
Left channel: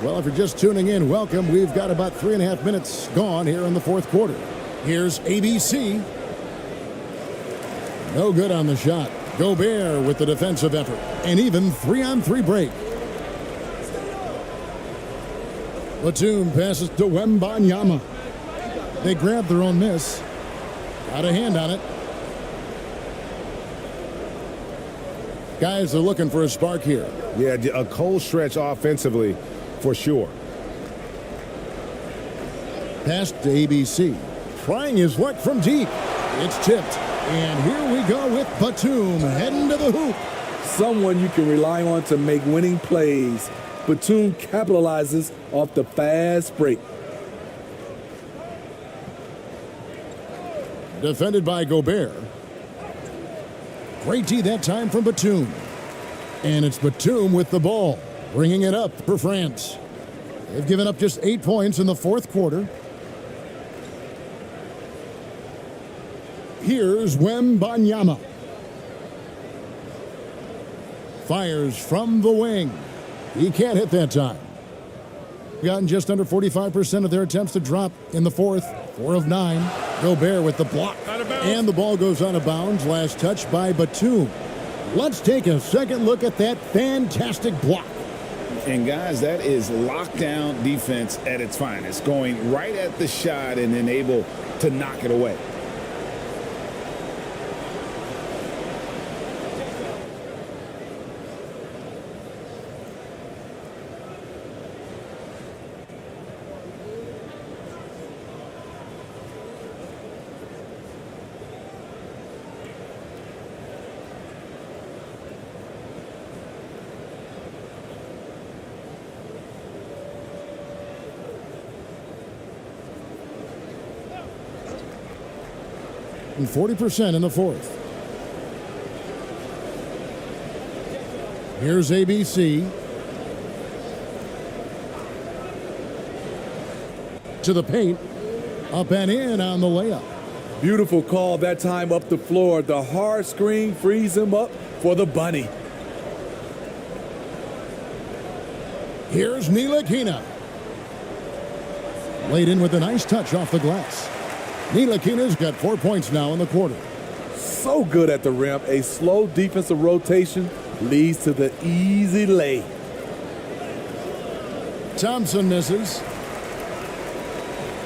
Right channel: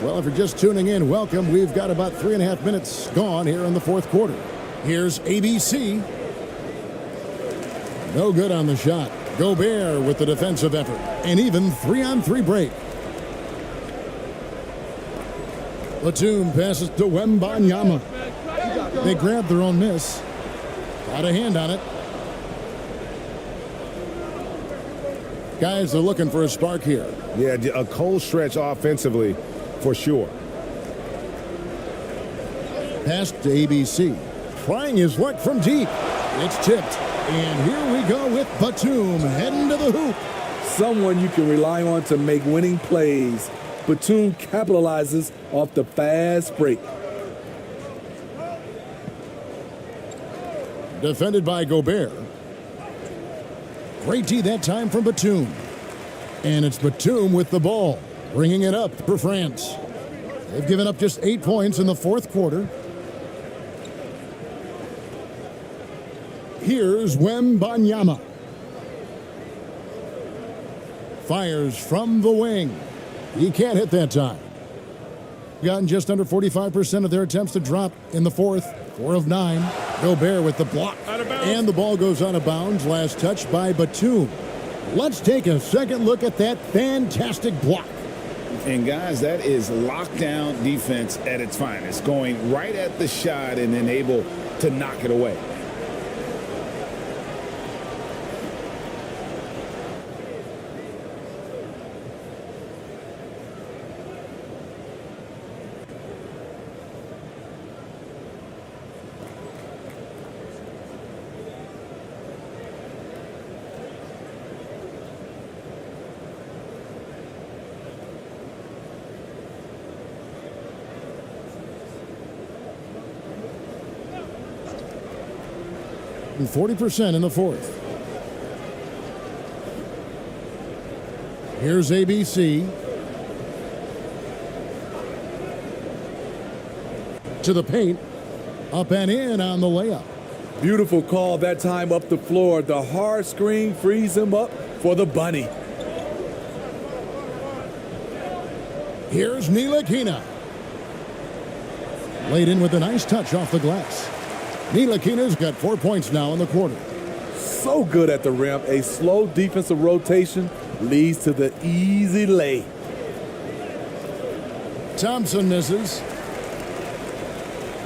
Well, if you're just tuning in, welcome. We've got about 3.5 minutes gone here in the fourth quarter. Here's ABC. No good on the shot. Gobert with the defensive effort. An even 3-on-3 break. Batum passes to Wembanyama. They grabbed their own miss. Got a hand on it. Guys are looking for a spark here. Yeah, a cold stretch offensively for sure. Pass to ABC. Trying his luck from deep. It's tipped. And here we go with Batum heading to the hoop. Someone you can rely on to make winning plays. Batum capitalizes off the fast break. Defended by Gobert. Great D that time from Batum. And it's Batum with the ball, bringing it up for France. They've given up just 8 points in the fourth quarter. Here's Wembanyama. Fires from the wing. He can't hit that time. Gotten just under 45% of their attempts to drop in the fourth. 4 of 9. Gobert with the block. And the ball goes out of bounds. Last touch by Batum. Let's take a second look at that fantastic block. And guys, that is lockdown defense at its finest. Going right at the shot and then able to knock it away. And 40% in the fourth. Here's ABC. To the paint. Up and in on the layup. Beautiful call that time up the floor. The hard screen frees him up for the bunny. Here's Ntilikina. Laid in with a nice touch off the glass. Ntilikina's got 4 points now in the quarter. So good at the rim. A slow defensive rotation leads to the easy lay. Thompson misses.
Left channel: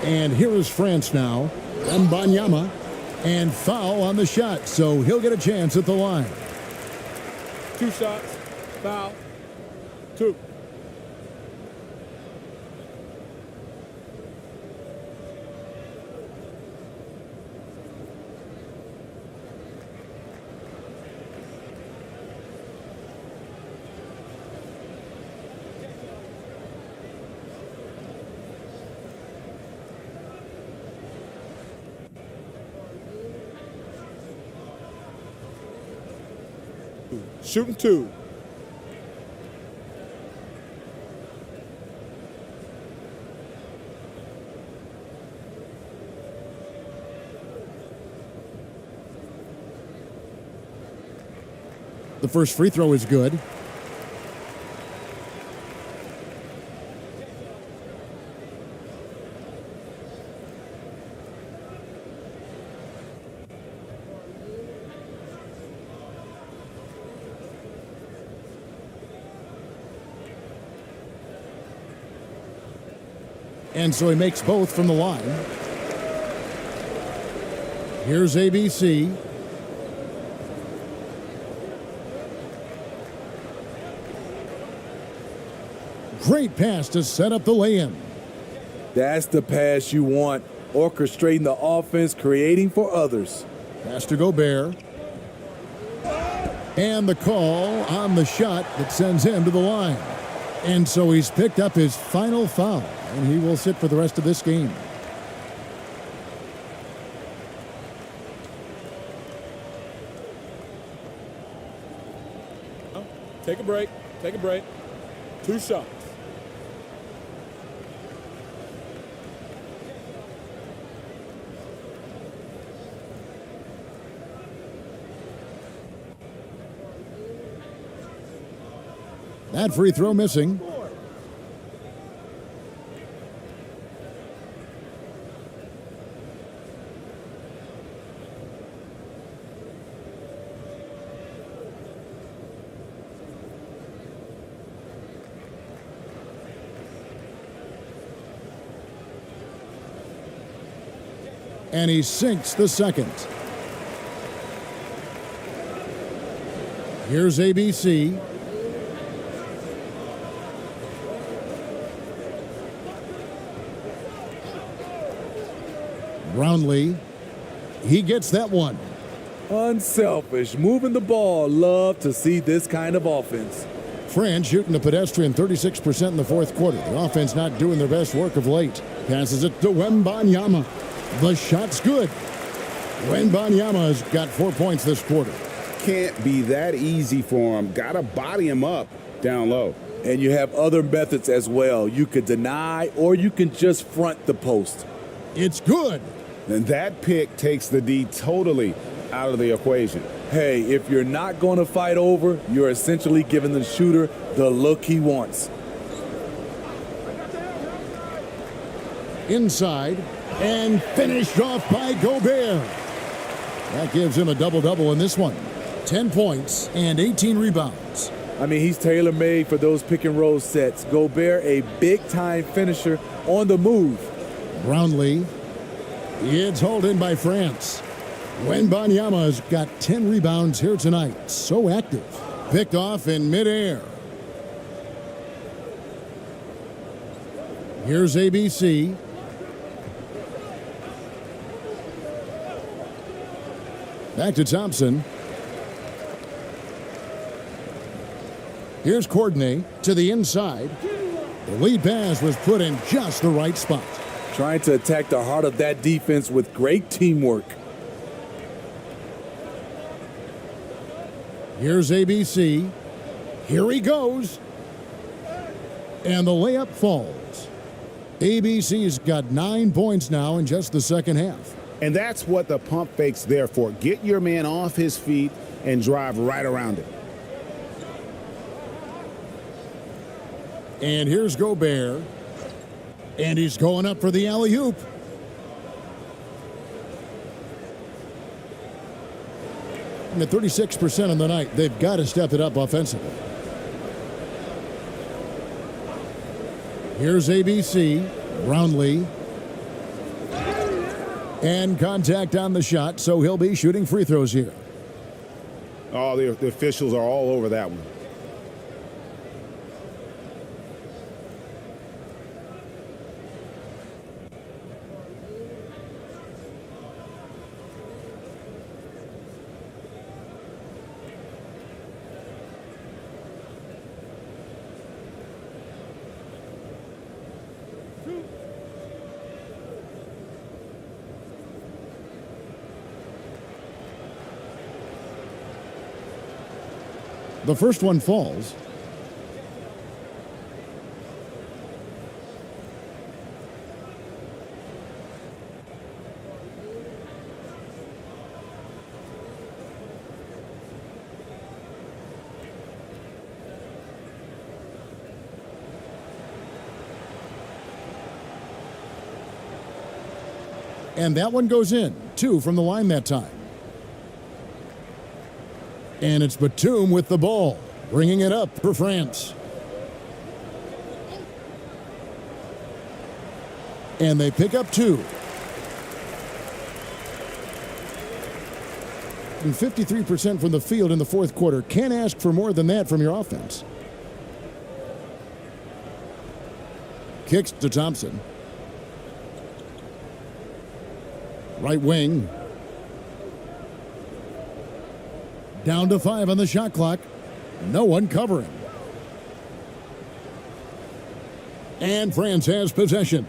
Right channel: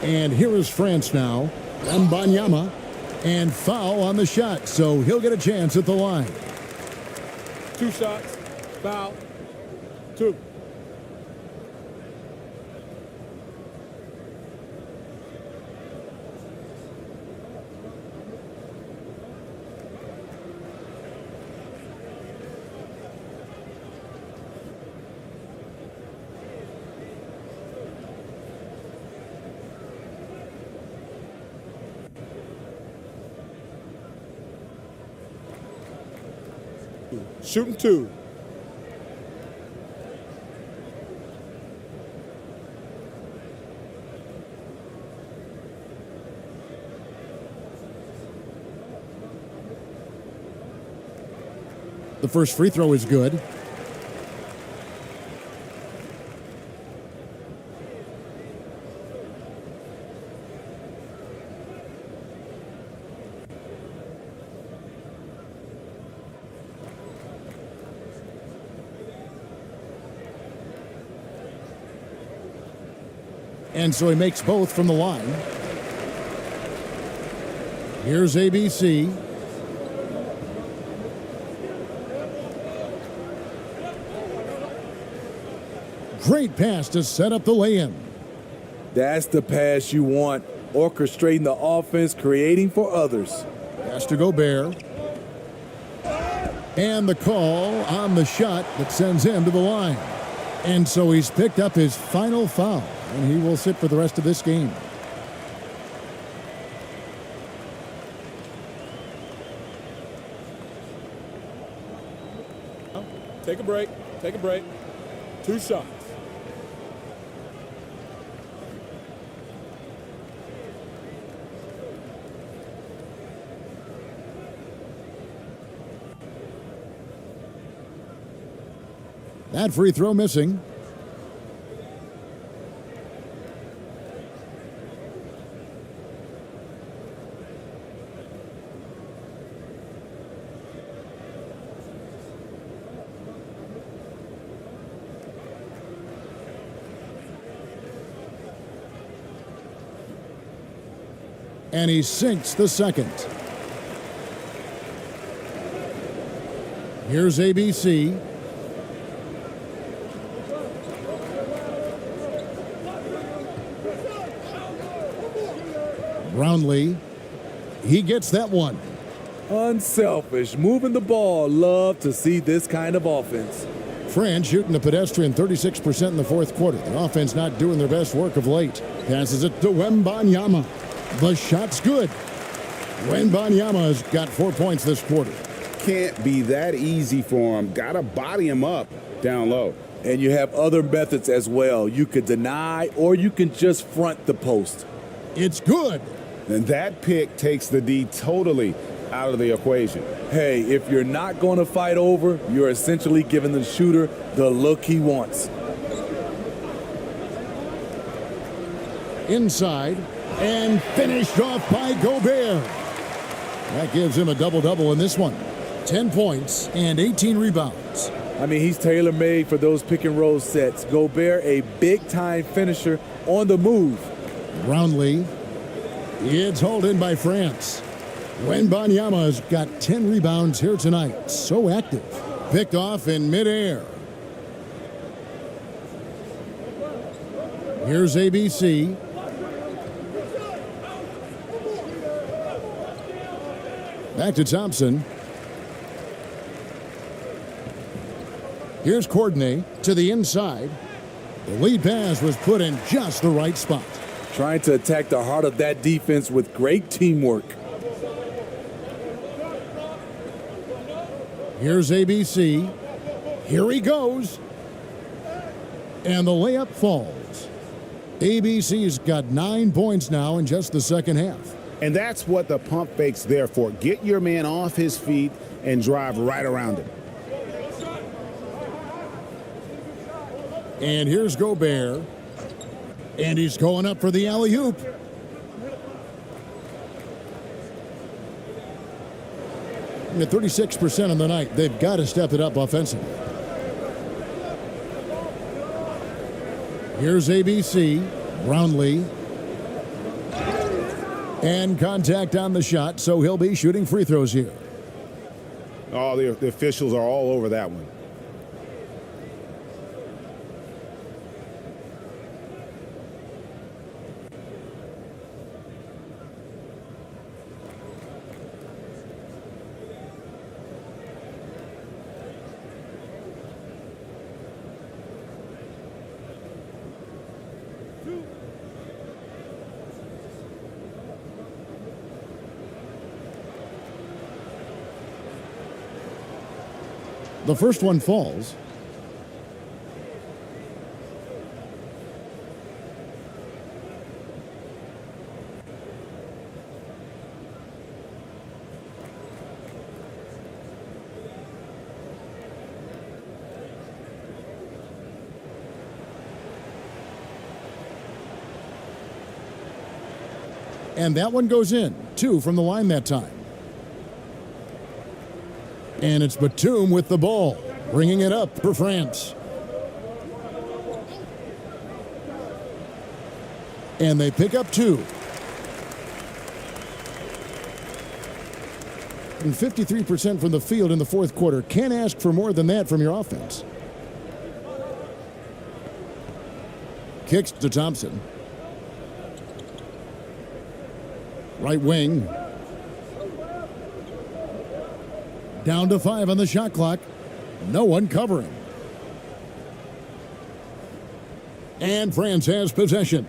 And here is France now. Wembanyama. And foul on the shot, so he'll get a chance at the line. 2 shots. Foul. 2. Shooting 2. The first free throw is good. And so he makes both from the line. Here's ABC. Great pass to set up the lay-in. That's the pass you want. Orchestrating the offense, creating for others. Pass to Gobert. And the call on the shot that sends him to the line. And so he's picked up his final foul, and he will sit for the rest of this game. Take a break. Take a break. 2 shots. That free throw missing. And he sinks the second. Here's ABC. Brownlee, he gets that one. Unselfish, moving the ball. Love to see this kind of offense. France shooting a pedestrian 36% in the fourth quarter. The offense not doing their best work of late. Passes it to Wembanyama. The shot's good. Wembanyama's got 4 points this quarter. Can't be that easy for him. Got to body him up down low. And you have other methods as well. You could deny or you can just front the post. It's good. And that pick takes the D totally out of the equation. Hey, if you're not going to fight over, you're essentially giving the shooter the look he wants. Inside and finished off by Gobert. That gives him a double-double in this one. 10 points and 18 rebounds. I mean, he's tailor-made for those pick-and-roll sets. Gobert, a big-time finisher on the move. Brownlee. It's hauled in by France. Wembanyama's got 10 rebounds here tonight. So active. Picked off in midair. Here's ABC. Back to Thompson. Here's Courtney to the inside. The lead pass was put in just the right spot. Trying to attack the heart of that defense with great teamwork. Here's ABC. Here he goes. And the layup falls. ABC's got 9 points now in just the second half. And that's what the pump fake's there for. Get your man off his feet and drive right around him. And here's Gobert. And he's going up for the alley-oop. And at 36% on the night, they've got to step it up offensively. Here's ABC. Brownlee. And contact on the shot, so he'll be shooting free throws here. Oh, the officials are all over that one. The first one falls. And that one goes in. 2 from the line that time. And it's Batum with the ball, bringing it up for France. And they pick up 2. And 53% from the field in the fourth quarter. Can't ask for more than that from your offense. Kicks to Thompson. Right wing. Down to 5 on the shot clock. No one covering. And France has possession.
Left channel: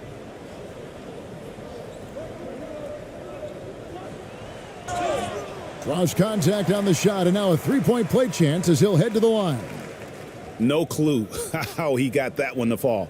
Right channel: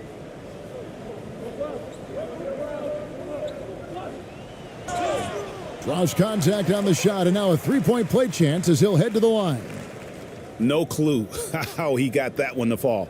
Draws contact on the shot, and now a three-point play chance as he'll head to the line. No clue how he got that one to fall.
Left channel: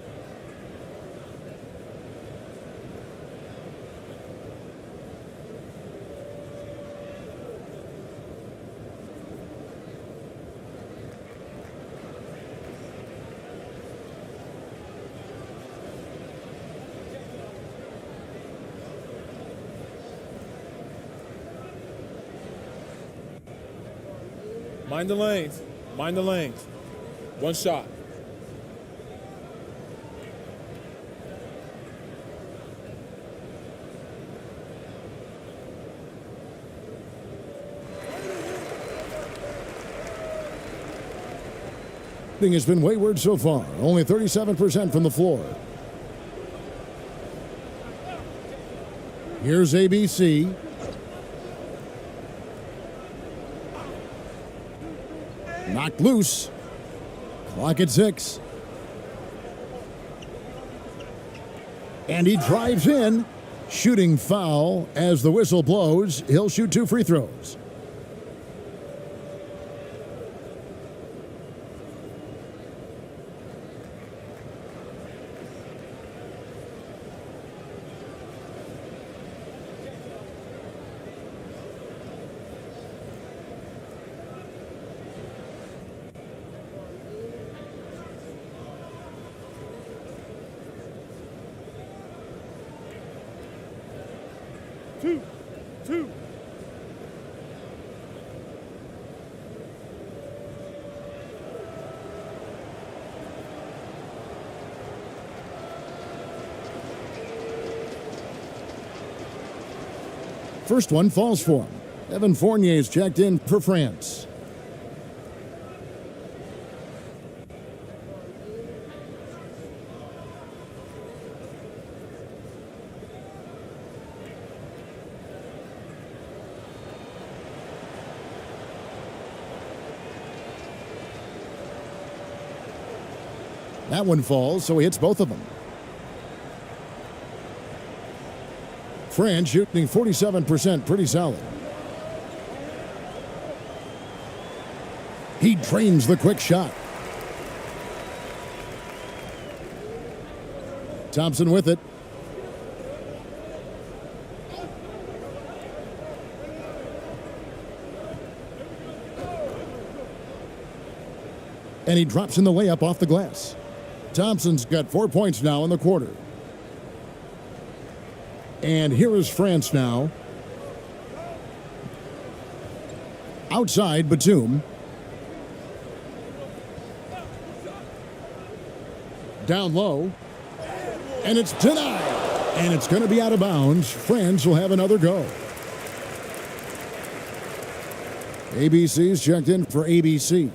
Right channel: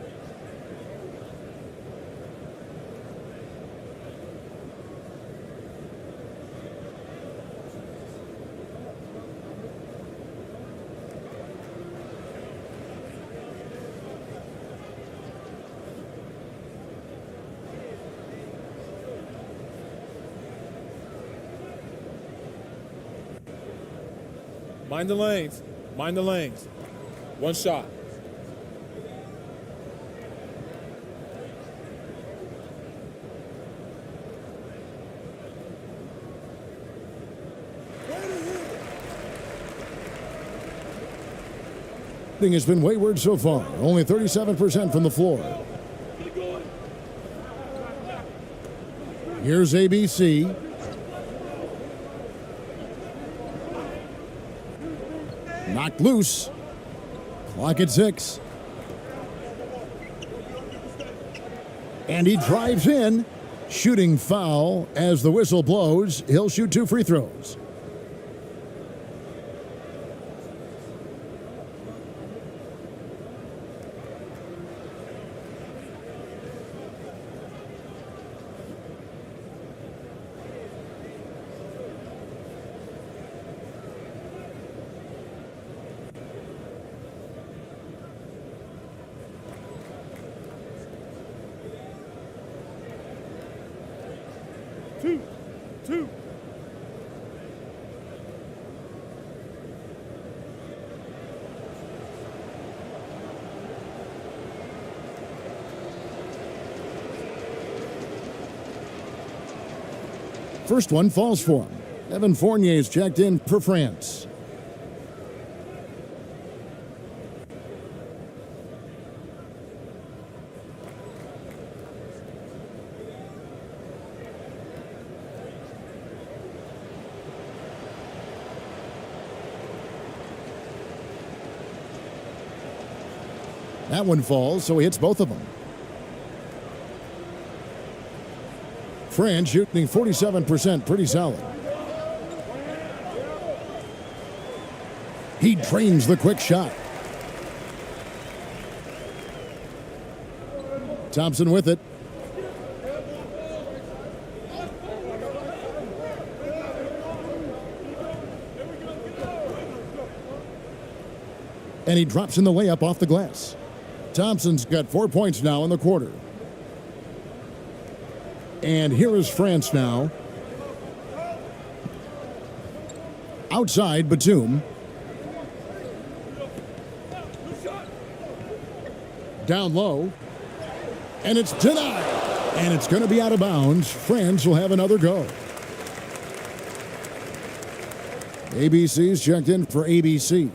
Mind the lanes. Mind the lanes. One shot. Shooting has been wayward so far. Only 37% from the floor. Here's ABC. Knocked loose. Clock at 6. And he drives in. Shooting foul as the whistle blows. He'll shoot 2 free throws. Two. First one falls for him. Evan Fournier's checked in for France. That one falls, so he hits both of them. France shooting 47%, pretty solid. He drains the quick shot. Thompson with it. And he drops in the layup off the glass. Thompson's got 4 points now in the quarter. And here is France now. Outside, Batum. Down low. And it's denied. And it's going to be out of bounds. France will have another go. ABC's checked in for ABC.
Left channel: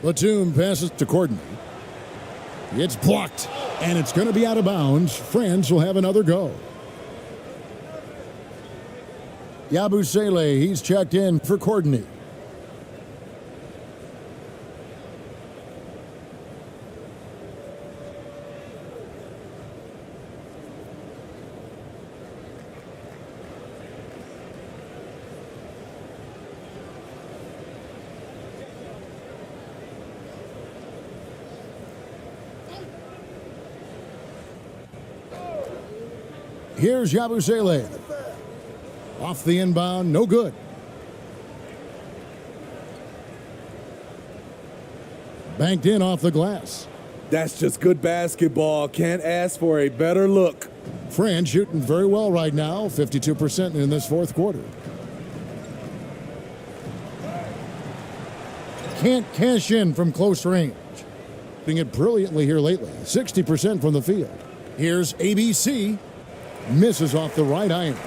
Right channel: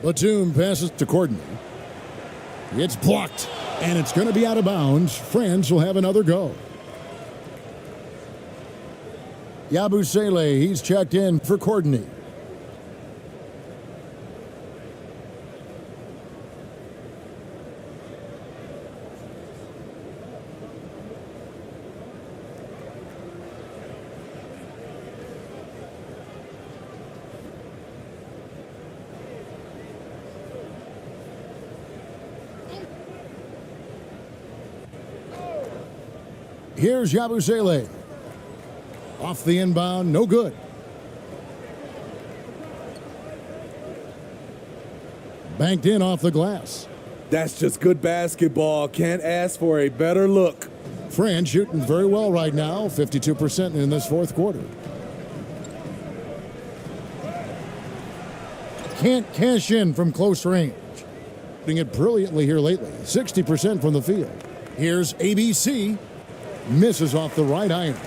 Batum passes to Courtney. It's blocked, and it's going to be out of bounds. France will have another go. Yabusele, he's checked in for Courtney. Here's Yabusele. Off the inbound, no good. Banked in off the glass. That's just good basketball. Can't ask for a better look. France shooting very well right now, 52% in this fourth quarter. Can't cash in from close range. Doing it brilliantly here lately, 60% from the field. Here's ABC. Misses off the right iron.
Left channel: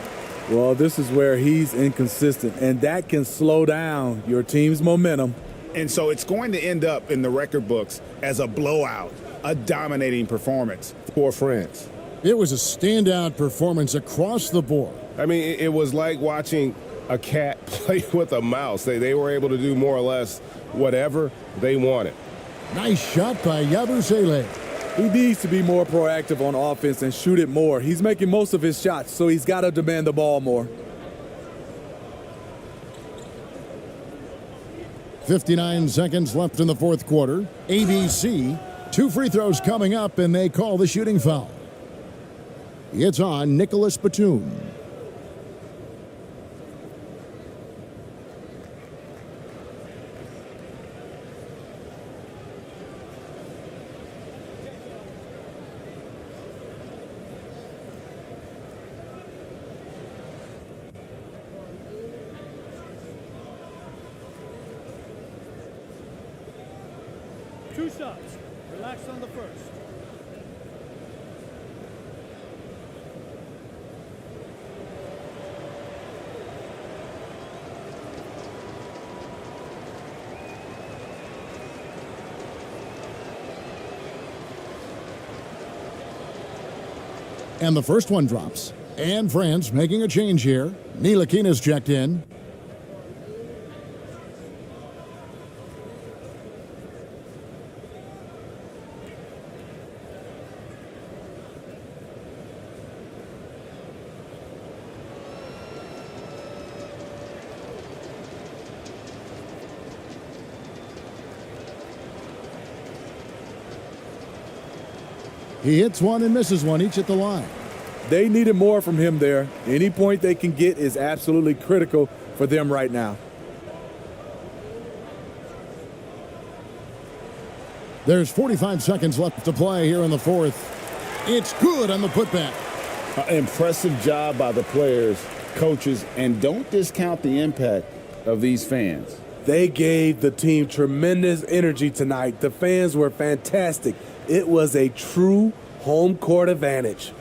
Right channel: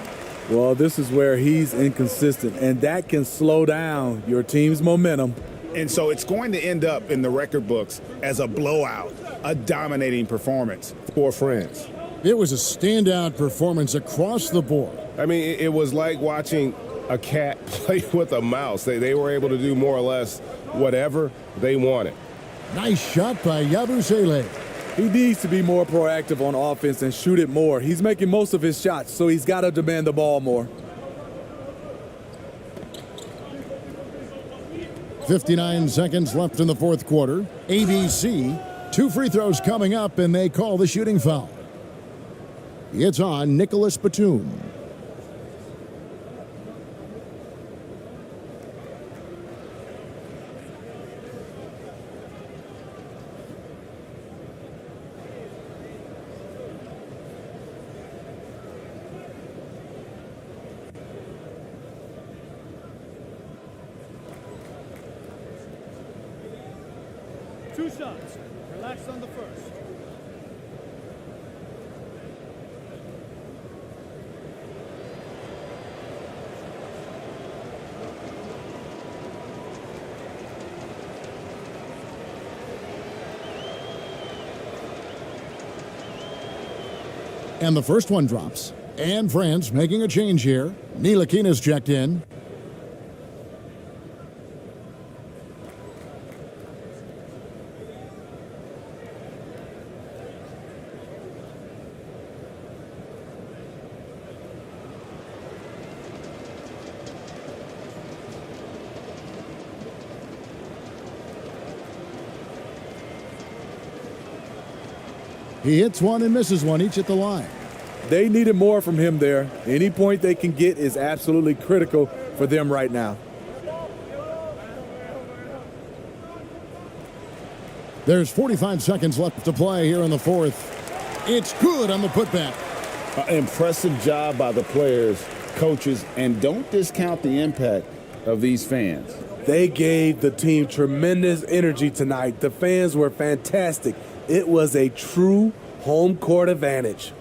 Well, this is where he's inconsistent, and that can slow down your team's momentum. And so it's going to end up in the record books as a blowout, a dominating performance for France. It was a standout performance across the board. I mean, it was like watching a cat play with a mouse. They were able to do more or less whatever they wanted. Nice shot by Yabusele. He needs to be more proactive on offense and shoot it more. He's making most of his shots, so he's got to demand the ball more. 59 seconds left in the fourth quarter. ABC, 2 free throws coming up, and they call the shooting foul. It's on Nicholas Batum. Two shots. Relax on the first. And the first one drops. And France making a change here. Ntilikina's checked in. He hits one and misses one, each at the line. They needed more from him there. Any point they can get is absolutely critical for them right now. There's 45 seconds left to play here in the fourth. It's good on the putback. Impressive job by the players, coaches, and don't discount the impact of these fans. They gave the team tremendous energy tonight. The fans were fantastic. It was a true home court advantage.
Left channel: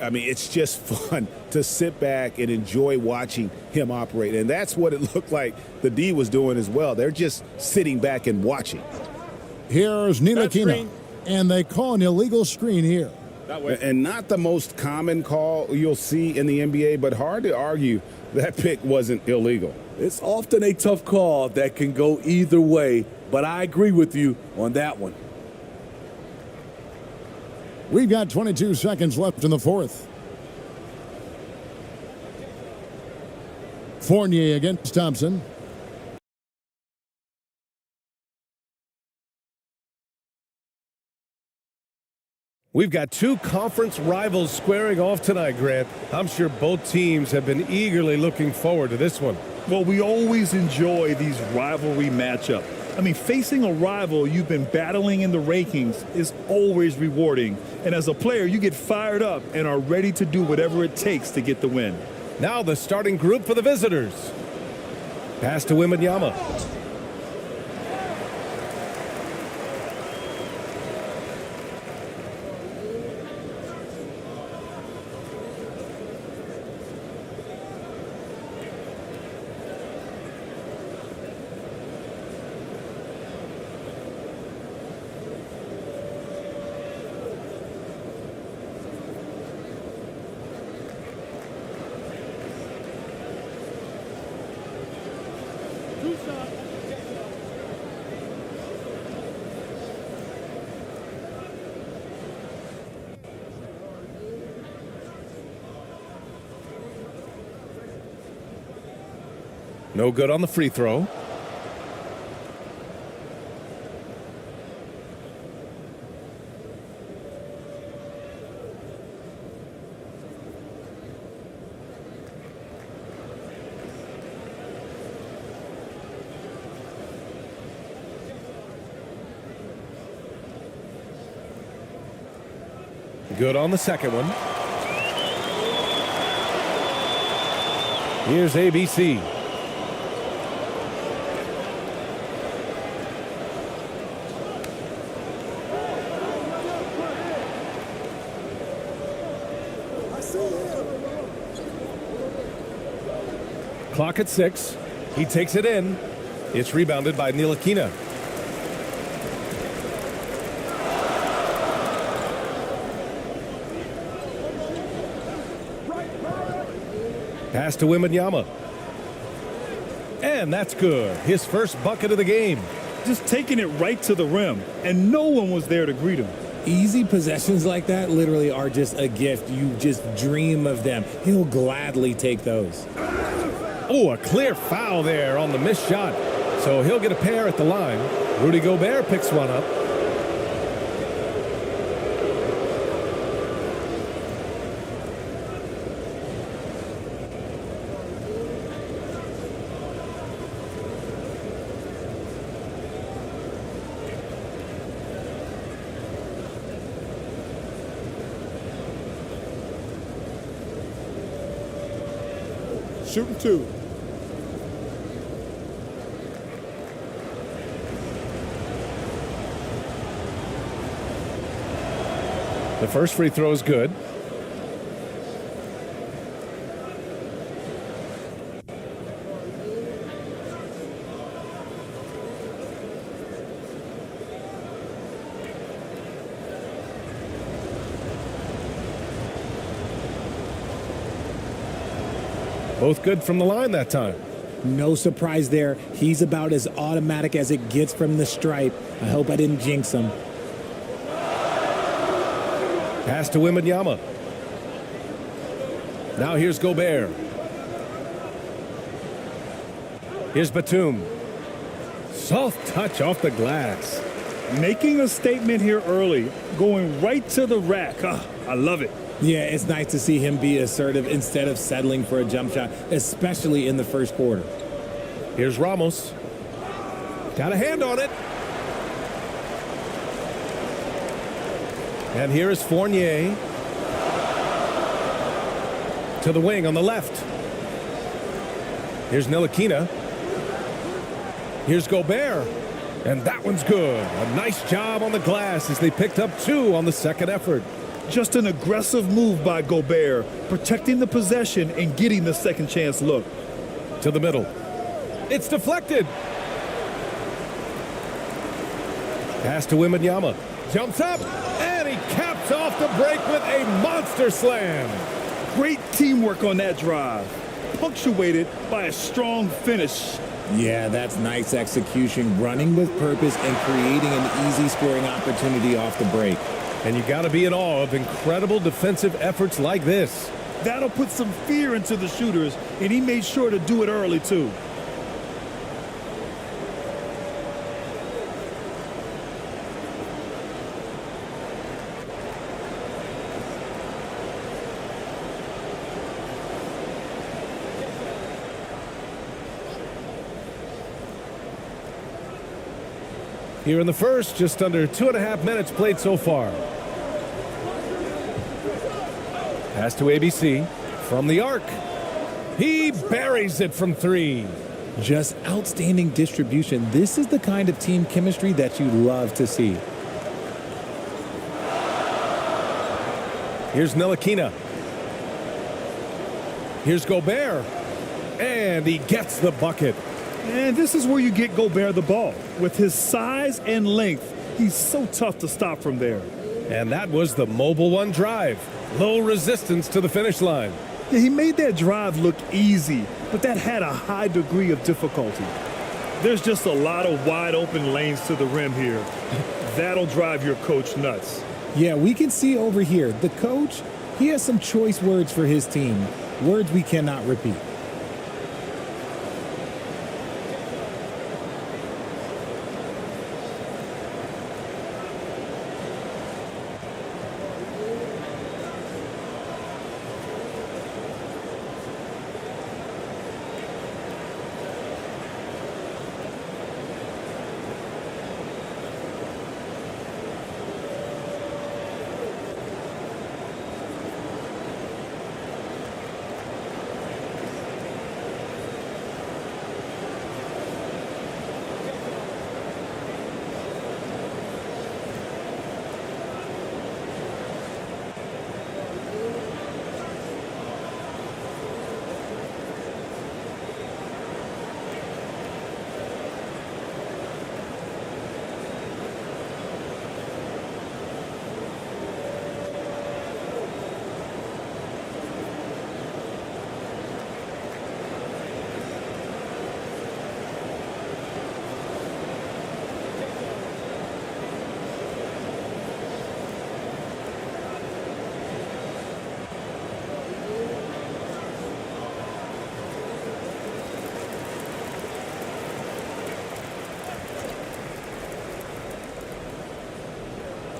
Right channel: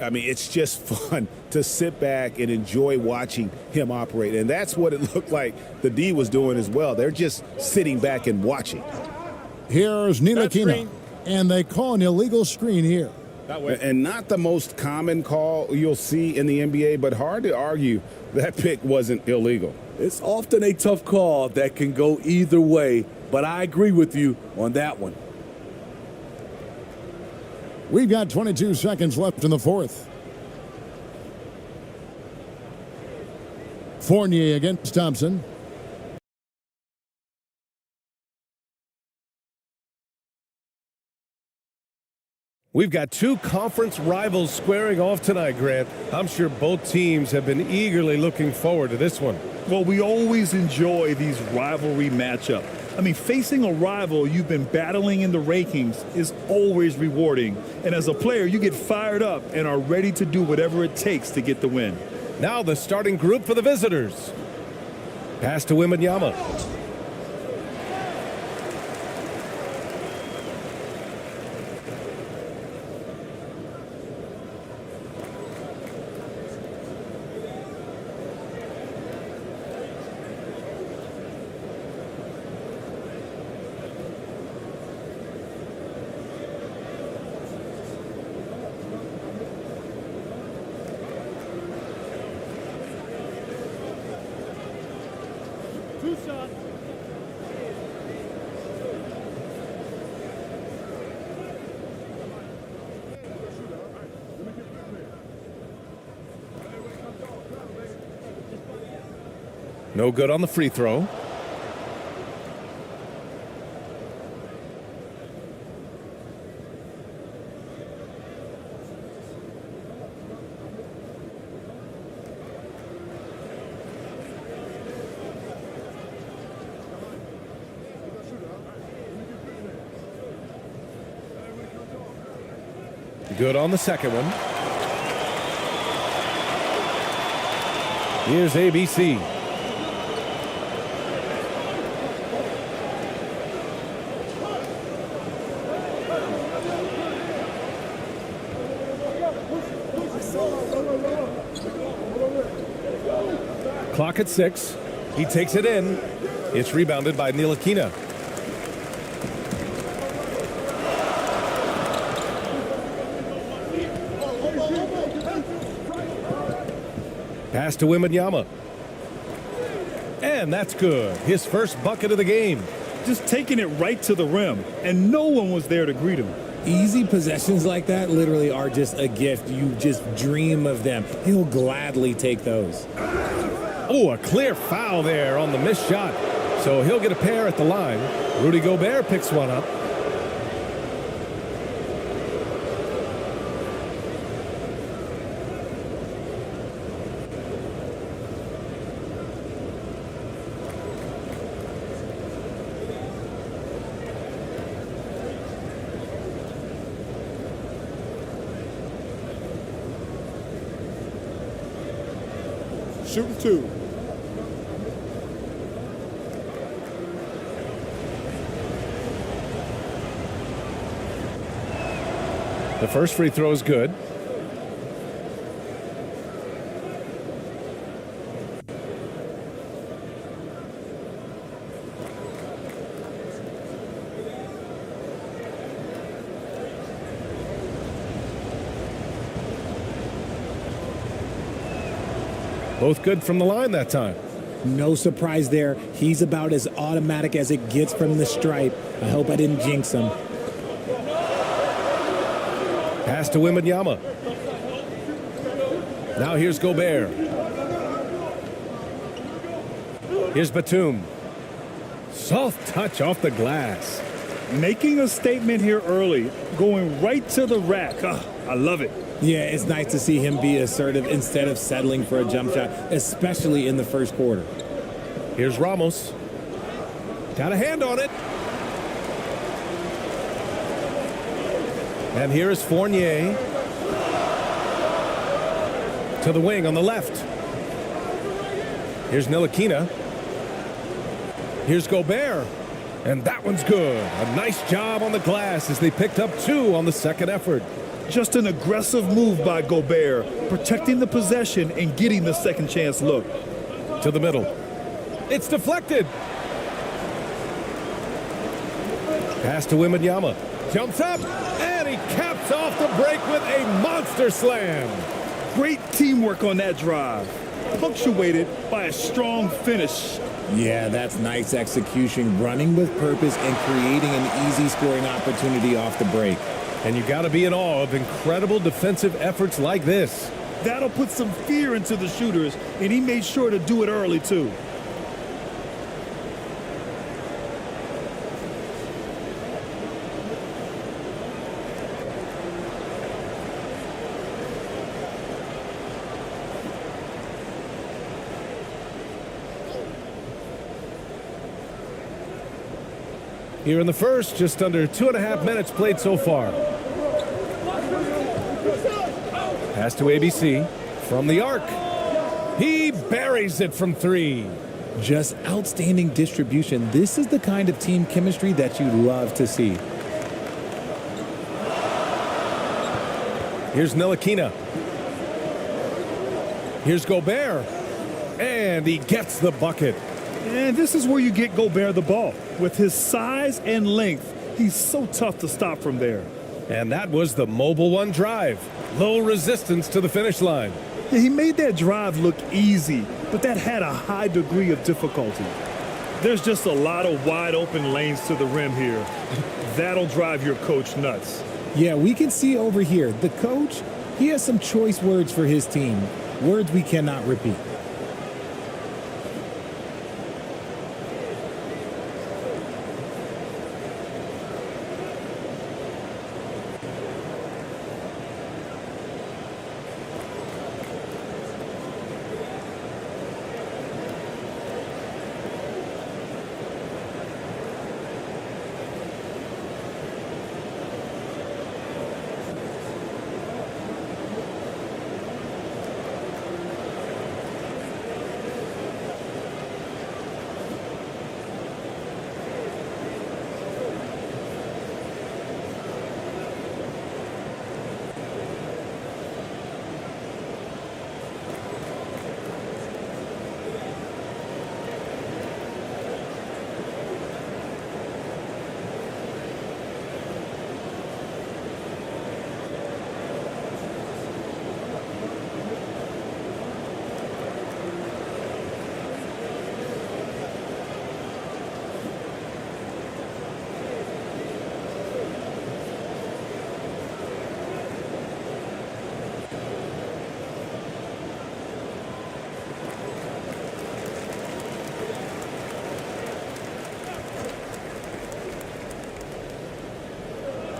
I mean, it's just fun to sit back and enjoy watching him operate. And that's what it looked like the D was doing as well. They're just sitting back and watching. Here's Ntilikina, and they call an illegal screen here. And not the most common call you'll see in the NBA, but hard to argue that pick wasn't illegal. It's often a tough call that can go either way, but I agree with you on that one. We've got 22 seconds left in the fourth. Fournier against Thompson. We've got two conference rivals squaring off tonight, Grant. I'm sure both teams have been eagerly looking forward to this one. Well, we always enjoy these rivalry matchups. I mean, facing a rival you've been battling in the rankings is always rewarding. And as a player, you get fired up and are ready to do whatever it takes to get the win. Now the starting group for the visitors. Pass to Wembanyama. Two shots. No good on the free throw. Good on the second one. Here's ABC. Clock at 6. He takes it in. It's rebounded by Ntilikina. Pass to Wembanyama. And that's good. His first bucket of the game. Just taking it right to the rim, and no one was there to greet him. Easy possessions like that literally are just a gift. You just dream of them. He'll gladly take those. Oh, a clear foul there on the missed shot. So he'll get a pair at the line. Rudy Gobert picks one up. Shooting 2. The first free throw is good. Both good from the line that time. No surprise there. He's about as automatic as it gets from the stripe. I hope I didn't jinx him. Pass to Wembanyama. Now here's Gobert. Here's Batum. Soft touch off the glass. Making a statement here early, going right to the rack. I love it. Yeah, it's nice to see him be assertive instead of settling for a jump shot, especially in the first quarter. Here's Ramos. Got a hand on it. And here is Fournier. To the wing on the left. Here's Ntilikina. Here's Gobert. And that one's good. A nice job on the glass as they picked up 2 on the second effort. Just an aggressive move by Gobert, protecting the possession and getting the second chance look. To the middle. It's deflected. Pass to Wembanyama. Jumps up, and he caps off the break with a monster slam. Great teamwork on that drive, punctuated by a strong finish. Yeah, that's nice execution, running with purpose and creating an easy scoring opportunity off the break. And you got to be in awe of incredible defensive efforts like this. That'll put some fear into the shooters, and he made sure to do it early, too. Here in the first, just under 2.5 minutes played so far. Pass to ABC from the arc. He buries it from 3. Just outstanding distribution. This is the kind of team chemistry that you love to see. Here's Ntilikina. Here's Gobert. And he gets the bucket. And this is where you get Gobert the ball. With his size and length, he's so tough to stop from there. And that was the Mobile One drive. Low resistance to the finish line. Yeah, he made that drive look easy, but that had a high degree of difficulty. There's just a lot of wide open lanes to the rim here. That'll drive your coach nuts. Yeah, we can see over here, the coach, he has some choice words for his team. Words we cannot repeat.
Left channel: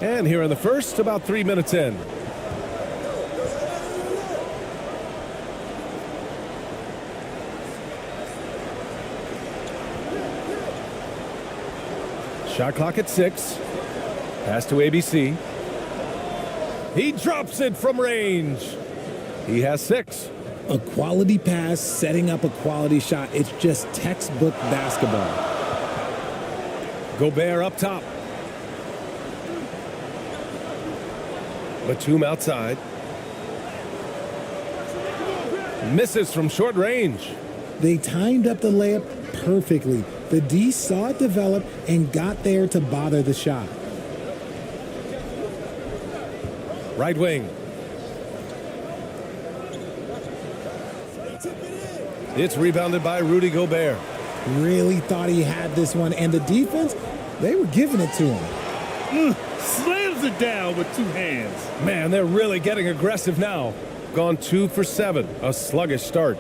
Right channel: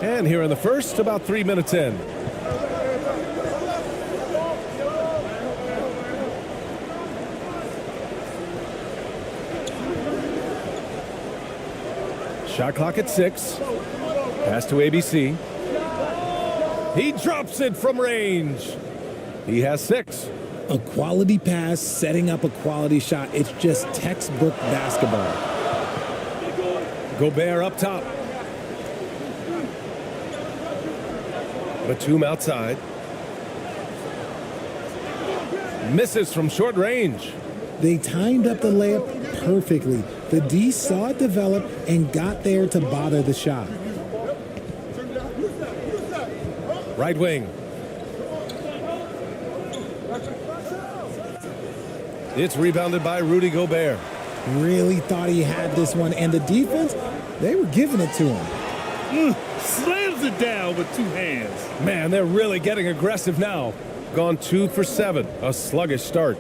And here in the first, about 3 minutes in. Shot clock at 6. Pass to ABC. He drops it from range. He has 6. A quality pass, setting up a quality shot. It's just textbook basketball. Gobert up top. Batum outside. Misses from short range. They timed up the layup perfectly. The D saw it develop and got there to bother the shot. Right wing. It's rebounded by Rudy Gobert. Really thought he had this one, and the defense, they were giving it to him. Slams it down with 2 hands. Man, they're really getting aggressive now. Gone 2 for 7. A sluggish start.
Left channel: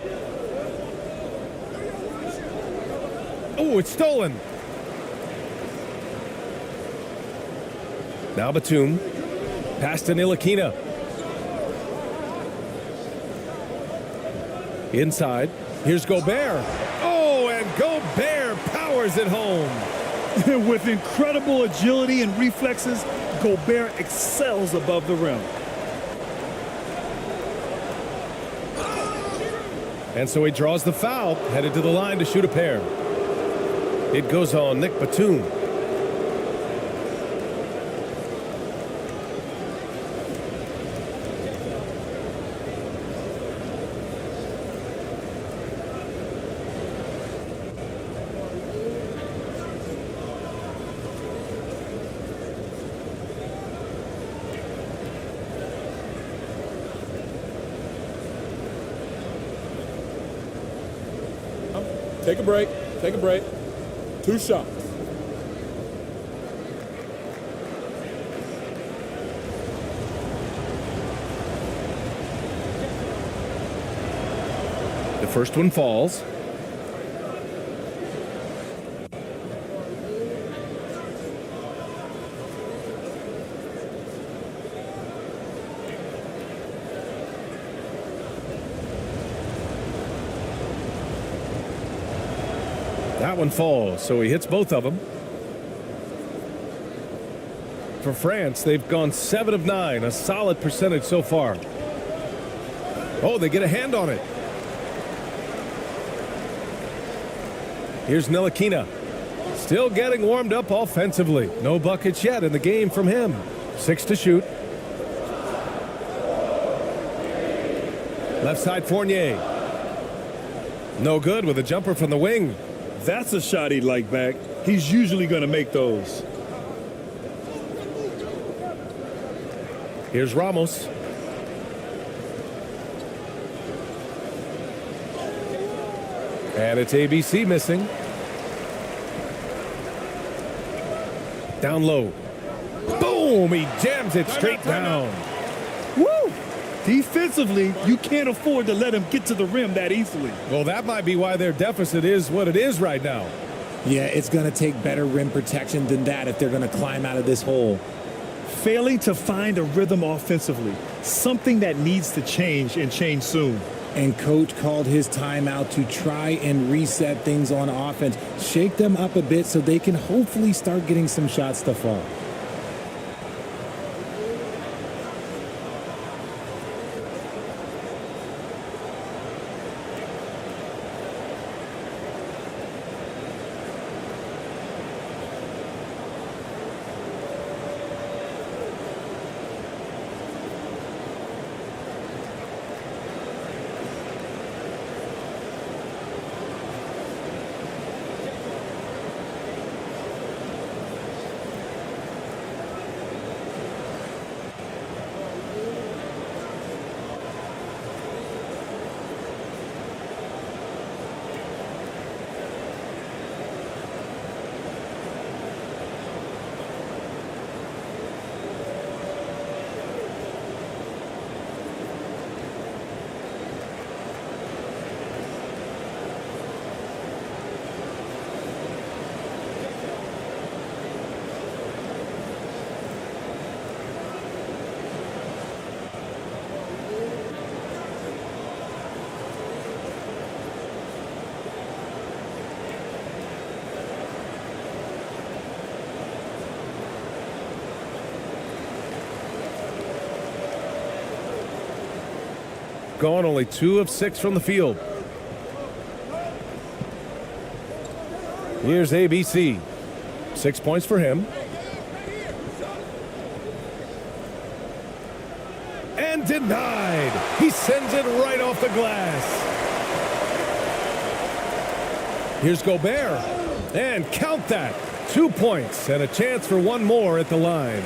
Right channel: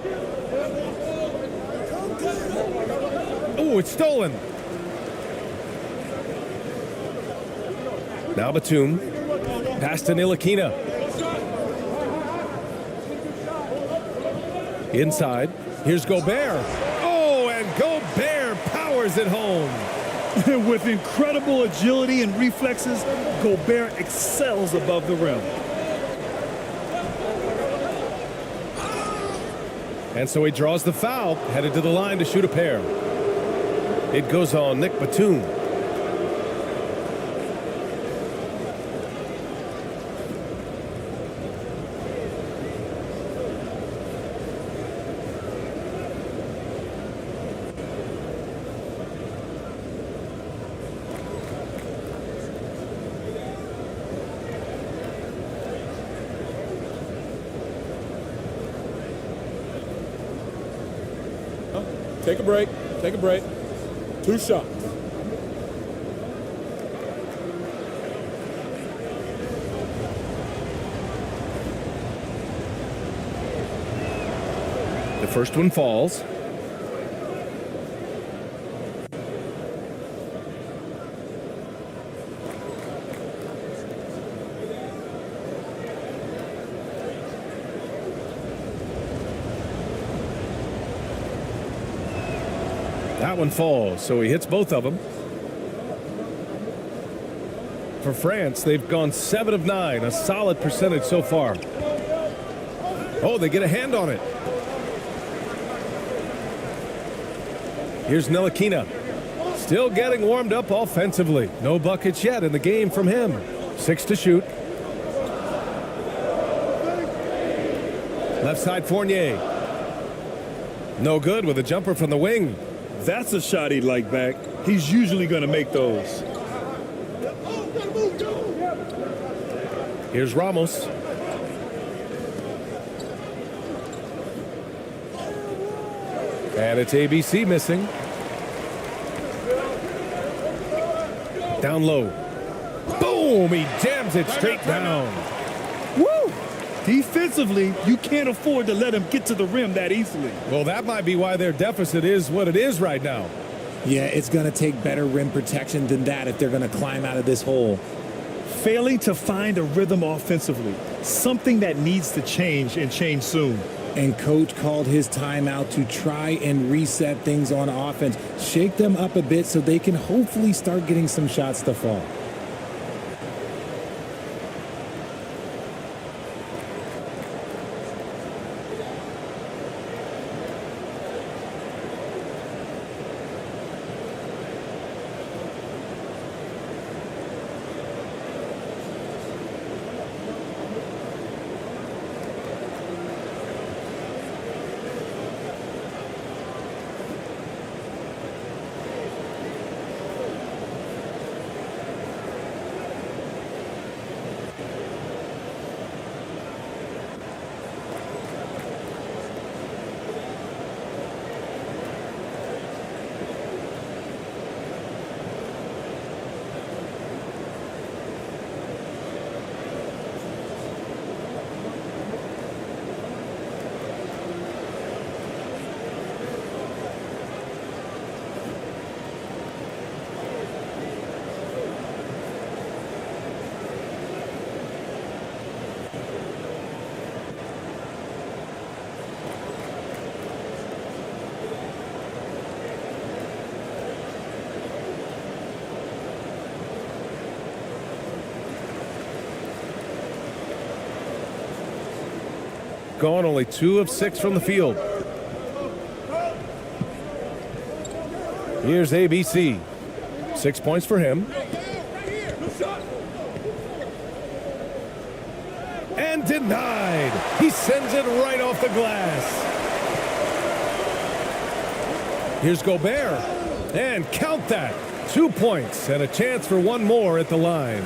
Oh, it's stolen. Now Batum. Pass to Ntilikina. Inside. Here's Gobert. Oh, and Gobert powers it home. With incredible agility and reflexes, Gobert excels above the rim. And so he draws the foul, headed to the line to shoot a pair. It goes on Nick Batum. Take a break. Take a break. 2 shots. The first one falls. That one falls, so he hits both of them. For France, they've gone 7 of 9, a solid percentage so far. Oh, they get a hand on it. Here's Ntilikina. Still getting warmed up offensively. No buckets yet in the game from him. 6 to shoot. Left side Fournier. No good with a jumper from the wing. That's a shot he'd like back. He's usually going to make those. Here's Ramos. And it's ABC missing. Down low. Boom! He jams it straight down. Woo! Defensively, you can't afford to let him get to the rim that easily. Well, that might be why their deficit is what it is right now. Yeah, it's going to take better rim protection than that if they're going to climb out of this hole. Failing to find a rhythm offensively, something that needs to change and change soon. And coach called his timeout to try and reset things on offense, shake them up a bit so they can hopefully start getting some shots to fall. gone only 2 of 6 from the field. Here's ABC. 6 points for him. And denied. He sends it right off the glass. Here's Gobert. And count that. 2 points and a chance for one more at the line.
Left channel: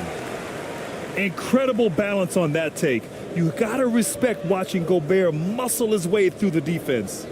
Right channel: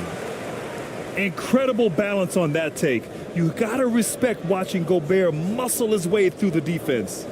Incredible balance on that take. You gotta respect watching Gobert muscle his way through the defense.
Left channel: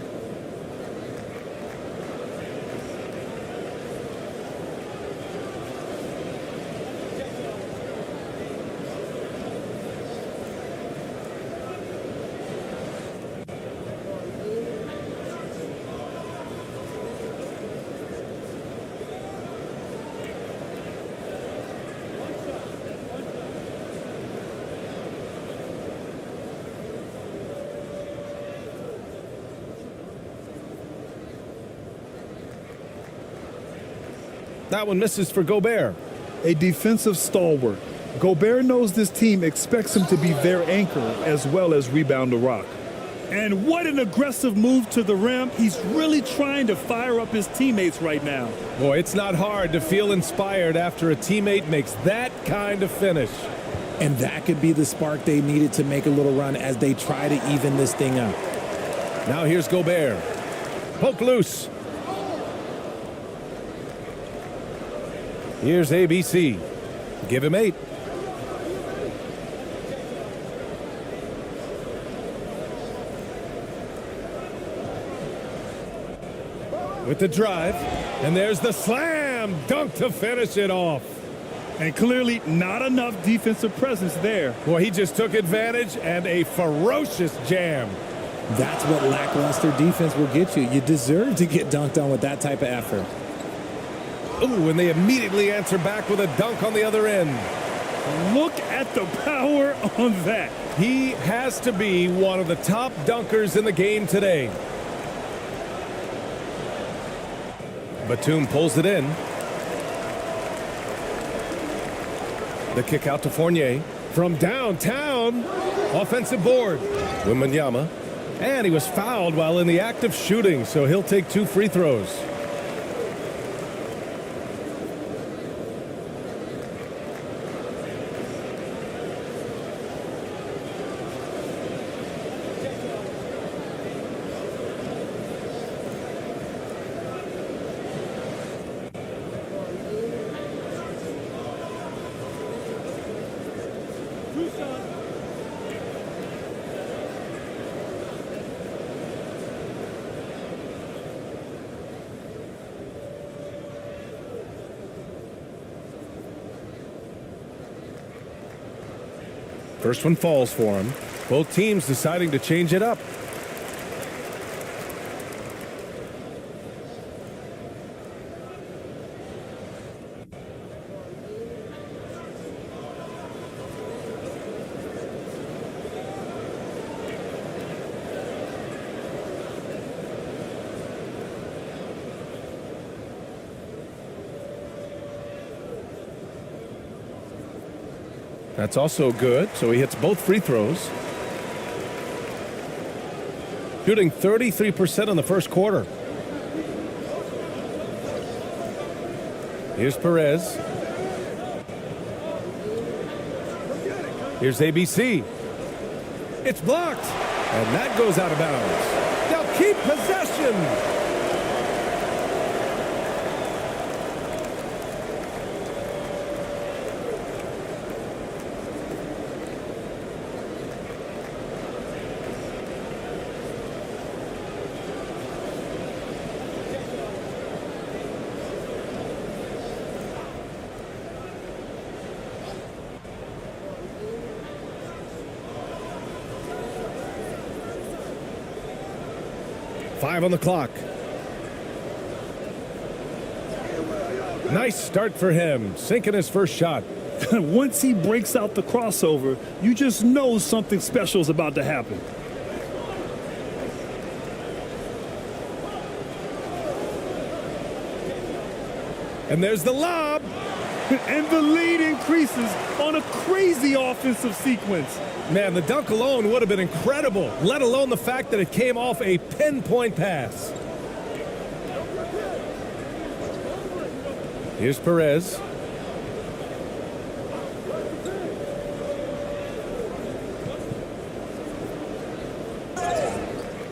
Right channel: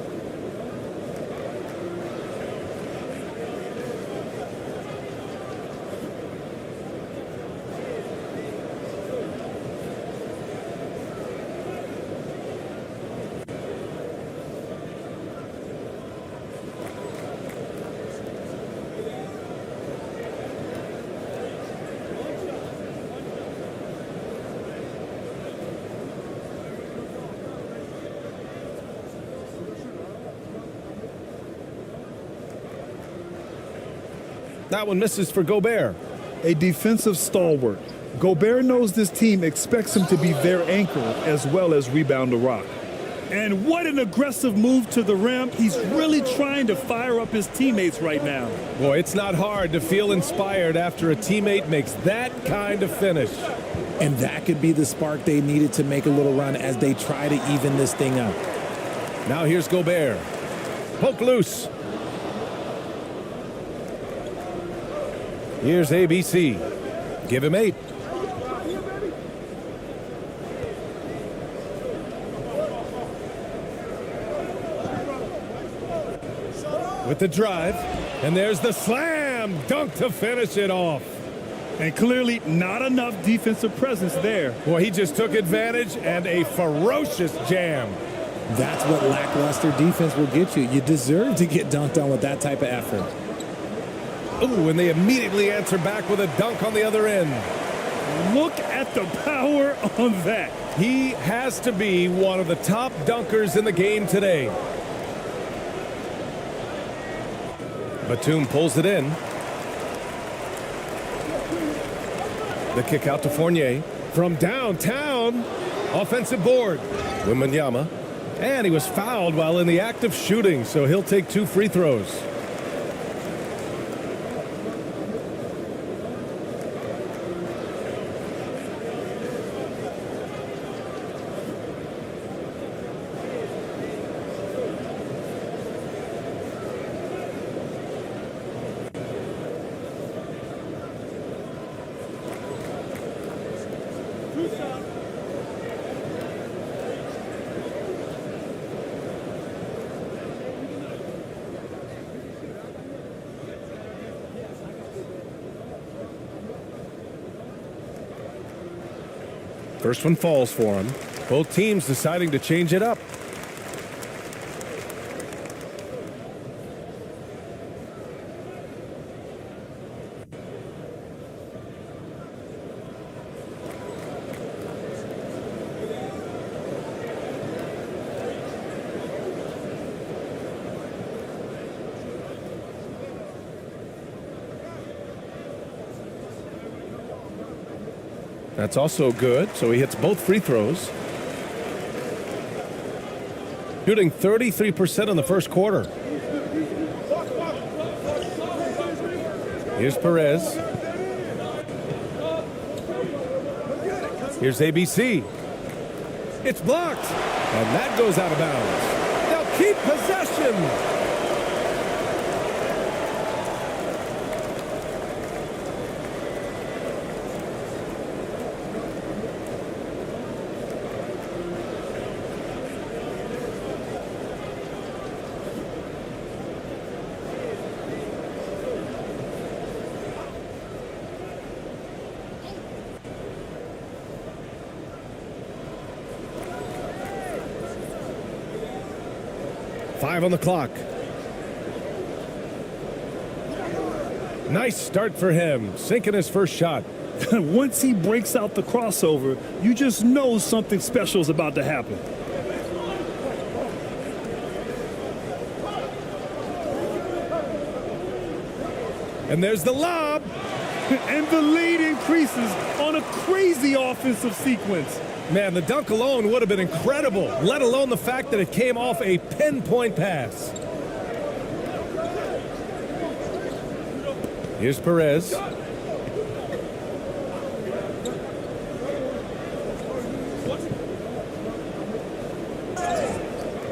That one misses for Gobert. A defensive stalwart. Gobert knows this team expects him to be their anchor as well as rebound the rock. And what an aggressive move to the rim. He's really trying to fire up his teammates right now. Boy, it's not hard to feel inspired after a teammate makes that kind of finish. And that could be the spark they needed to make a little run as they try to even this thing up. Now here's Gobert. Poke loose. Here's ABC. Give him 8. With the drive, and there's the slam dunk to finish it off. And clearly not enough defensive presence there. Boy, he just took advantage and a ferocious jam. That's what lackluster defense will get you. You deserve to get dunked on with that type of effort. Ooh, and they immediately answer back with a dunk on the other end. Look at the power on that. He has to be one of the top dunkers in the game today. Batum pulls it in. The kick out to Fournier. From downtown, offensive board. Wembanyama. And he was fouled while in the act of shooting, so he'll take 2 free throws. First one falls for him. Both teams deciding to change it up. That's also good, so he hits both free throws. Shooting 33% in the first quarter. Here's Perez. Here's ABC. It's blocked, and that goes out of bounds. They'll keep possession. Five on the clock. Nice start for him, sinking his first shot. Once he breaks out the crossover, you just know something special is about to happen. And there's the lob. And the lead increases on a crazy offensive sequence. Man, the dunk alone would have been incredible, let alone the fact that it came off a pinpoint pass. Here's Perez.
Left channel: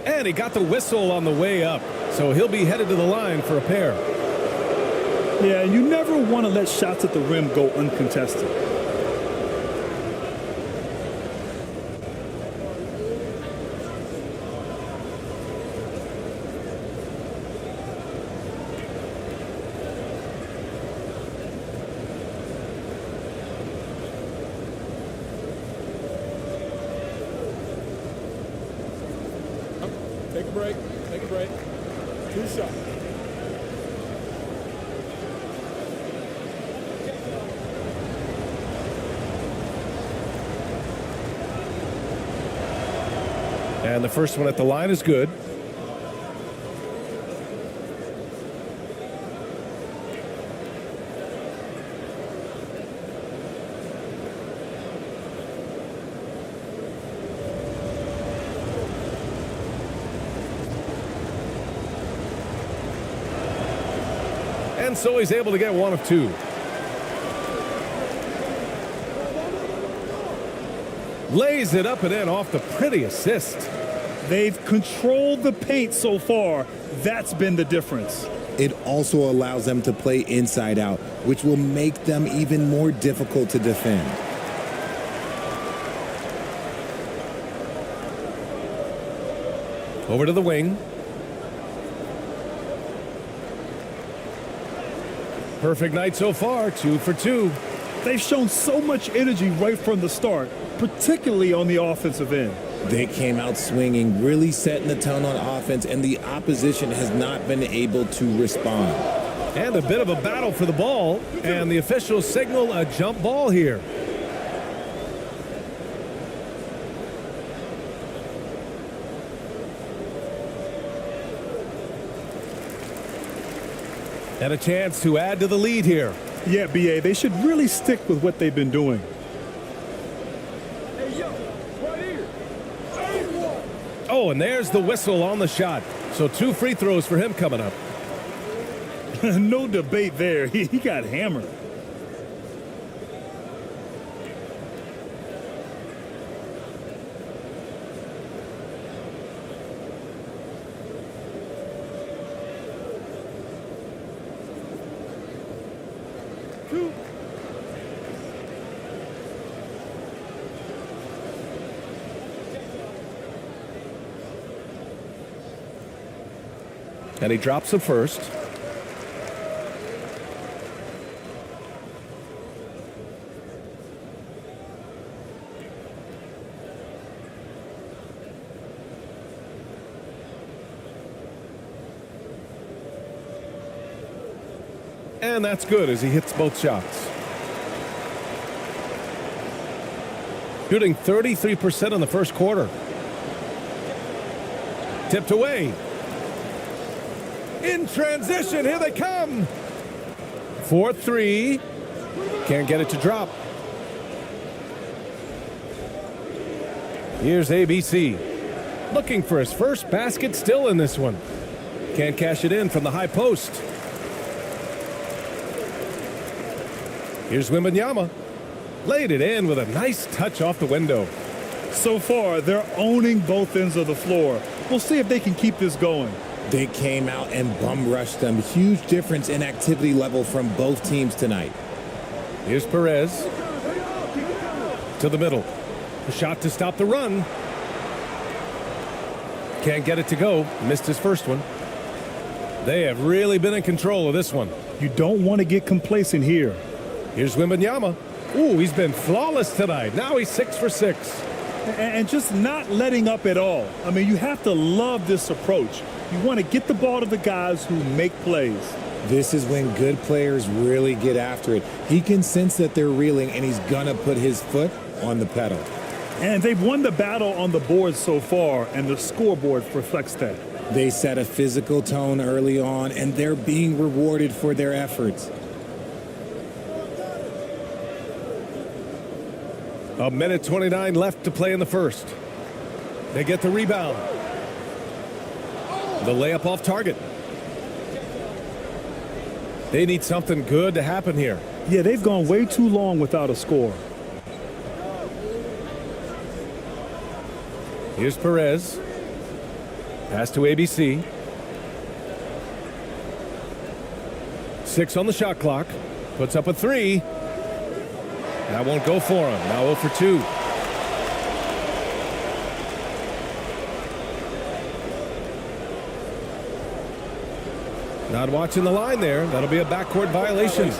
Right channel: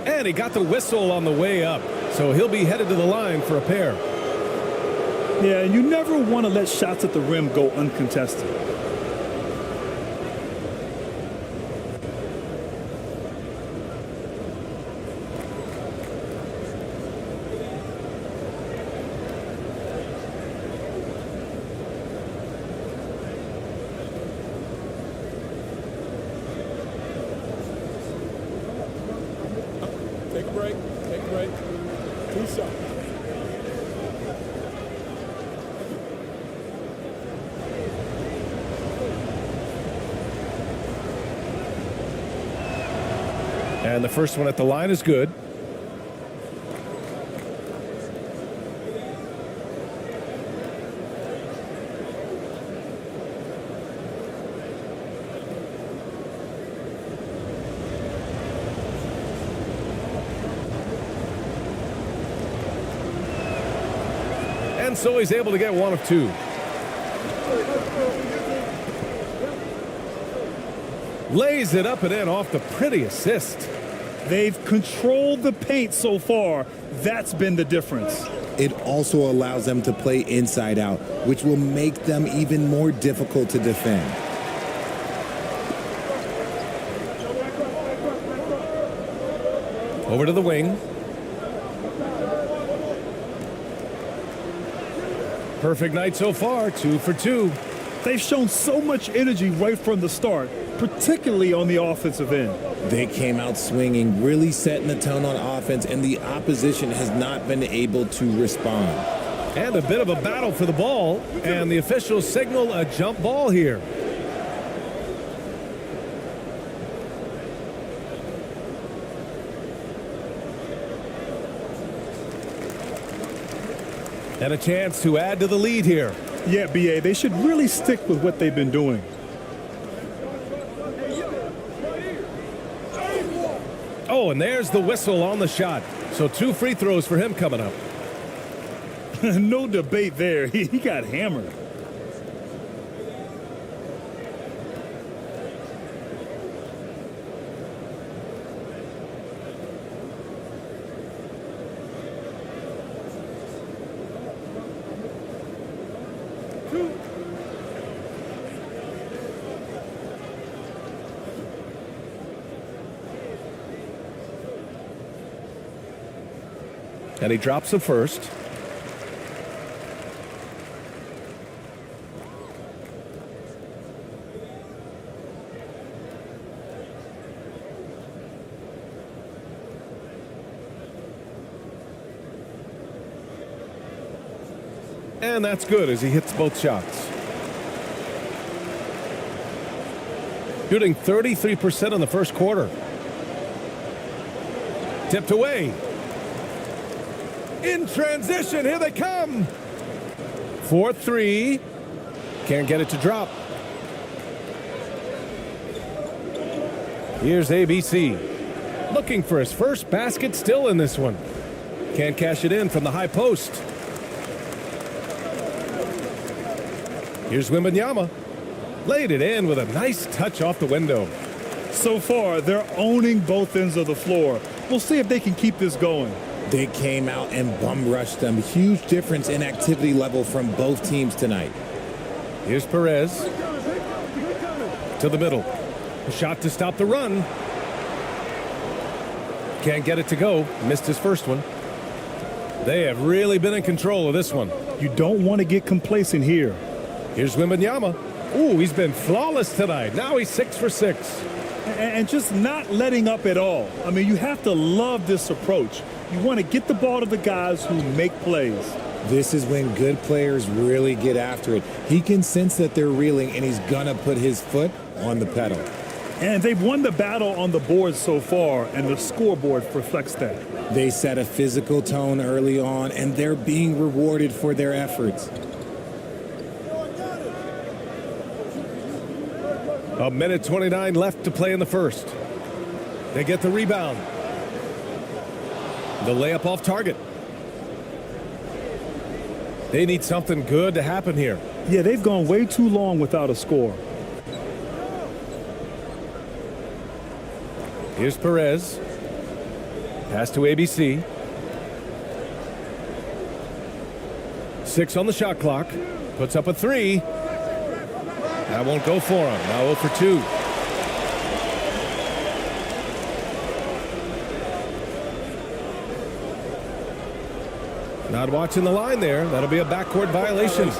And he got the whistle on the way up, so he'll be headed to the line for a pair. Yeah, and you never want to let shots at the rim go uncontested. Take a break. Take a break. 2 shots. And the first one at the line is good. And so he's able to get 1 of 2. Lays it up and in off the pretty assist. They've controlled the paint so far. That's been the difference. It also allows them to play inside out, which will make them even more difficult to defend. Over to the wing. Perfect night so far, 2 for 2. They've shown so much energy right from the start, particularly on the offensive end. They came out swinging, really setting the tone on offense, and the opposition has not been able to respond. And a bit of a battle for the ball, and the officials signal a jump ball here. And a chance to add to the lead here. Yeah, BA, they should really stick with what they've been doing. Oh, and there's the whistle on the shot. So 2 free throws for him coming up. No debate there. He got hammered. And he drops the first. And that's good as he hits both shots. Shooting 33% in the first quarter. Tipped away. In transition, here they come. 4-3. Can't get it to drop. Here's ABC. Looking for his first basket still in this one. Can't cash it in from the high post. Here's Wembanyama. Laid it in with a nice touch off the window. So far, they're owning both ends of the floor. We'll see if they can keep this going. They came out and bum rushed them. Huge difference in activity level from both teams tonight. Here's Perez. To the middle. A shot to stop the run. Can't get it to go. Missed his first one. They have really been in control of this one. You don't want to get complacent here. Here's Wembanyama. Ooh, he's been flawless tonight. Now he's 6 for 6. And just not letting up at all. I mean, you have to love this approach. You want to get the ball to the guys who make plays. This is when good players really get after it. He can sense that they're reeling, and he's going to put his foot on the pedal. And they've won the battle on the board so far, and the scoreboard reflects that. They set a physical tone early on, and they're being rewarded for their efforts. A minute 29 left to play in the first. They get the rebound. The layup off target. They need something good to happen here. Yeah, they've gone way too long without a score. Here's Perez. Pass to ABC. 6 on the shot clock. Puts up a 3. That won't go for him. Now 0 for 2. Not watching the line there. That'll be a backcourt violation.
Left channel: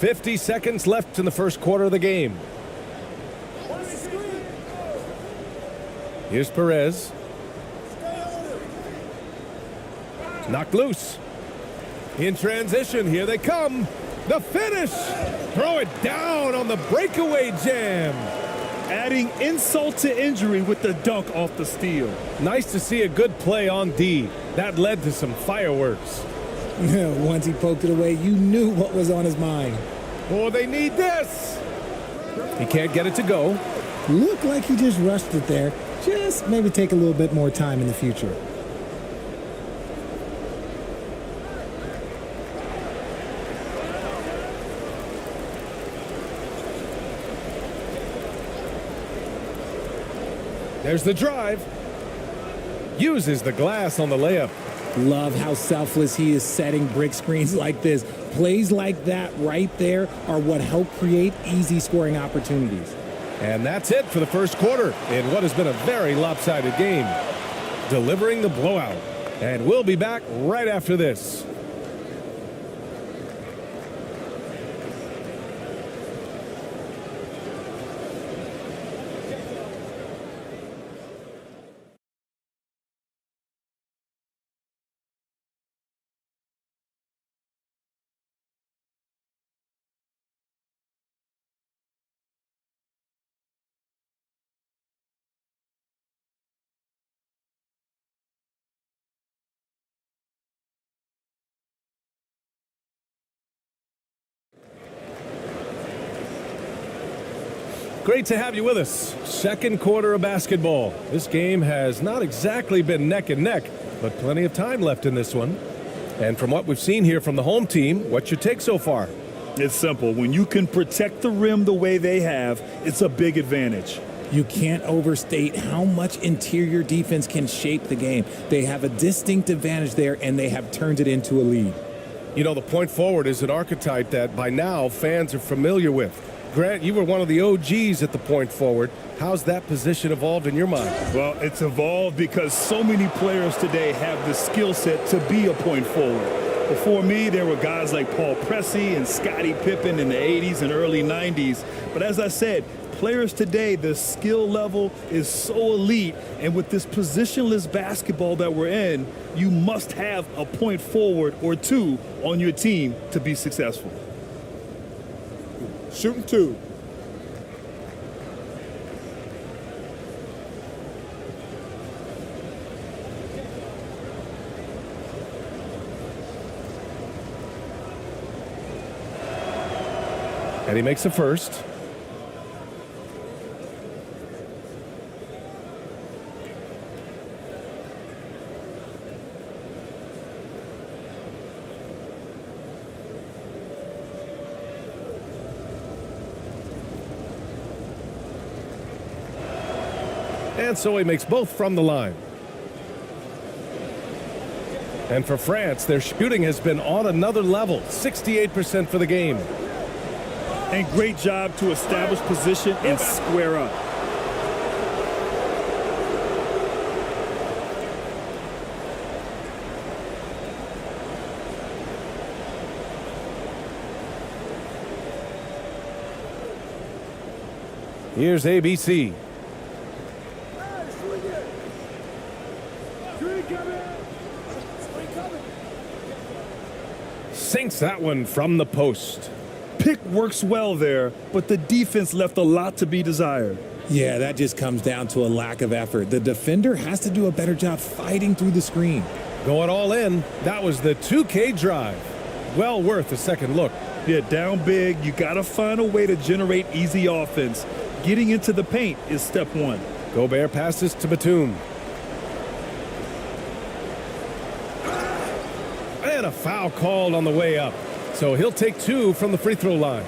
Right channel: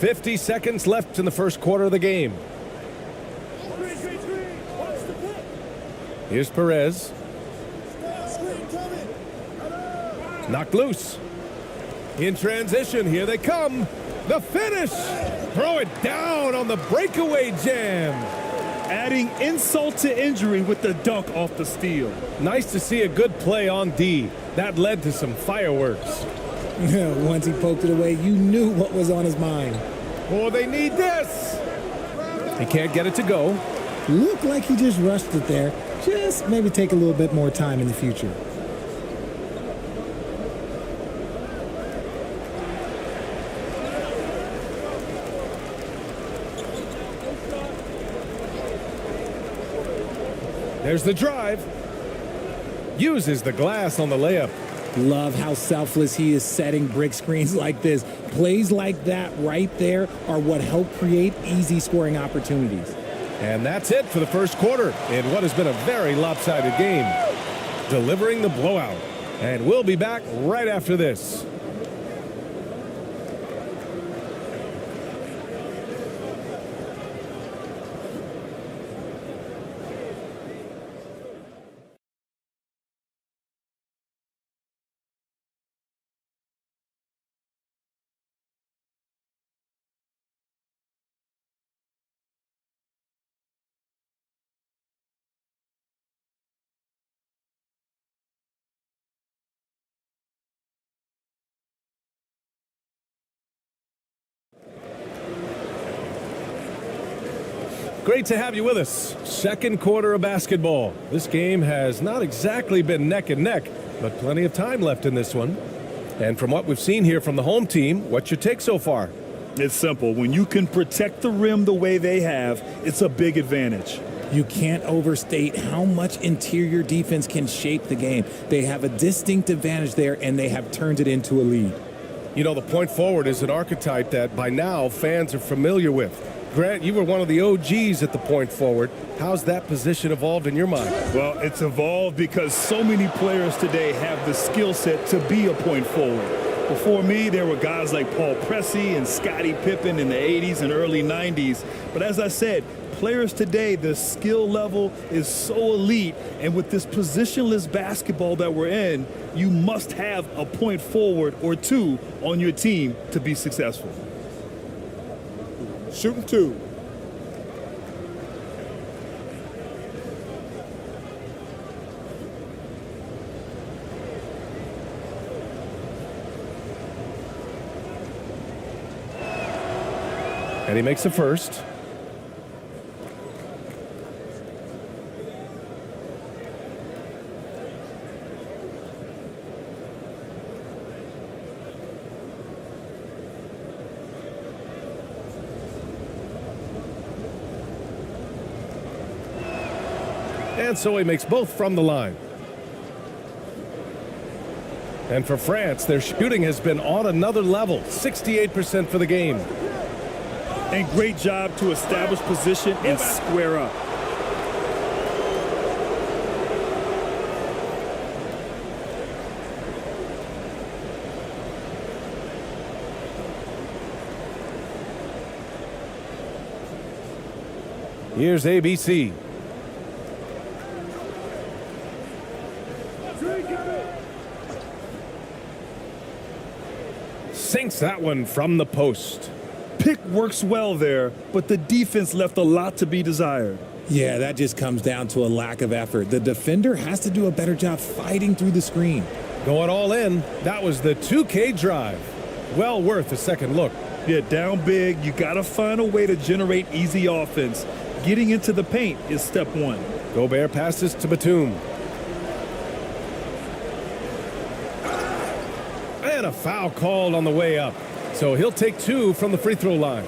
$50 seconds left in the first quarter of the game. Here's Perez. Knocked loose. In transition, here they come. The finish. Throw it down on the breakaway jam. Adding insult to injury with the dunk off the steal. Nice to see a good play on D. That led to some fireworks. Once he poked it away, you knew what was on his mind. Oh, they need this. He can't get it to go. Looked like he just rushed it there. Just maybe take a little bit more time in the future. There's the drive. Uses the glass on the layup. Love how selfless he is setting brick screens like this. Plays like that right there are what help create easy scoring opportunities. And that's it for the first quarter in what has been a very lopsided game. Delivering the blowout. And we'll be back right after this. Great to have you with us. Second quarter of basketball. This game has not exactly been neck and neck, but plenty of time left in this one. And from what we've seen here from the home team, what's your take so far? It's simple. When you can protect the rim the way they have, it's a big advantage. You can't overstate how much interior defense can shape the game. They have a distinct advantage there, and they have turned it into a lead. You know, the point forward is an archetype that by now fans are familiar with. Grant, you were one of the OGs at the point forward. How's that position evolved in your mind? Well, it's evolved because so many players today have the skill set to be a point forward. Before me, there were guys like Paul Pressey and Scottie Pippen in the 80s and early 90s. But as I said, players today, the skill level is so elite. And with this positionless basketball that we're in, you must have a point forward or two on your team to be successful. Shooting 2. And he makes the first. And so he makes both from the line. And for France, their shooting has been on another level, 68% for the game. And great job to establish position and square up. Here's ABC. Sinks that one from the post. Pick works well there, but the defense left a lot to be desired. Yeah, that just comes down to a lack of effort. The defender has to do a better job fighting through the screen. Going all in. That was the 2K drive. Well worth a second look. Yeah, down big. You got to find a way to generate easy offense. Getting into the paint is step one. Gobert passes to Batum. And a foul called on the way up. So he'll take 2 from the free throw line.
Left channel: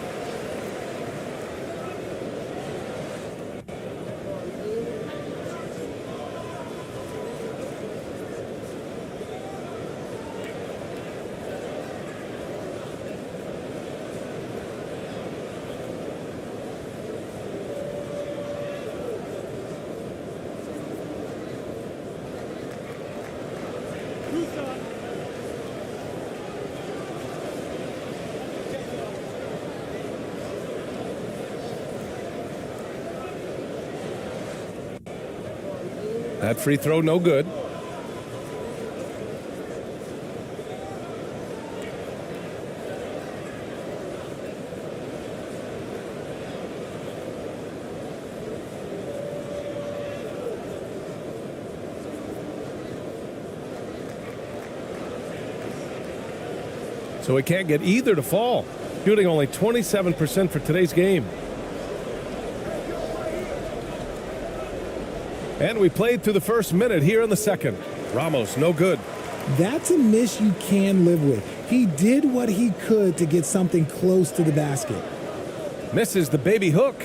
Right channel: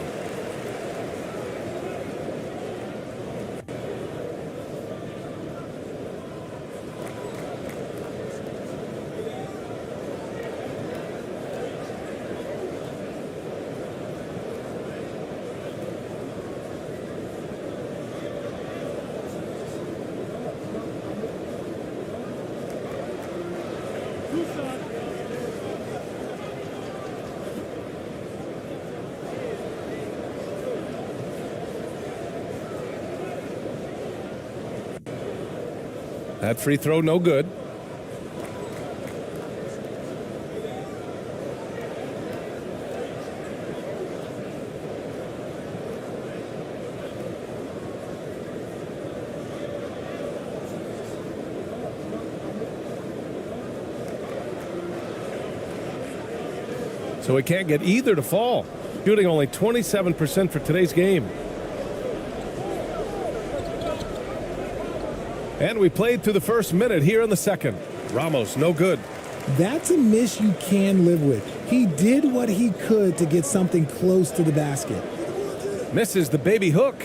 That free throw no good. So he can't get either to fall. Shooting only 27% for today's game. And we played through the first minute here in the second. Ramos, no good. That's a miss you can live with. He did what he could to get something close to the basket. Misses the baby hook.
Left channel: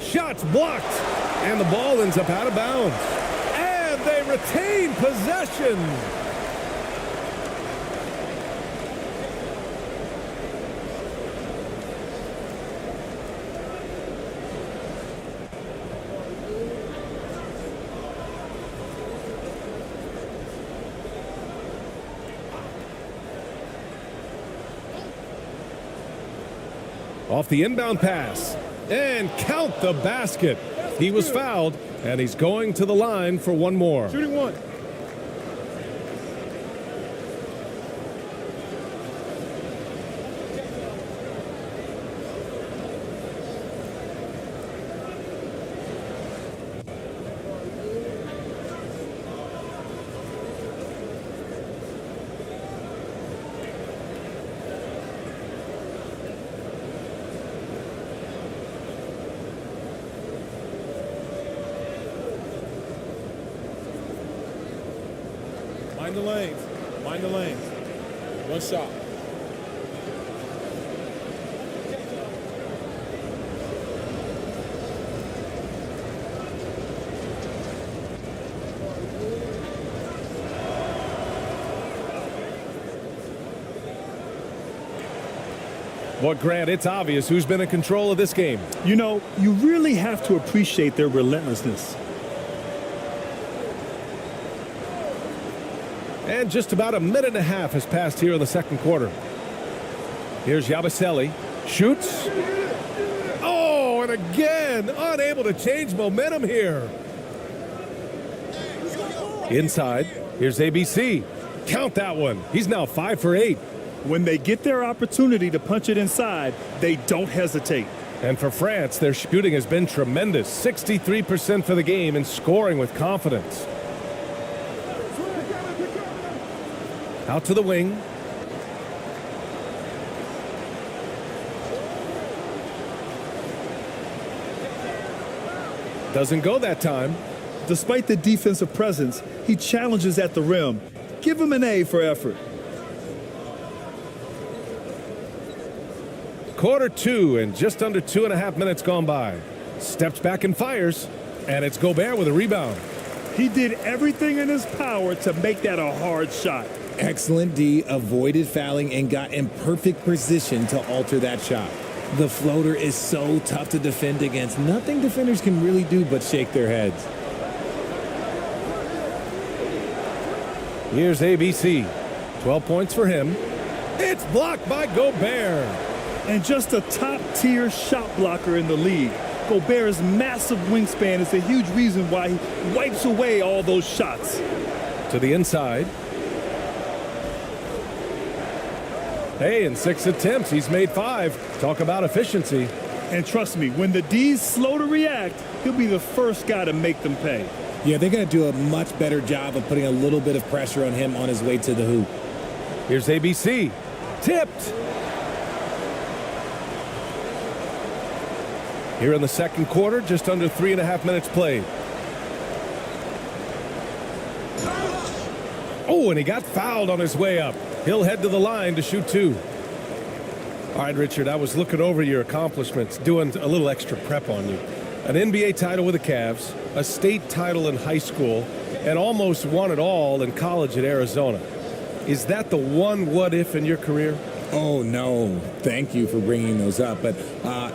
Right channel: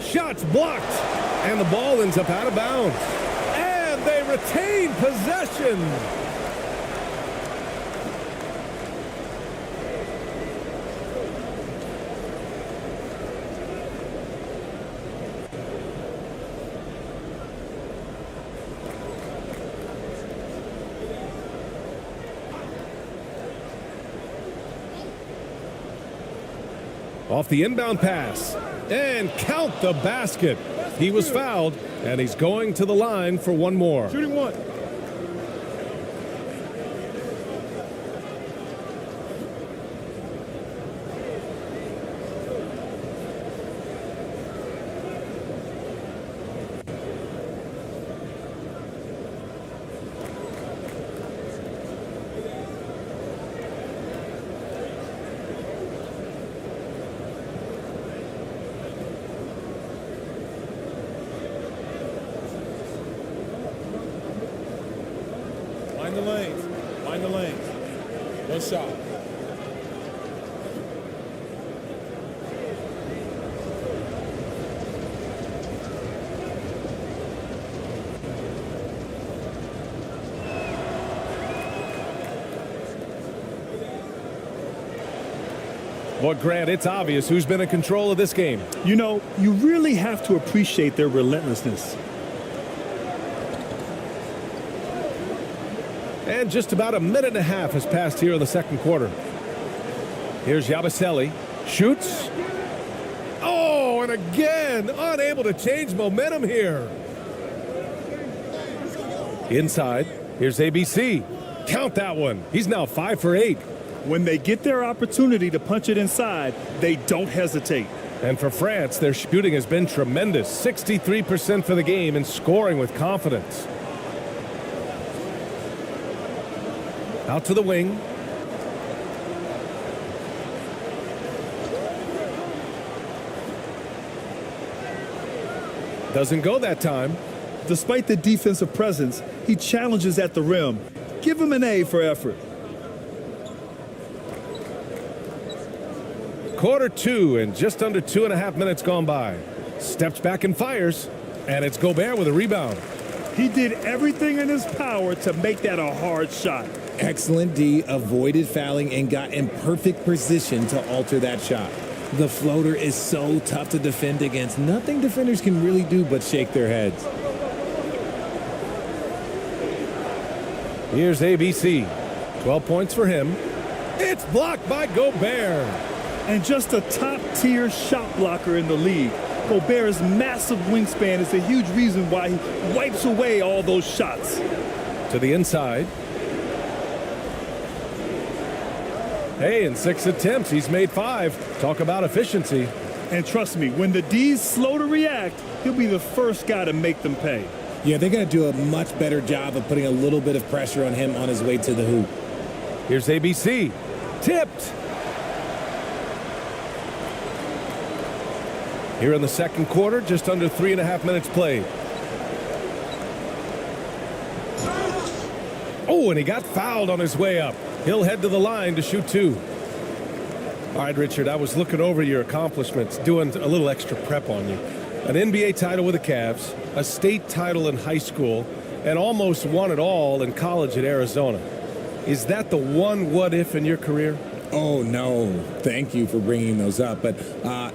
Shots blocked. And the ball ends up out of bounds. And they retain possession. Off the inbound pass. And count the basket. He was fouled, and he's going to the line for one more. Shooting one. Mind the lanes. Mind the lanes. One shot. Well, Grant, it's obvious who's been in control of this game. You know, you really have to appreciate their relentlessness. And just about a minute and a half has passed here in the second quarter. Here's Yabusele. Shoots. Oh, and again, unable to change momentum here. Inside. Here's ABC. Count that one. He's now 5 for 8. When they get their opportunity to punch it inside, they don't hesitate. And for France, their shooting has been tremendous. 63% for the game and scoring with confidence. Out to the wing. Doesn't go that time. Despite the defensive presence, he challenges at the rim. Give him an A for effort. Quarter 2 and just under 2.5 minutes gone by. Steps back and fires. And it's Gobert with a rebound. He did everything in his power to make that a hard shot. Excellent D, avoided fouling and got in perfect position to alter that shot. The floater is so tough to defend against. Nothing defenders can really do but shake their heads. Here's ABC. 12 points for him. It's blocked by Gobert. And just a top-tier shot blocker in the league. Gobert's massive wingspan is a huge reason why he wipes away all those shots. To the inside. Hey, in 6 attempts, he's made 5. Talk about efficiency. And trust me, when the D's slow to react, he'll be the first guy to make them pay. Yeah, they're going to do a much better job of putting a little bit of pressure on him on his way to the hoop. Here's ABC. Tipped. Here in the second quarter, just under 3.5 minutes played. Oh, and he got fouled on his way up. He'll head to the line to shoot 2. All right, Richard, I was looking over your accomplishments, doing a little extra prep on you. An NBA title with the Cavs, a state title in high school, and almost won it all in college at Arizona. Is that the one what-if in your career? Oh, no. Thank you for bringing those up. But,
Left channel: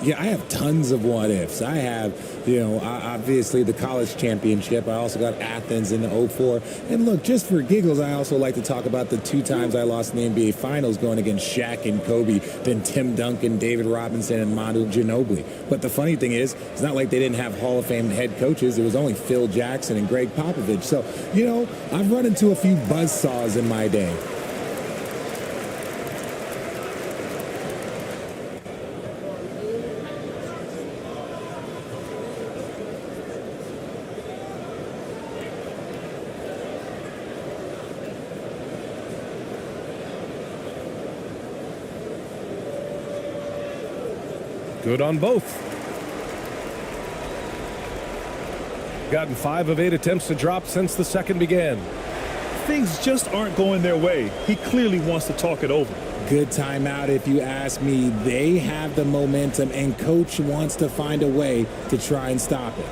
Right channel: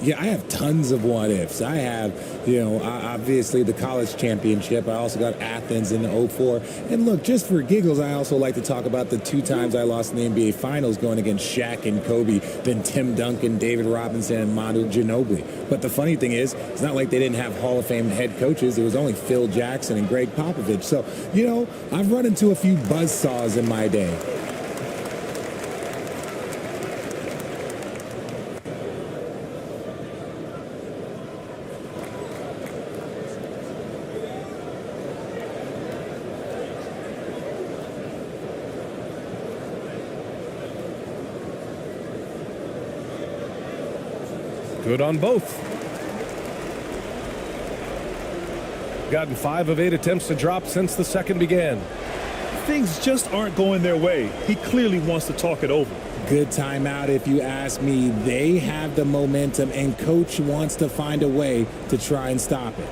yeah, I have tons of what-ifs. I have, obviously the college championship. I also got Athens in the 04. And, look, just for giggles, I also like to talk about the 2 times I lost in the NBA Finals going against Shaq and Kobe, then Tim Duncan, David Robinson, and Manu Ginobili. But the funny thing is, it's not like they didn't have Hall of Fame head coaches. It was only Phil Jackson and Greg Popovich. So, I've run into a few buzzsaws in my day. Good on both. Gotten 5 of 8 attempts to drop since the second began. Things just aren't going their way. He clearly wants to talk it over. Good timeout if you ask me. They have the momentum, and coach wants to find a way to try and stop it.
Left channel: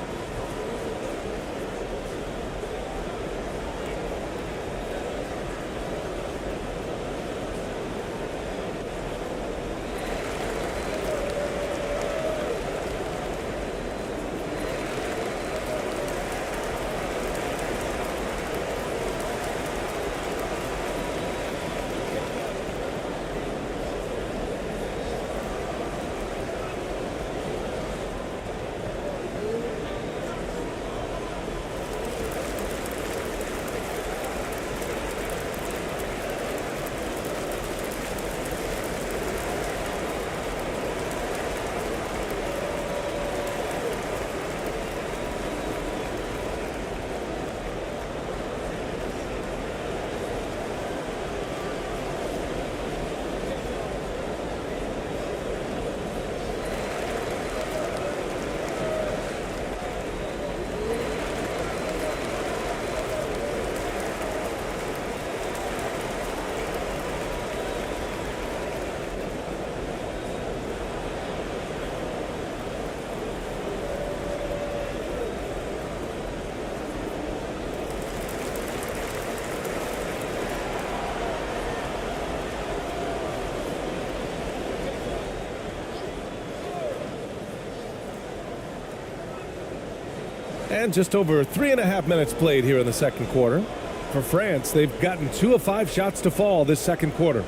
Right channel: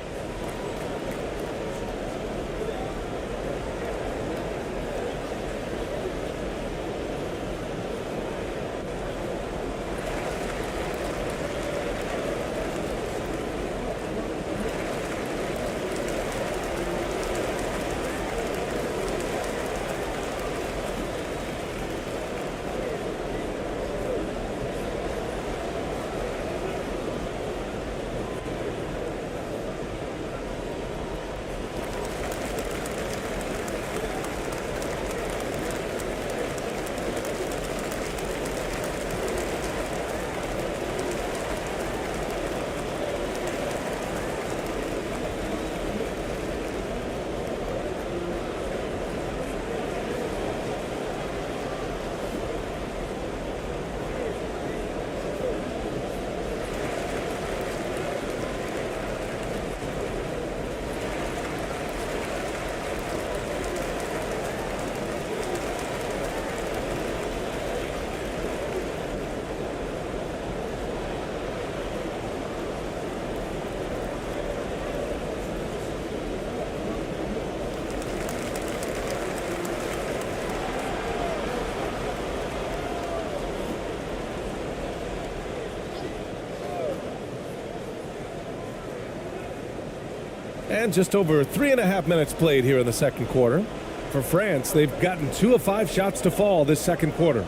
And just over 3.5 minutes played here in the second quarter. For France, they've gotten 2 of 5 shots to fall this second quarter.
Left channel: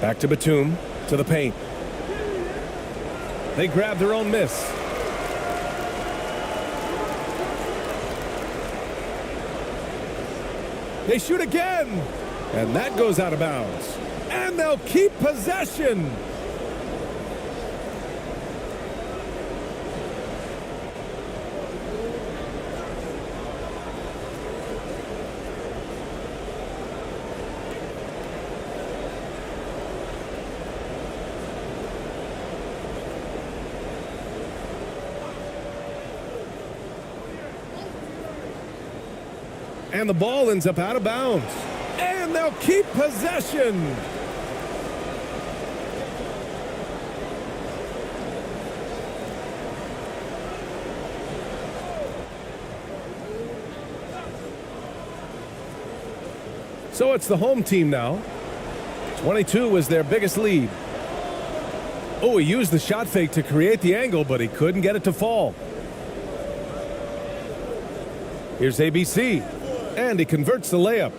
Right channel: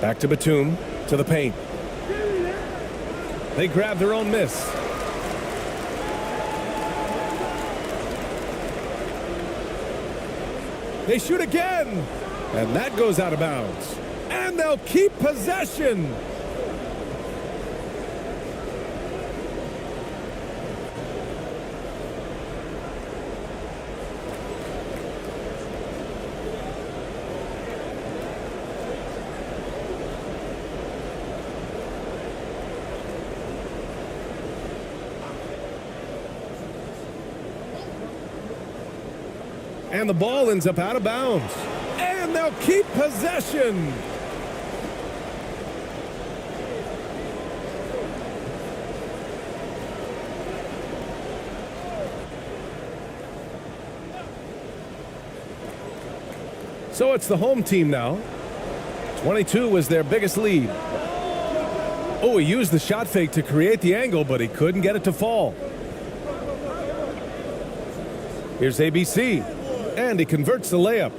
Back to Batum, to the paint. They grab their own miss. They shoot again, and that goes out of bounds. And they'll keep possession. And the ball ends up out of bounds. And they'll keep possession. So it's the home team now. 22 was their biggest lead. Oh, he used the shot fake to create the angle, but he couldn't get it to fall. Here's ABC. And he converts the layup.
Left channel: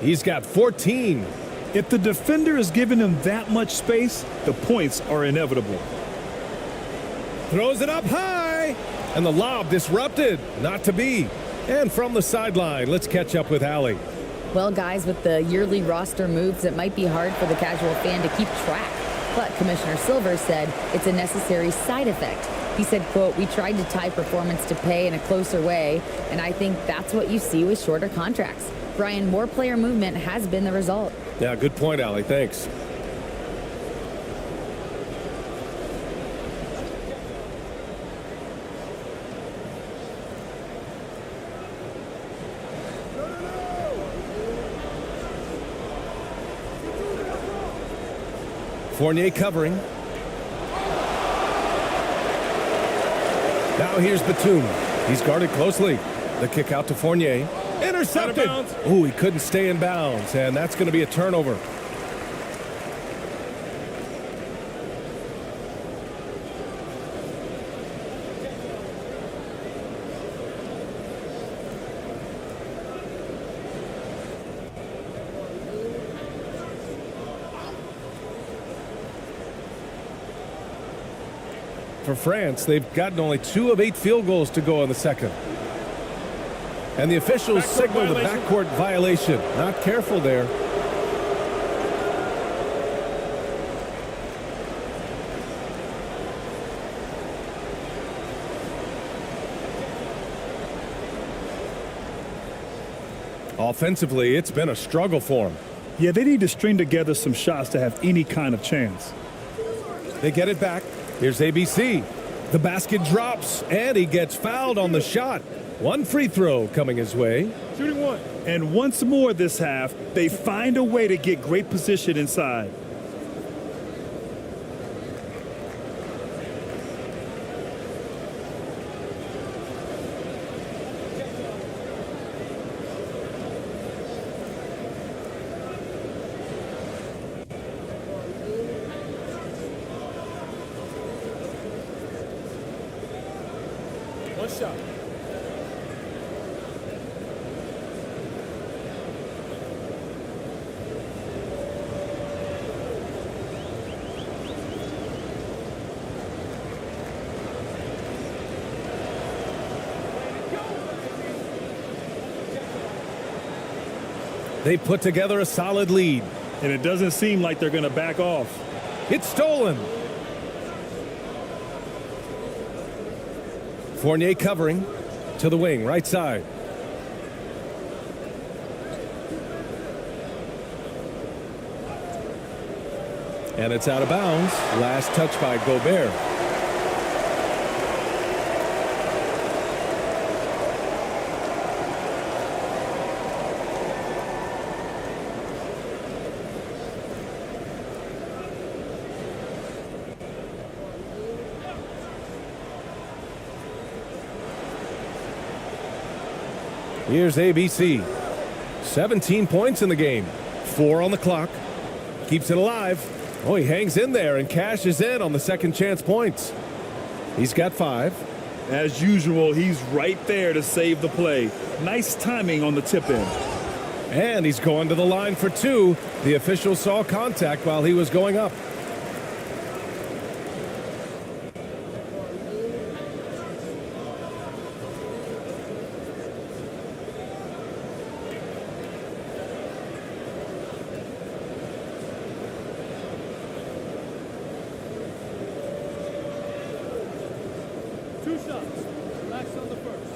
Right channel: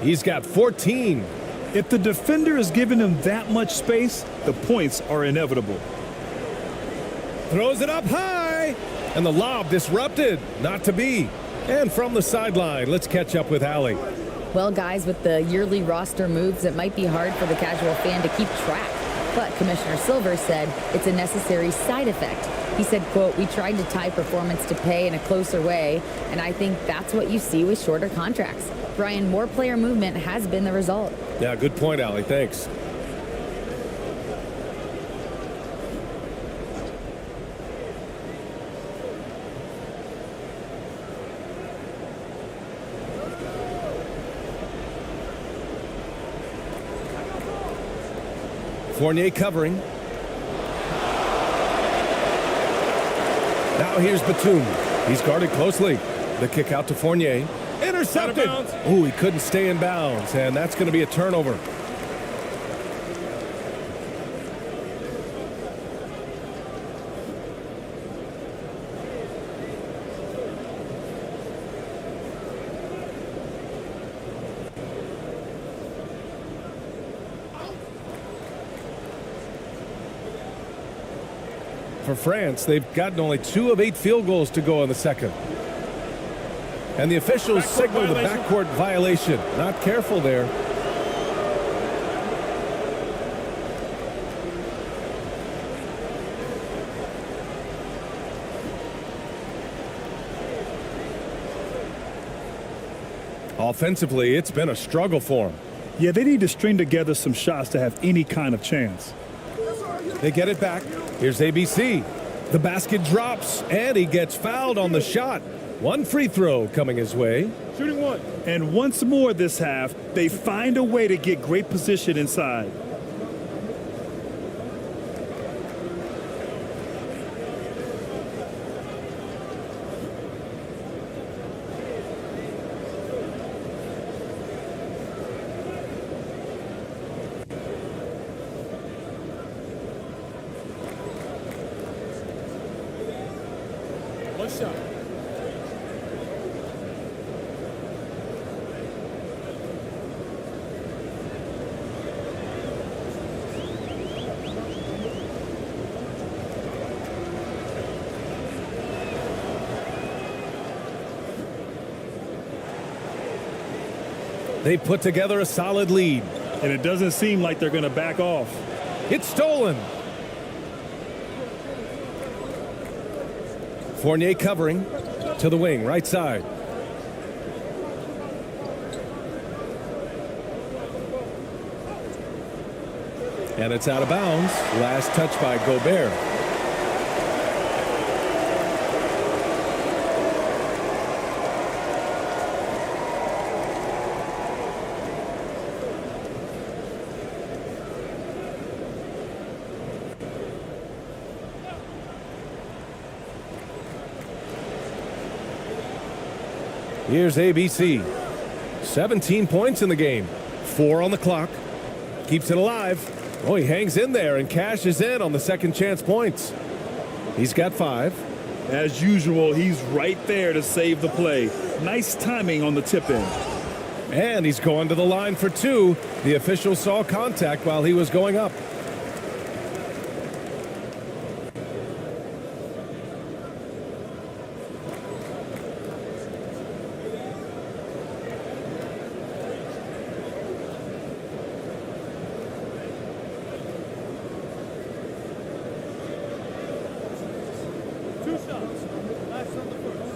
He's got 14. If the defender is giving him that much space, the points are inevitable. Throws it up high. And the lob disrupted. Not to be. And from the sideline, let's catch up with Allie. Well, guys, with the yearly roster moves, it might be hard for the casual fan to keep track. But Commissioner Silver said it's a necessary side effect. He said, quote, "We tried to tie performance to pay in a closer way, and I think that's what you see with shorter contracts." Bryan, more player movement has been the result. Yeah, good point, Allie. Thanks. Fournier covering. Now here's Batum. He's guarded closely. The kick out to Fournier. Intercepted. Oh, he couldn't stay in bounds, and that's going to be a turnover. For France, they've gotten only 2 of 8 field goals to go in the second. And the officials signal the backcourt violation. Not careful there. Offensively, it's been a struggle for them. Yeah, they need to string together some shots to have any kind of chance. They get it back. Here's ABC. The basket drops, and he gets fouled on the shot. 1 free throw coming his way. Shooting 1. And once more this half, they find a way to get great position inside. One shot. They put together a solid lead. And it doesn't seem like they're going to back off. It's stolen. Fournier covering to the wing, right side. And it's out of bounds. Last touch by Gobert. Here's ABC. 17 points in the game. 4 on the clock. Keeps it alive. Oh, he hangs in there and cashes in on the second chance points. He's got 5. As usual, he's right there to save the play. Nice timing on the tip in. And he's going to the line for 2. The official saw contact while he was going up. Two shots. Relax on the first.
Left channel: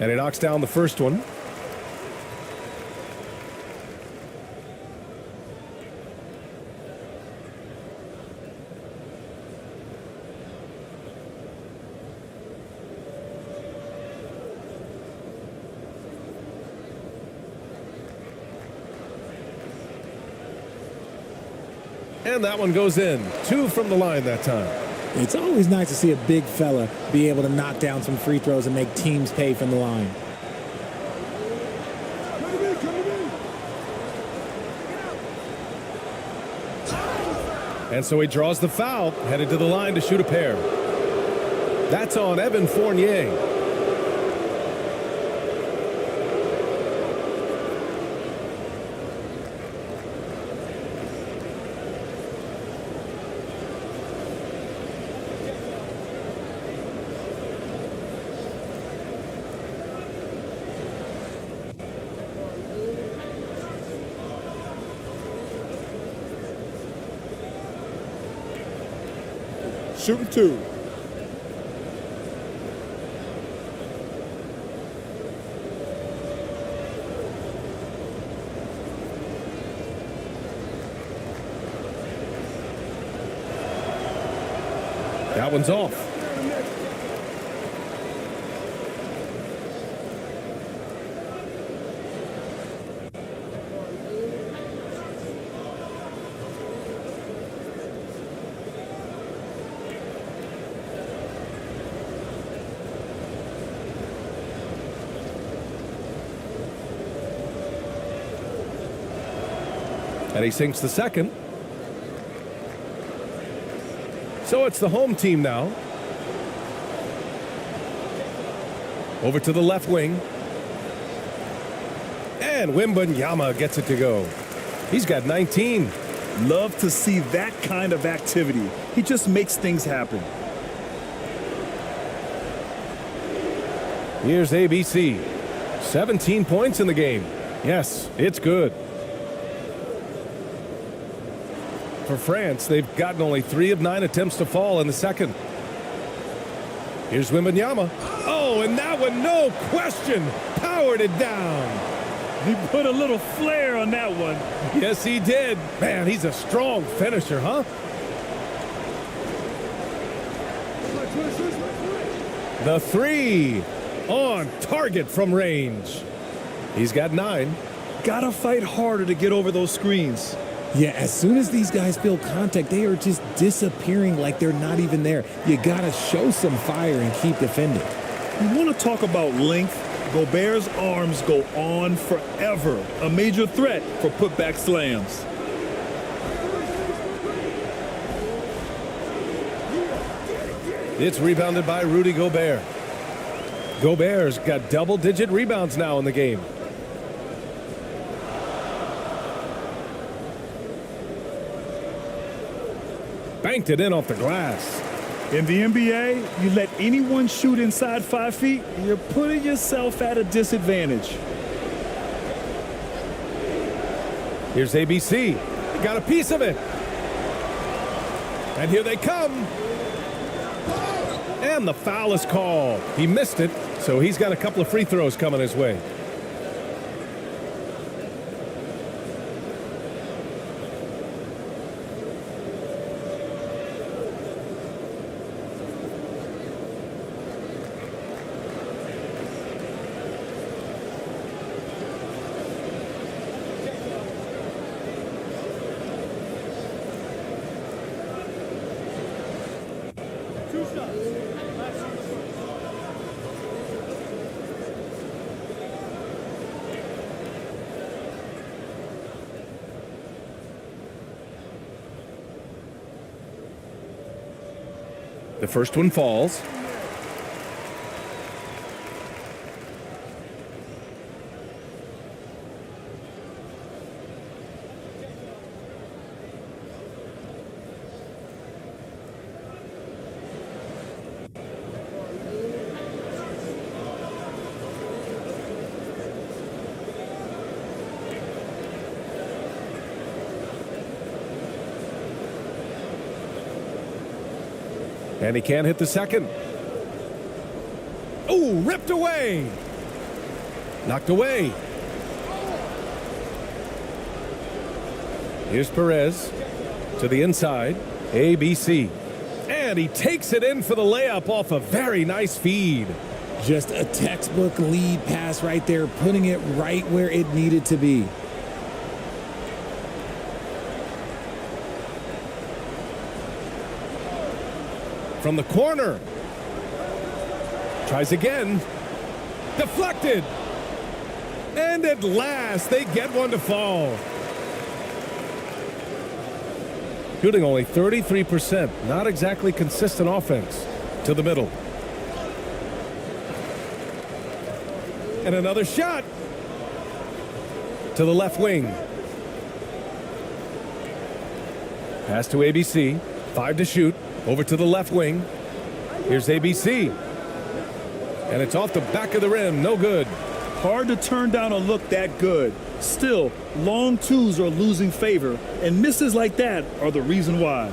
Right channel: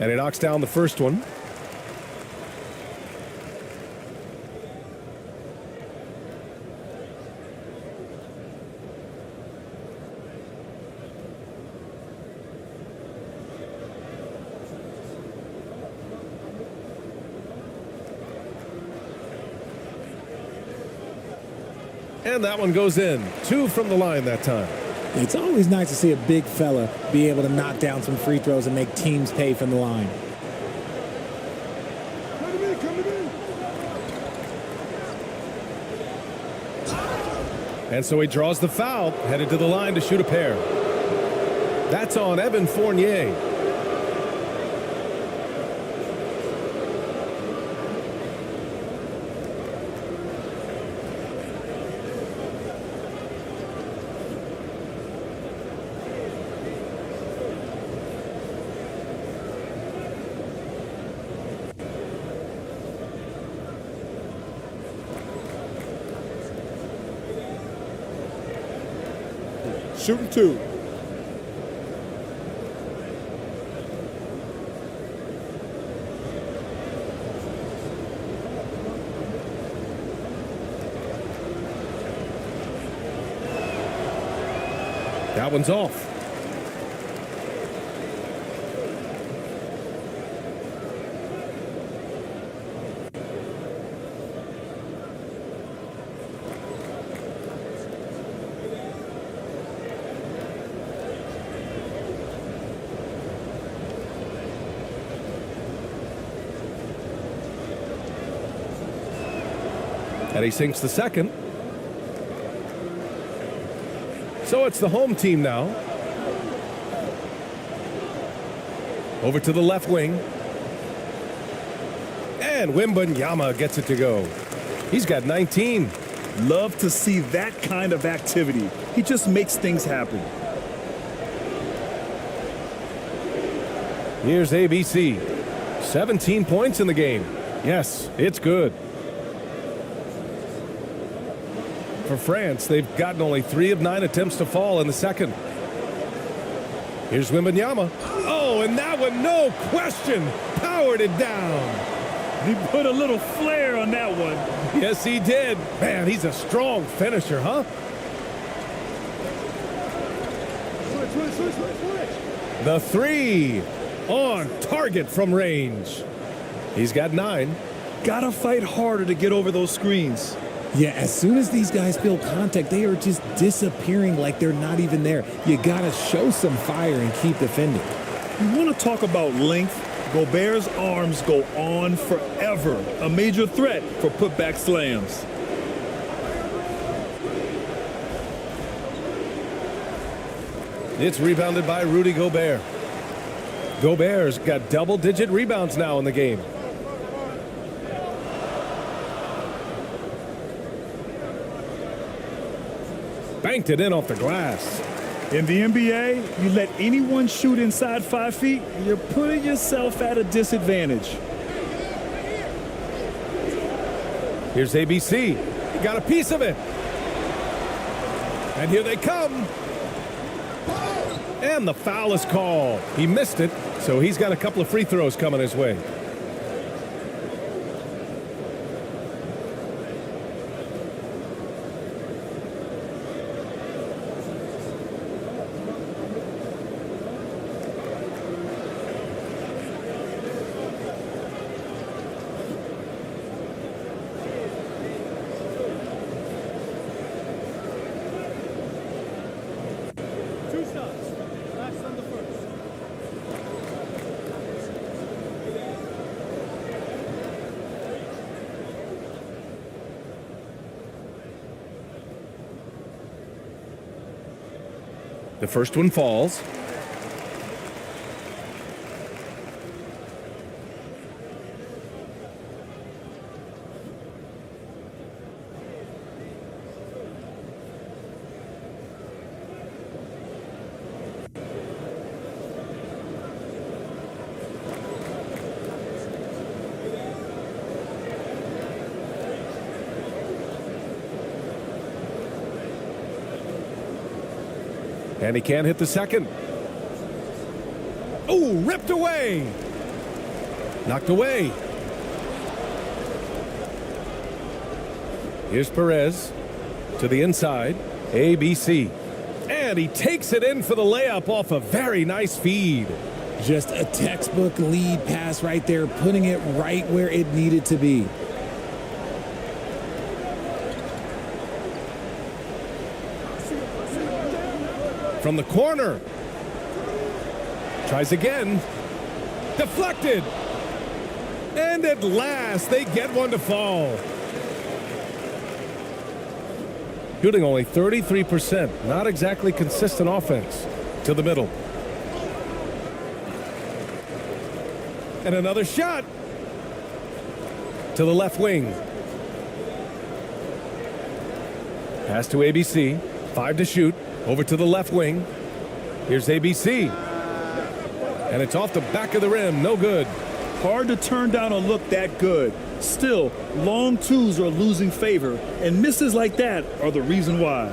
And he knocks down the first one. And that one goes in. 2 from the line that time. It's always nice to see a big fella be able to knock down some free throws and make teams pay from the line. Come to me, come to me. And so he draws the foul, headed to the line to shoot a pair. That's on Evan Fournier. shooting 2. That one's off. And he sinks the second. So it's the home team now. Over to the left wing. And Wembanyama gets it to go. He's got 19. Love to see that kind of activity. He just makes things happen. Here's ABC. 17 points in the game. Yes, it's good. For France, they've gotten only 3 of 9 attempts to fall in the second. Here's Wembanyama. Oh, and that one, no question, powered it down. He put a little flair on that one. Yes, he did. Man, he's a strong finisher, huh? The 3 on target from range. He's got 9. Gotta fight harder to get over those screens. Yeah, as soon as these guys feel contact, they are just disappearing like they're not even there. You gotta show some fire and keep defending. You want to talk about length? Gobert's arms go on forever. A major threat for putback slams. It's rebounded by Rudy Gobert. Gobert's got double-digit rebounds now in the game. Banked it in off the glass. In the NBA, you let anyone shoot inside 5 feet, you're putting yourself at a disadvantage. Here's ABC. He got a piece of it. And here they come. And the foul is called. He missed it, so he's got a couple of free throws coming his way. The first one falls. And he can't hit the second. Oh, ripped away. Knocked away. Here's Perez to the inside. ABC. And he takes it in for the layup off a very nice feed. Just a textbook lead pass right there, putting it right where it needed to be. From the corner. Tries again. Deflected. And at last, they get one to fall. Shooting only 33%. Not exactly consistent offense. To the middle. And another shot. To the left wing. Pass to ABC. 5 to shoot. Over to the left wing. Here's ABC. And it's off the back of the rim. No good. Hard to turn down a look that good. Still, long twos are losing favor, and misses like that are the reason why.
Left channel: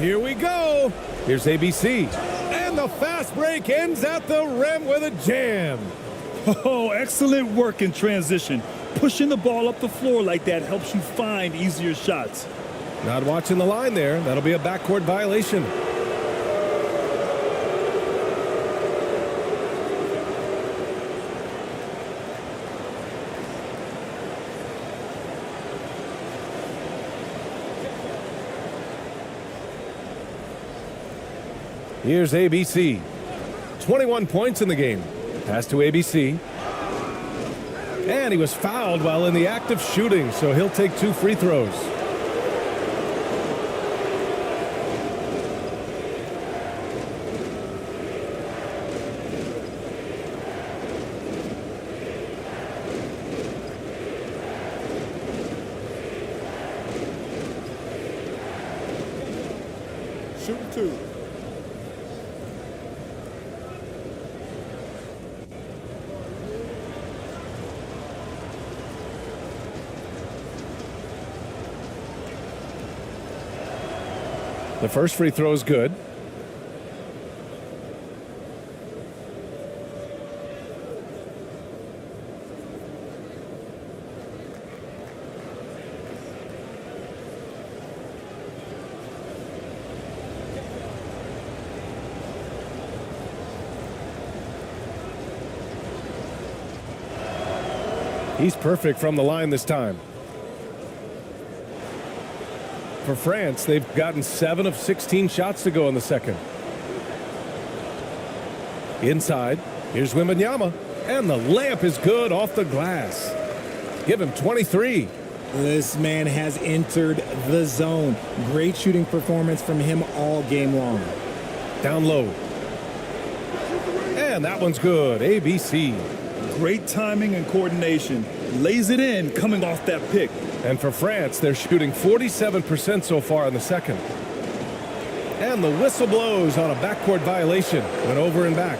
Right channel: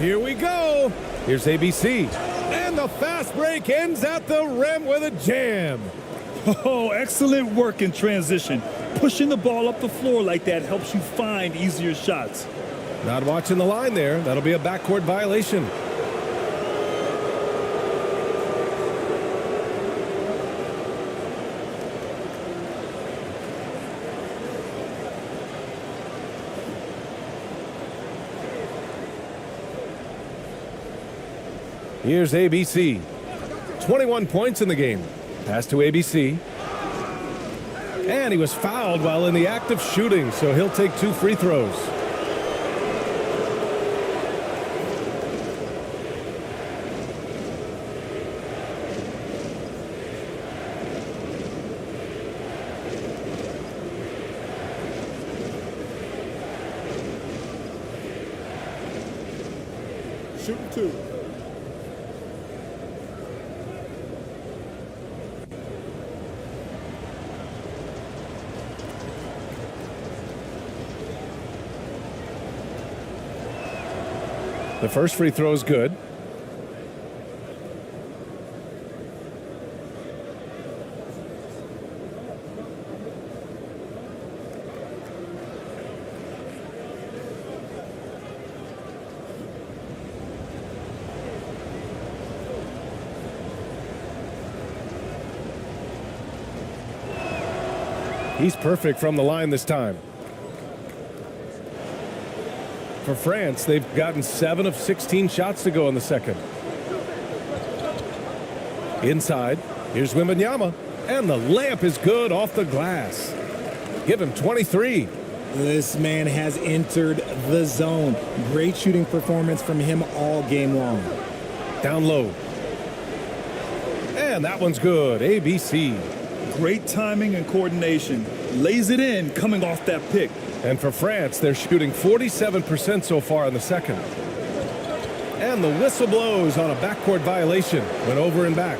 Here we go. Here's ABC. And the fast break ends at the rim with a jam. Oh, excellent work in transition. Pushing the ball up the floor like that helps you find easier shots. Not watching the line there. That'll be a backcourt violation. Here's ABC. 21 points in the game. Pass to ABC. And he was fouled while in the act of shooting, so he'll take 2 free throws. Shooting 2. The first free throw is good. He's perfect from the line this time. For France, they've gotten 7 of 16 shots to go in the second. Inside, here's Wembanyama, and the layup is good off the glass. Give him 23. This man has entered the zone. Great shooting performance from him all game long. Down low. And that one's good. ABC. Great timing and coordination. Lays it in coming off that pick. And for France, they're shooting 47% so far in the second. And the whistle blows on a backcourt violation. Went over and back.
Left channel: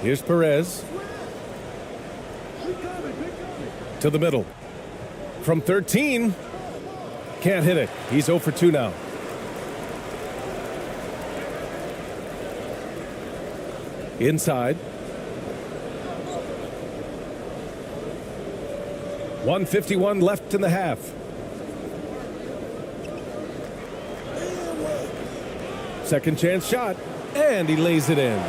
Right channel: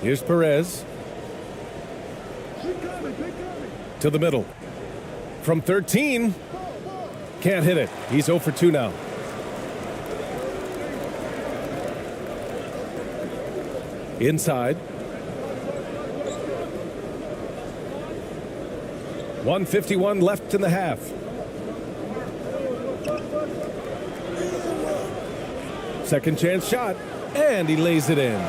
Here's Perez. To the middle. From 13. Can't hit it. He's 0 for 2 now. Inside. 1:51 left in the half. Second chance shot. And he lays it in.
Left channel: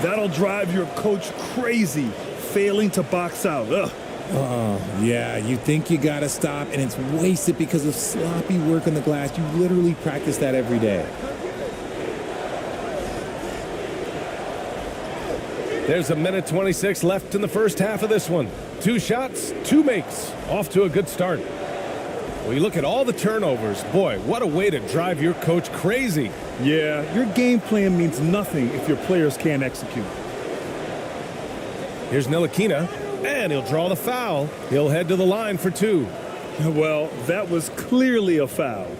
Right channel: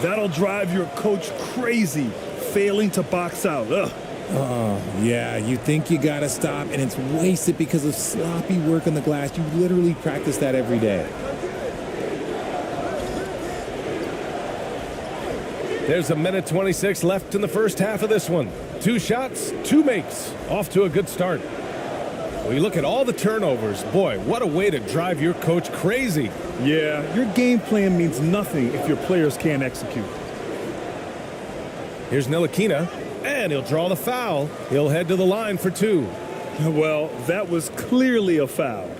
That'll drive your coach crazy, failing to box out. Ugh. Oh, yeah, you think you got to stop, and it's wasted because of sloppy work on the glass. You literally practice that every day. There's 1:26 left in the first half of this one. 2 shots, 2 makes. Off to a good start. Well, you look at all the turnovers. Boy, what a way to drive your coach crazy. Yeah, your game plan means nothing if your players can't execute. Here's Ntilikina. And he'll draw the foul. He'll head to the line for 2. Well, that was clearly a foul.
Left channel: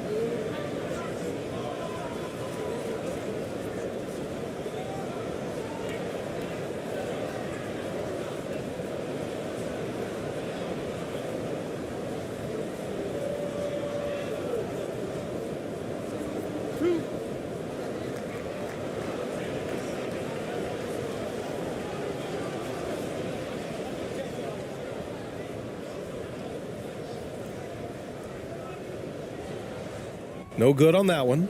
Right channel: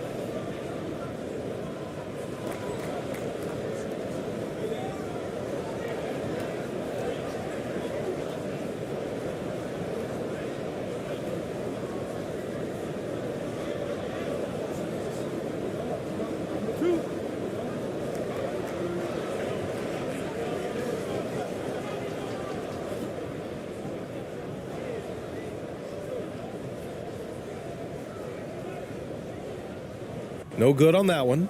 No good on that one.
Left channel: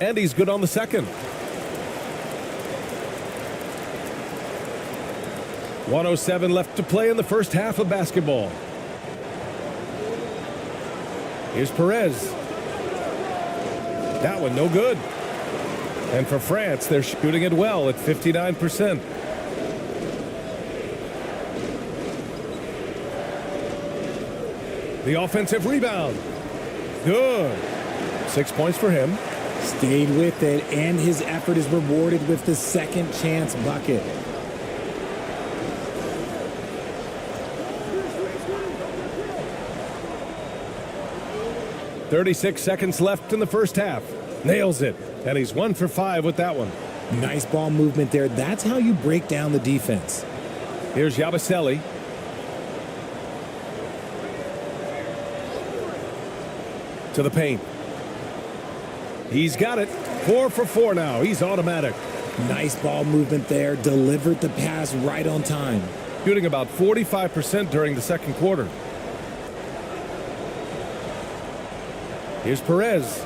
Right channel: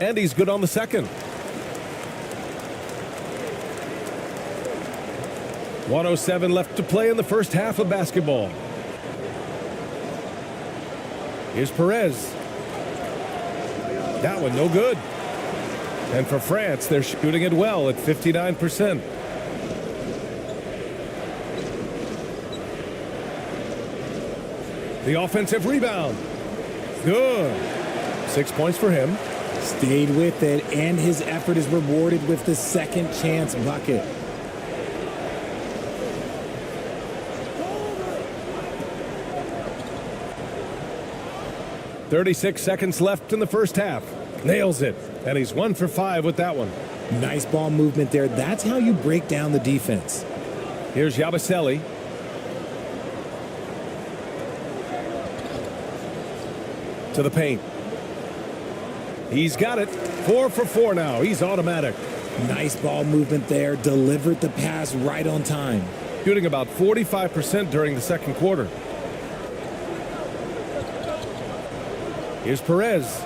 And he's good on the second. 1:07 left to play in the first half of basketball. Here's Perez. That one no good. And for France, they're shooting it well at 59%. The offensive rebound. Good. 6 points for him. Stayed with it, and his effort is rewarded with the second chance bucket. .36 seconds left in the first half. Nails it, and he's 1 for 5 with that one. Nice ball movement there. That's how you break down the defense. Here's Yabusele. To the paint. He's got it. 4 for 4 now. He's automatic. Nice ball movement there. Delivered the pass right on time. Shooting about 45% during the second quarter. Here's Perez.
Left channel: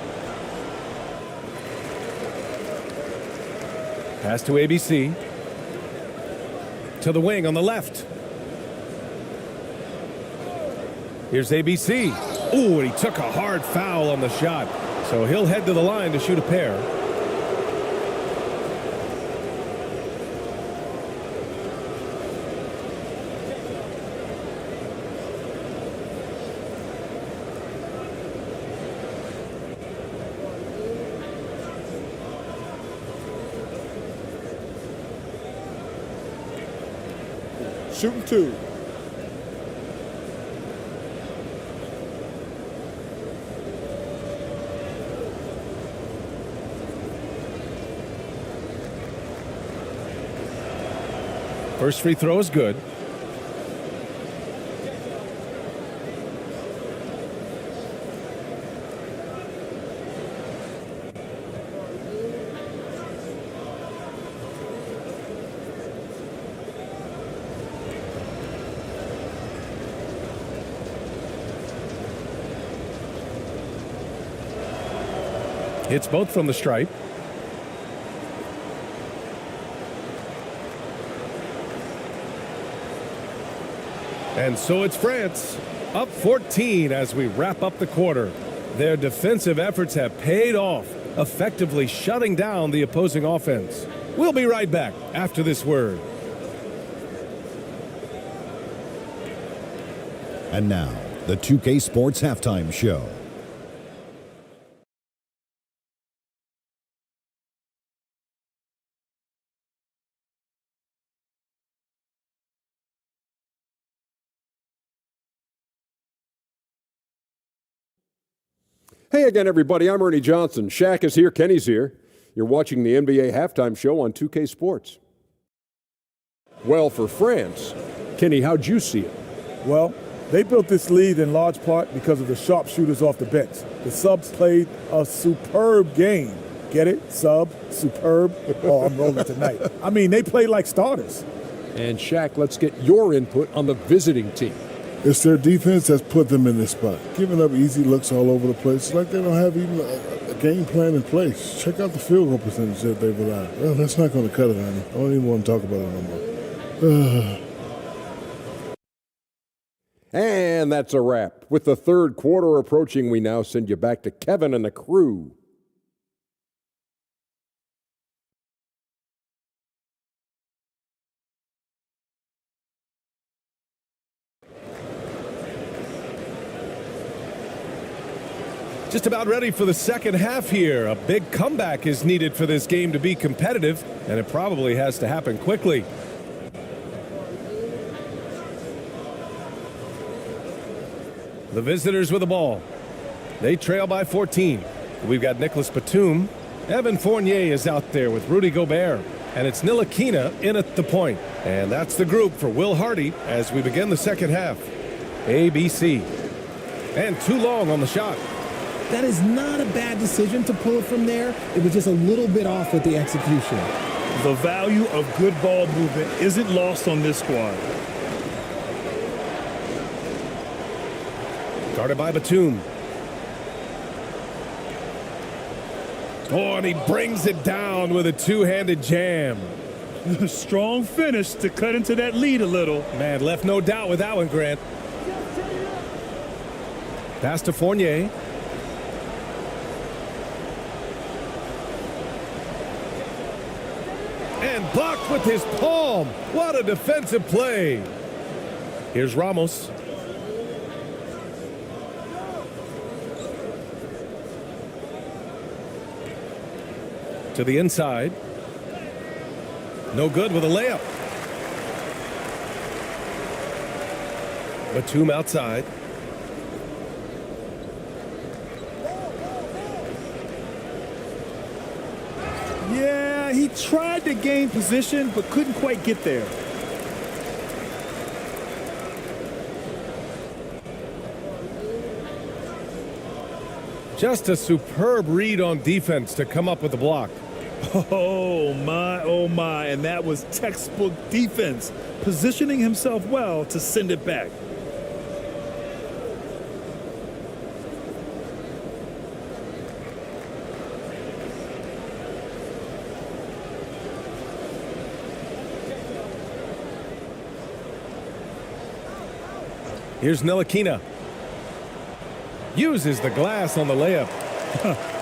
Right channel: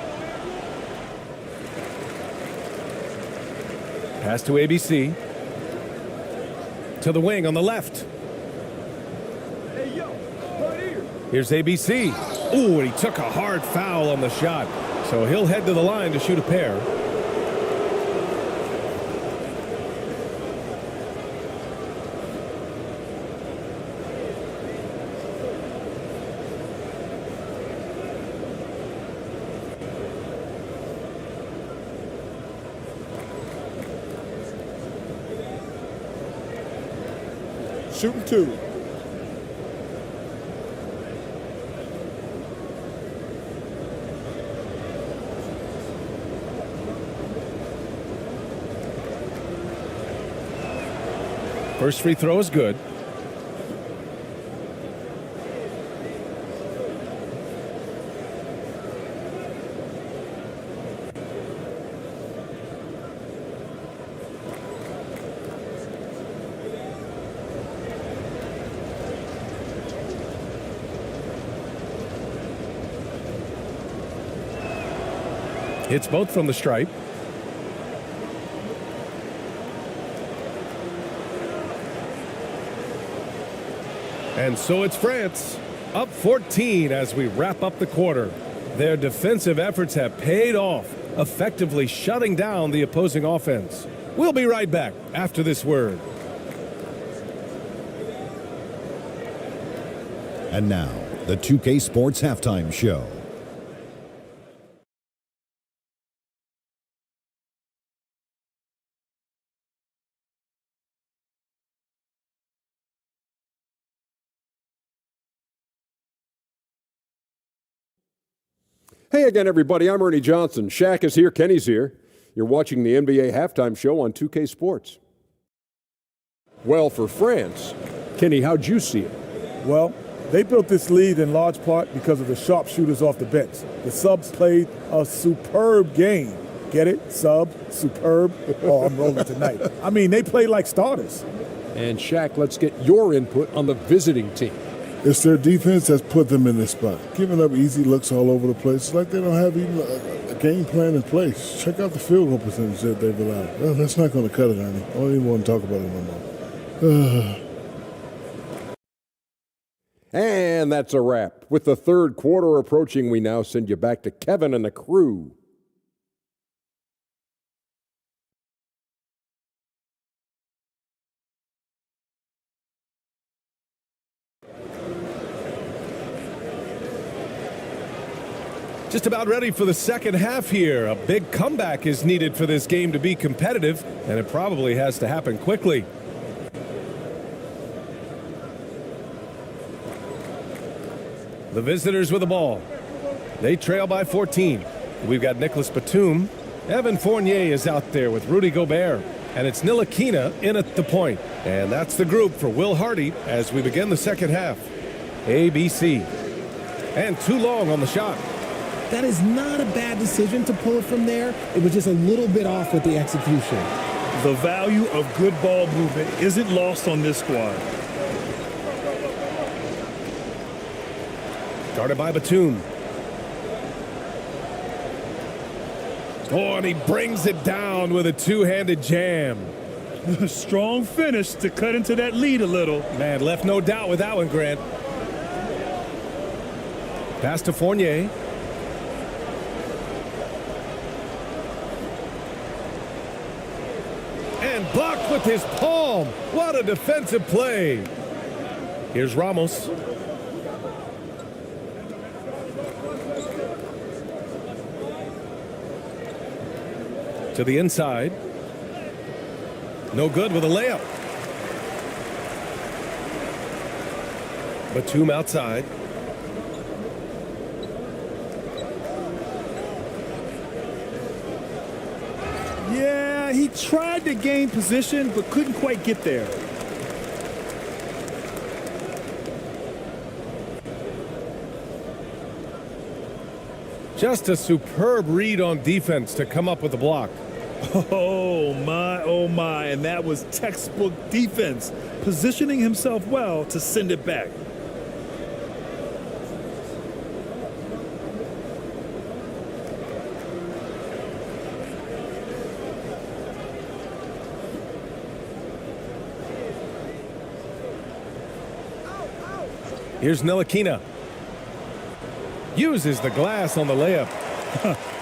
Pass to ABC. To the wing on the left. Here's ABC. Ooh, and he took a hard foul on the shot. So he'll head to the line to shoot a pair. Shooting 2. First free throw is good. Hits both from the stripe. And so it's France, up 14 as we wrap up the quarter. Their defensive efforts have paid off, effectively shutting down the opposing offense. We'll be right back after this word. And now, the 2K Sports Halftime Show. Hey again, everybody. I'm Ernie Johnson. Shaq is here. Kenny's here. You're watching the NBA Halftime Show on 2K Sports. Well, for France, Kenny, how'd you see it? Well, they built this lead in large part because of the sharpshooters off the bench. The subs played a superb game. Get it? Sub, superb. Oh, I'm rolling tonight. I mean, they played like starters. And Shaq, let's get your input on the visiting team. It's their defense that's put them in this spot. Giving up easy looks all over the place. It's like they don't have even a game plan in place. Check out the field goal percentage that they've allowed. Well, that's not going to cut it, honey. I don't even want to talk about it no more. And that's a wrap. With the third quarter approaching, we now send you back to Kevin and the crew. Just about ready for the second half here. A big comeback is needed for this game to be competitive, and it probably has to happen quickly. The visitors with the ball. They trail by 14. We've got Nicholas Batum. Evan Fournier is out there with Rudy Gobert. And it's Ntilikina in at the point. And that's the group for Will Hardy as we begin the second half. ABC. And too long on the shot. That is not a bad decision to pull it from there. It was just a little bit off with the execution. The value of good ball movement isn't lost on this squad. Guarded by Batum. Oh, and he brings it down with a two-handed jam. Strong finish to cut into that lead a little. Man, left no doubt with that one, Grant. Pass to Fournier. And blocked with his palm. What a defensive play. Here's Ramos. To the inside. No good with a layup. Batum outside. Yeah, he tried to gain position, but couldn't quite get there. Just a superb read on defense to come up with the block. Oh my, and that was textbook defense, positioning himself well to send it back. Here's Ntilikina. Uses the glass on the layup.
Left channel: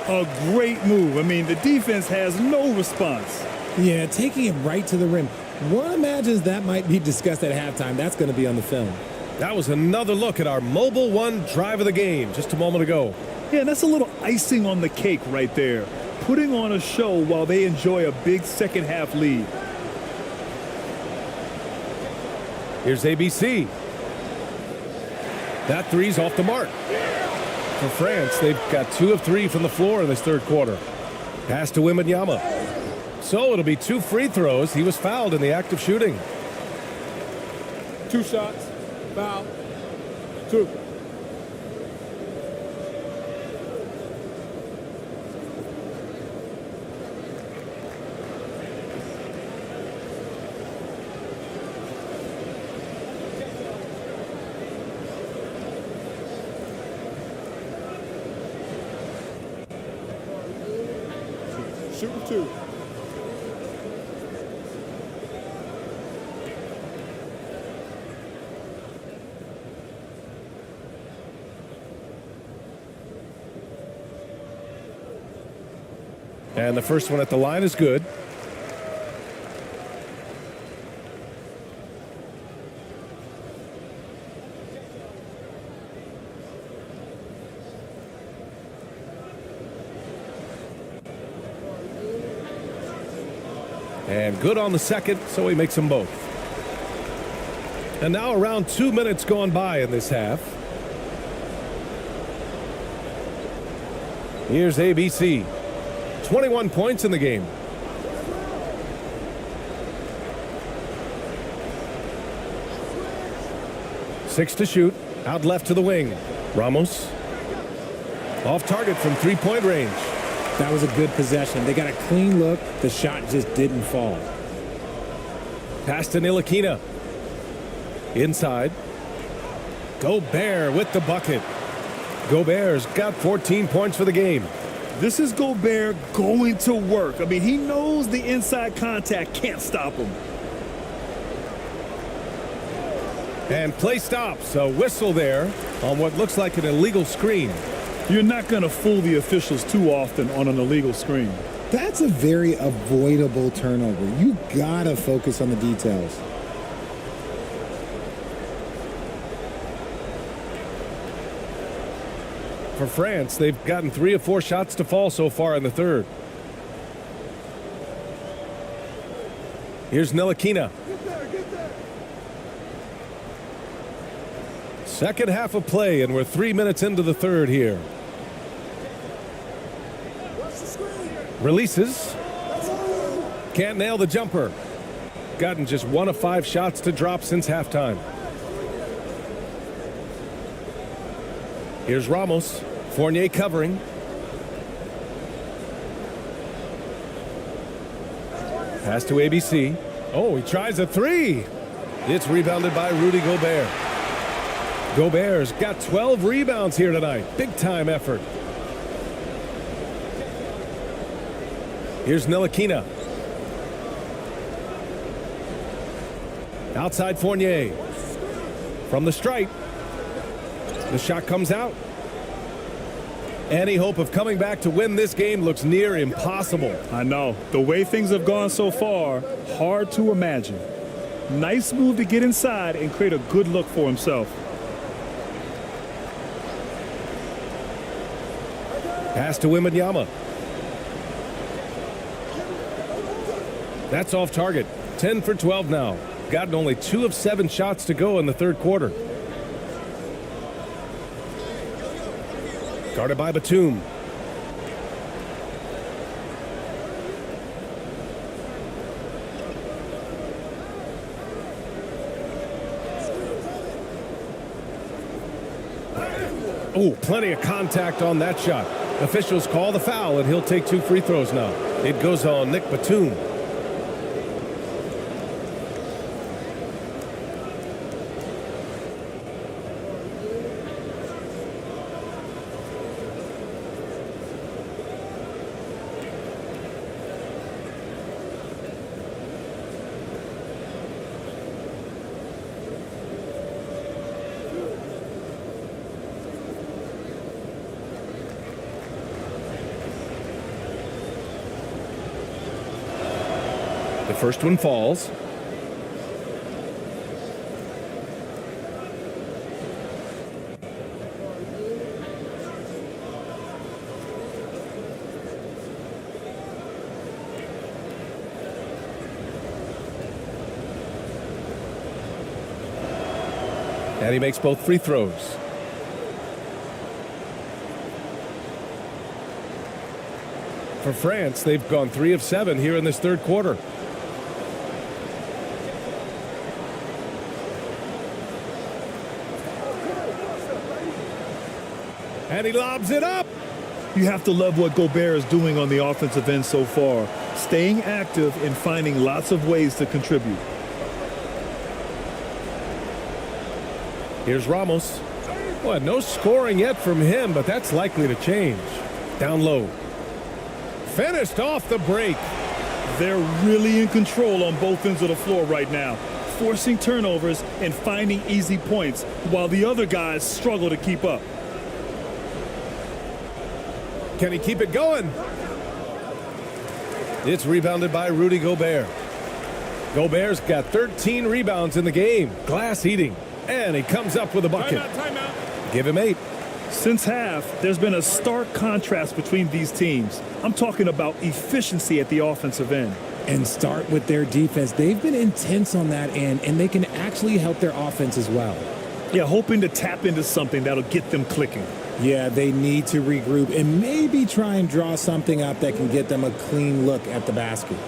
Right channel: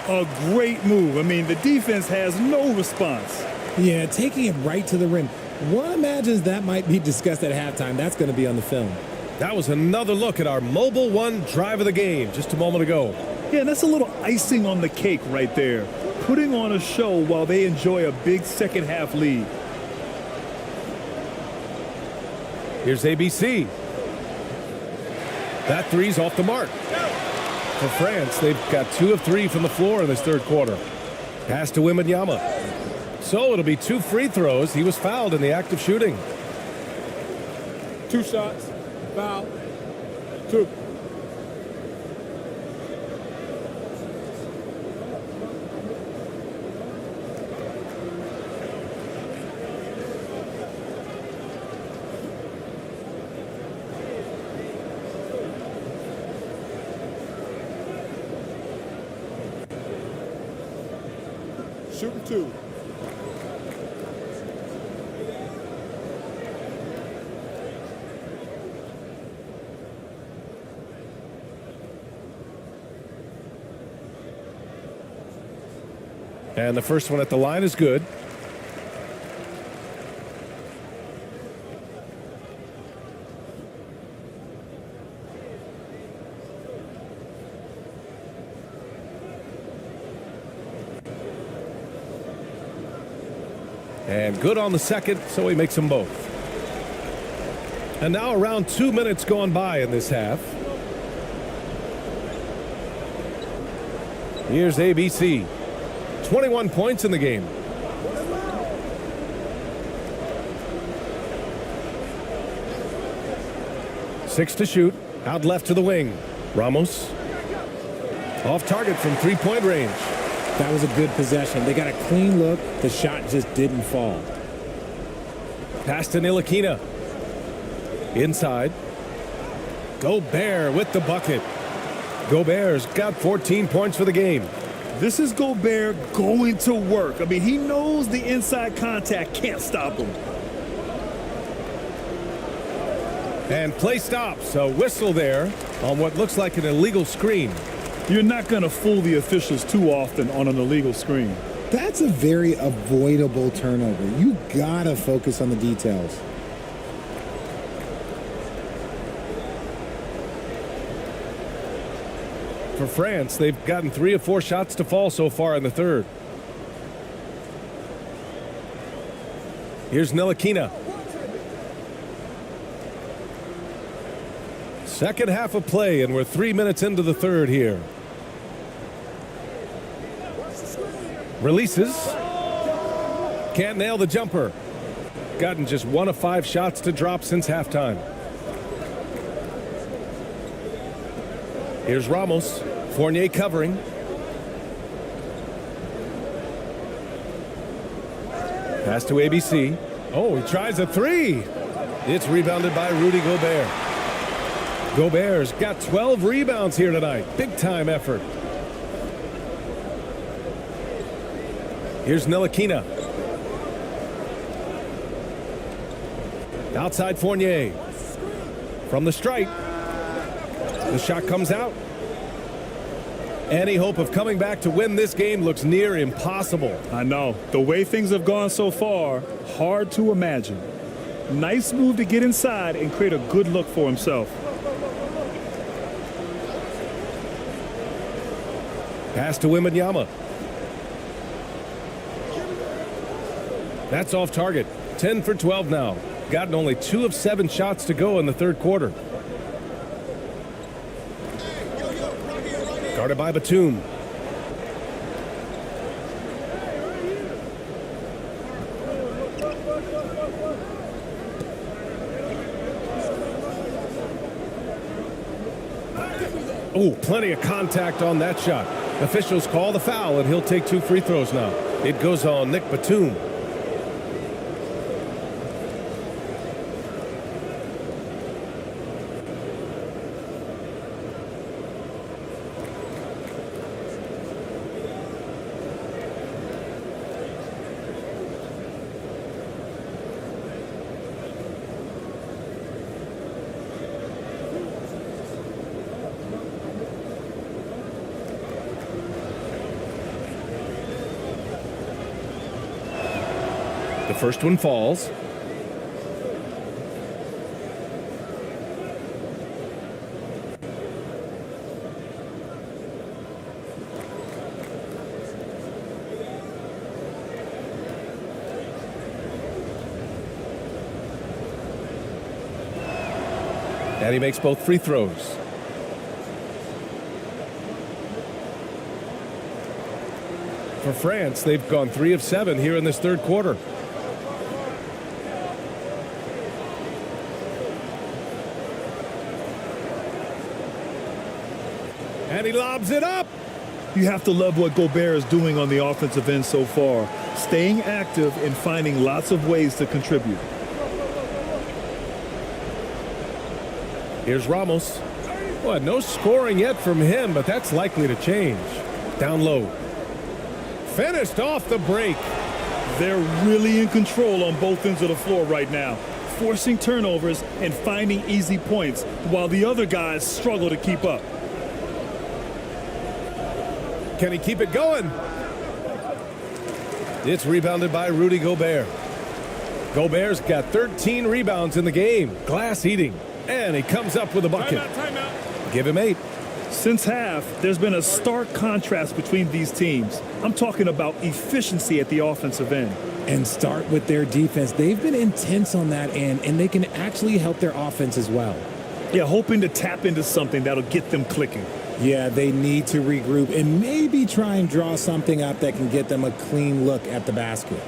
A great move. I mean, the defense has no response. Yeah, taking it right to the rim. One imagines that might be discussed at halftime. That's going to be on the film. That was another look at our Mobile One drive of the game just a moment ago. Yeah, that's a little icing on the cake right there. Putting on a show while they enjoy a big second half lead. Here's ABC. That three's off the mark. For France, they've got 2 of 3 from the floor in this third quarter. Pass to Wembanyama. So it'll be 2 free throws. He was fouled in the act of shooting. 2 shots. Foul. 2. Shooting 2. And the first one at the line is good. And good on the second, so he makes them both. And now around 2 minutes gone by in this half. Here's ABC. 21 points in the game. Six to shoot. Out left to the wing. Ramos. Off target from three-point range. That was a good possession. They got a clean look. The shot just didn't fall. Pass to Ntilikina. Inside. Gobert with the bucket. Gobert's got 14 points for the game. This is Gobert going to work. I mean, he knows the inside contact can't stop him. And play stops. A whistle there on what looks like an illegal screen. You're not going to fool the officials too often on an illegal screen. That's a very avoidable turnover. You got to focus on the details. For France, they've gotten 3 of 4 shots to fall so far in the third. Here's Ntilikina. Second half of play, and we're 3 minutes into the third here. Releases. Can't nail the jumper. Gotten just 1 of 5 shots to drop since halftime. Here's Ramos. Fournier covering. Pass to ABC. Oh, he tries a 3. It's rebounded by Rudy Gobert. Gobert's got 12 rebounds here tonight. Big time effort. Here's Ntilikina. Outside Fournier. From the stripe. The shot comes out. Any hope of coming back to win this game looks near impossible. I know. The way things have gone so far, hard to imagine. Nice move to get inside and create a good look for himself. Pass to Wembanyama. That's off target. 10 for 12 now. Gotten only 2 of 7 shots to go in the third quarter. Guarded by Batum. Oh, plenty of contact on that shot. Officials call the foul, and he'll take 2 free throws now. It goes on Nick Batum. The first one falls. And he makes both free throws. For France, they've gone 3 of 7 here in this third quarter. And he lobs it up. You have to love what Gobert is doing on the offensive end so far, staying active and finding lots of ways to contribute. Here's Ramos. Well, no scoring yet from him, but that's likely to change. Down low. Finished off the break. They're really in control on both ends of the floor right now, forcing turnovers and finding easy points while the other guys struggle to keep up. Can he keep it going? It's rebounded by Rudy Gobert. Gobert's got 13 rebounds in the game. Glass eating. And he comes up with a bucket. Timeout. Give him 8. Since half, there's been a stark contrast between these teams. I'm talking about efficiency at the offensive end. And start with their defense. They've been intense on that end, and they can actually help their offense as well. Yeah, hoping to tap into something that'll get them clicking. Yeah, they need to regroup and maybe try and draw something up that can get them a clean look at the basket.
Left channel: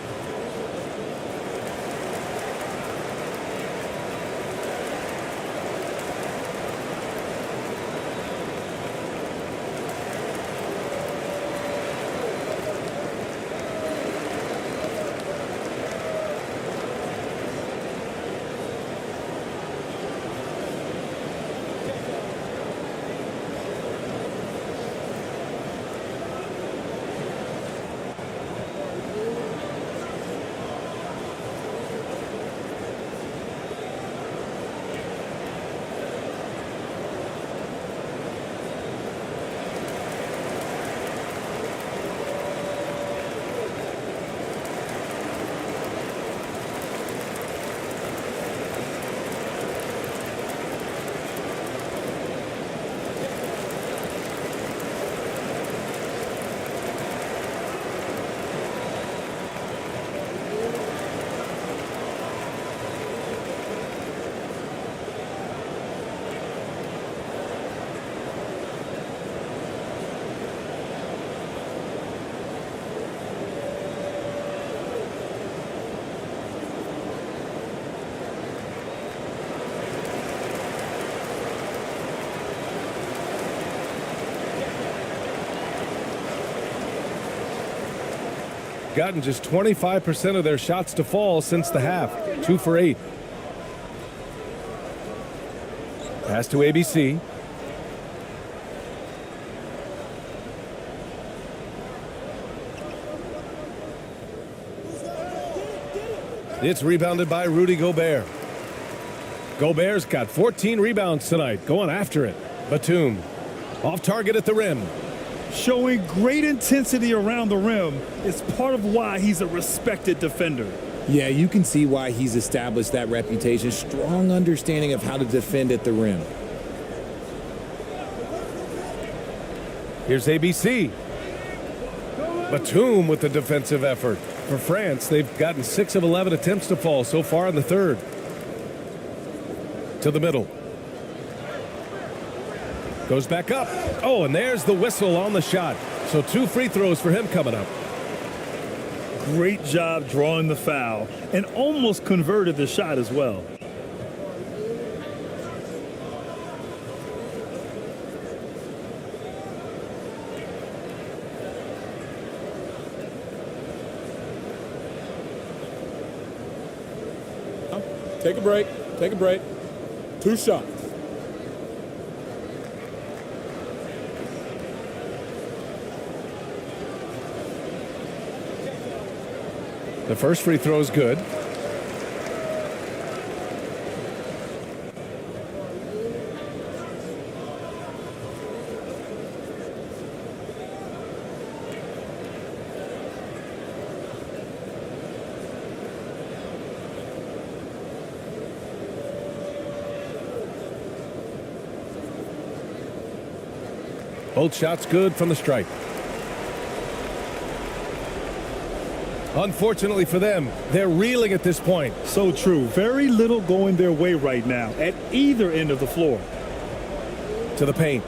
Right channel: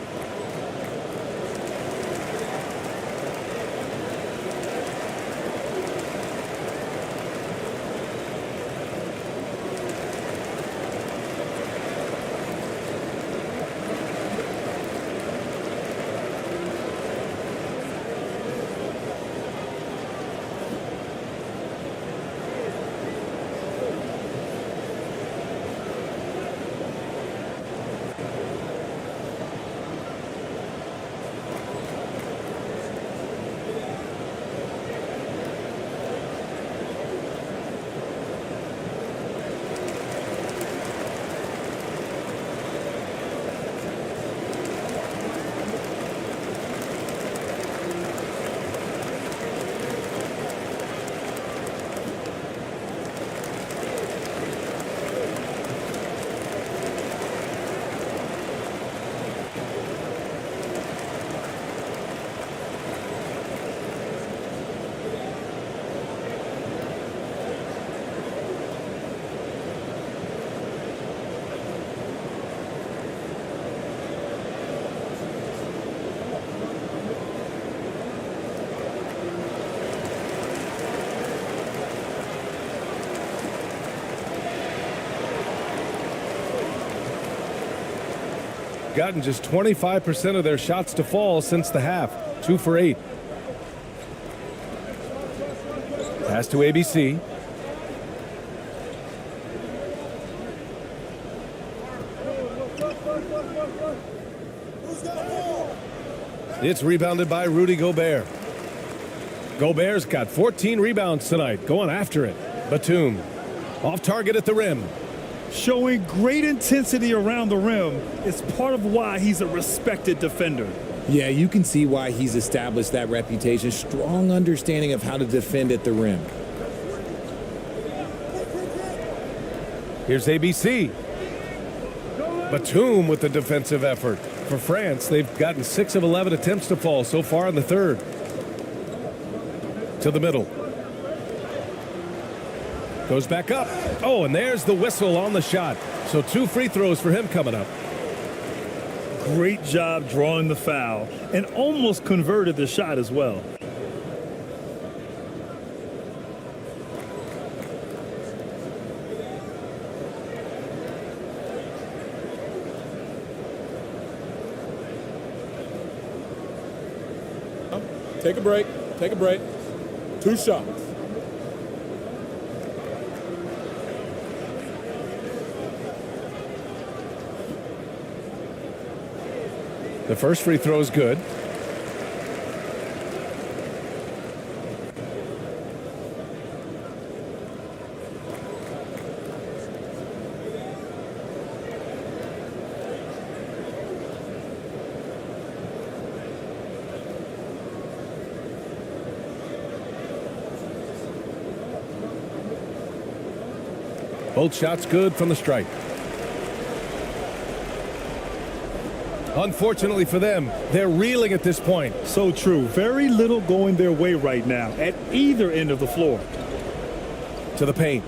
Gotten just 25% of their shots to fall since the half. 2 for 8. Pass to ABC. It's rebounded by Rudy Gobert. Gobert's got 14 rebounds tonight, going after it. Batum, off target at the rim. Showing great intensity around the rim is part of why he's a respected defender. Yeah, you can see why he's established that reputation. Strong understanding of how to defend at the rim. Here's ABC. Batum with the defensive effort. For France, they've gotten 6 of 11 attempts to fall so far in the third. To the middle. Goes back up. Oh, and there's the whistle on the shot. So 2 free throws for him coming up. Great job drawing the foul and almost converted the shot as well. Take a break. Take a break. 2 shots. The first free throw is good. Both shots good from the stripe. Unfortunately for them, they're reeling at this point. So true. Very little going their way right now at either end of the floor. To the paint.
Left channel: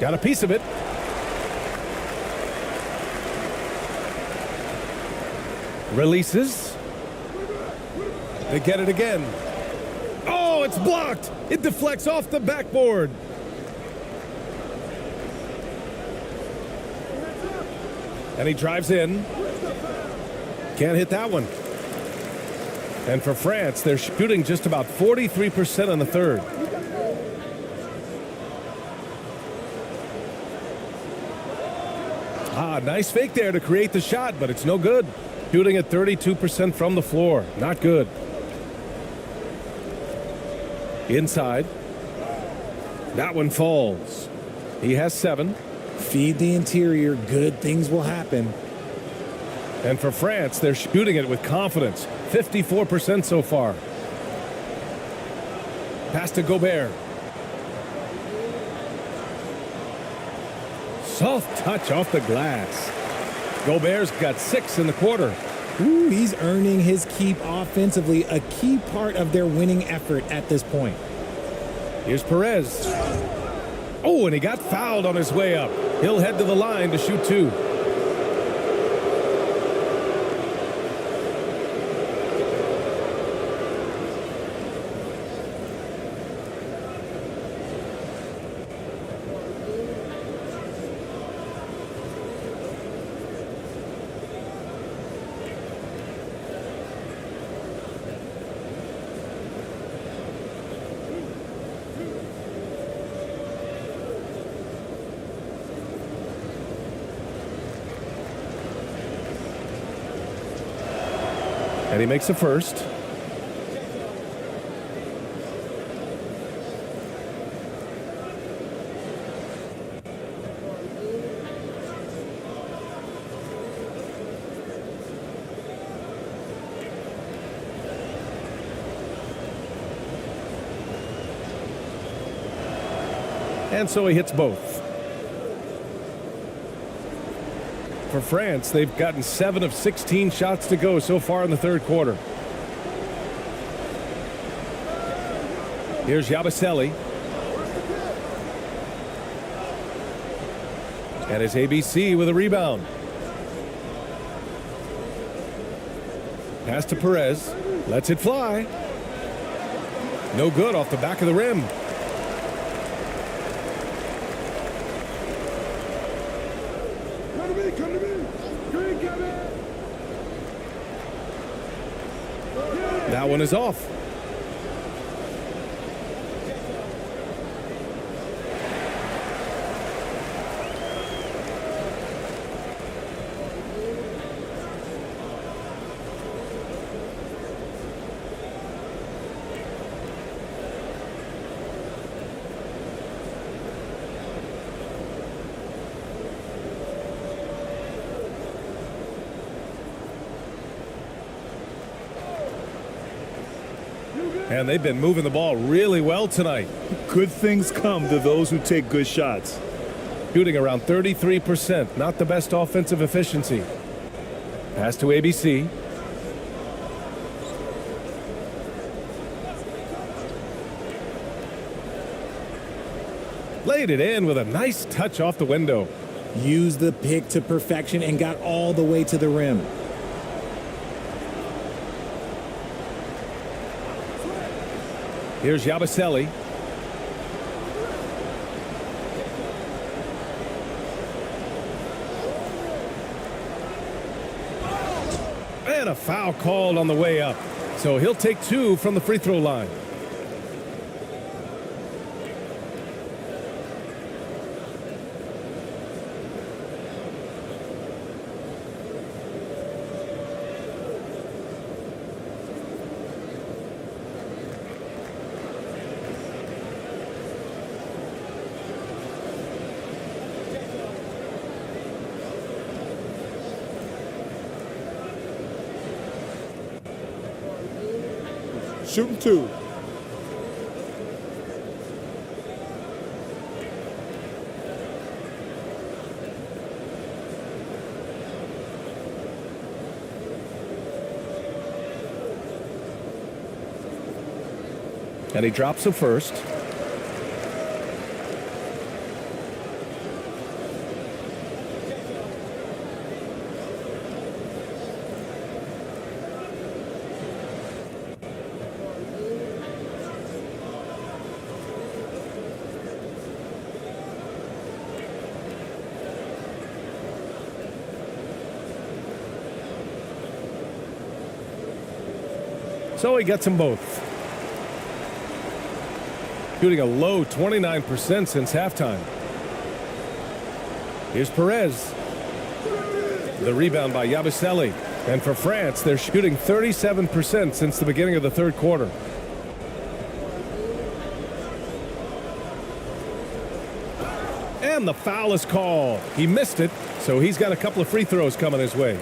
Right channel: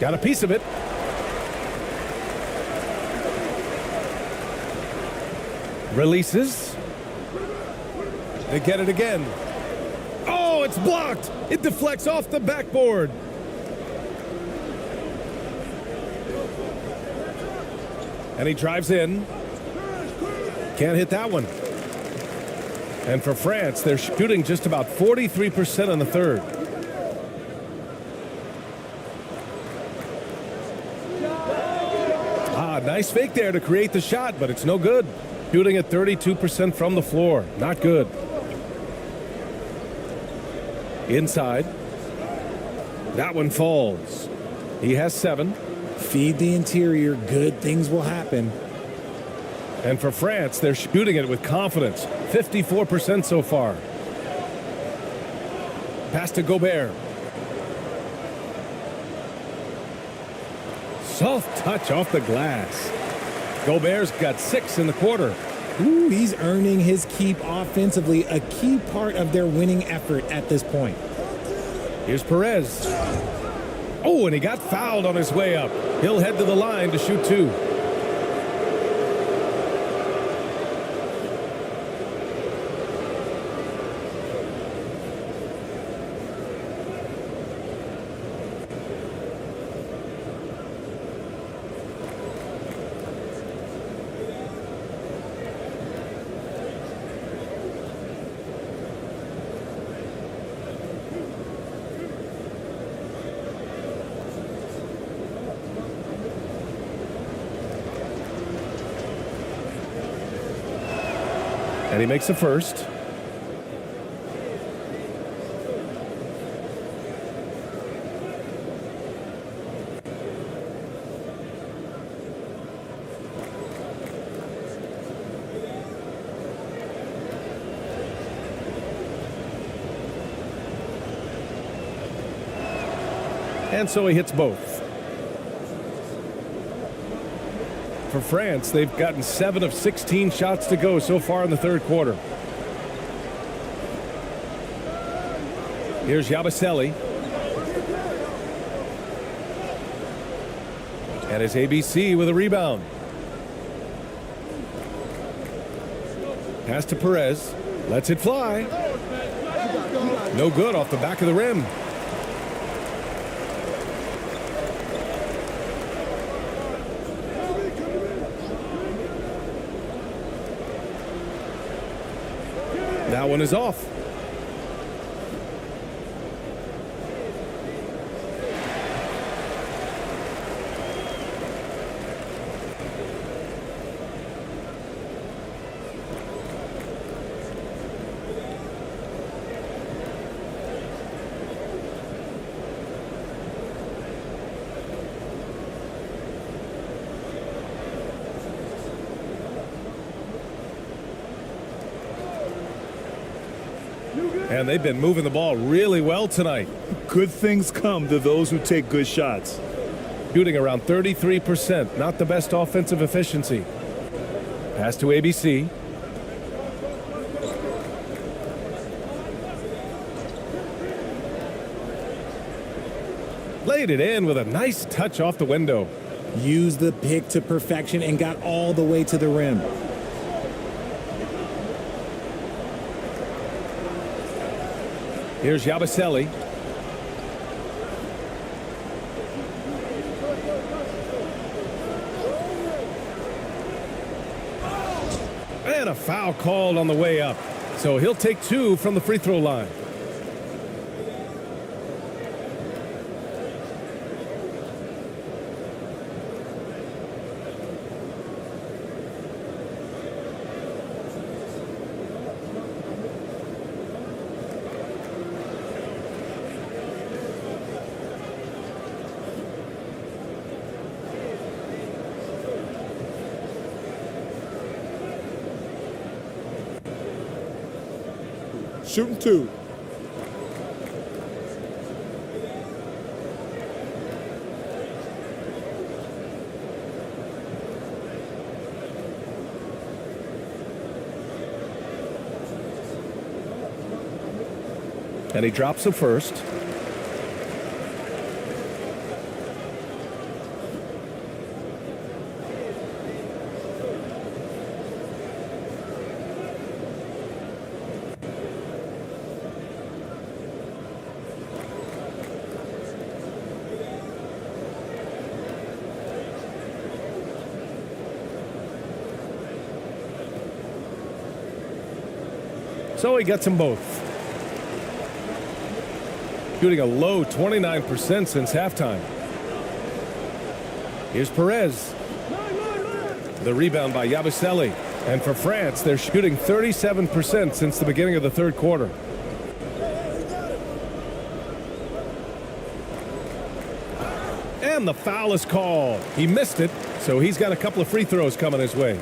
Got a piece of it. Releases. They get it again. Oh, it's blocked. It deflects off the backboard. And he drives in. Can't hit that one. And for France, they're shooting just about 43% in the third. Nice fake there to create the shot, but it's no good. Shooting at 32% from the floor. Not good. Inside. That one falls. He has 7. Feed the interior. Good things will happen. And for France, they're shooting it with confidence. 54% so far. Pass to Gobert. Soft touch off the glass. Gobert's got 6 in the quarter. Ooh, he's earning his keep offensively, a key part of their winning effort at this point. Here's Perez. Oh, and he got fouled on his way up. He'll head to the line to shoot 2. And he makes the first. And so he hits both. For France, they've gotten 7 of 16 shots to go so far in the third quarter. Here's Yabusele. And his ABC with a rebound. Pass to Perez. Lets it fly. No good off the back of the rim. That one is off. And they've been moving the ball really well tonight. Good things come to those who take good shots. shooting around 33%. Not the best offensive efficiency. Pass to ABC. Laid it in with a nice touch off the window. Used the pick to perfection and got all the way to the rim. Here's Yabusele. And a foul called on the way up. So he'll take 2 from the free throw line. Shooting 2. And he drops the first. So he gets them both. Shooting a low 29% since halftime. Here's Perez. The rebound by Yabusele. And for France, they're shooting 37% since the beginning of the third quarter. And the foul is called. He missed it, so he's got a couple of free throws coming his way.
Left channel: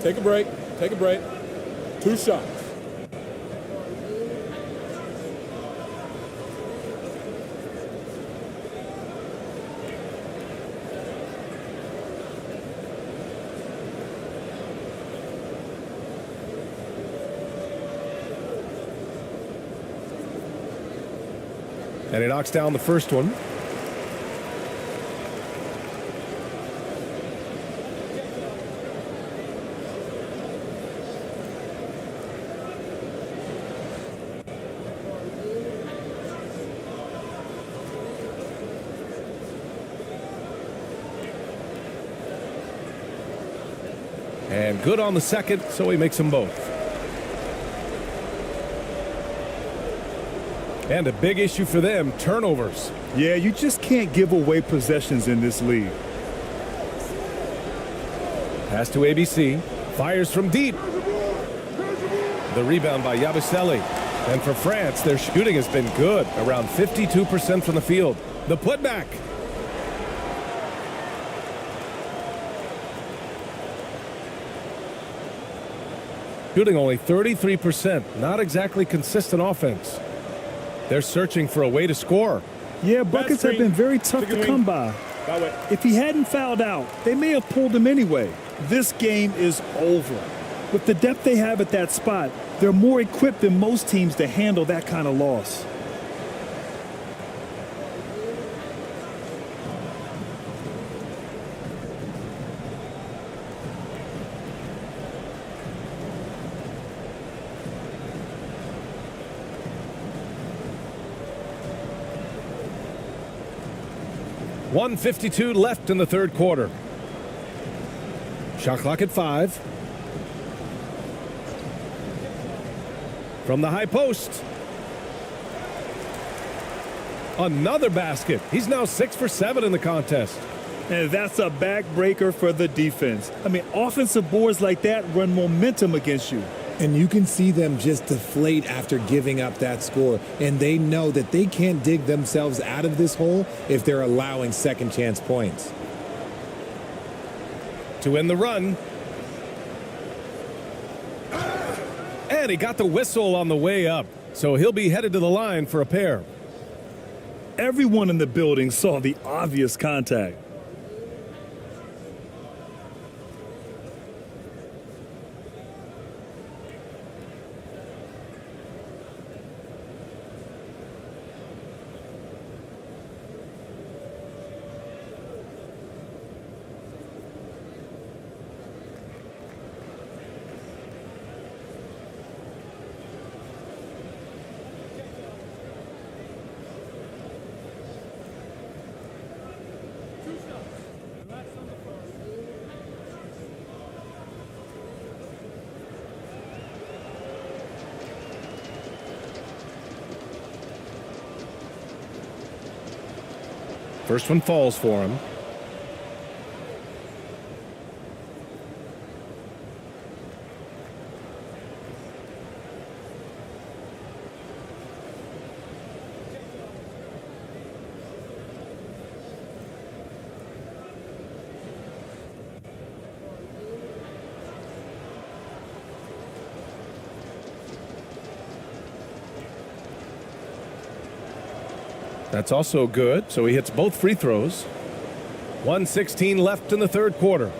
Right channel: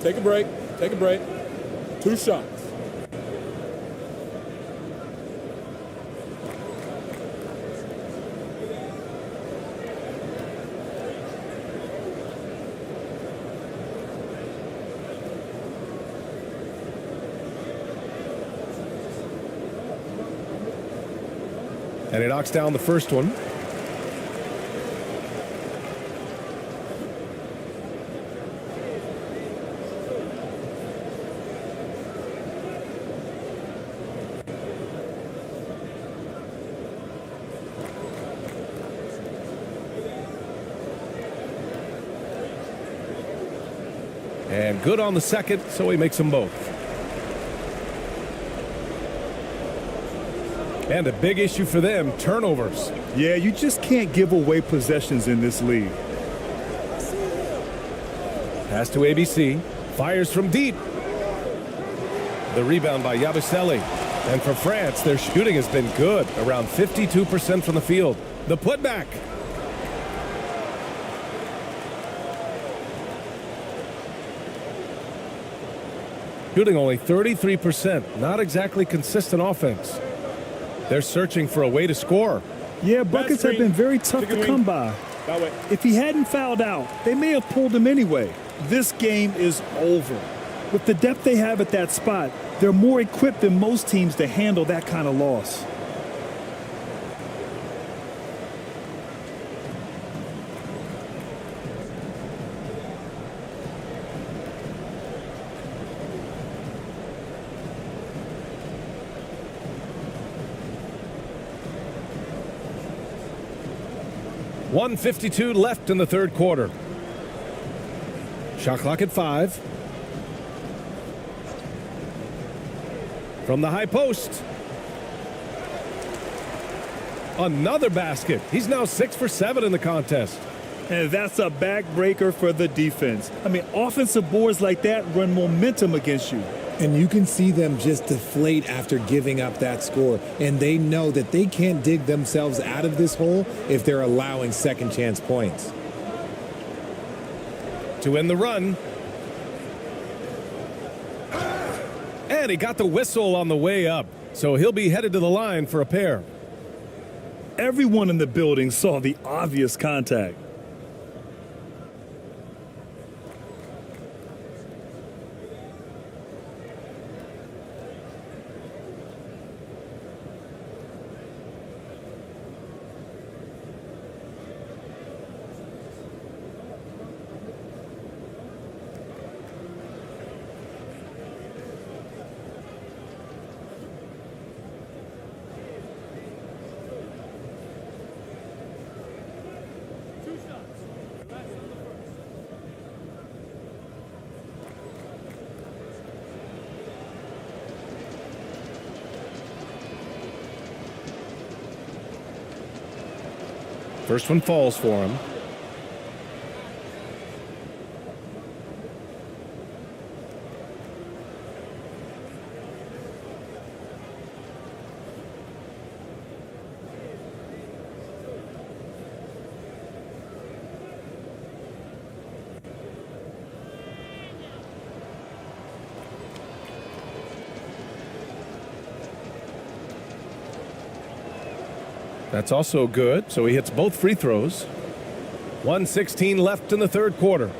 Take a break. Take a break. 2 shots. And he knocks down the first one. And good on the second, so he makes them both. And a big issue for them, turnovers. Yeah, you just can't give away possessions in this league. Pass to ABC. Fires from deep. The rebound by Yabusele. And for France, their shooting has been good, around 52% from the field. The putback. Shooting only 33%. Not exactly consistent offense. They're searching for a way to score. Yeah, buckets have been very tough to come by. If he hadn't fouled out, they may have pulled him anyway. This game is over. With the depth they have at that spot, they're more equipped than most teams to handle that kind of loss. .152 left in the third quarter. Shot clock at 5. From the high post. Another basket. He's now 6 for 7 in the contest. And that's a backbreaker for the defense. I mean, offensive boards like that run momentum against you. And you can see them just deflate after giving up that score. And they know that they can't dig themselves out of this hole if they're allowing second chance points. To end the run. And he got the whistle on the way up. So he'll be headed to the line for a pair. Everyone in the building saw the obvious contact. First one falls for him. That's also good, so he hits both free throws. 1:16 left in the third quarter.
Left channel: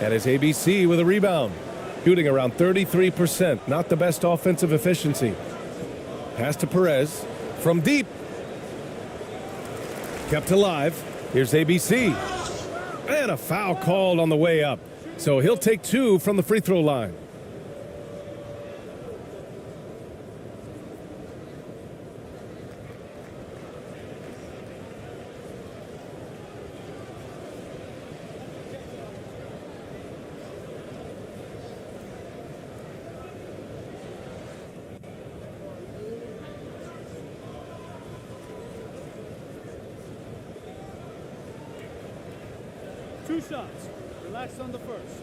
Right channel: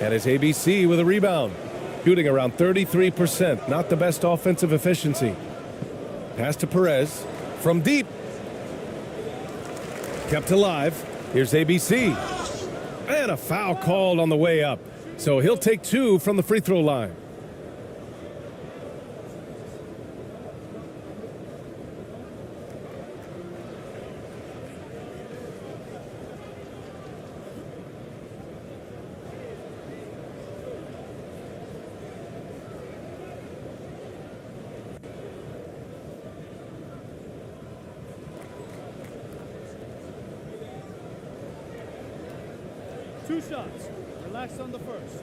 And his ABC with a rebound. Shooting around 33%, not the best offensive efficiency. Pass to Perez from deep. Kept alive. Here's ABC. And a foul called on the way up. So he'll take two from the free throw line. Two shots. Relax on the first.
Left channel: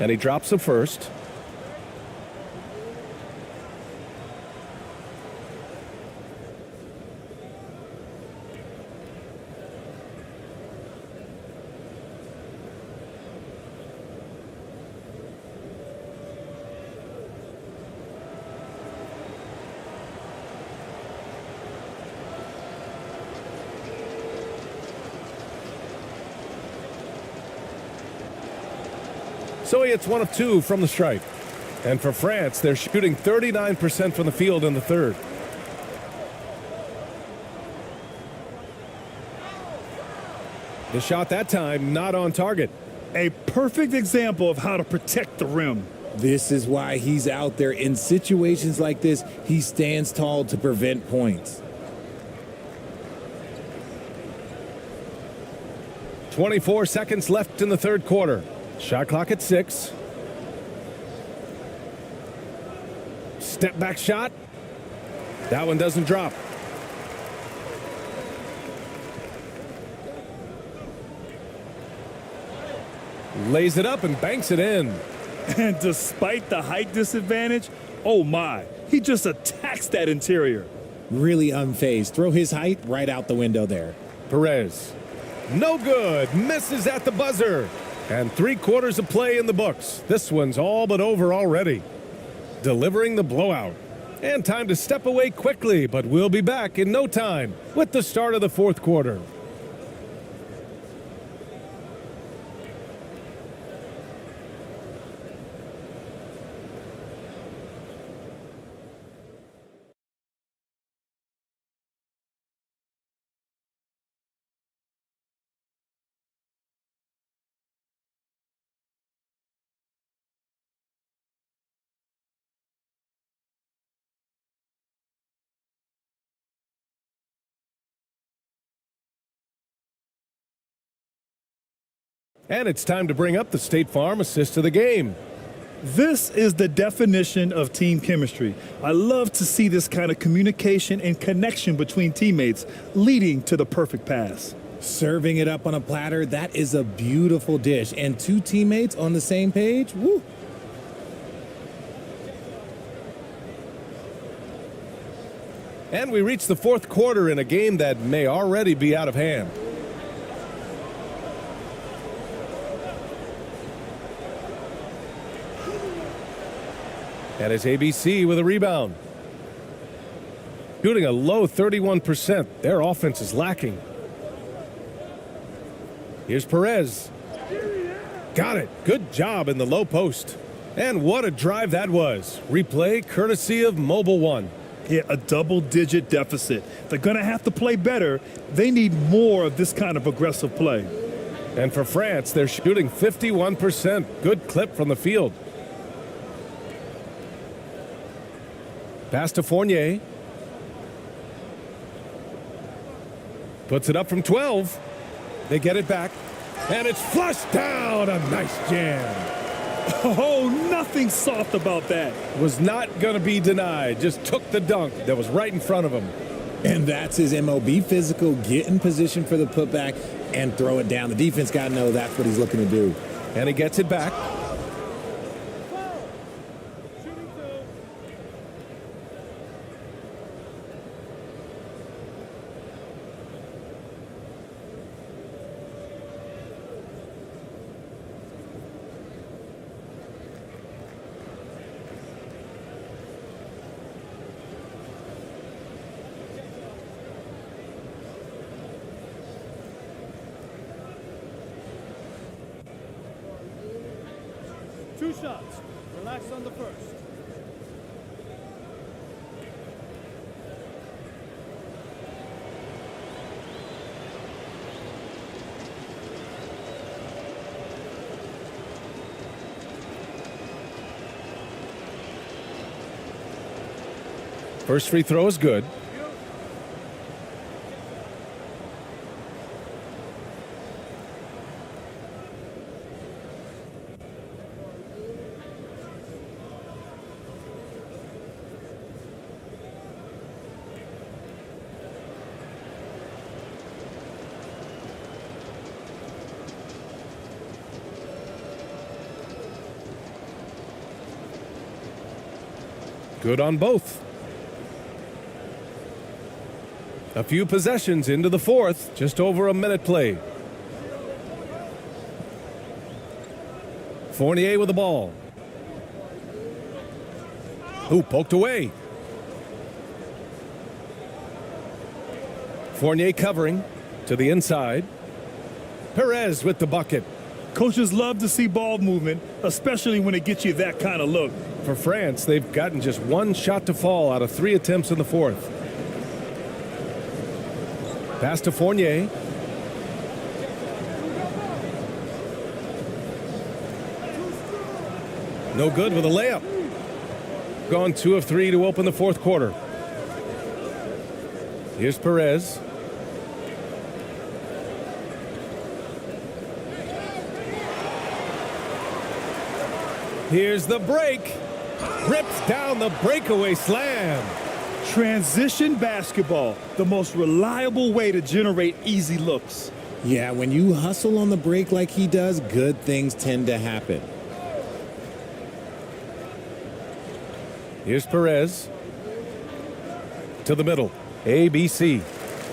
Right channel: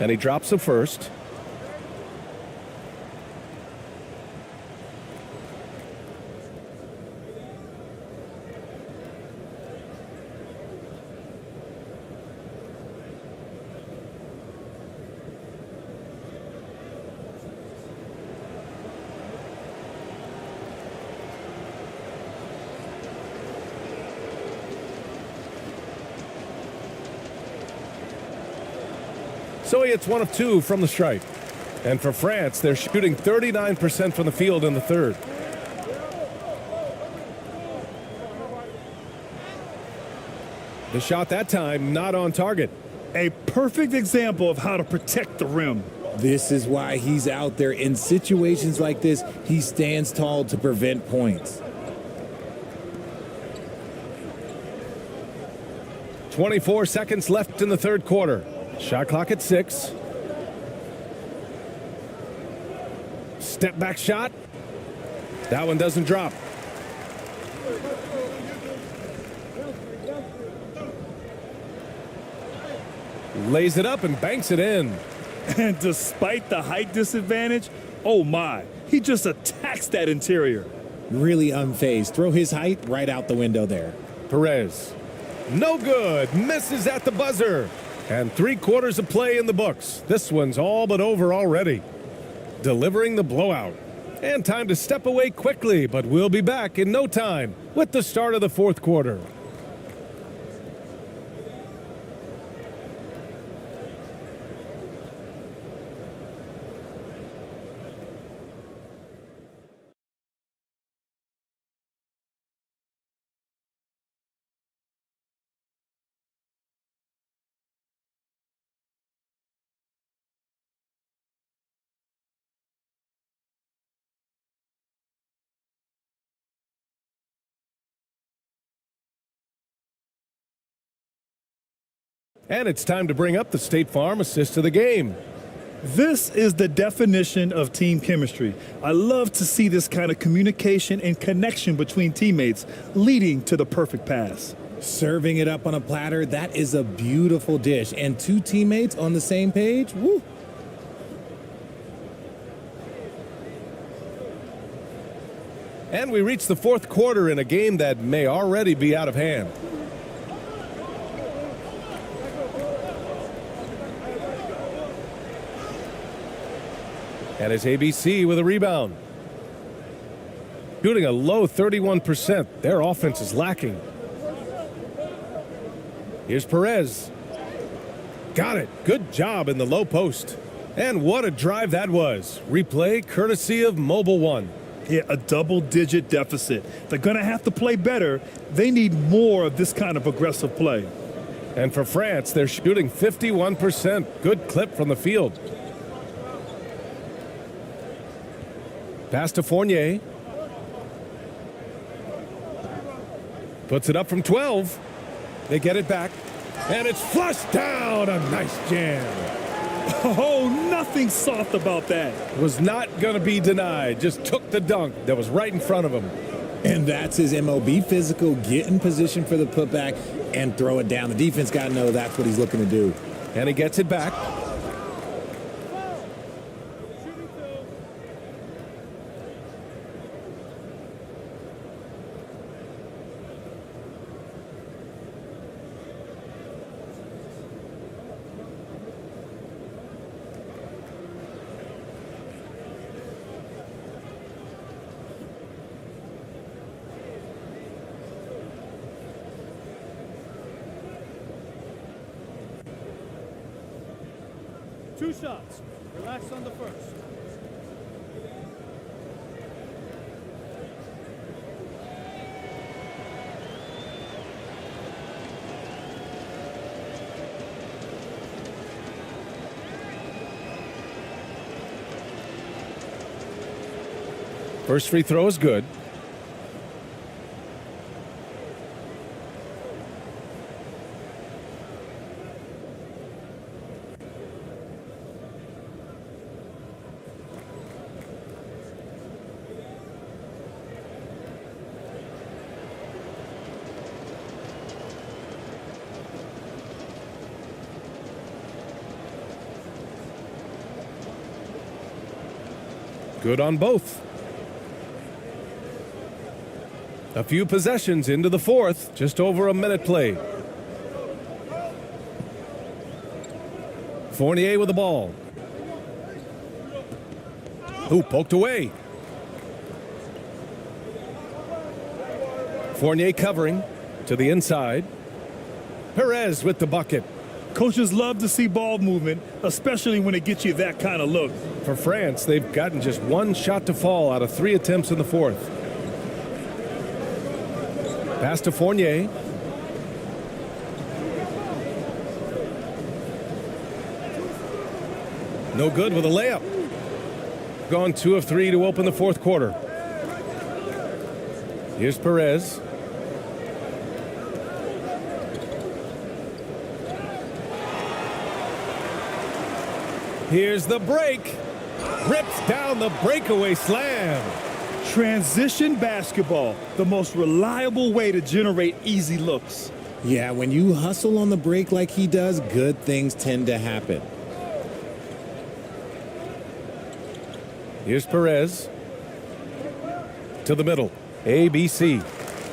And he drops the first. So he hits one of two from the stripe. And for France, they're shooting 39% from the field in the third. The shot that time not on target. A perfect example of how to protect the rim. This is why he's out there. In situations like this, he stands tall to prevent points. 24 seconds left in the third quarter. Shot clock at 6. Step back shot. That one doesn't drop. Lays it up and banks it in. And despite the height disadvantage, oh my, he just attacks that interior. Really unfazed. Throw his height right out the window there. Perez. No good. Misses at the buzzer. And 3 quarters of play in the books. This one's all but over already. Delivering the blowout. And time to step away quickly, but we'll be back in no time with the start of the fourth quarter. And it's time to bring up the State Farm assist of the game. This is the definition of team chemistry. I love to see this kind of communication and connection between teammates leading to the perfect pass. Serving it up on a platter, that is a beautiful dish. And two teammates on the same page, woo. And we reach the fourth quarter in a game that may already be out of hand. And it's ABC with a rebound. Shooting a low 31%. Their offense is lacking. Here's Perez. Got it. Good job in the low post. And what a drive that was. Replay courtesy of Mobile One. Yeah, a double-digit deficit. They're going to have to play better. They need more of this kind of aggressive play. And for France, they're shooting 51%. Good clip from the field. Pass to Fournier. Puts it up from 12. They get it back. And it's flushed down. A nice jam. Oh, nothing soft about that. Was not going to be denied. Just took the dunk that was right in front of him. And that's his MO. Be physical, get in position for the putback, and throw it down. The defense got to know that's what he's looking to do. And he gets it back. Two shots. Relax on the first. First free throw is good. Good on both. A few possessions into the fourth, just over a minute play. Fournier with the ball. Ooh, poked away. Fournier covering to the inside. Perez with the bucket. Coaches love to see ball movement, especially when it gets you that kind of look. For France, they've gotten just one shot to fall out of 3 attempts in the fourth. Pass to Fournier. No good with a layup. Gone 2 of 3 to open the fourth quarter. Here's Perez. Here's the break. Rips down the breakaway slam. Transition basketball, the most reliable way to generate easy looks. Yeah, when you hustle on the break like he does, good things tend to happen. Here's Perez. To the middle. ABC.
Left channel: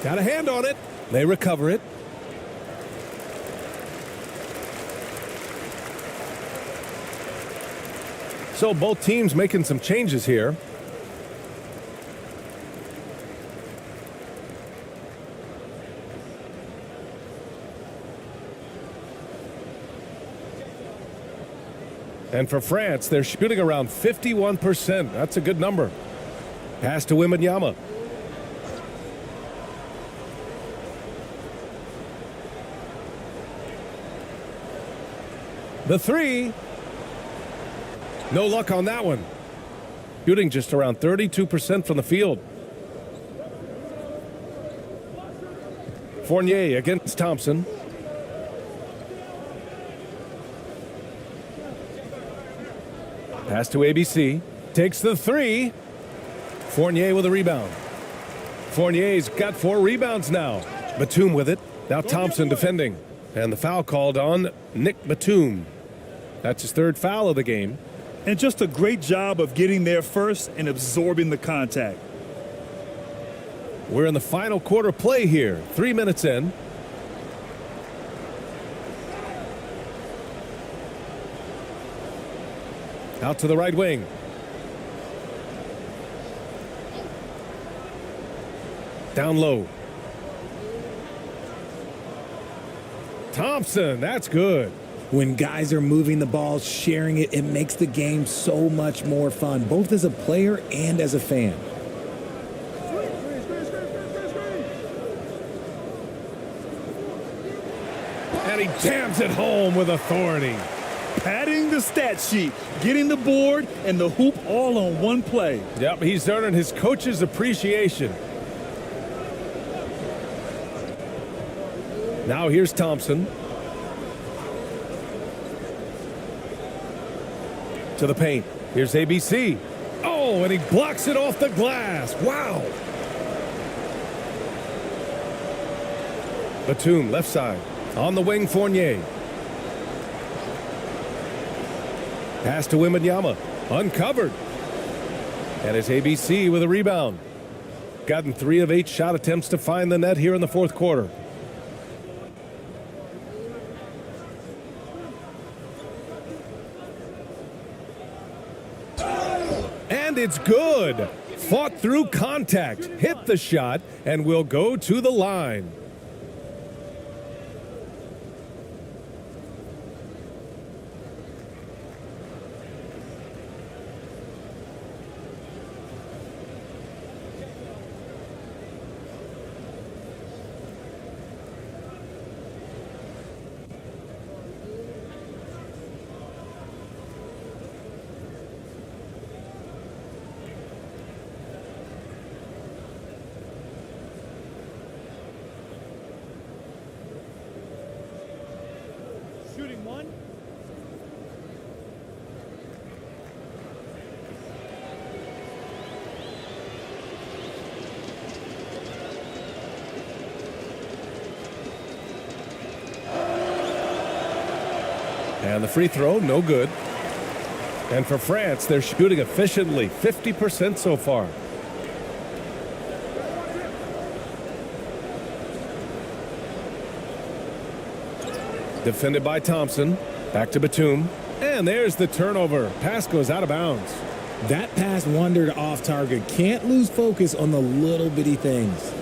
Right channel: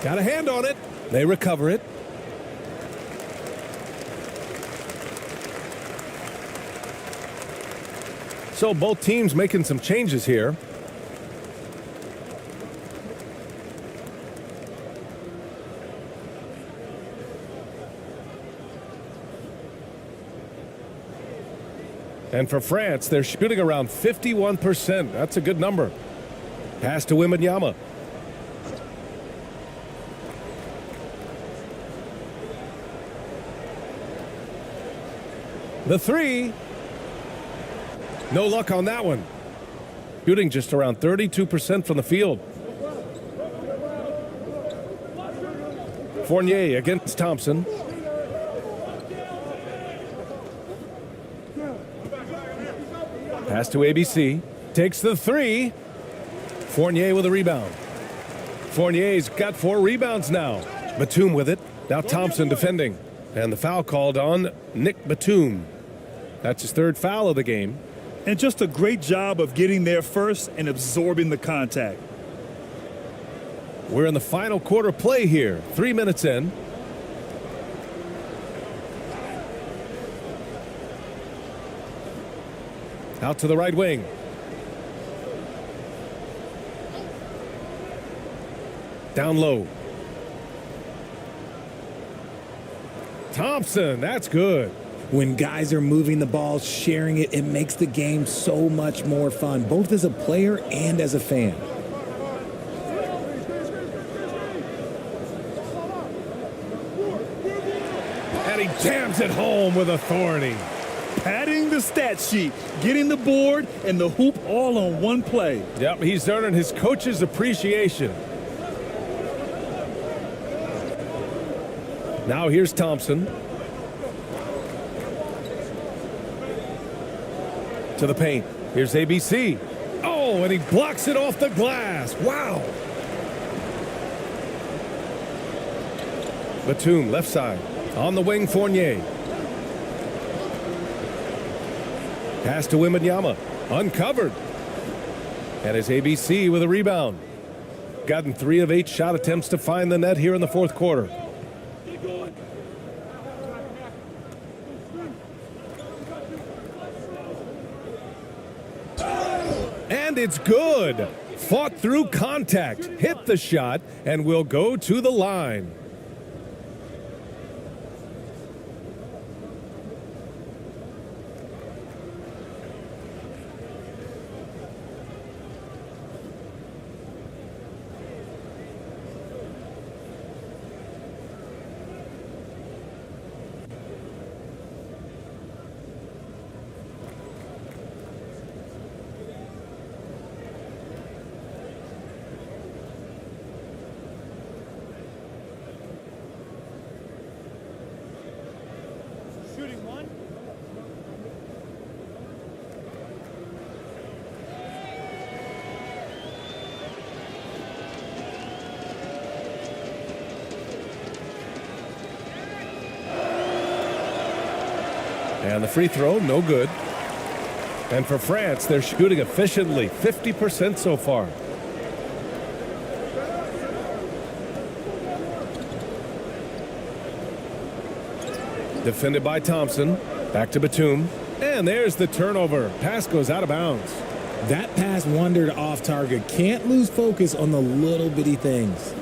Got a hand on it. They recover it. So both teams making some changes here. And for France, they're shooting around 51%. That's a good number. Pass to Wembanyama. The three. No luck on that one. Shooting just around 32% from the field. Fournier against Thompson. Pass to ABC. Takes the three. Fournier with a rebound. Fournier's got 4 rebounds now. Batum with it. Now Thompson defending. And the foul called on Nick Batum. That's his 3rd foul of the game. And just a great job of getting there first and absorbing the contact. We're in the final quarter play here. 3 minutes in. Out to the right wing. Down low. Thompson, that's good. When guys are moving the ball, sharing it, it makes the game so much more fun, both as a player and as a fan. And he jams it home with authority. Padding the stat sheet, getting the board and the hoop all on one play. Yep, he's earning his coach's appreciation. Now here's Thompson. To the paint. Here's ABC. Oh, and he blocks it off the glass. Wow. Batum, left side. On the wing, Fournier. Pass to Wembanyama. Uncovered. And it's ABC with a rebound. Gotten 3 of 8 shot attempts to find the net here in the 4th quarter. And it's good. Fought through contact, hit the shot, and will go to the line. Shooting 1. And the free throw, no good. And for France, they're shooting efficiently, 50% so far. Defended by Thompson. Back to Batum. And there's the turnover. Pass goes out of bounds. That pass wandered off target. Can't lose focus on the little bitty things.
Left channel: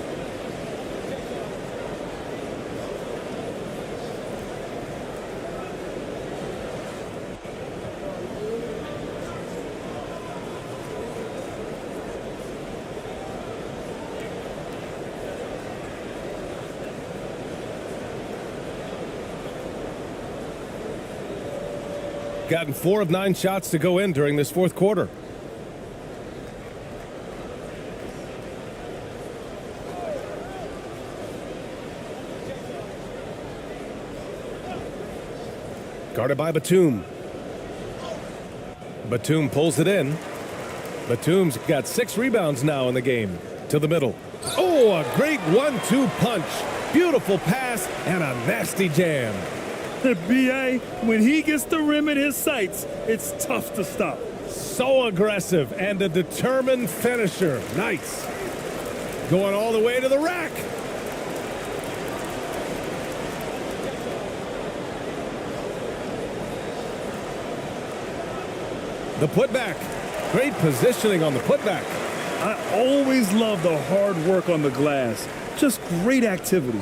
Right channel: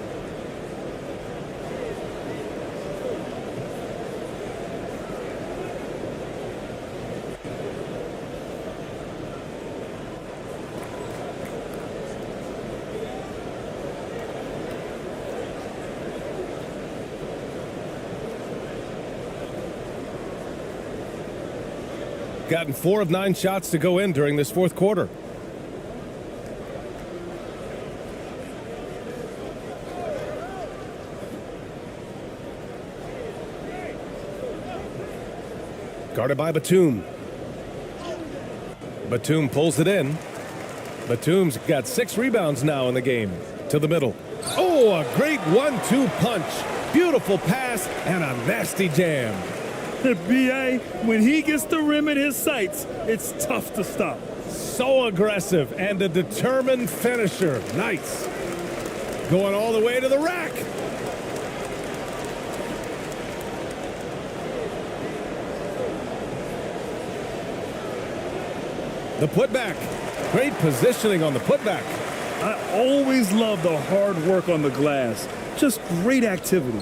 Gotten 4 of 9 shots to go in during this 4th quarter. Guarded by Batum. Batum pulls it in. Batum's got 6 rebounds now in the game. To the middle. Oh, a great 1-2 punch. Beautiful pass and a nasty jam. B.A., when he gets the rim in his sights, it's tough to stop. So aggressive and a determined finisher. Nice. Going all the way to the rack. The putback. Great positioning on the putback. I always love the hard work on the glass. Just great activity.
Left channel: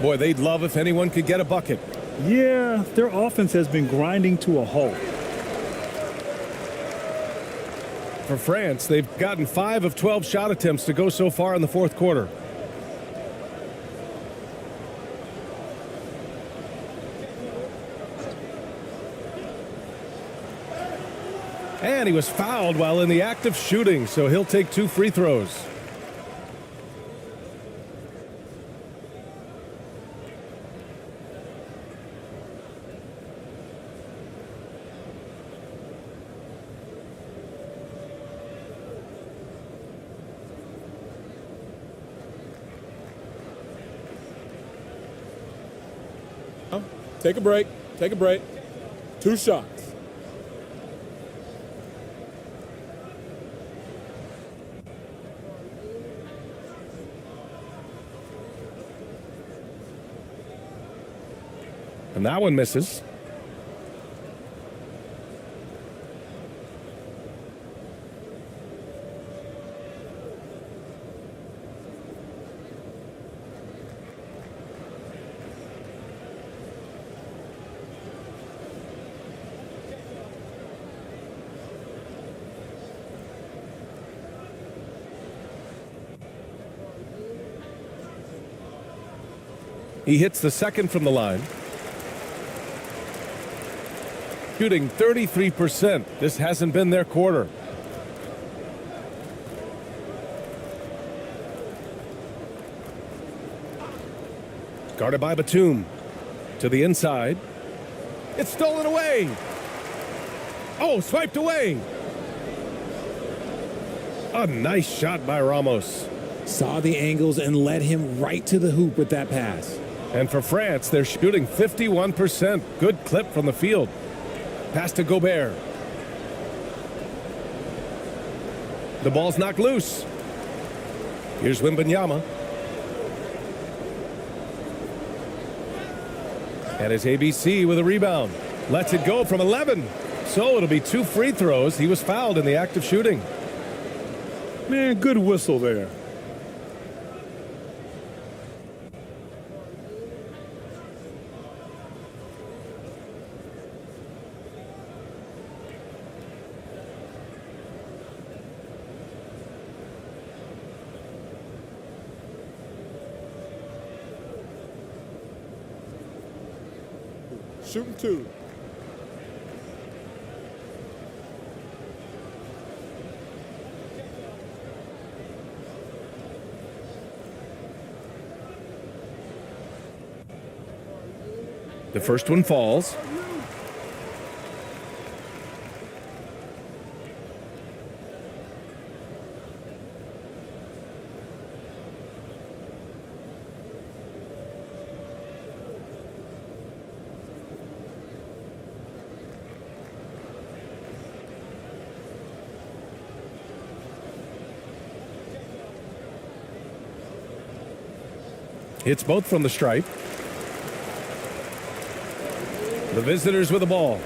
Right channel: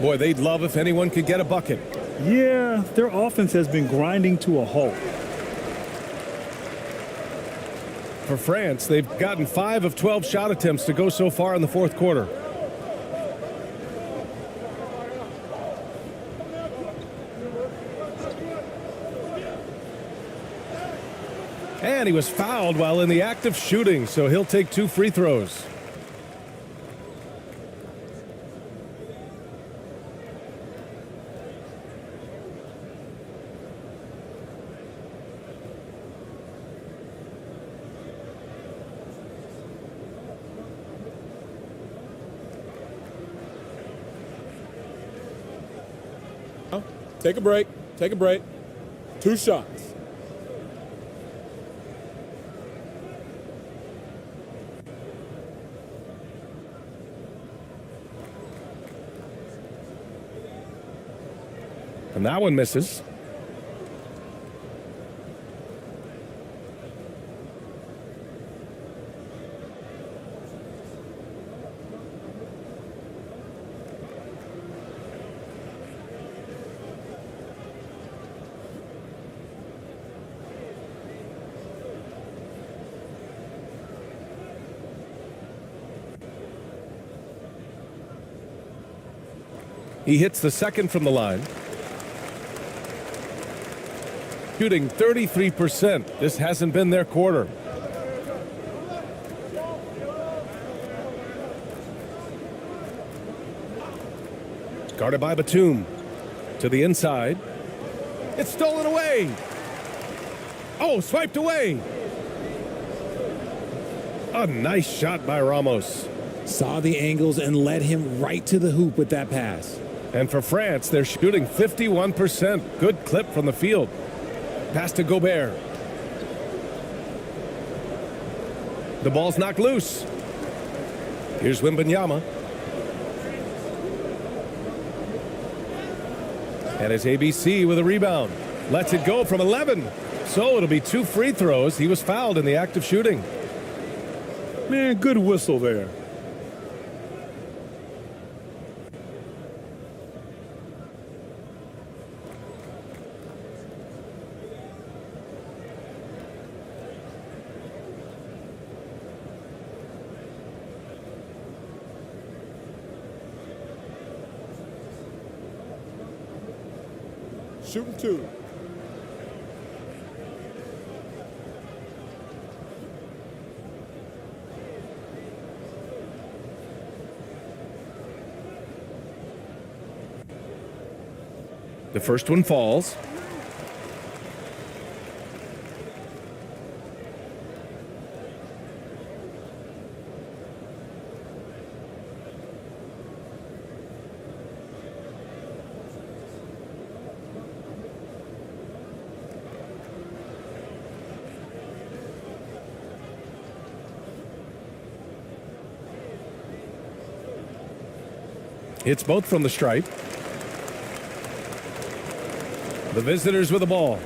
Boy, they'd love if anyone could get a bucket. Yeah, their offense has been grinding to a halt. For France, they've gotten 5 of 12 shot attempts to go so far in the 4th quarter. And he was fouled while in the act of shooting, so he'll take 2 free throws. Take a break. Take a break. 2 shots. And that one misses. He hits the second from the line. Shooting 33%. This hasn't been their quarter. Guarded by Batum. To the inside. It's stolen away. Oh, swiped away. A nice shot by Ramos. Saw the angles and led him right to the hoop with that pass. And for France, they're shooting 51%. Good clip from the field. Pass to Gobert. The ball's knocked loose. Here's Wembanyama. And it's ABC with a rebound. Lets it go from 11. So it'll be 2 free throws. He was fouled in the act of shooting. Man, good whistle there. Shooting 2. The first one falls. Hits both from the stripe. The visitors with the ball.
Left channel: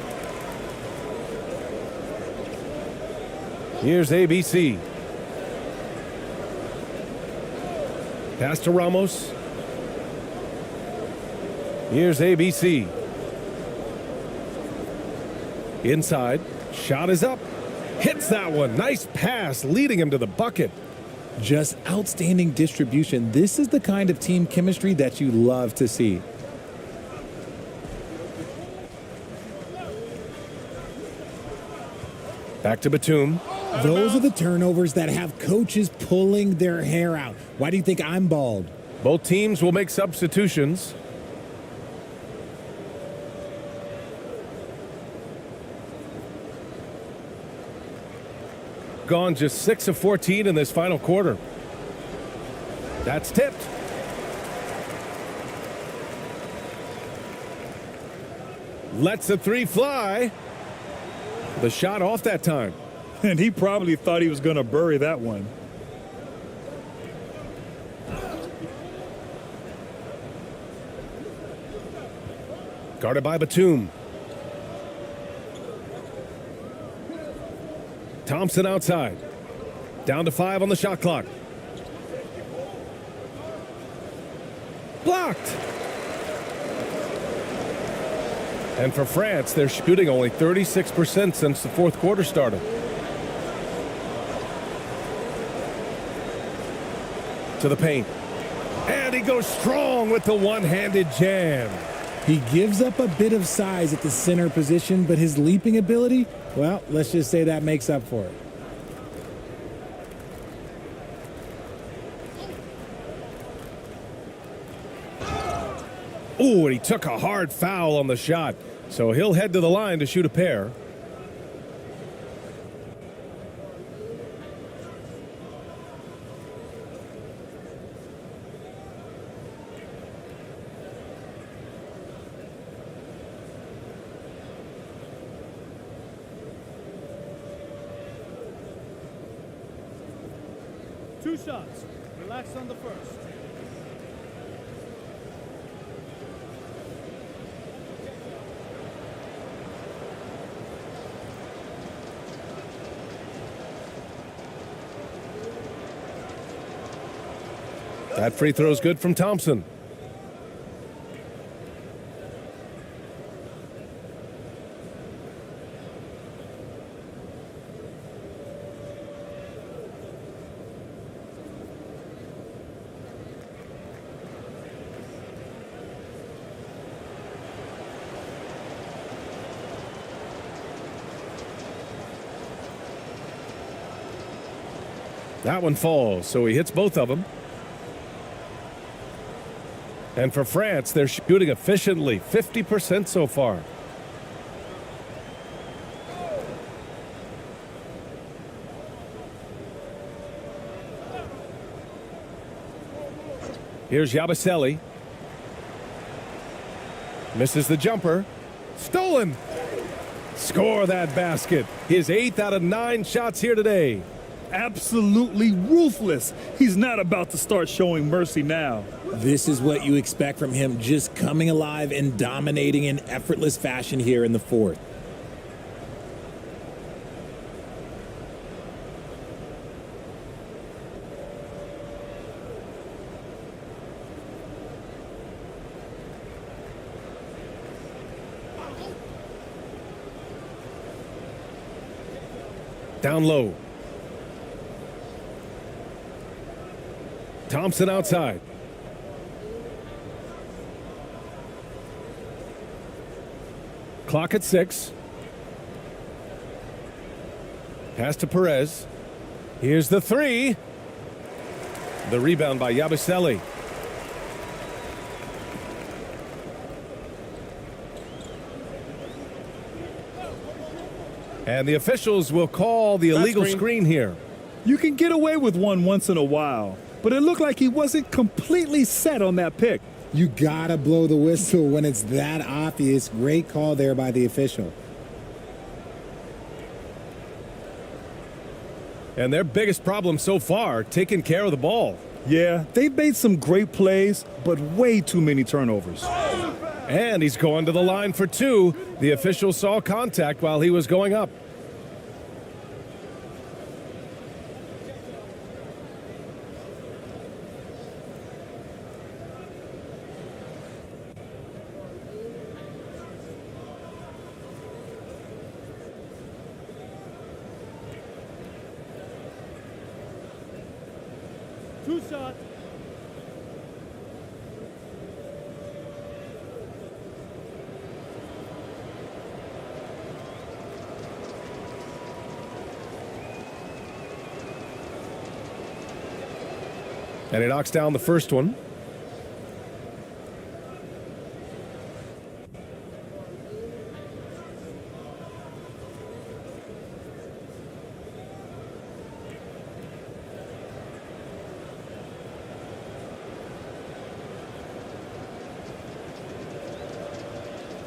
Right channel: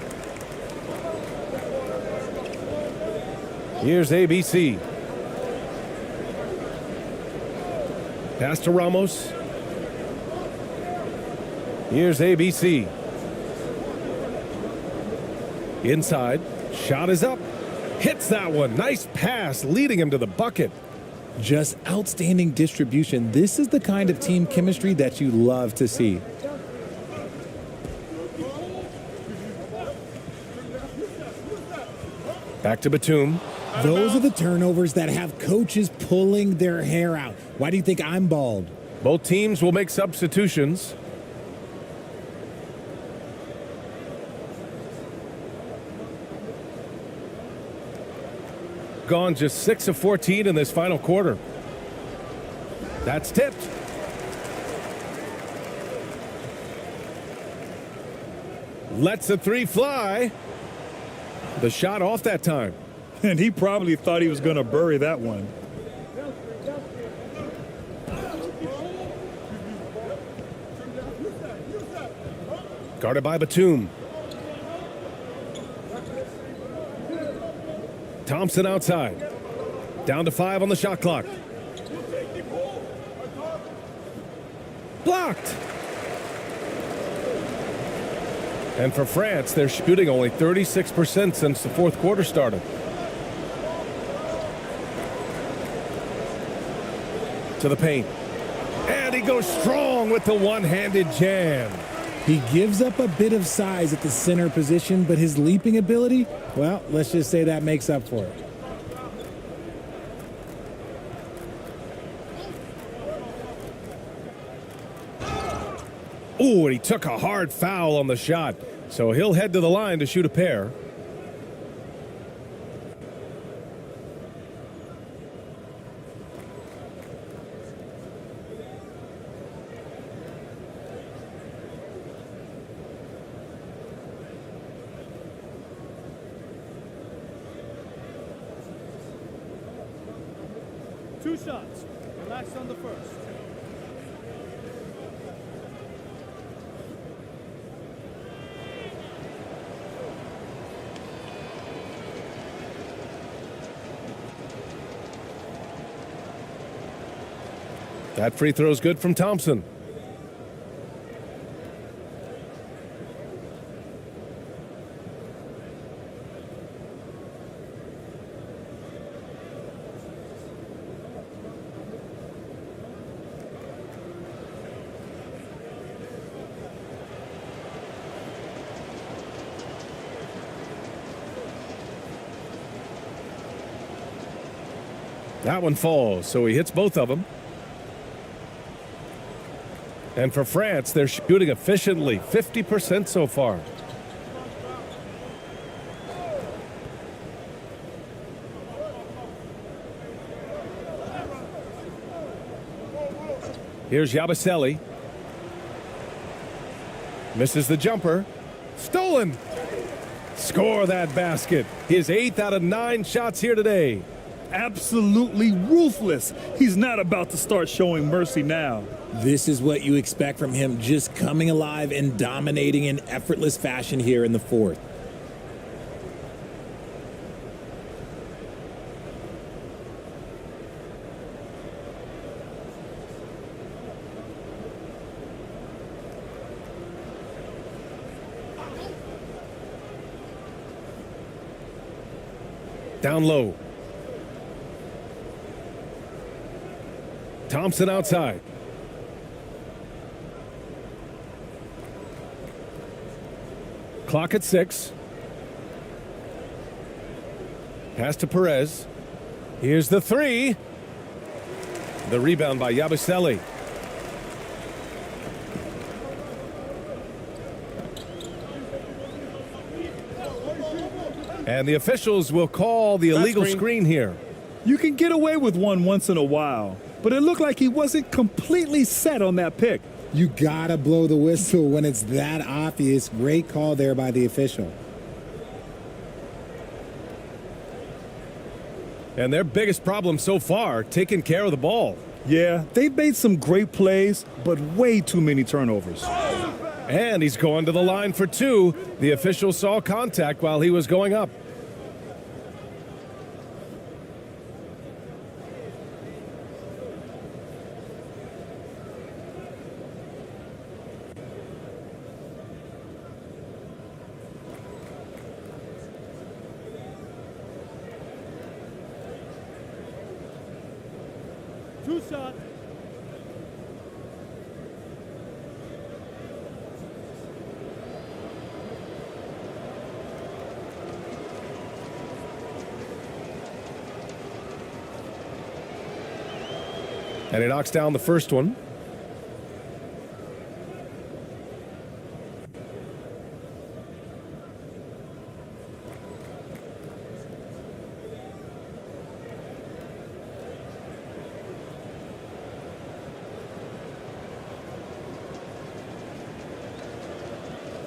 Here's ABC. Pass to Ramos. Here's ABC. Inside. Shot is up. Hits that one. Nice pass, leading him to the bucket. Just outstanding distribution. This is the kind of team chemistry that you love to see. Back to Batum. Those are the turnovers that have coaches pulling their hair out. Why do you think I'm bald? Both teams will make substitutions. Gone just 6 of 14 in this final quarter. That's tipped. Lets the 3 fly. The shot off that time. And he probably thought he was going to bury that one. Guarded by Batum. Thompson outside. Down to 5 on the shot clock. Blocked. And for France, they're shooting only 36% since the fourth quarter started. To the paint. And he goes strong with the one-handed jam. He gives up a bit of size at the center position, but his leaping ability, well, let's just say that makes up for it. Ooh, and he took a hard foul on the shot. So he'll head to the line to shoot a pair. 2 shots. Relax on the first. That free throw is good from Thompson. That one falls, so he hits both of them. And for France, they're shooting efficiently, 50% so far. Here's Yabusele. Misses the jumper. Stolen. Score that basket. His 8th out of 9 shots here today. Absolutely ruthless. He's not about to start showing mercy now. This is what you expect from him, just coming alive and dominating in effortless fashion here in the 4th. Down low. Thompson outside. Clock at 6. Pass to Perez. Here's the 3. The rebound by Yabusele. And the officials will call the illegal screen here. You can get away with one once in a while, but it looked like he wasn't completely set on that pick. You gotta blow the whistle when it's that obvious. Great call there by the official. And their biggest problem so far, taking care of the ball. Yeah, they've made some great plays, but way too many turnovers. And he's going to the line for 2. The official saw contact while he was going up. Two shots. And he knocks down the first one.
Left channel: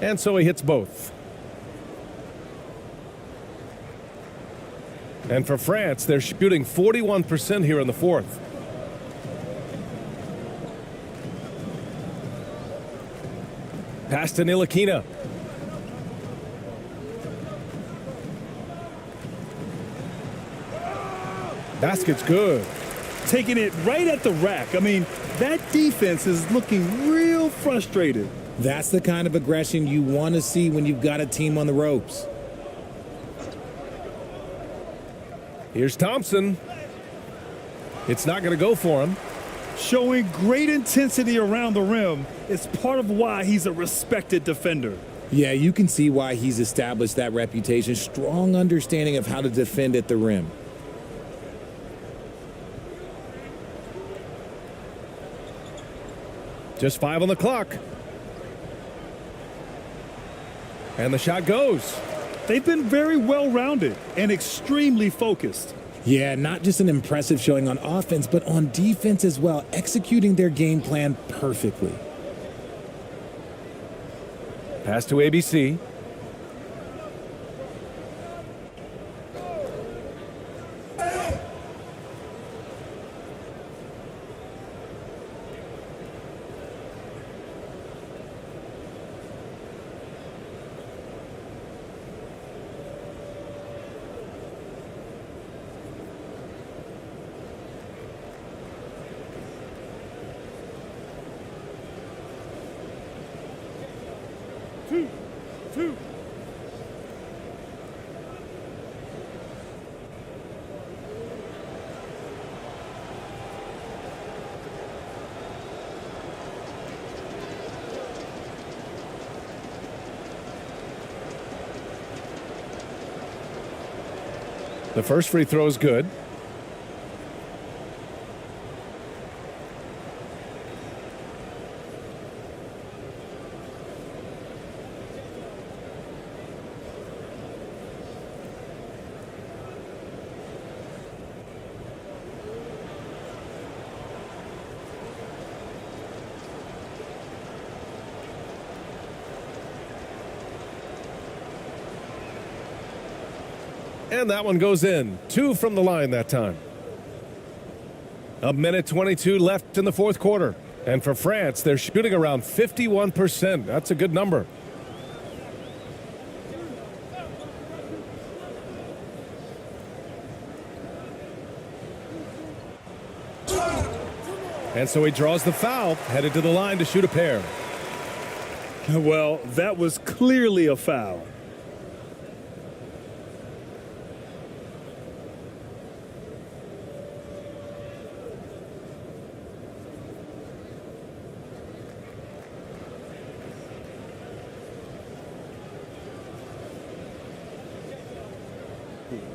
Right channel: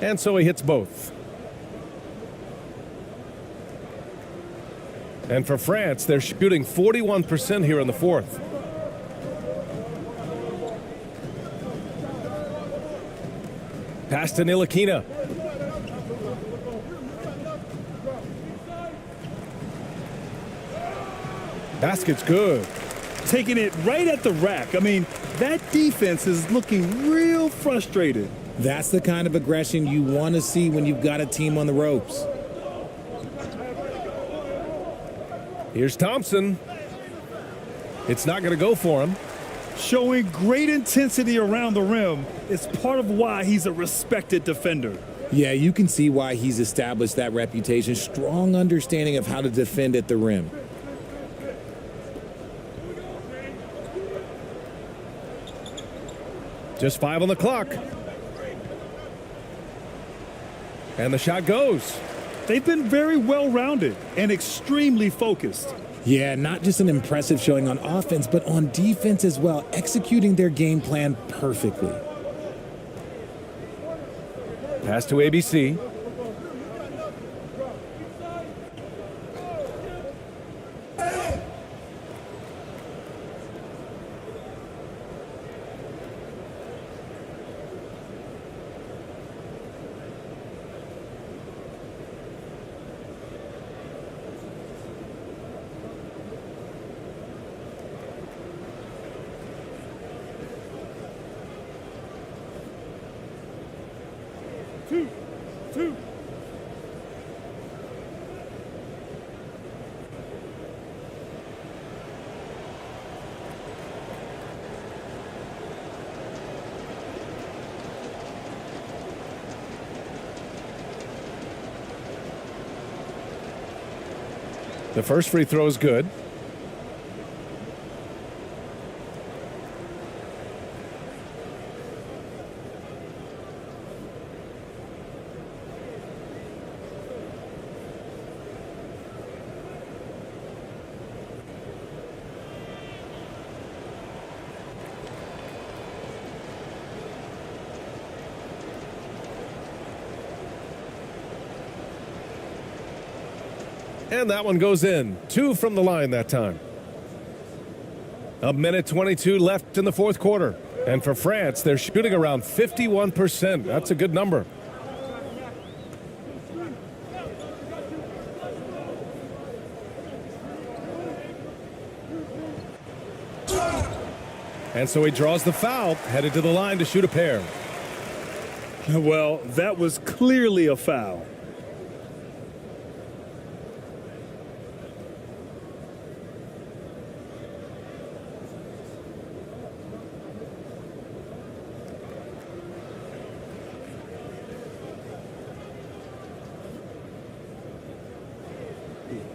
And so he hits both. And for France, they're shooting 41% here in the 4th. Pass to Ntilikina. Basket's good. Taking it right at the rack. I mean, that defense is looking real frustrated. That's the kind of aggression you want to see when you've got a team on the ropes. Here's Thompson. It's not going to go for him. Showing great intensity around the rim is part of why he's a respected defender. Yeah, you can see why he's established that reputation. Strong understanding of how to defend at the rim. Just 5 on the clock. And the shot goes. They've been very well-rounded and extremely focused. Yeah, not just an impressive showing on offense, but on defense as well, executing their game plan perfectly. Pass to ABC. 2. The first free throw is good. And that one goes in. 2 from the line that time. A minute 22 left in the fourth quarter. And for France, they're shooting around 51%. That's a good number. And so he draws the foul, headed to the line to shoot a pair. Well, that was clearly a foul.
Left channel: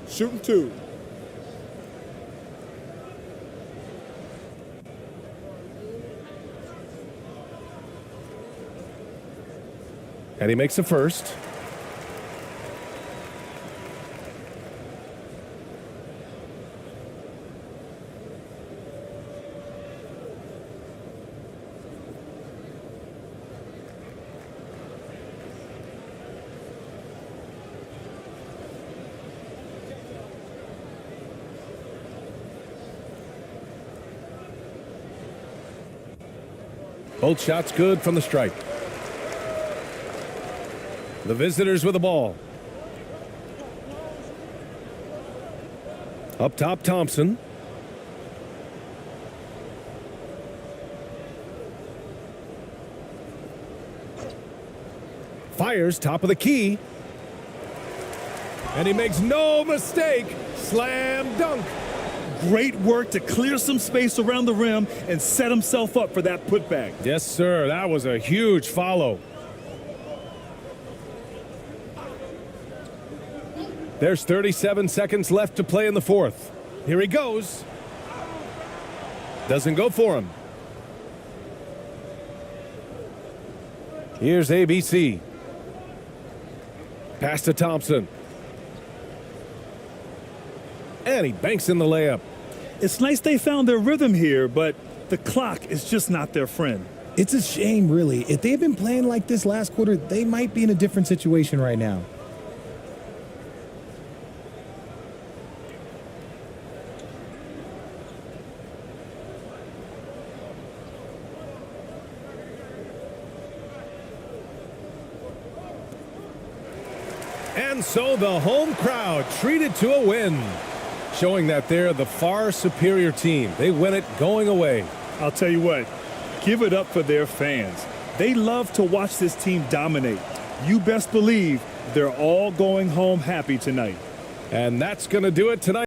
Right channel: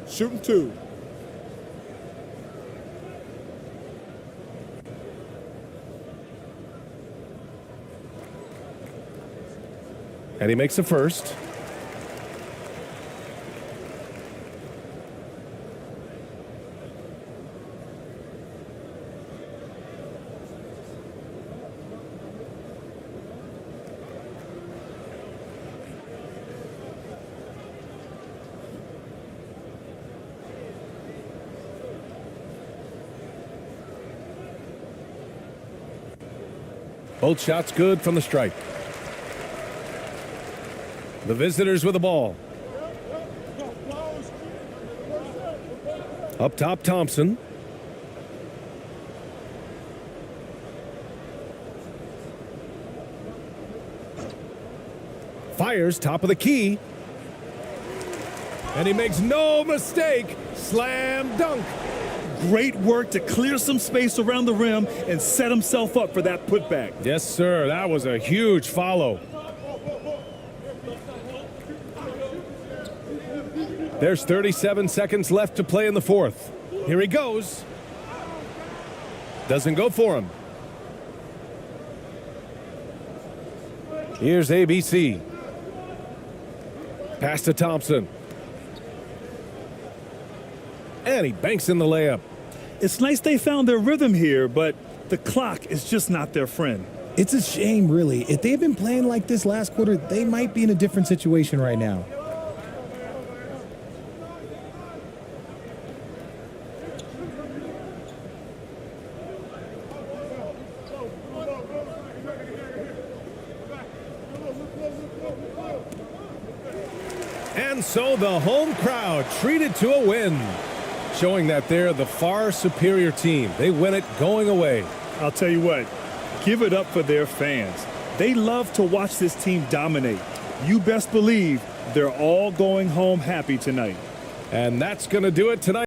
Shooting 2. And he makes a first. Both shots good from the stripe. The visitors with the ball. Up top, Thompson. Fires top of the key. And he makes no mistake. Slam dunk. Great work to clear some space around the rim and set himself up for that putback. Yes, sir. That was a huge follow. There's 37 seconds left to play in the fourth. Here he goes. Doesn't go for him. Here's ABC. Pass to Thompson. And he banks in the layup. It's nice they found their rhythm here, but the clock is just not their friend. It's a shame, really. If they've been playing like this last quarter, they might be in a different situation right now. And so the home crowd treated to a win, showing that they're the far superior team. They win it going away. I'll tell you what, give it up for their fans. They love to watch this team dominate. You best believe they're all going home happy tonight. And that's going to do it tonight.